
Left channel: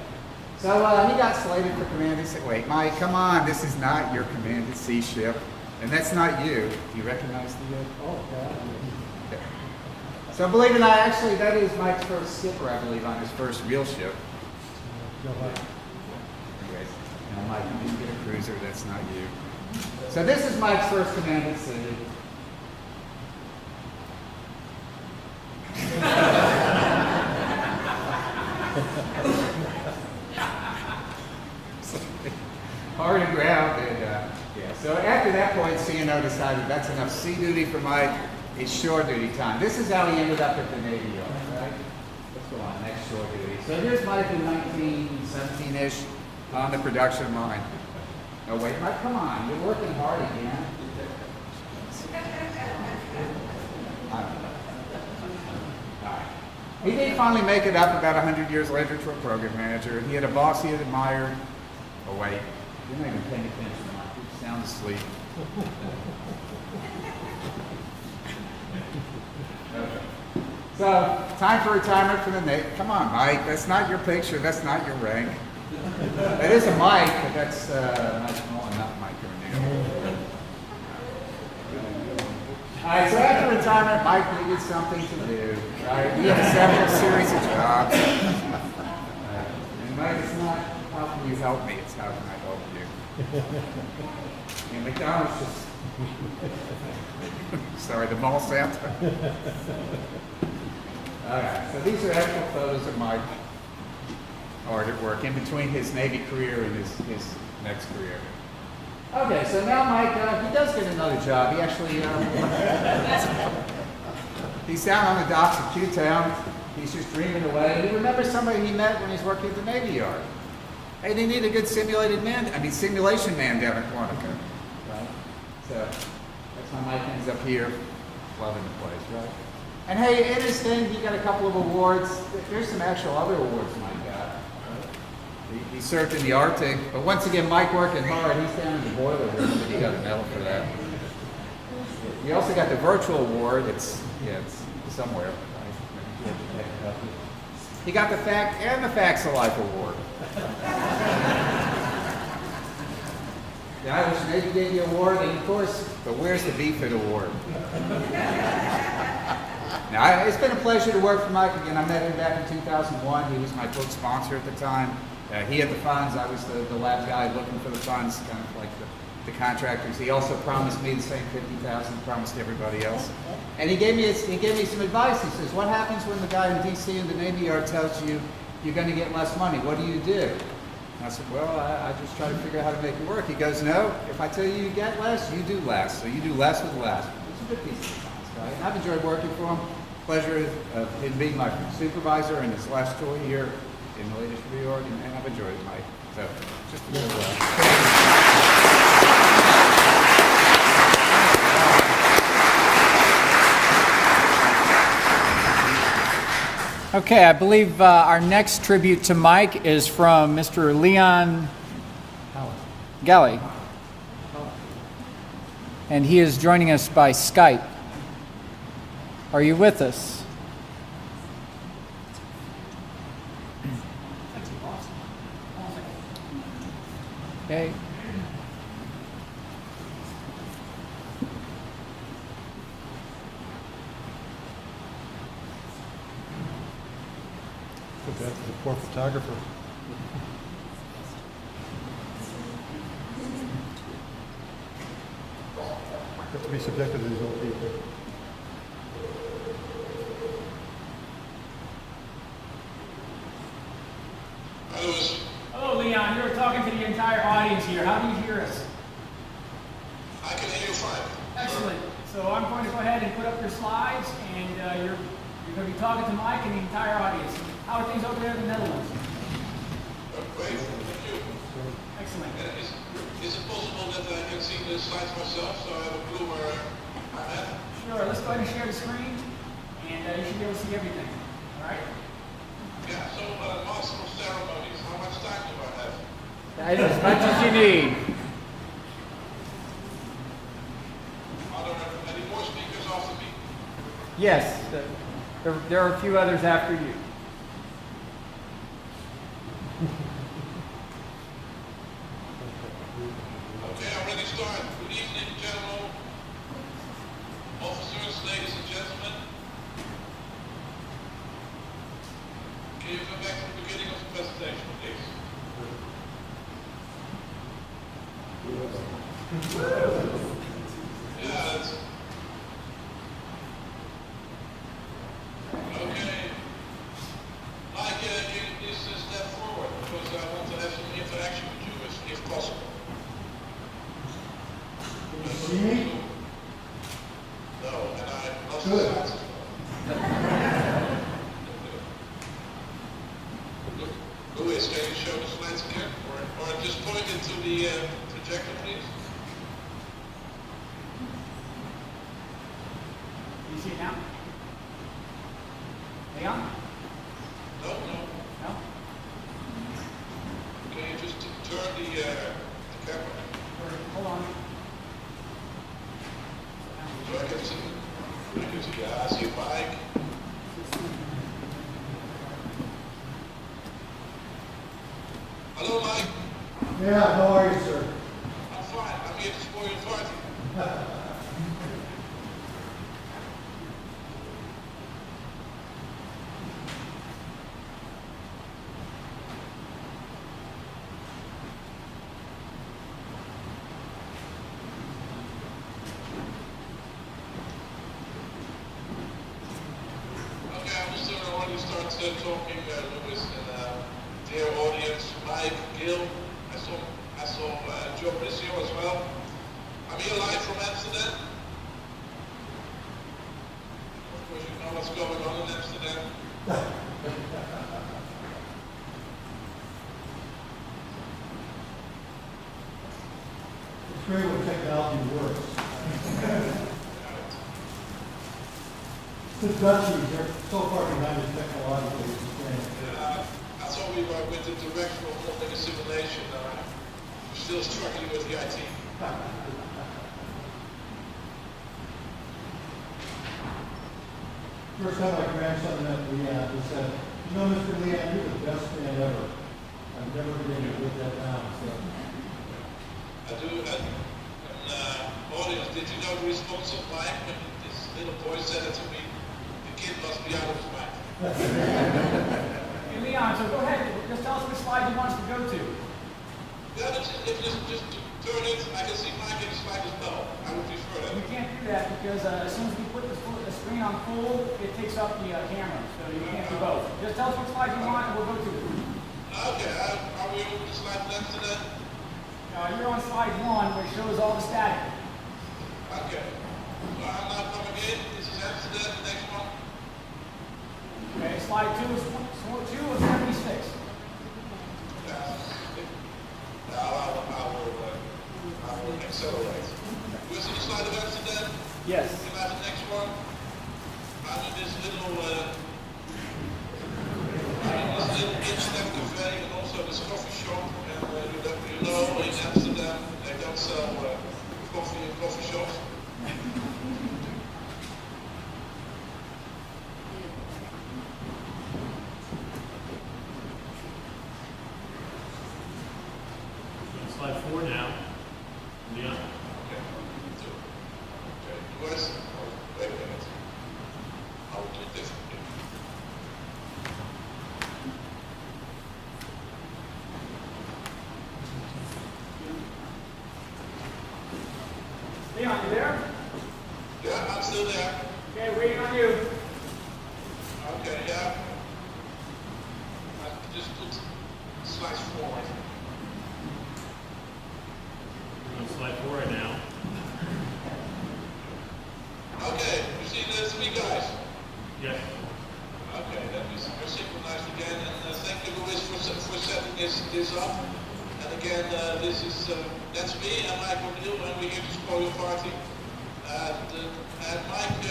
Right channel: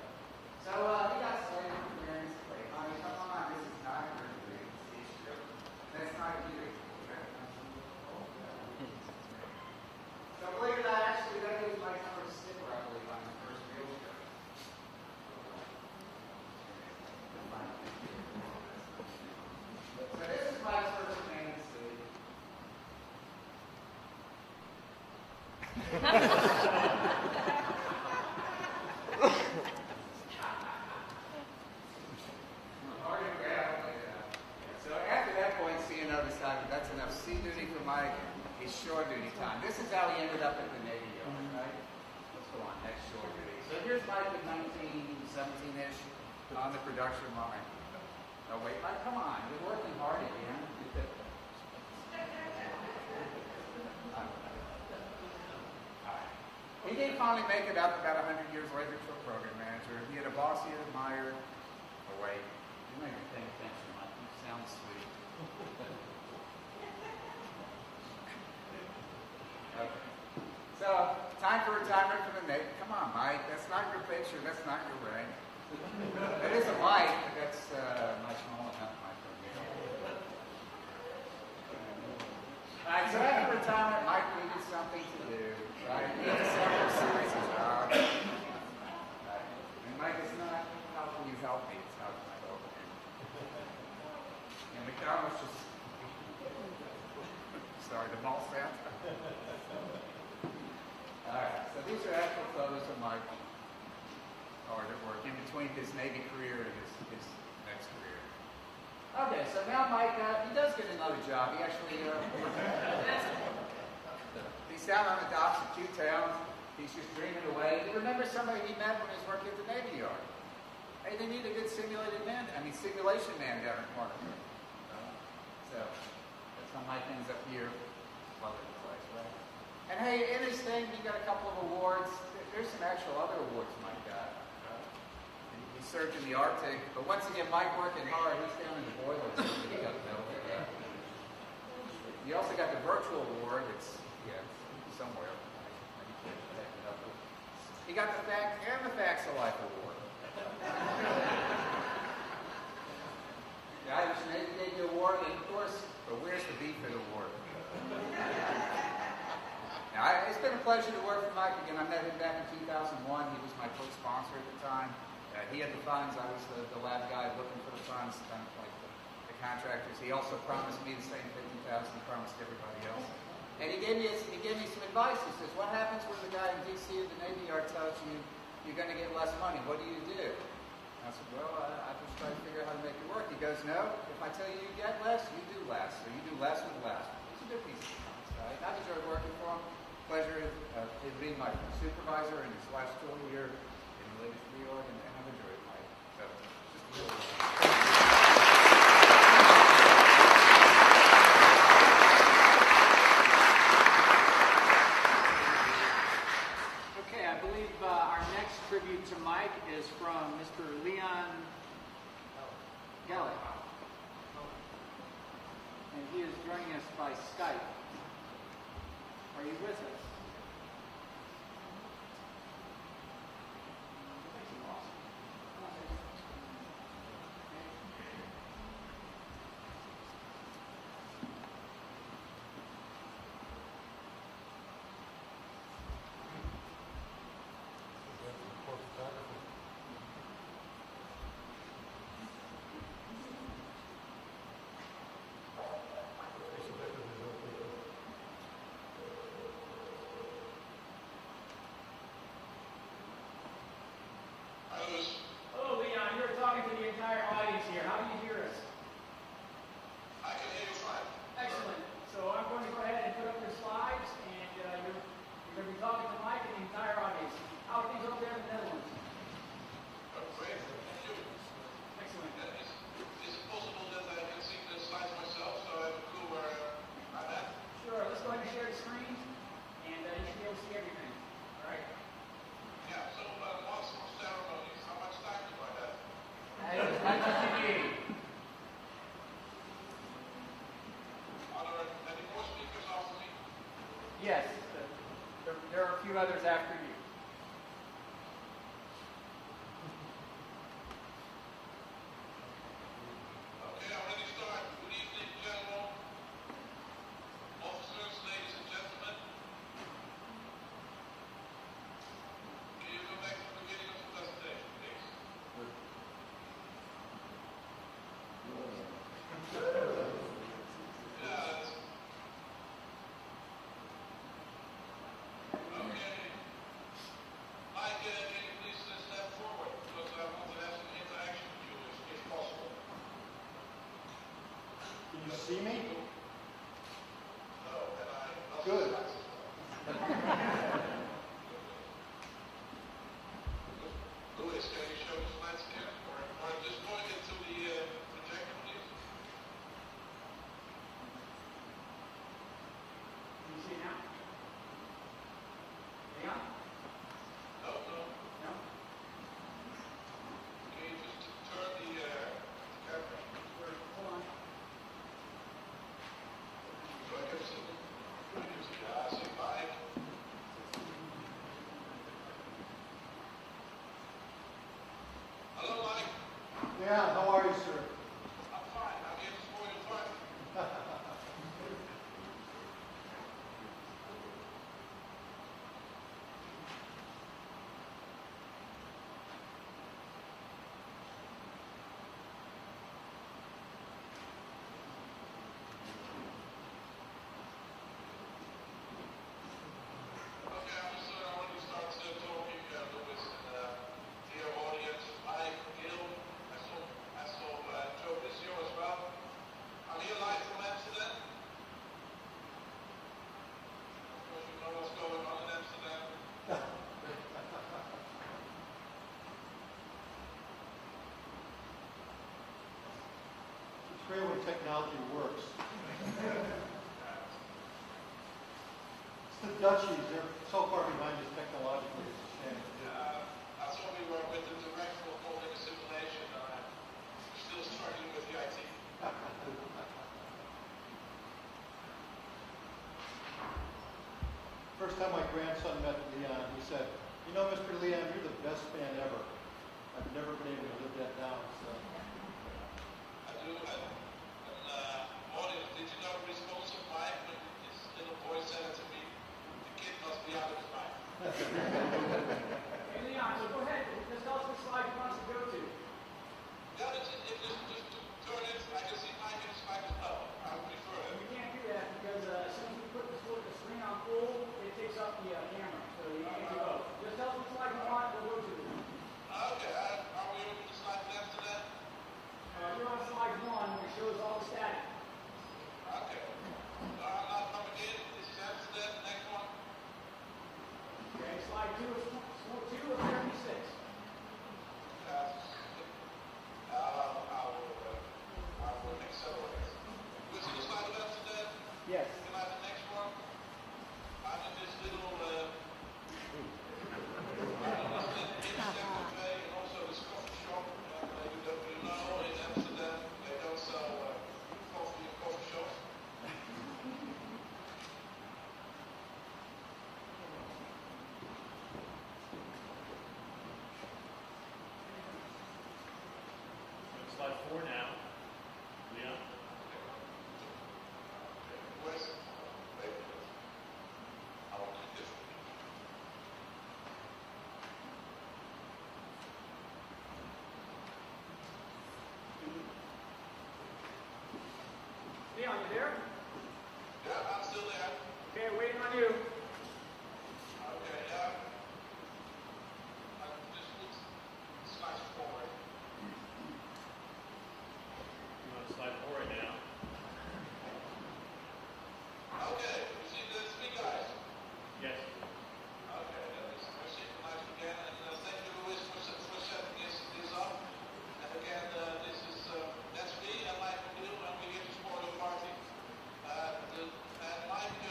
So he got slated for command. He said, wait, Mike, come on, this is not your command at sea ship. And that's not you. Do you recognize the oh, God. Okay. So believe it or not, actually, that is Mike's first skipper, I believe, on his first real ship. Anyways, Mike, you didn't get a cruiser, that's not you. So this is Mike's first command at sea. Hard aground, and yeah. So after that point, CNO decided that's enough sea duty for Mike. It's shore duty time. This is how he ended up at the Navy Yard, right? Let's go on, next shore duty. So here's Mike in 1917-ish on the production line. Oh wait, Mike, come on, you're working hard again. He did finally make it up about 100 years later to a program manager. He had a boss he had admired. Oh wait, you're not even paying attention, Mike. You sound asleep. Okay. So, time for retirement for the Navy. Come on, Mike. That's not your picture. That's not your rank. That is a Mike, but that's Mike Mullen, not Mike O'Neill. All right, so after retirement, Mike needed something to do, right? He had several series of jobs. And Mike, it's not, how can you help me? It's how can I help you? And McDonald's just, sorry, the mall Santa. All right, so these are actual photos of Mike hard at work in between his Navy career and his next career. Okay, so now Mike, he does get another job. He actually, he's down on the docks of Q-Town. He's just dreaming away. And he remembers somebody he met when he's working at the Navy Yard. Hey, they need a good simulation man down at Quantico. Right? So that's how Mike ends up here, loving the place, right? And hey, in his thing, he got a couple of awards. There's some actual other awards Mike got. He served in the Arctic, but once again, Mike working hard. He's down in the boiler room, but he got a medal for that. He also got the virtual award. It's somewhere. Right? He got the Fact and the Facts of Life award. The Irish Navy gave the award, and of course, but where's the BFIT award? Now, it's been a pleasure to work for Mike again. I met him back in 2001. He was my book sponsor at the time. He had the funds. I was the lab guy looking for the funds, kind of like the contractors. He also promised me the same $50,000 promised everybody else. And he gave me some advice. He says, what happens when the guy in D.C. in the Navy Yard tells you you're going to get less money? What do you do? And I said, well, I just try to figure out how to make it work. He goes, no, if I tell you get less, you do less. So you do less with less. It's a good piece of advice, right? And I've enjoyed working for him. Pleasure of him being my supervisor in his last tour here in the latest reorg, and I've enjoyed it, Mike. So, just a little Okay, I believe our next tribute to Mike is from Mr. Leon Galley. And he is joining us by Skype. Are you with us? Okay. Put that to the poor photographer. Have to be subjected to these old people. So I'm going to go ahead and put up your slides, and you're going to be talking to Mike and the entire audience. How are things over there in the Netherlands? Great, thank you. Excellent. Is it possible that I can see the slides myself, so I have a clue where I'm at? Sure, let's go ahead and share the screen, and you should be able to see everything. All right? Yeah, so Master of Ceremonies, how much time do I have? As much as you need. Are there any more speakers after me? Yes, there are a few others after you. Okay, I'm ready to start. Good evening, General Officers, ladies and gentlemen. Can you come back to the beginning of the presentation, please? Yeah, that's... Okay. Mike, can you please step forward, because I want to have some interaction with you, if possible. Can you see me? No, and I lost Good. the slides as well. Louis, can you show the slides again? Or just point it to the projector, please? Do you see it now? Leon? No. No? Can you just turn the camera Or, hold on. so I can see? Yeah, I see Mike. Hello, Mike. Yeah, how are you, sir? I'm fine. I'm here to spoil your party. Okay, I'm just already start talking, Louis, and dear audience, Mike, Gil, I saw Joe Bricio as well. I'm here live from Amsterdam. Of course, you know what's going on in Amsterdam. It's great when technology works. The Dutchies, they're so far behind us technologically. It's insane. I thought we were with the director of modeling and simulation. We're still struggling with the IT. First time my grandson met Leon, he said, "You know, Mr. Leon, you're the best man ever. I've never been able to live that down." So, I do, and audience, did you know the response of Mike when this little boy said it to me? The kid must be out of his mind. Hey, Leon, so go ahead. Just tell us which slide you want us to go to. Yeah, just turn it, I can see Mike in the slide as well. I would prefer that. We can't do that because as soon as we put the screen on full, it takes up the camera. So you can't do both. Just tell us which slide you want and we'll go to it. Okay, are we over to slide left to that? You're on slide 1, which shows all the static. Okay. So I'm now coming in. This is Amsterdam, the next one. Okay, slide 2 is 2 of 76. Yeah. Now I will accelerate. You see the slide of Amsterdam? Yes. Can I have the next one? I'm in this little internet cafe and also this coffee shop. And you know, in Amsterdam, they don't sell coffee in coffee shops. Slide 4 now. Leon. Okay. Wait a minute. I will do it differently. Leon, you there? Yeah, I'm still there. Okay, waiting on you. Okay, yeah. I just put slides forward. You're on slide 4 right now. we're here to spoil your party. And Mike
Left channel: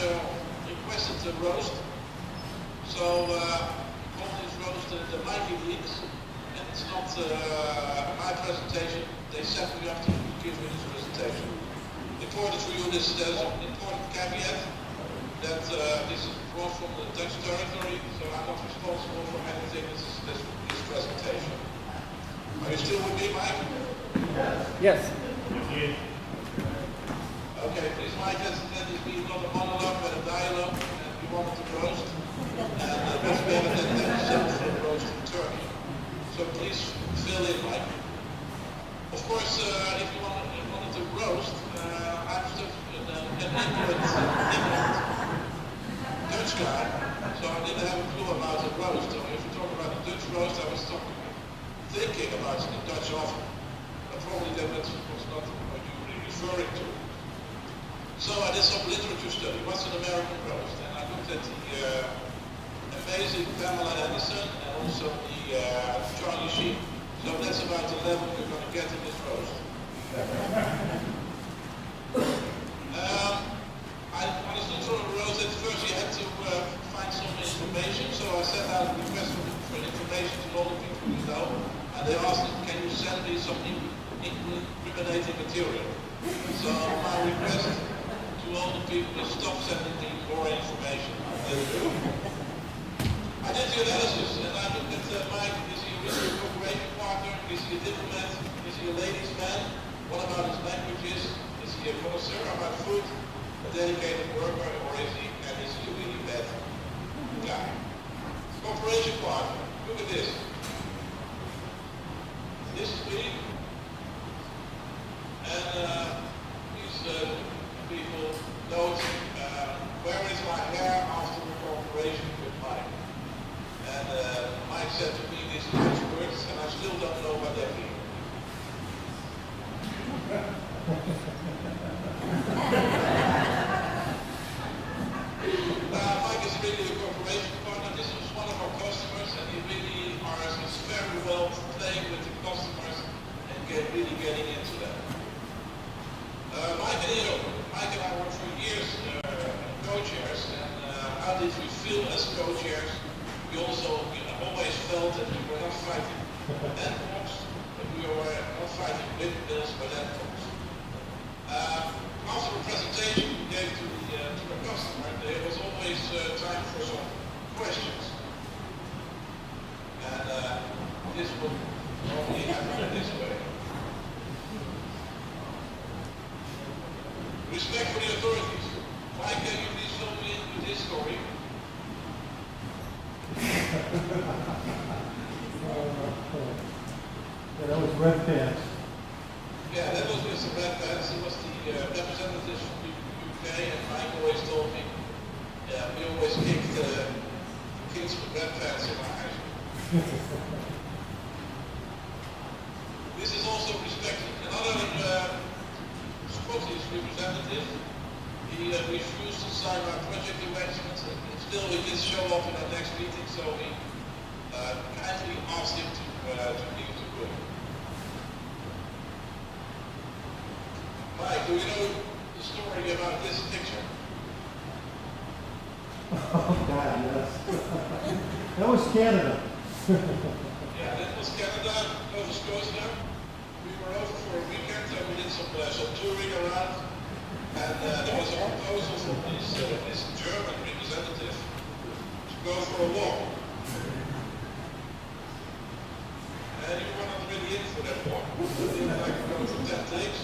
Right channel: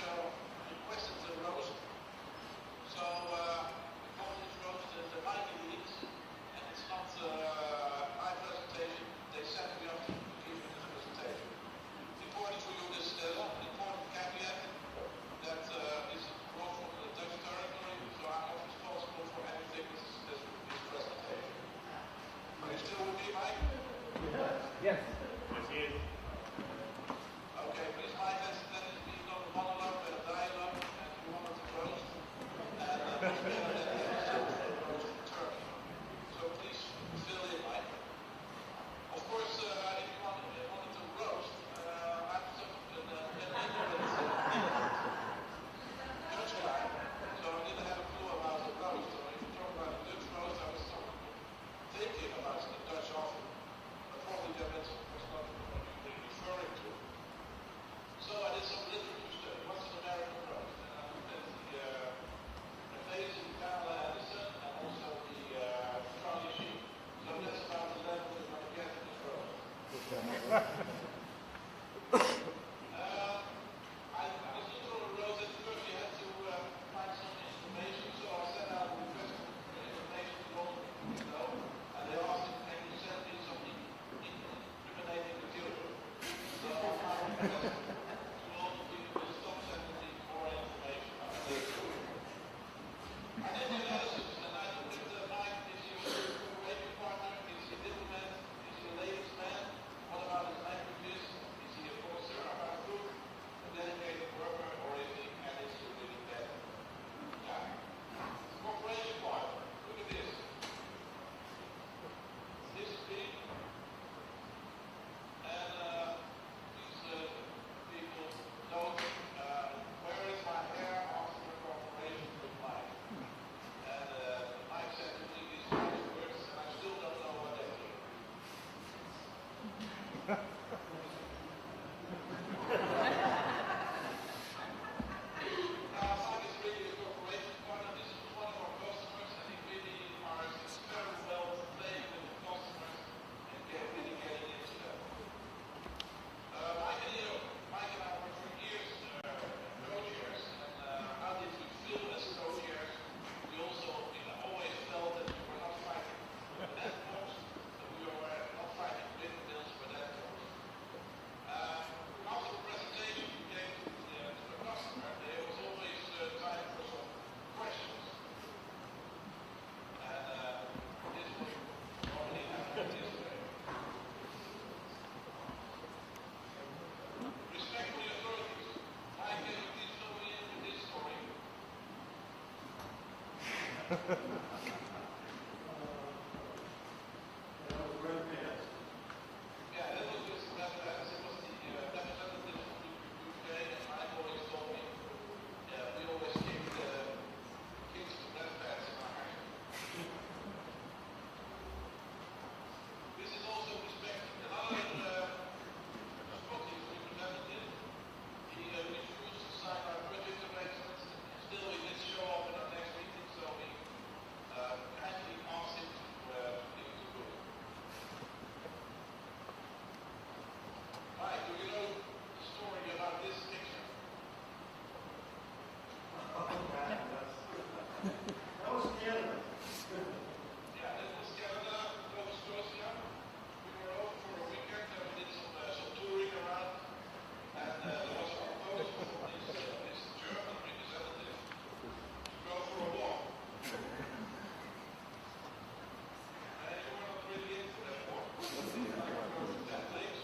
requested the roast. So, called this roast the Mikey Leaks. And it's not my presentation. They set me up to give me this presentation. Important for you, there's an important caveat that this is brought from the Dutch territory, so I'm not responsible for anything this presentation. Are you still with me, Mike? Yes. Okay, please, Mike, let this be not a monologue, but a dialogue, and we wanted to roast. And what's better than for roasting turkey? So please fill in, Mike. Of course, if you wanted to roast, I'm still an ignorant Dutch guy, so I didn't have a clue about the roast. So if you talk about the Dutch roast, I was thinking about the Dutch oven, but probably that was not what you were referring to. So I did some literature study. What's an American roast? And I looked at the amazing Pamela Anderson and also the Charlie Sheen. So that's about the level we're going to get in this roast. I understood from a roast that first you had to find some information. So I sent out a request for information to all the people we know. And they asked me, can you send me some incriminating material? So my request to all the people is stop sending me more information. I did the analysis and I looked at Mike, is he a cooperation partner? Is he a diplomat? Is he a ladies' man? What about his languages? Is he a connoisseur about food? A dedicated worker? Or is he a really bad guy? Cooperation partner. Look at this. This is me. And these people note, where is my hair after the cooperation with Mike? And Mike said to me these nice words, and I still don't know what they mean. Mike is really a cooperation partner. This was one of our customers, and he really is very well playing with the customers and really getting into that. Mike and I worked for years co-chairs, and how did we feel as co-chairs? We also always felt that we were not fighting endpoints, but we were not fighting windmills, but endpoints. After the presentation we gave to the customer, there was always time for some questions. And this would normally happen this way. Respect for the authorities. Mike, can you please fill me in with this story? That was Red Pants. Yeah, that was Mr. Red Pants. He was the representative from the UK, and Mike always told me, we always kicked kids with red pants in our house. This is also respected. Another Scottish representative, he refused to sign our project arrangements, and still he did show up in our next meeting, so we kindly asked him to leave the room. Mike, do you know the story about this picture? Oh, God, yes. That was Canada. Yeah, that was Canada, Nova Scotia. We were over for a weekend and we did some touring around. And there was a proposal from this German representative to go for a walk. And you were not really in for that walk. You didn't like to go for 10 days.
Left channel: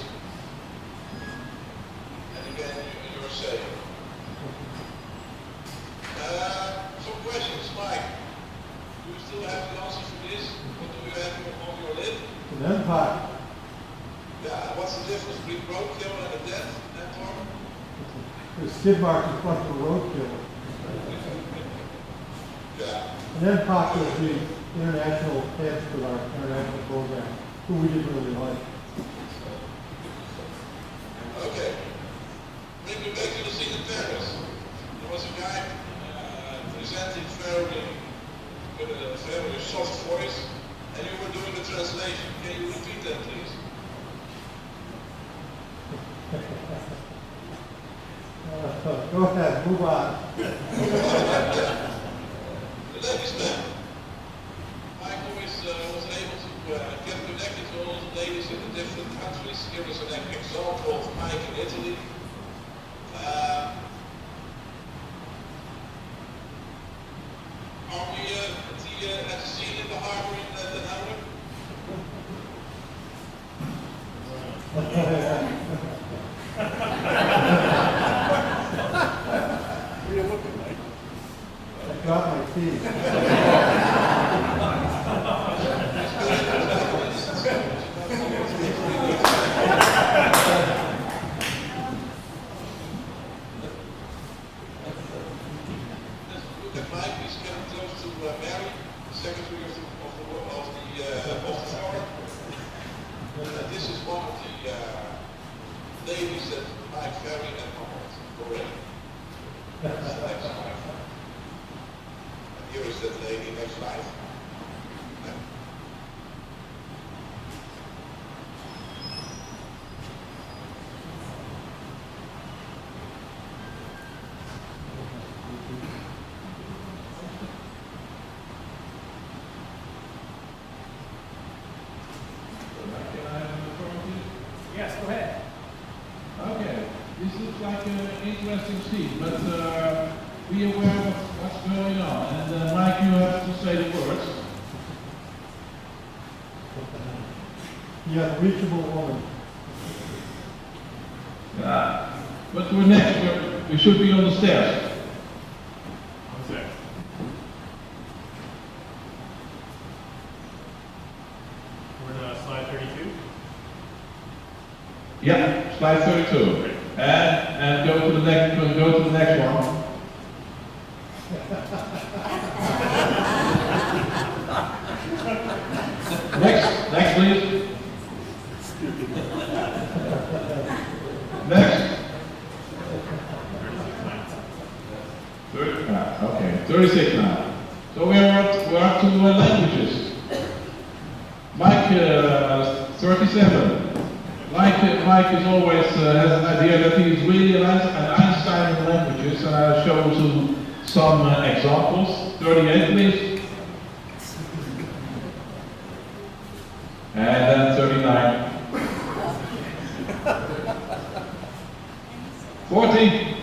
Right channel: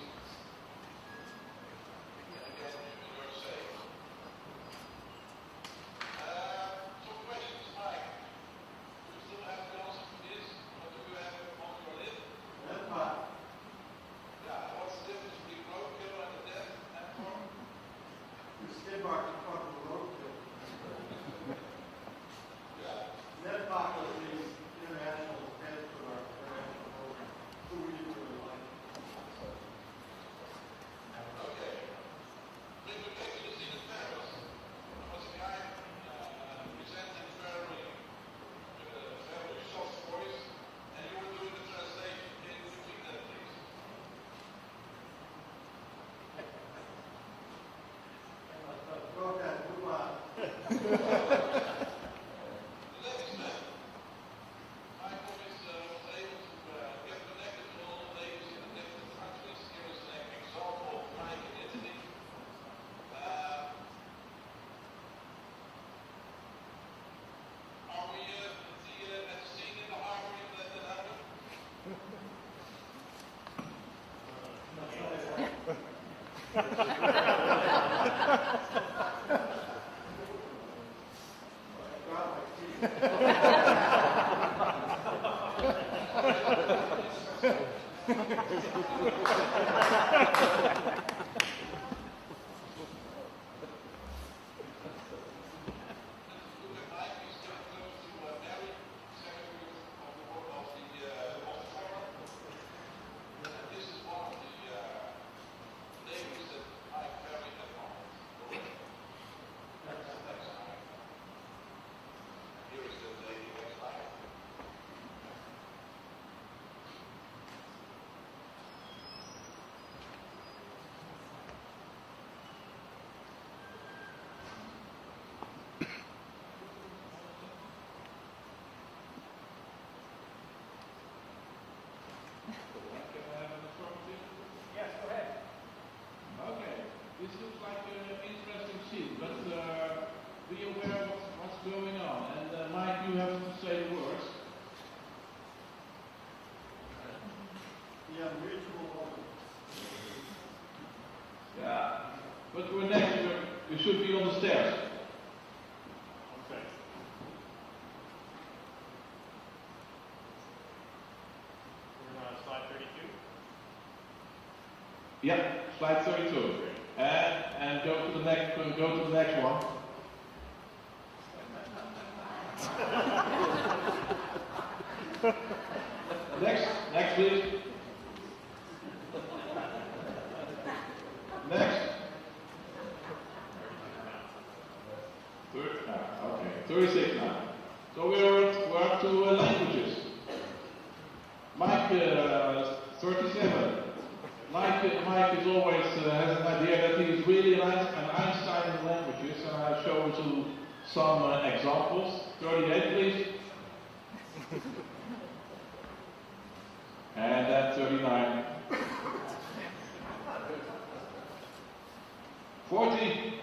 And again, you're saying. Some questions, Mike. Do you still have the answer for this? What do you have on your lid? An empire. Yeah, what's the difference between roadkill and a death network? The skid mark in front of the roadkill. Yeah. And then POC was the international heads for our international program, who we didn't really like. Okay. Bring me back to the scene in Paris. There was a guy presenting with a very soft voice, and you were doing the translation. Can you repeat that, please? Go ahead, move on. Ladies man, Michael was able to get connected to all the ladies in the different countries. Here is an example of Mike in Italy. Are we at the scene in the harbor in the Netherlands? I got my teeth. Mike is getting close to Mary, Secretary of the Foreign. This is one of the ladies that Mike very admired already. And here is that lady next slide. Yes, go ahead. Okay, this looks like an interesting scene, but be aware of what's going on. And Mike, you have to say the words. The unreachable woman. But we're next. We should be on the stairs. What's that? We're on slide 32. Yeah, slide 32. And go to the next one. Next please. Next. Okay, 36 now. So we're up to languages. Mike, 37. Mike is always has an idea that he is really an Einstein in languages, and I'll show you some examples. 38, please. And then 39. 40.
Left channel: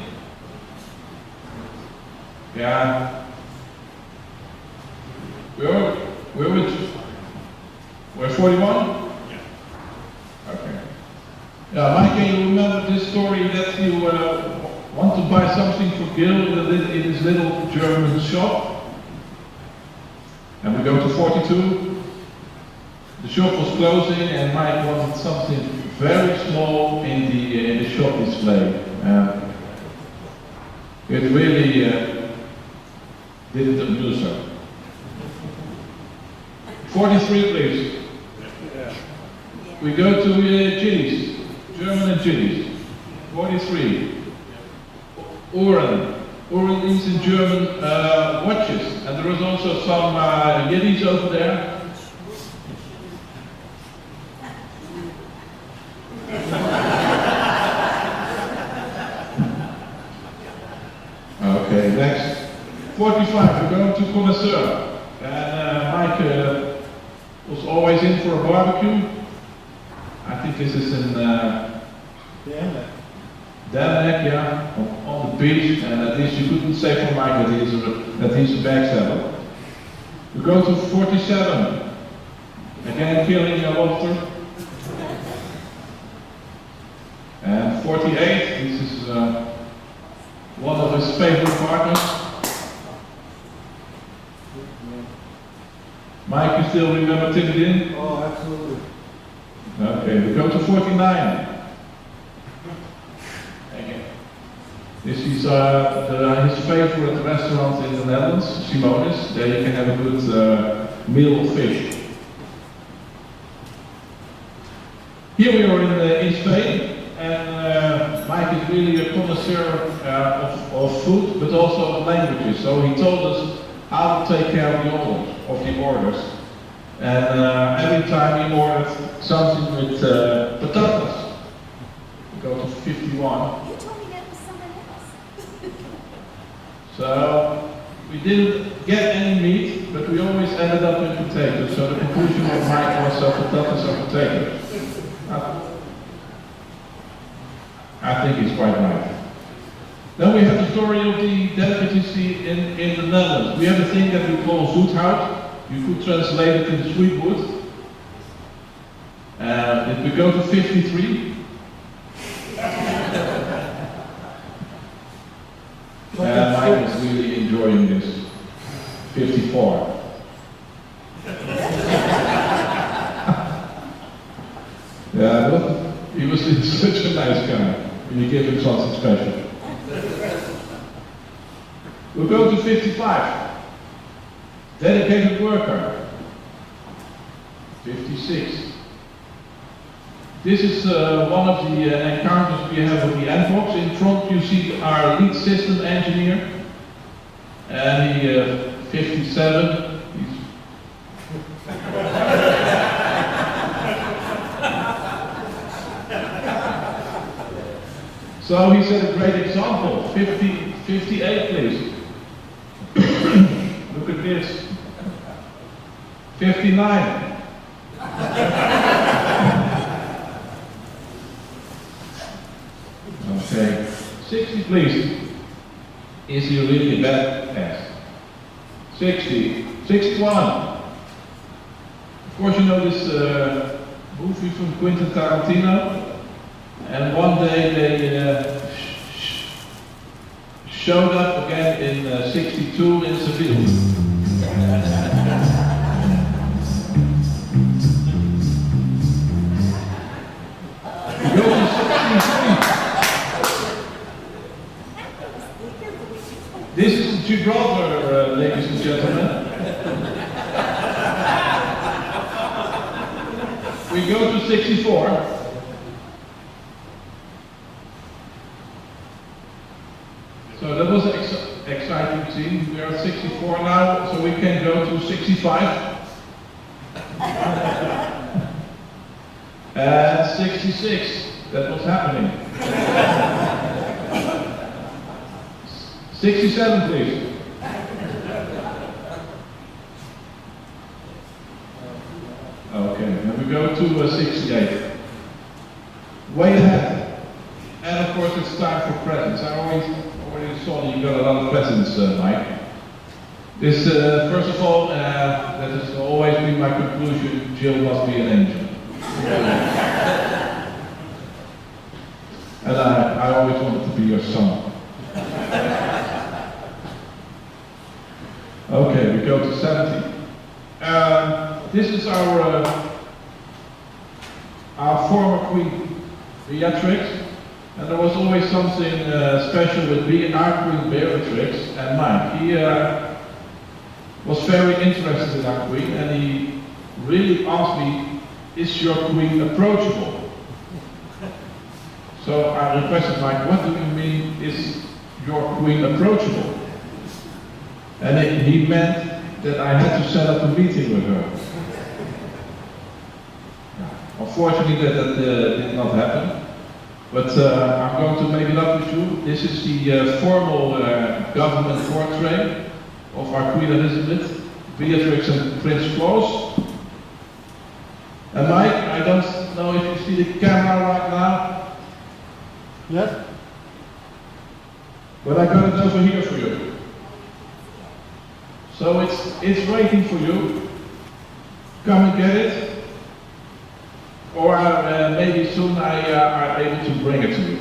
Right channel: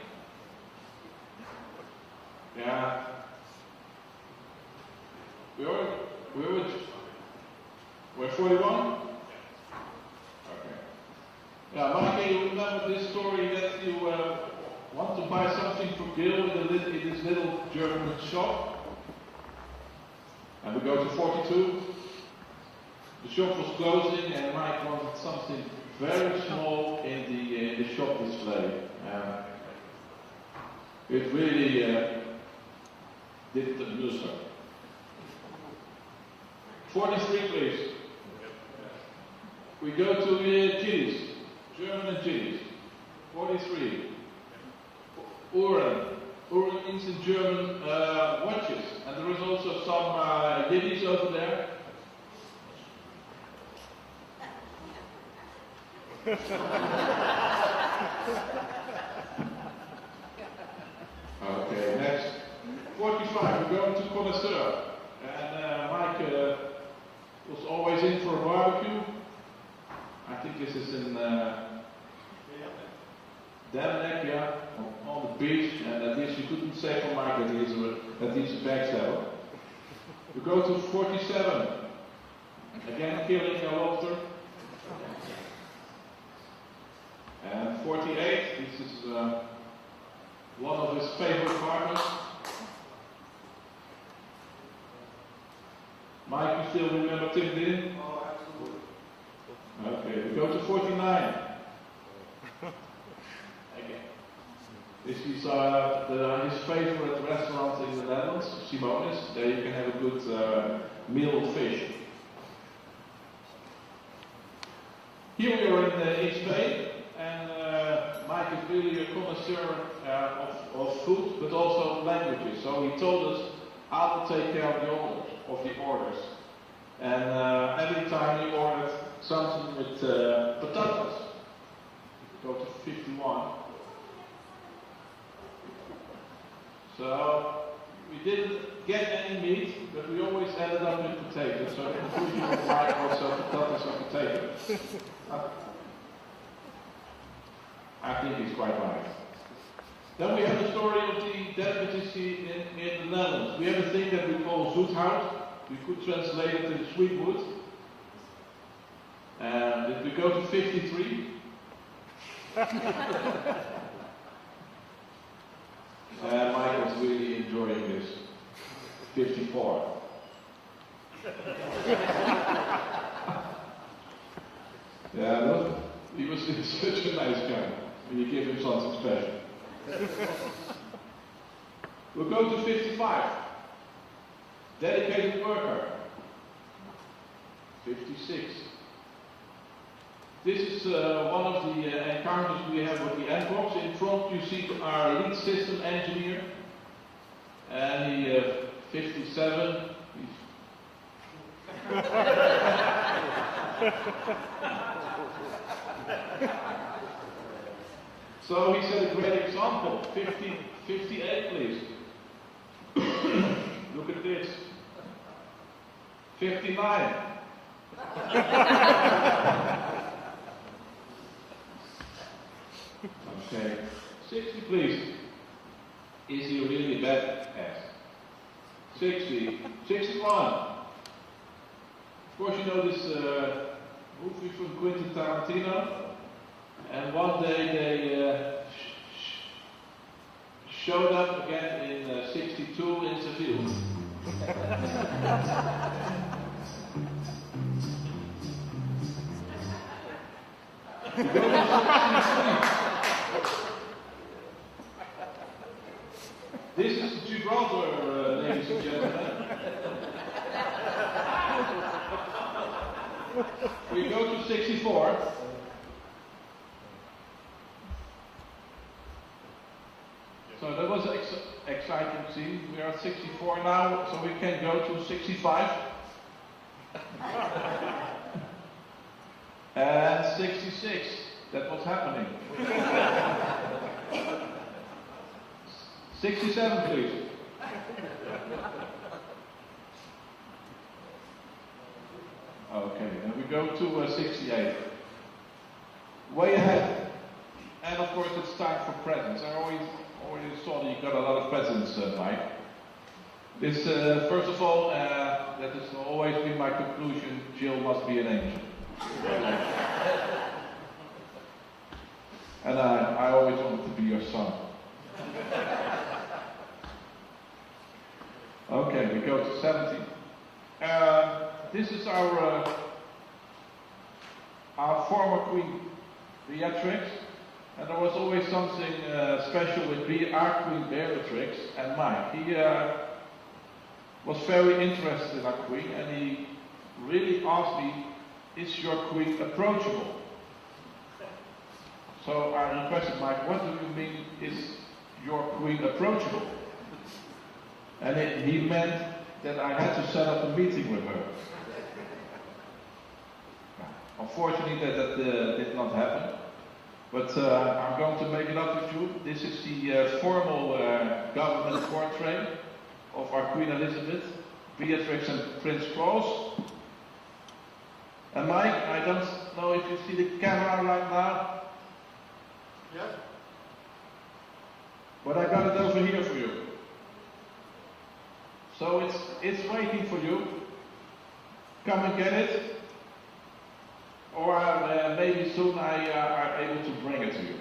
Yeah. We're 41? Okay. Yeah, Mike, can you remember this story that you want to buy something for Gil in his little German shop? And we go to 42. The shop was closing and Mike wanted something very small in the shop display. It really didn't amuse her. 43, please. We go to Chili's, German and Chili's. 43. Uhren. Uhren means in German watches. And there is also some Yiddies over there. Okay, next. 45, we're going to Connoisseur. And Mike was always in for a barbecue. I think this is in Denmark, yeah, on the beach. And at least you couldn't say for Mike that he's a backstabber. We go to 47. Again, killing a lobster. And 48, this is one of his favorite partners. Mike, you still remember Tim Din? Oh, absolutely. Okay, we go to 49. This is his favorite restaurant in the Netherlands, Simonis. There you can have a good meal of fish. Here we are in Spain, and Mike is really a connoisseur of food, but also of languages. So he told us how to take care of the orders. And every time he ordered something with patatas. We go to 51. You told me that was someone else. So we didn't get any meat, but we always ended up with potatoes. So the conclusion of Mike was potatoes are potatoes. I think he's quite right. Then we have the story of the delicacy in the Netherlands. We have a thing that we call zoethout. You could translate it into sweet wood. If we go to 53, Mike was really enjoying this. 54. Yeah, but he was such a nice guy when you give him something special. We'll go to 55. Dedicated worker. 56. This is one of the encounters we have with the Nvox. In front you see our lead system engineer. And he, 57. So he set a great example. 58 please. Look at this. 59. Okay. 60 please. Is he really bad? Yes. 60. 61. Of course you know this movie from Quentin Tarantino. And one day they showed up again in 62 in Seville. Go to 63. This is Gibraltar, ladies and gentlemen. We go to 64. So that was an exciting scene. We are at 64 now, so we can go to 65. And 66. That was happening. 67, please. Okay, then we go to 68. Way ahead. And of course it's time for presents. I already saw you got a lot of presents, Mike. This, first of all, that has always been my conclusion, Jill must be an angel. And I always wanted to be your son. Okay, we go to 70. This is our former queen, Beatrix. And there was always something special with our queen Beatrix and Mike. He was very interested in our queen, and he really asked me, is your queen approachable? So I requested Mike, what do you mean, is your queen approachable? And he meant that I had to set up a meeting with her. Unfortunately, that did not happen. But I'm going to make it up with you. This is the formal government portrait of our Queen Elizabeth, Beatrix and Prince Claus. And Mike, I don't know if you see the camera right now. Yes? But I got it over here for you. So it's waiting for you. Come and get it. Or maybe soon I are able to bring it to you.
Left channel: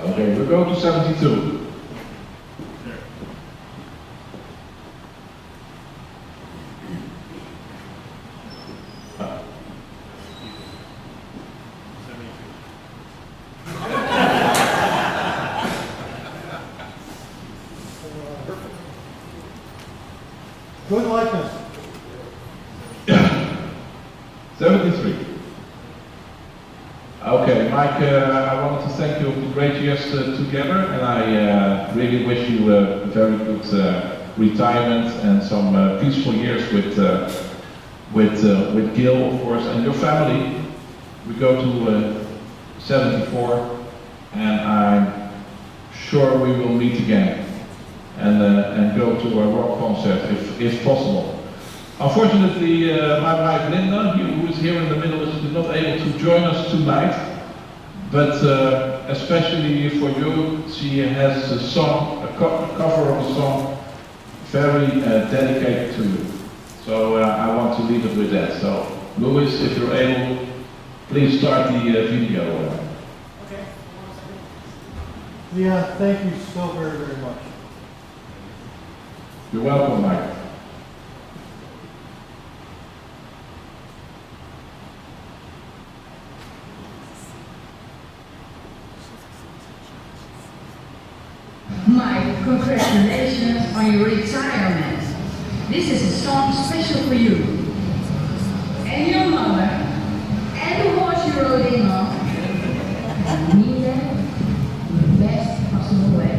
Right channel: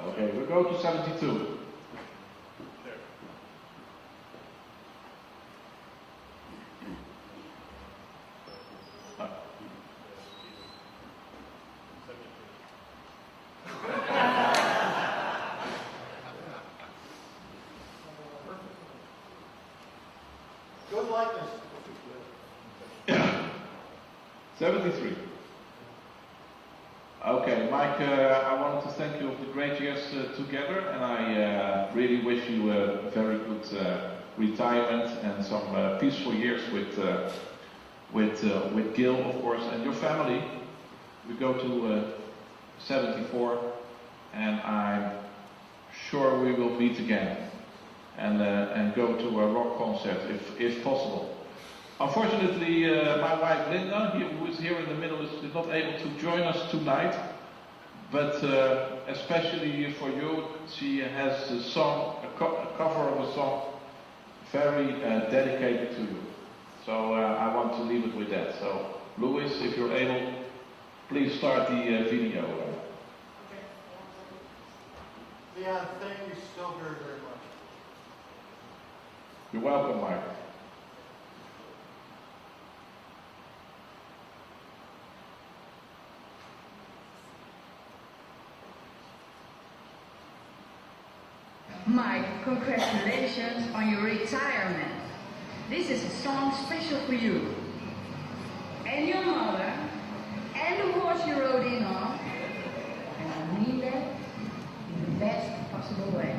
Okay, we'll go to 72. Good likeness. 73. Okay, Mike, I wanted to thank you for the great years together, and I really wish you a very good retirement and some peaceful years with Gil, of course, and your family. We go to 74, and I'm sure we will meet again and go to a rock concert if possible. Unfortunately, my wife Linda, who is here in the middle, is not able to join us tonight. But especially for you, she has a song, a cover of a song, very dedicated to you. So I want to leave it with that. So, Louis, if you're able, please start the video. Okay. Yeah, thank you so very, very much. You're welcome, Mike. Mike, congratulations on your retirement. This is a song special for you. And your mother, and the horse you rode in on. And I mean that in the best possible way.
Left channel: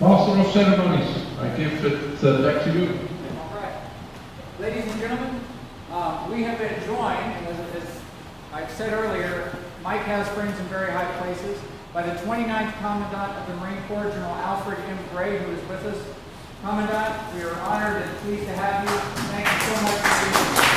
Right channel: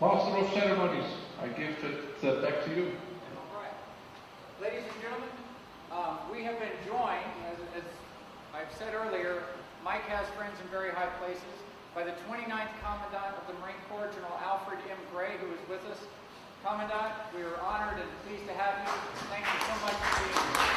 Master of Ceremonies, I give it back to you. All right. Ladies and gentlemen, we have been joined, as I've said earlier, Mike has friends in very high places, by the 29th Commandant of the Marine Corps, General Alfred M. Gray, who is with us. Commandant, we are honored and pleased to have you. Thank you so much for being here.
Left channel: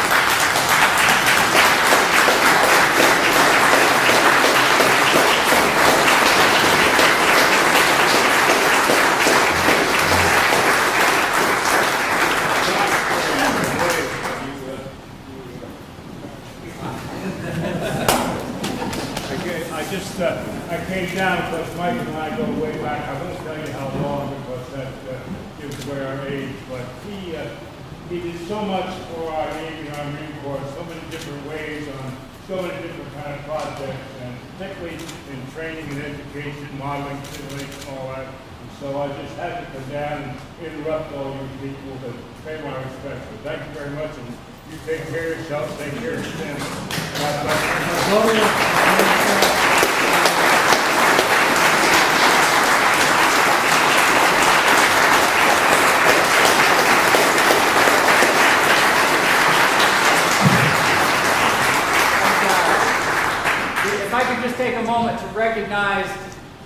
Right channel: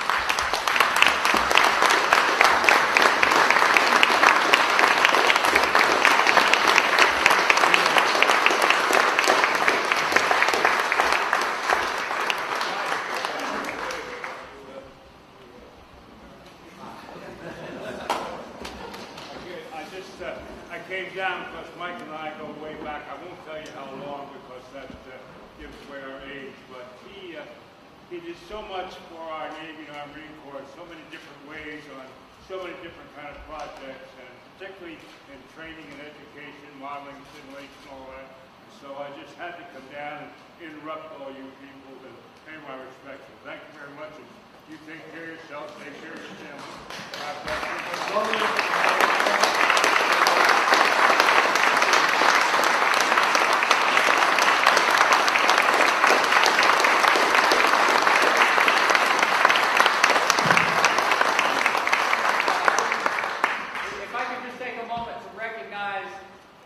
I came down because Mike and I go way back. I won't tell you how long because that gives away our age. But he did so so much for our Navy and our Marine Corps, so many different ways on so many different kind of projects, and particularly in training and education, modeling, simulation, all that. And so I just had to come down and interrupt all you people to pay my respects. So thank you very much, and you take care of yourself, take care of your family. God bless you. If I could just take a moment to recognize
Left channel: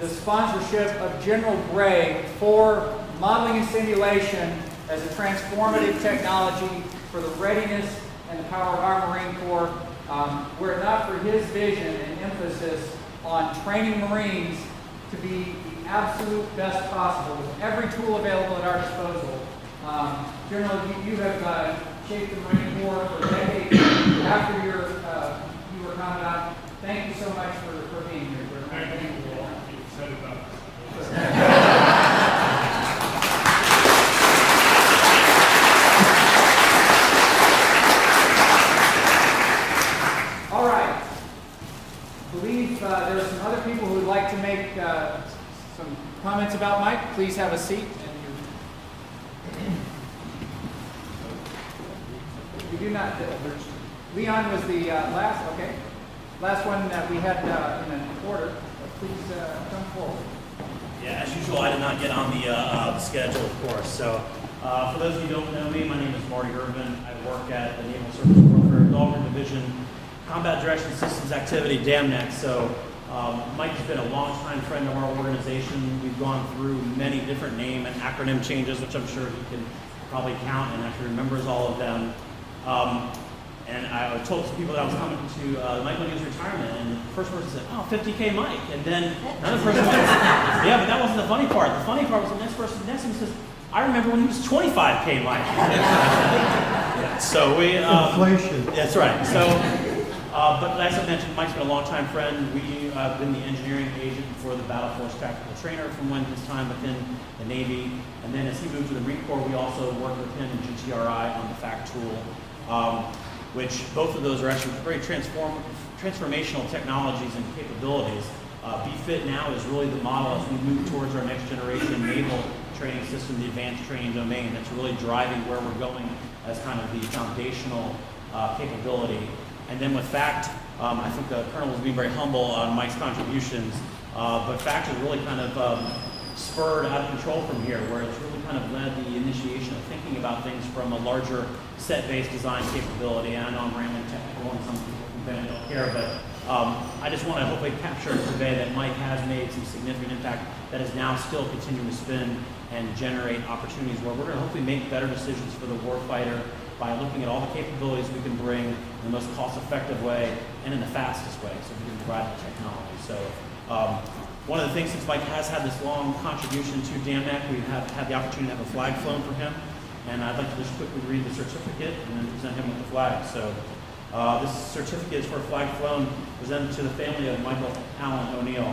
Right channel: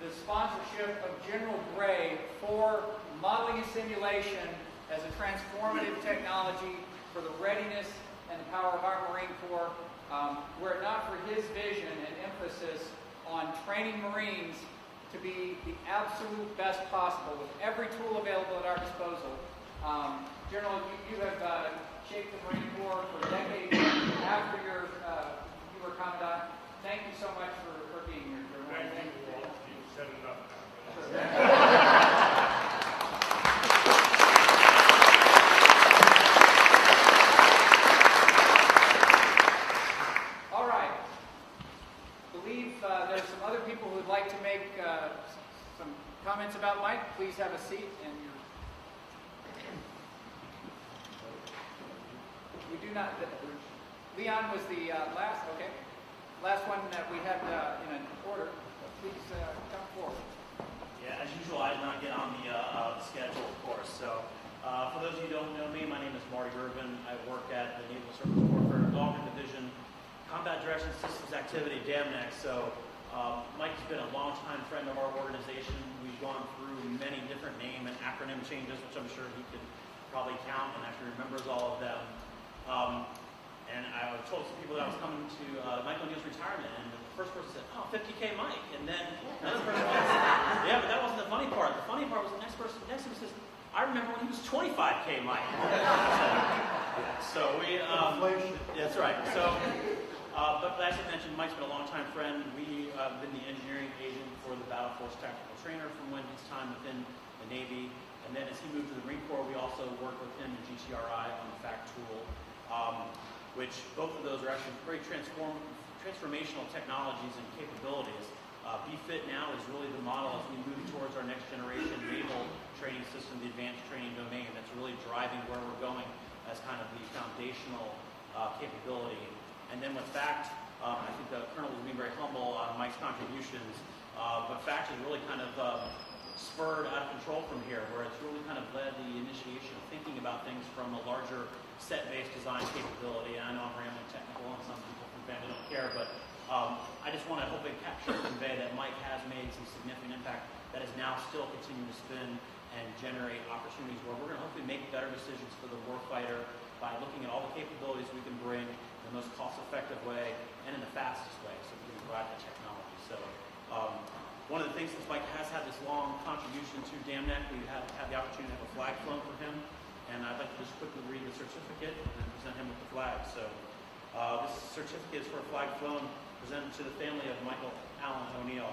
the sponsorship of General Gray for modeling and simulation as a transformative technology for the readiness and the power of our Marine Corps. Were it not for his vision and emphasis on training Marines to be the absolute best possible with every tool available at our disposal. General, you have shaped the Marine Corps for decades after you were Commandant. Thank you so much for being here. Thank you all. You said it up. All right. I believe there are some other people who would like to make some comments about Mike. Please have a seat. We do not. Leon was the last. Okay. Last one that we had in an order. Please come forward. Yeah, as usual, I did not get on the schedule, of course. So, for those of you who don't know me, my name is Marty Irvin. I work at the Naval Surface Warfare Dahlgren Division, Combat Direction Systems Activity, DAMNAC. So, Mike has been a longtime friend of our organization. We've gone through many different name and acronym changes, which I'm sure he can probably count and actually remembers all of them. And I told some people that I was coming to Mike O'Neill's retirement, and the first person said, "Oh, 50K Mike." And then another person said, "Yeah, but that wasn't the funny part. The funny part was the next person next to me says, I remember when he was 25K Mike." Yeah, so we... Inflation. That's right. So, but as I mentioned, Mike's been a longtime friend. We've been the engineering agent for the Battle Force Tactical Trainer from when his time within the Navy. And then as he moved to the Marine Corps, we also worked with him in GTRI on the FACT tool. Which both of those are actually very transformational technologies and capabilities. BFIT now is really the model as we move towards our next generation naval training system, the advanced training domain, that's really driving where we're going as kind of the foundational capability. And then with FACT, I think the Colonel was being very humble on Mike's contributions, but FACT has really kind of spurred out of control from here, where it's really kind of led the initiation of thinking about things from a larger set-based design capability. And I know I'm rambling technical and some people from family don't care, but I just want to hopefully capture and convey that Mike has made some significant impact that is now still continuing to spin and generate opportunities where we're going to hopefully make better decisions for the warfighter by looking at all the capabilities we can bring in the most cost-effective way and in the fastest way so we can provide the technology. So one of the things, since Mike has had this long contribution to DAMNAC, we have had the opportunity to have a flag flown for him. And I'd like to just quickly read the certificate and then present him with the flag. So this certificate is for a flag flown presented to the family of Michael Allen O'Neill.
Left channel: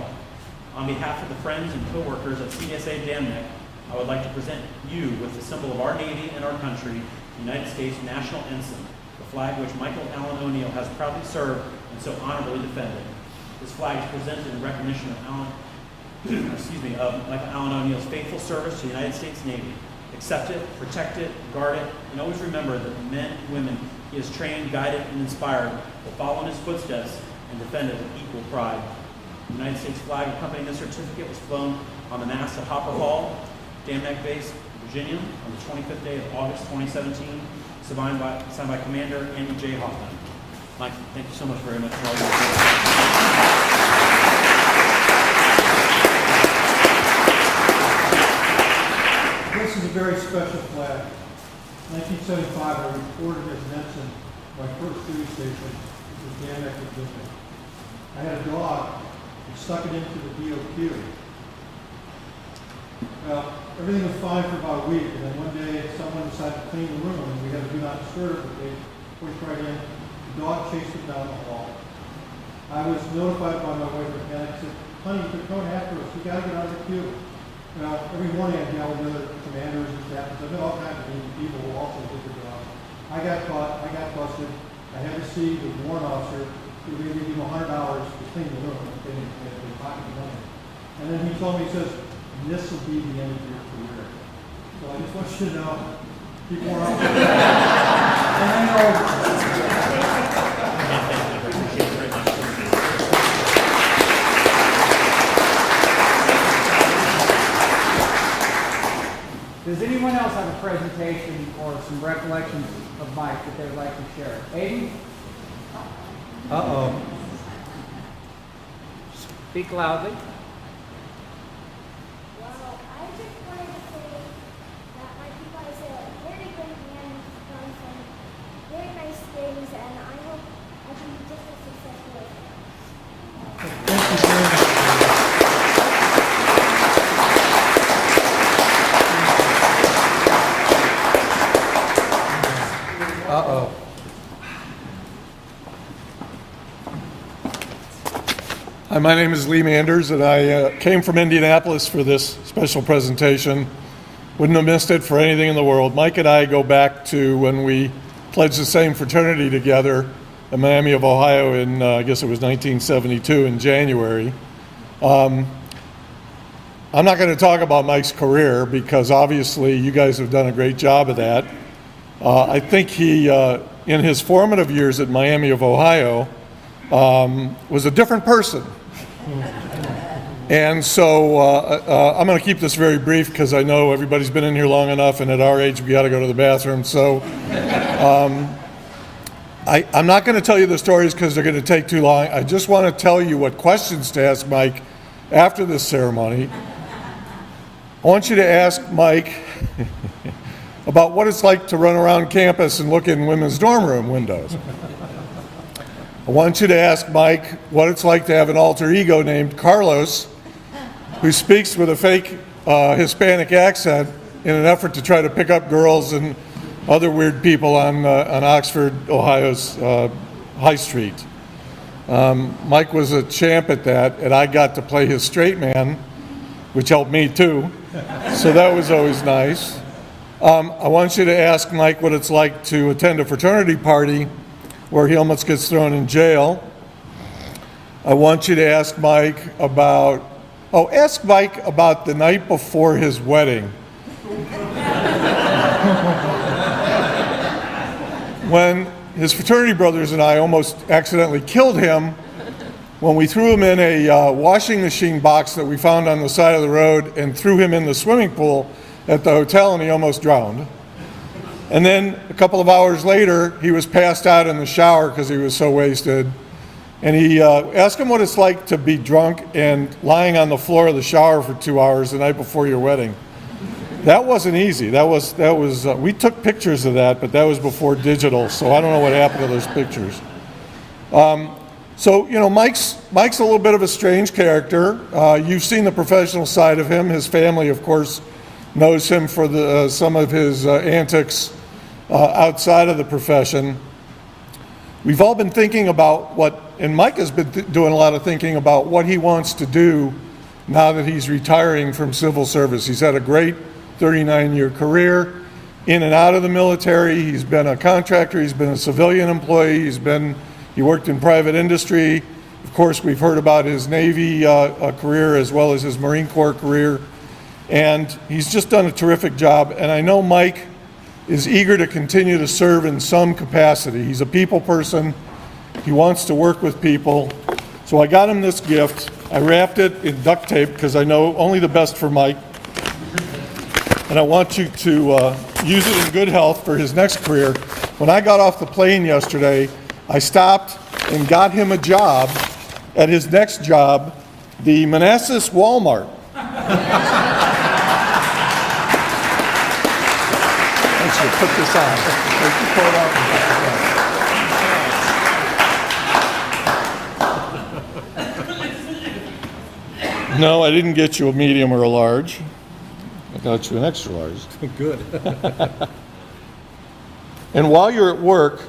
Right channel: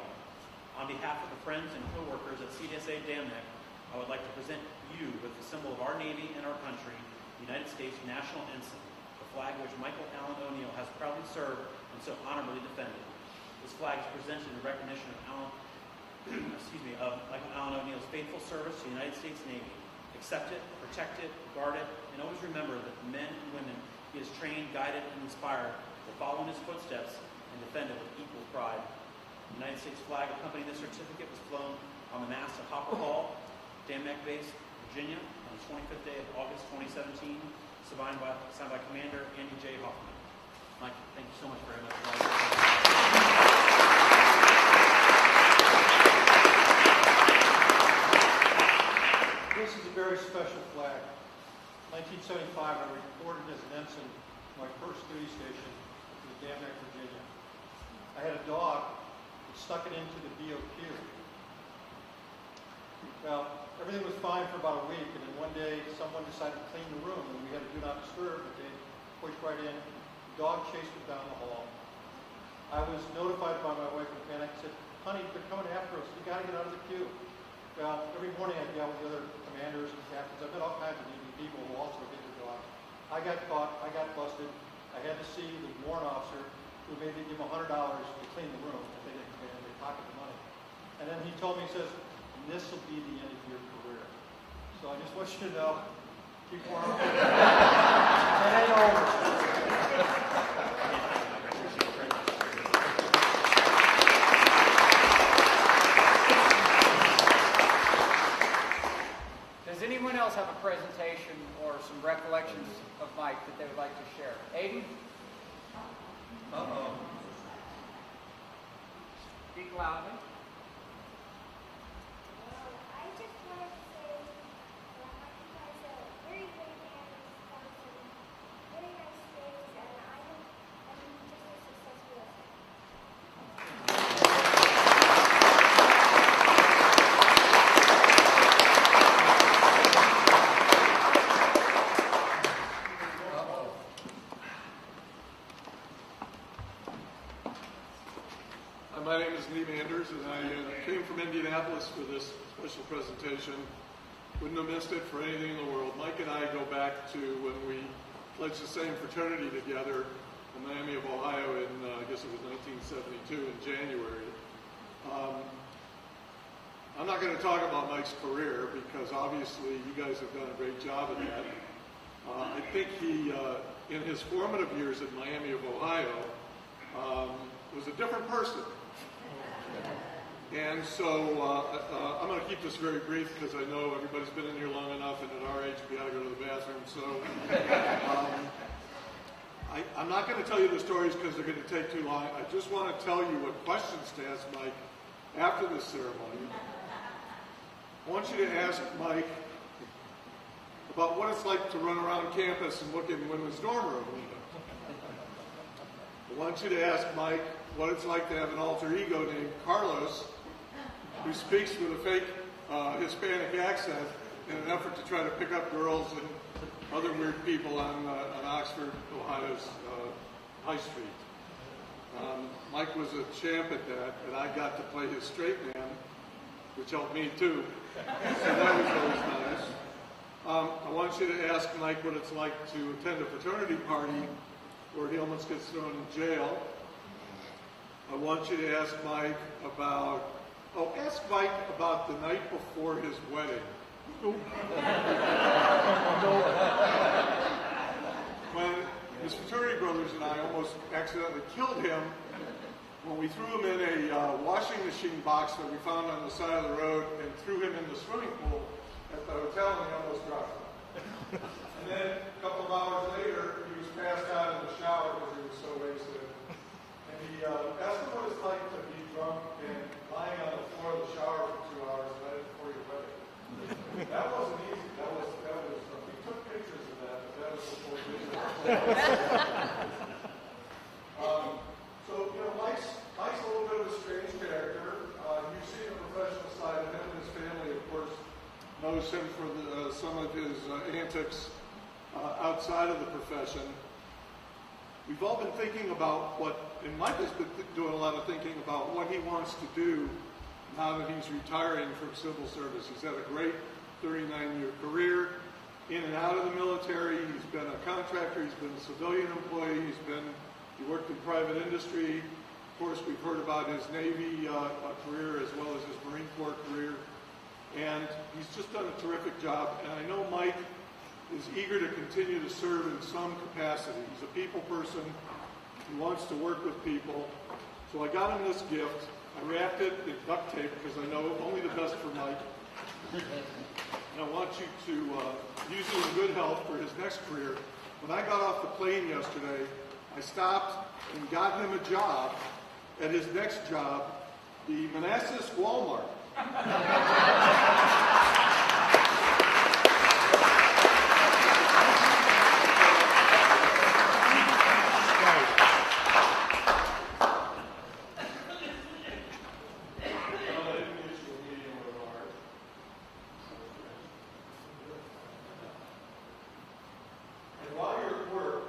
On behalf of the friends and co-workers of CSA DAMNAC, I would like to present you with the symbol of our Navy and our country, the United States National Ensign, the flag which Michael Allen O'Neill has proudly served and so honorably defended. This flag is presented in recognition of Michael Allen O'Neill's faithful service to the United States Navy. Accept it, protect it, guard it, and always remember that the men and women he has trained, guided, and inspired will follow in his footsteps and defend it with equal pride. The United States flag accompanying this certificate was flown on the mast at Hopper Hall, DAMNAC Base, Virginia, on the 25th day of August 2017, signed by Commander Andy J. Hoffman. Mike, thank you so much very much for all your work. This is a very special flag. 1975, I reported as an ensign my first duty station, which was DAMNAC, Virginia. I had a dog and stuck it into the DOQ. Well, everything was fine for about a week, and then one day someone decided to clean the room, and we had a do not disturb, but they pushed right in. The dog chased it down the hall. I was notified by my wife at panic, said, "Honey, they're coming after us. We got to get out of the queue." Well, every morning I dealt with other commanders and staff, and I've met all kinds of people who also did their job. I I got caught, I got busted. I had to see the warrant officer who gave him $100 to clean the room. They didn't pocket the money. And then he told me, he says, this will be the end of your career. So I just want you to know, keep warrant officer. And I know. Does anyone else have a presentation or some recollections of Mike that they'd like to share? Aiden? Uh-oh. Speak loudly. Well, I just wanted to say that Mike was a very great man. He's done some very nice things, and I hope I can be just as successful as him. Thank you very much. Uh-oh. Hi, my name is Lee Manders, and I came from Indianapolis for this special presentation. Wouldn't have missed it for anything in the world. Mike and I go back to when we pledged the same fraternity together in Miami of Ohio in, I guess it was 1972 in January. I'm not going to talk about Mike's career because obviously you guys have done a great job of that. I think he, in his formative years at Miami of Ohio, was a different person. And so I'm going to keep this very brief because I know everybody's been in here long enough, and at our age we got to go to the bathroom. So I'm not going to tell you the stories because they're going to take too long. I just want to tell you what questions to ask Mike after this ceremony. I want you to ask Mike about what it's like to run around campus and look in women's dorm room windows. I want you to ask Mike what it's like to have an alter ego named Carlos, who speaks with a fake Hispanic accent in an effort to try to pick up girls and other weird people on Oxford, Ohio's High Street. Mike was a champ at that, and I got to play his straight man, which helped me too, so that was always nice. I want you to ask Mike what it's like to attend a fraternity party where he almost gets thrown in jail. I want you to ask Mike about, ask Mike about the night before his wedding. When his fraternity brothers and I almost accidentally killed him when we threw him in a washing machine box that we found on the side of the road and threw him in the swimming pool at the hotel, and he almost drowned. And then a couple of hours later, he was passed out in the shower because he was so wasted. And he asked him what it's like to be drunk and lying on the floor of the shower for 2 hours the night before your wedding. That wasn't easy. That was we took pictures of that, but that was before digital, so I don't know what happened to those pictures. So, you know, Mike's a little bit of a strange character. You've seen the professional side of him. His family, of course, knows him for some of his antics outside of the profession. We've all been thinking about and Mike has been doing a lot of thinking about what he wants to do now that he's retiring from civil service. He's had a great 39-year career in and out of the military. He's been a contractor, he's been a civilian employee, he worked in private industry. Of course, we've heard about his Navy career as well as his Marine Corps career. And he's just done a terrific job. And I know Mike is eager to continue to serve in some capacity. He's a people person. He wants to work with people. So I got him this gift. I wrapped it in duct tape because I know only the best for Mike. And I want you to use it in good health for his next career. When I got off the plane yesterday, I stopped and got him a job at his next job, the Manassas Walmart. Put this on. No, I didn't get you a medium or a large. I got you an extra large. Good. And while you're at work,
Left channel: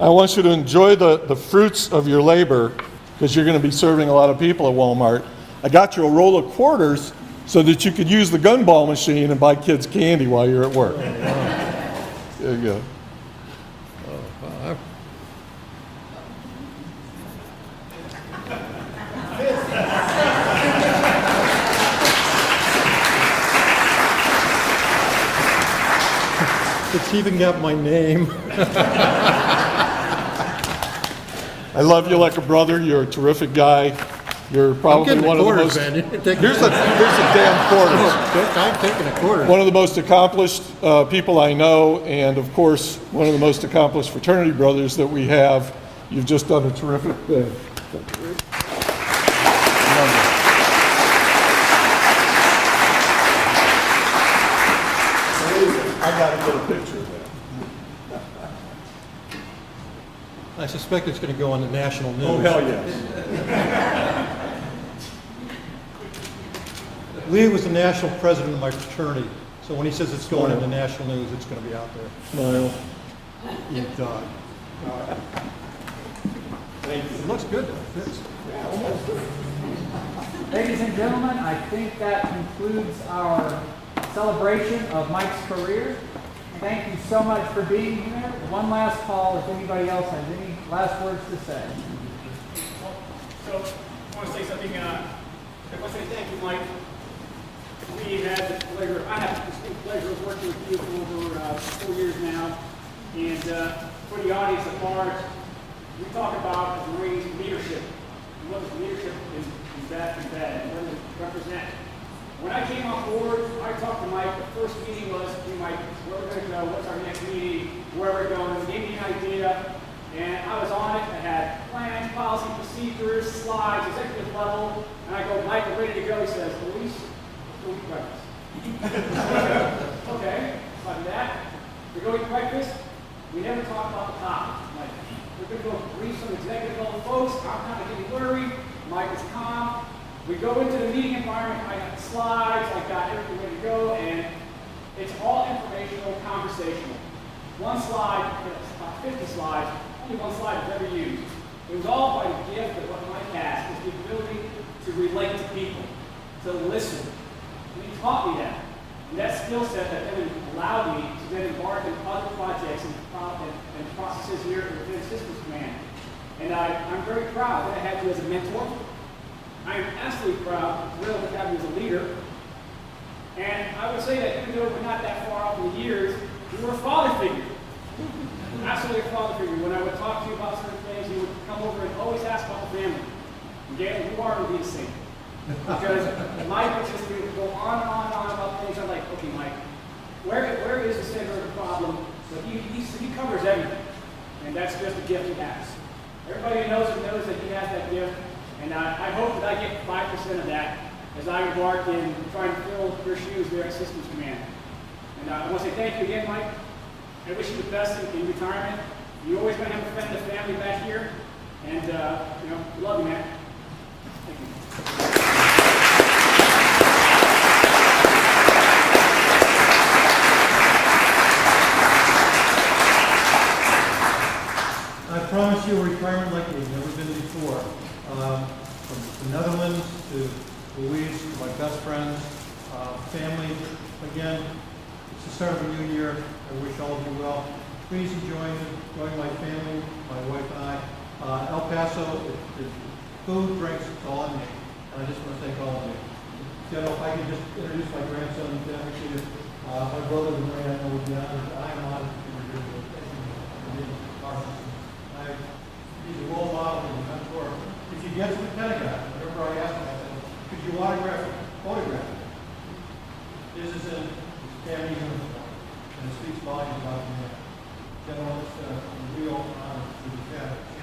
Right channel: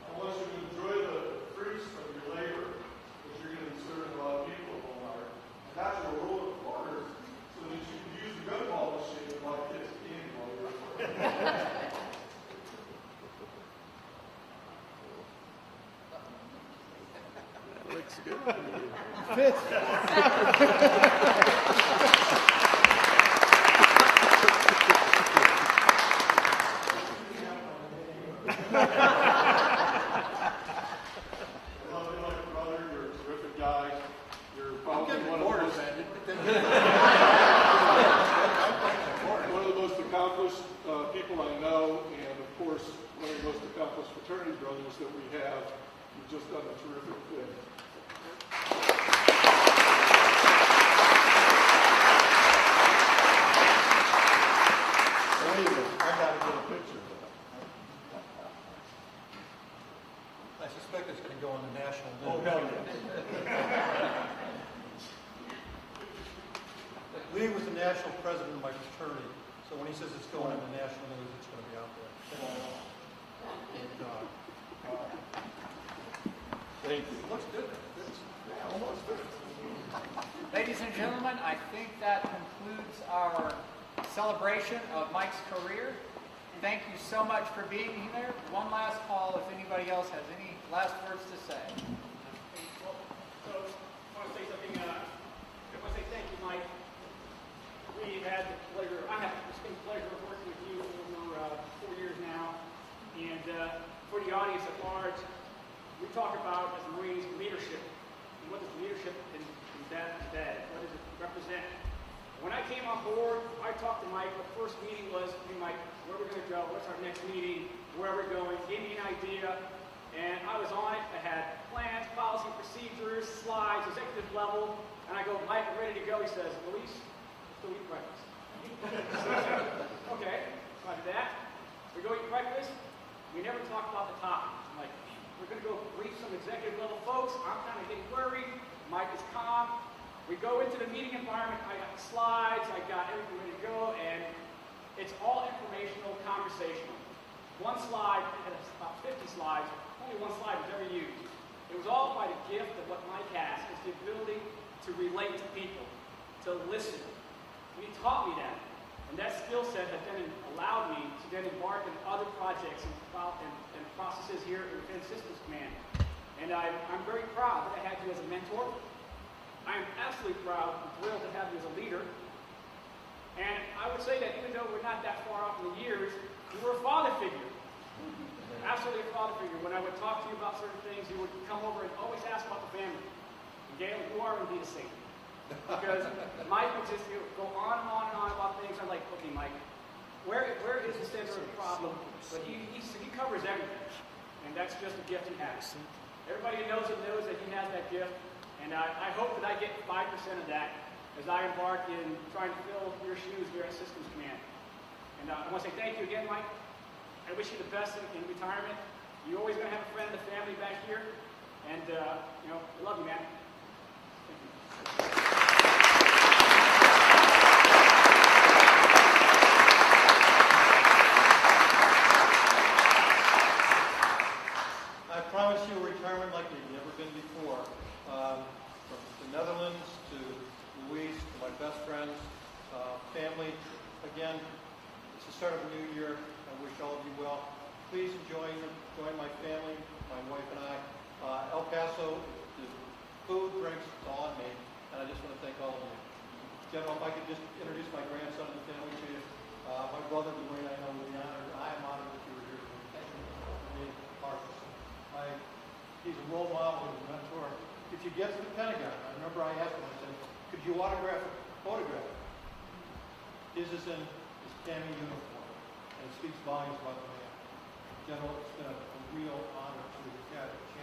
I want you to enjoy the fruits of your labor because you're going to be serving a lot of people at Walmart. I got you a roll of quarters so that you could use the gumball machine and buy kids candy while you're at work. There you go. It's even got my name. I love you like a brother. You're a terrific guy. You're probably one of the most. Here's a damn quarter. I'm taking a quarter. One of the most accomplished people I know, and of course, one of the most accomplished fraternity brothers that we have. You've just done a terrific thing. I got to get a picture of that. I suspect it's going to go on the national news. Oh, hell yes. Lee was the national president of my fraternity, so when he says it's going in the national news, it's going to be out there. Smile. You dog. Thank you. It looks good though. It fits. Ladies and gentlemen, I think that concludes our celebration of Mike's career. Thank you so much for being here. One last call if anybody else has any last words to say. So, I want to say something, I want to say thank you, Mike. We had the pleasure, I had the distinct pleasure of working with you for over 4 years now. And for the audience at large, we talk about the Marines leadership. And what is leadership is that and that, and what does it represent? When I came on board, I talked to Mike. The first meeting was, hey Mike, where we're going to go, what's our next meeting, where we're going, gave me an idea. And I was on it. I had plans, policy, procedures, slides, executive level. And I go, Mike, we're ready to go. He says, Luis, go eat breakfast. Okay, so I do that. We go eat breakfast. We never talk about the topic. Like, we're going to go brief some executive level folks. I'm kind of getting worried. Mike is calm. We go into the meeting environment. I got the slides. I got everything ready to go. And it's all informational, conversational. One slide, about 50 slides, only one slide was ever used. It was all by the gift of what Mike has, is the ability to relate to people, to listen. And he taught me that. And that skill set that then allowed me to then embark on other projects and processes here within Systems Command. And I'm very proud that I had you as a mentor. I am absolutely proud, thrilled to have you as a leader. And I would say that even though we're not that far off in the years, you were a father figure. Absolutely a father figure. When I would talk to you about certain things, you would come over and always ask about the family. Again, you are to be a saint. Because Mike would just go on and on about things. I'm like, okay, Mike, where is the center of the problem? But he covers everything. And that's just a gift he has. Everybody who knows him knows that he has that gift. And I hope that I get 5% of that as I embark in trying to fill your shoes there at Systems Command. And I want to say thank you again, Mike. I wish you the best in retirement. You're always going to have a friend and family back here. And, we love you, man. Thank you. I promise you a retirement like we've never been before. From the Netherlands to Louise, to my best friends, family. Again, it's the start of a new year. I wish all of you well. Please join my family, my wife and I. El Paso is food, drinks, it's all on me. And I just want to thank all of you. General, if I could just introduce my grandson and family to you. My brother, the Marine, I know would be honored. I am honored to be here today. Thank you for being part of this. He's a role model and a mentor. If you get to the Pentagon, remember I asked him, I said, could you photograph it? This is in Tammy uniform, and it speaks volumes about him. General, it's a real honor to be captured.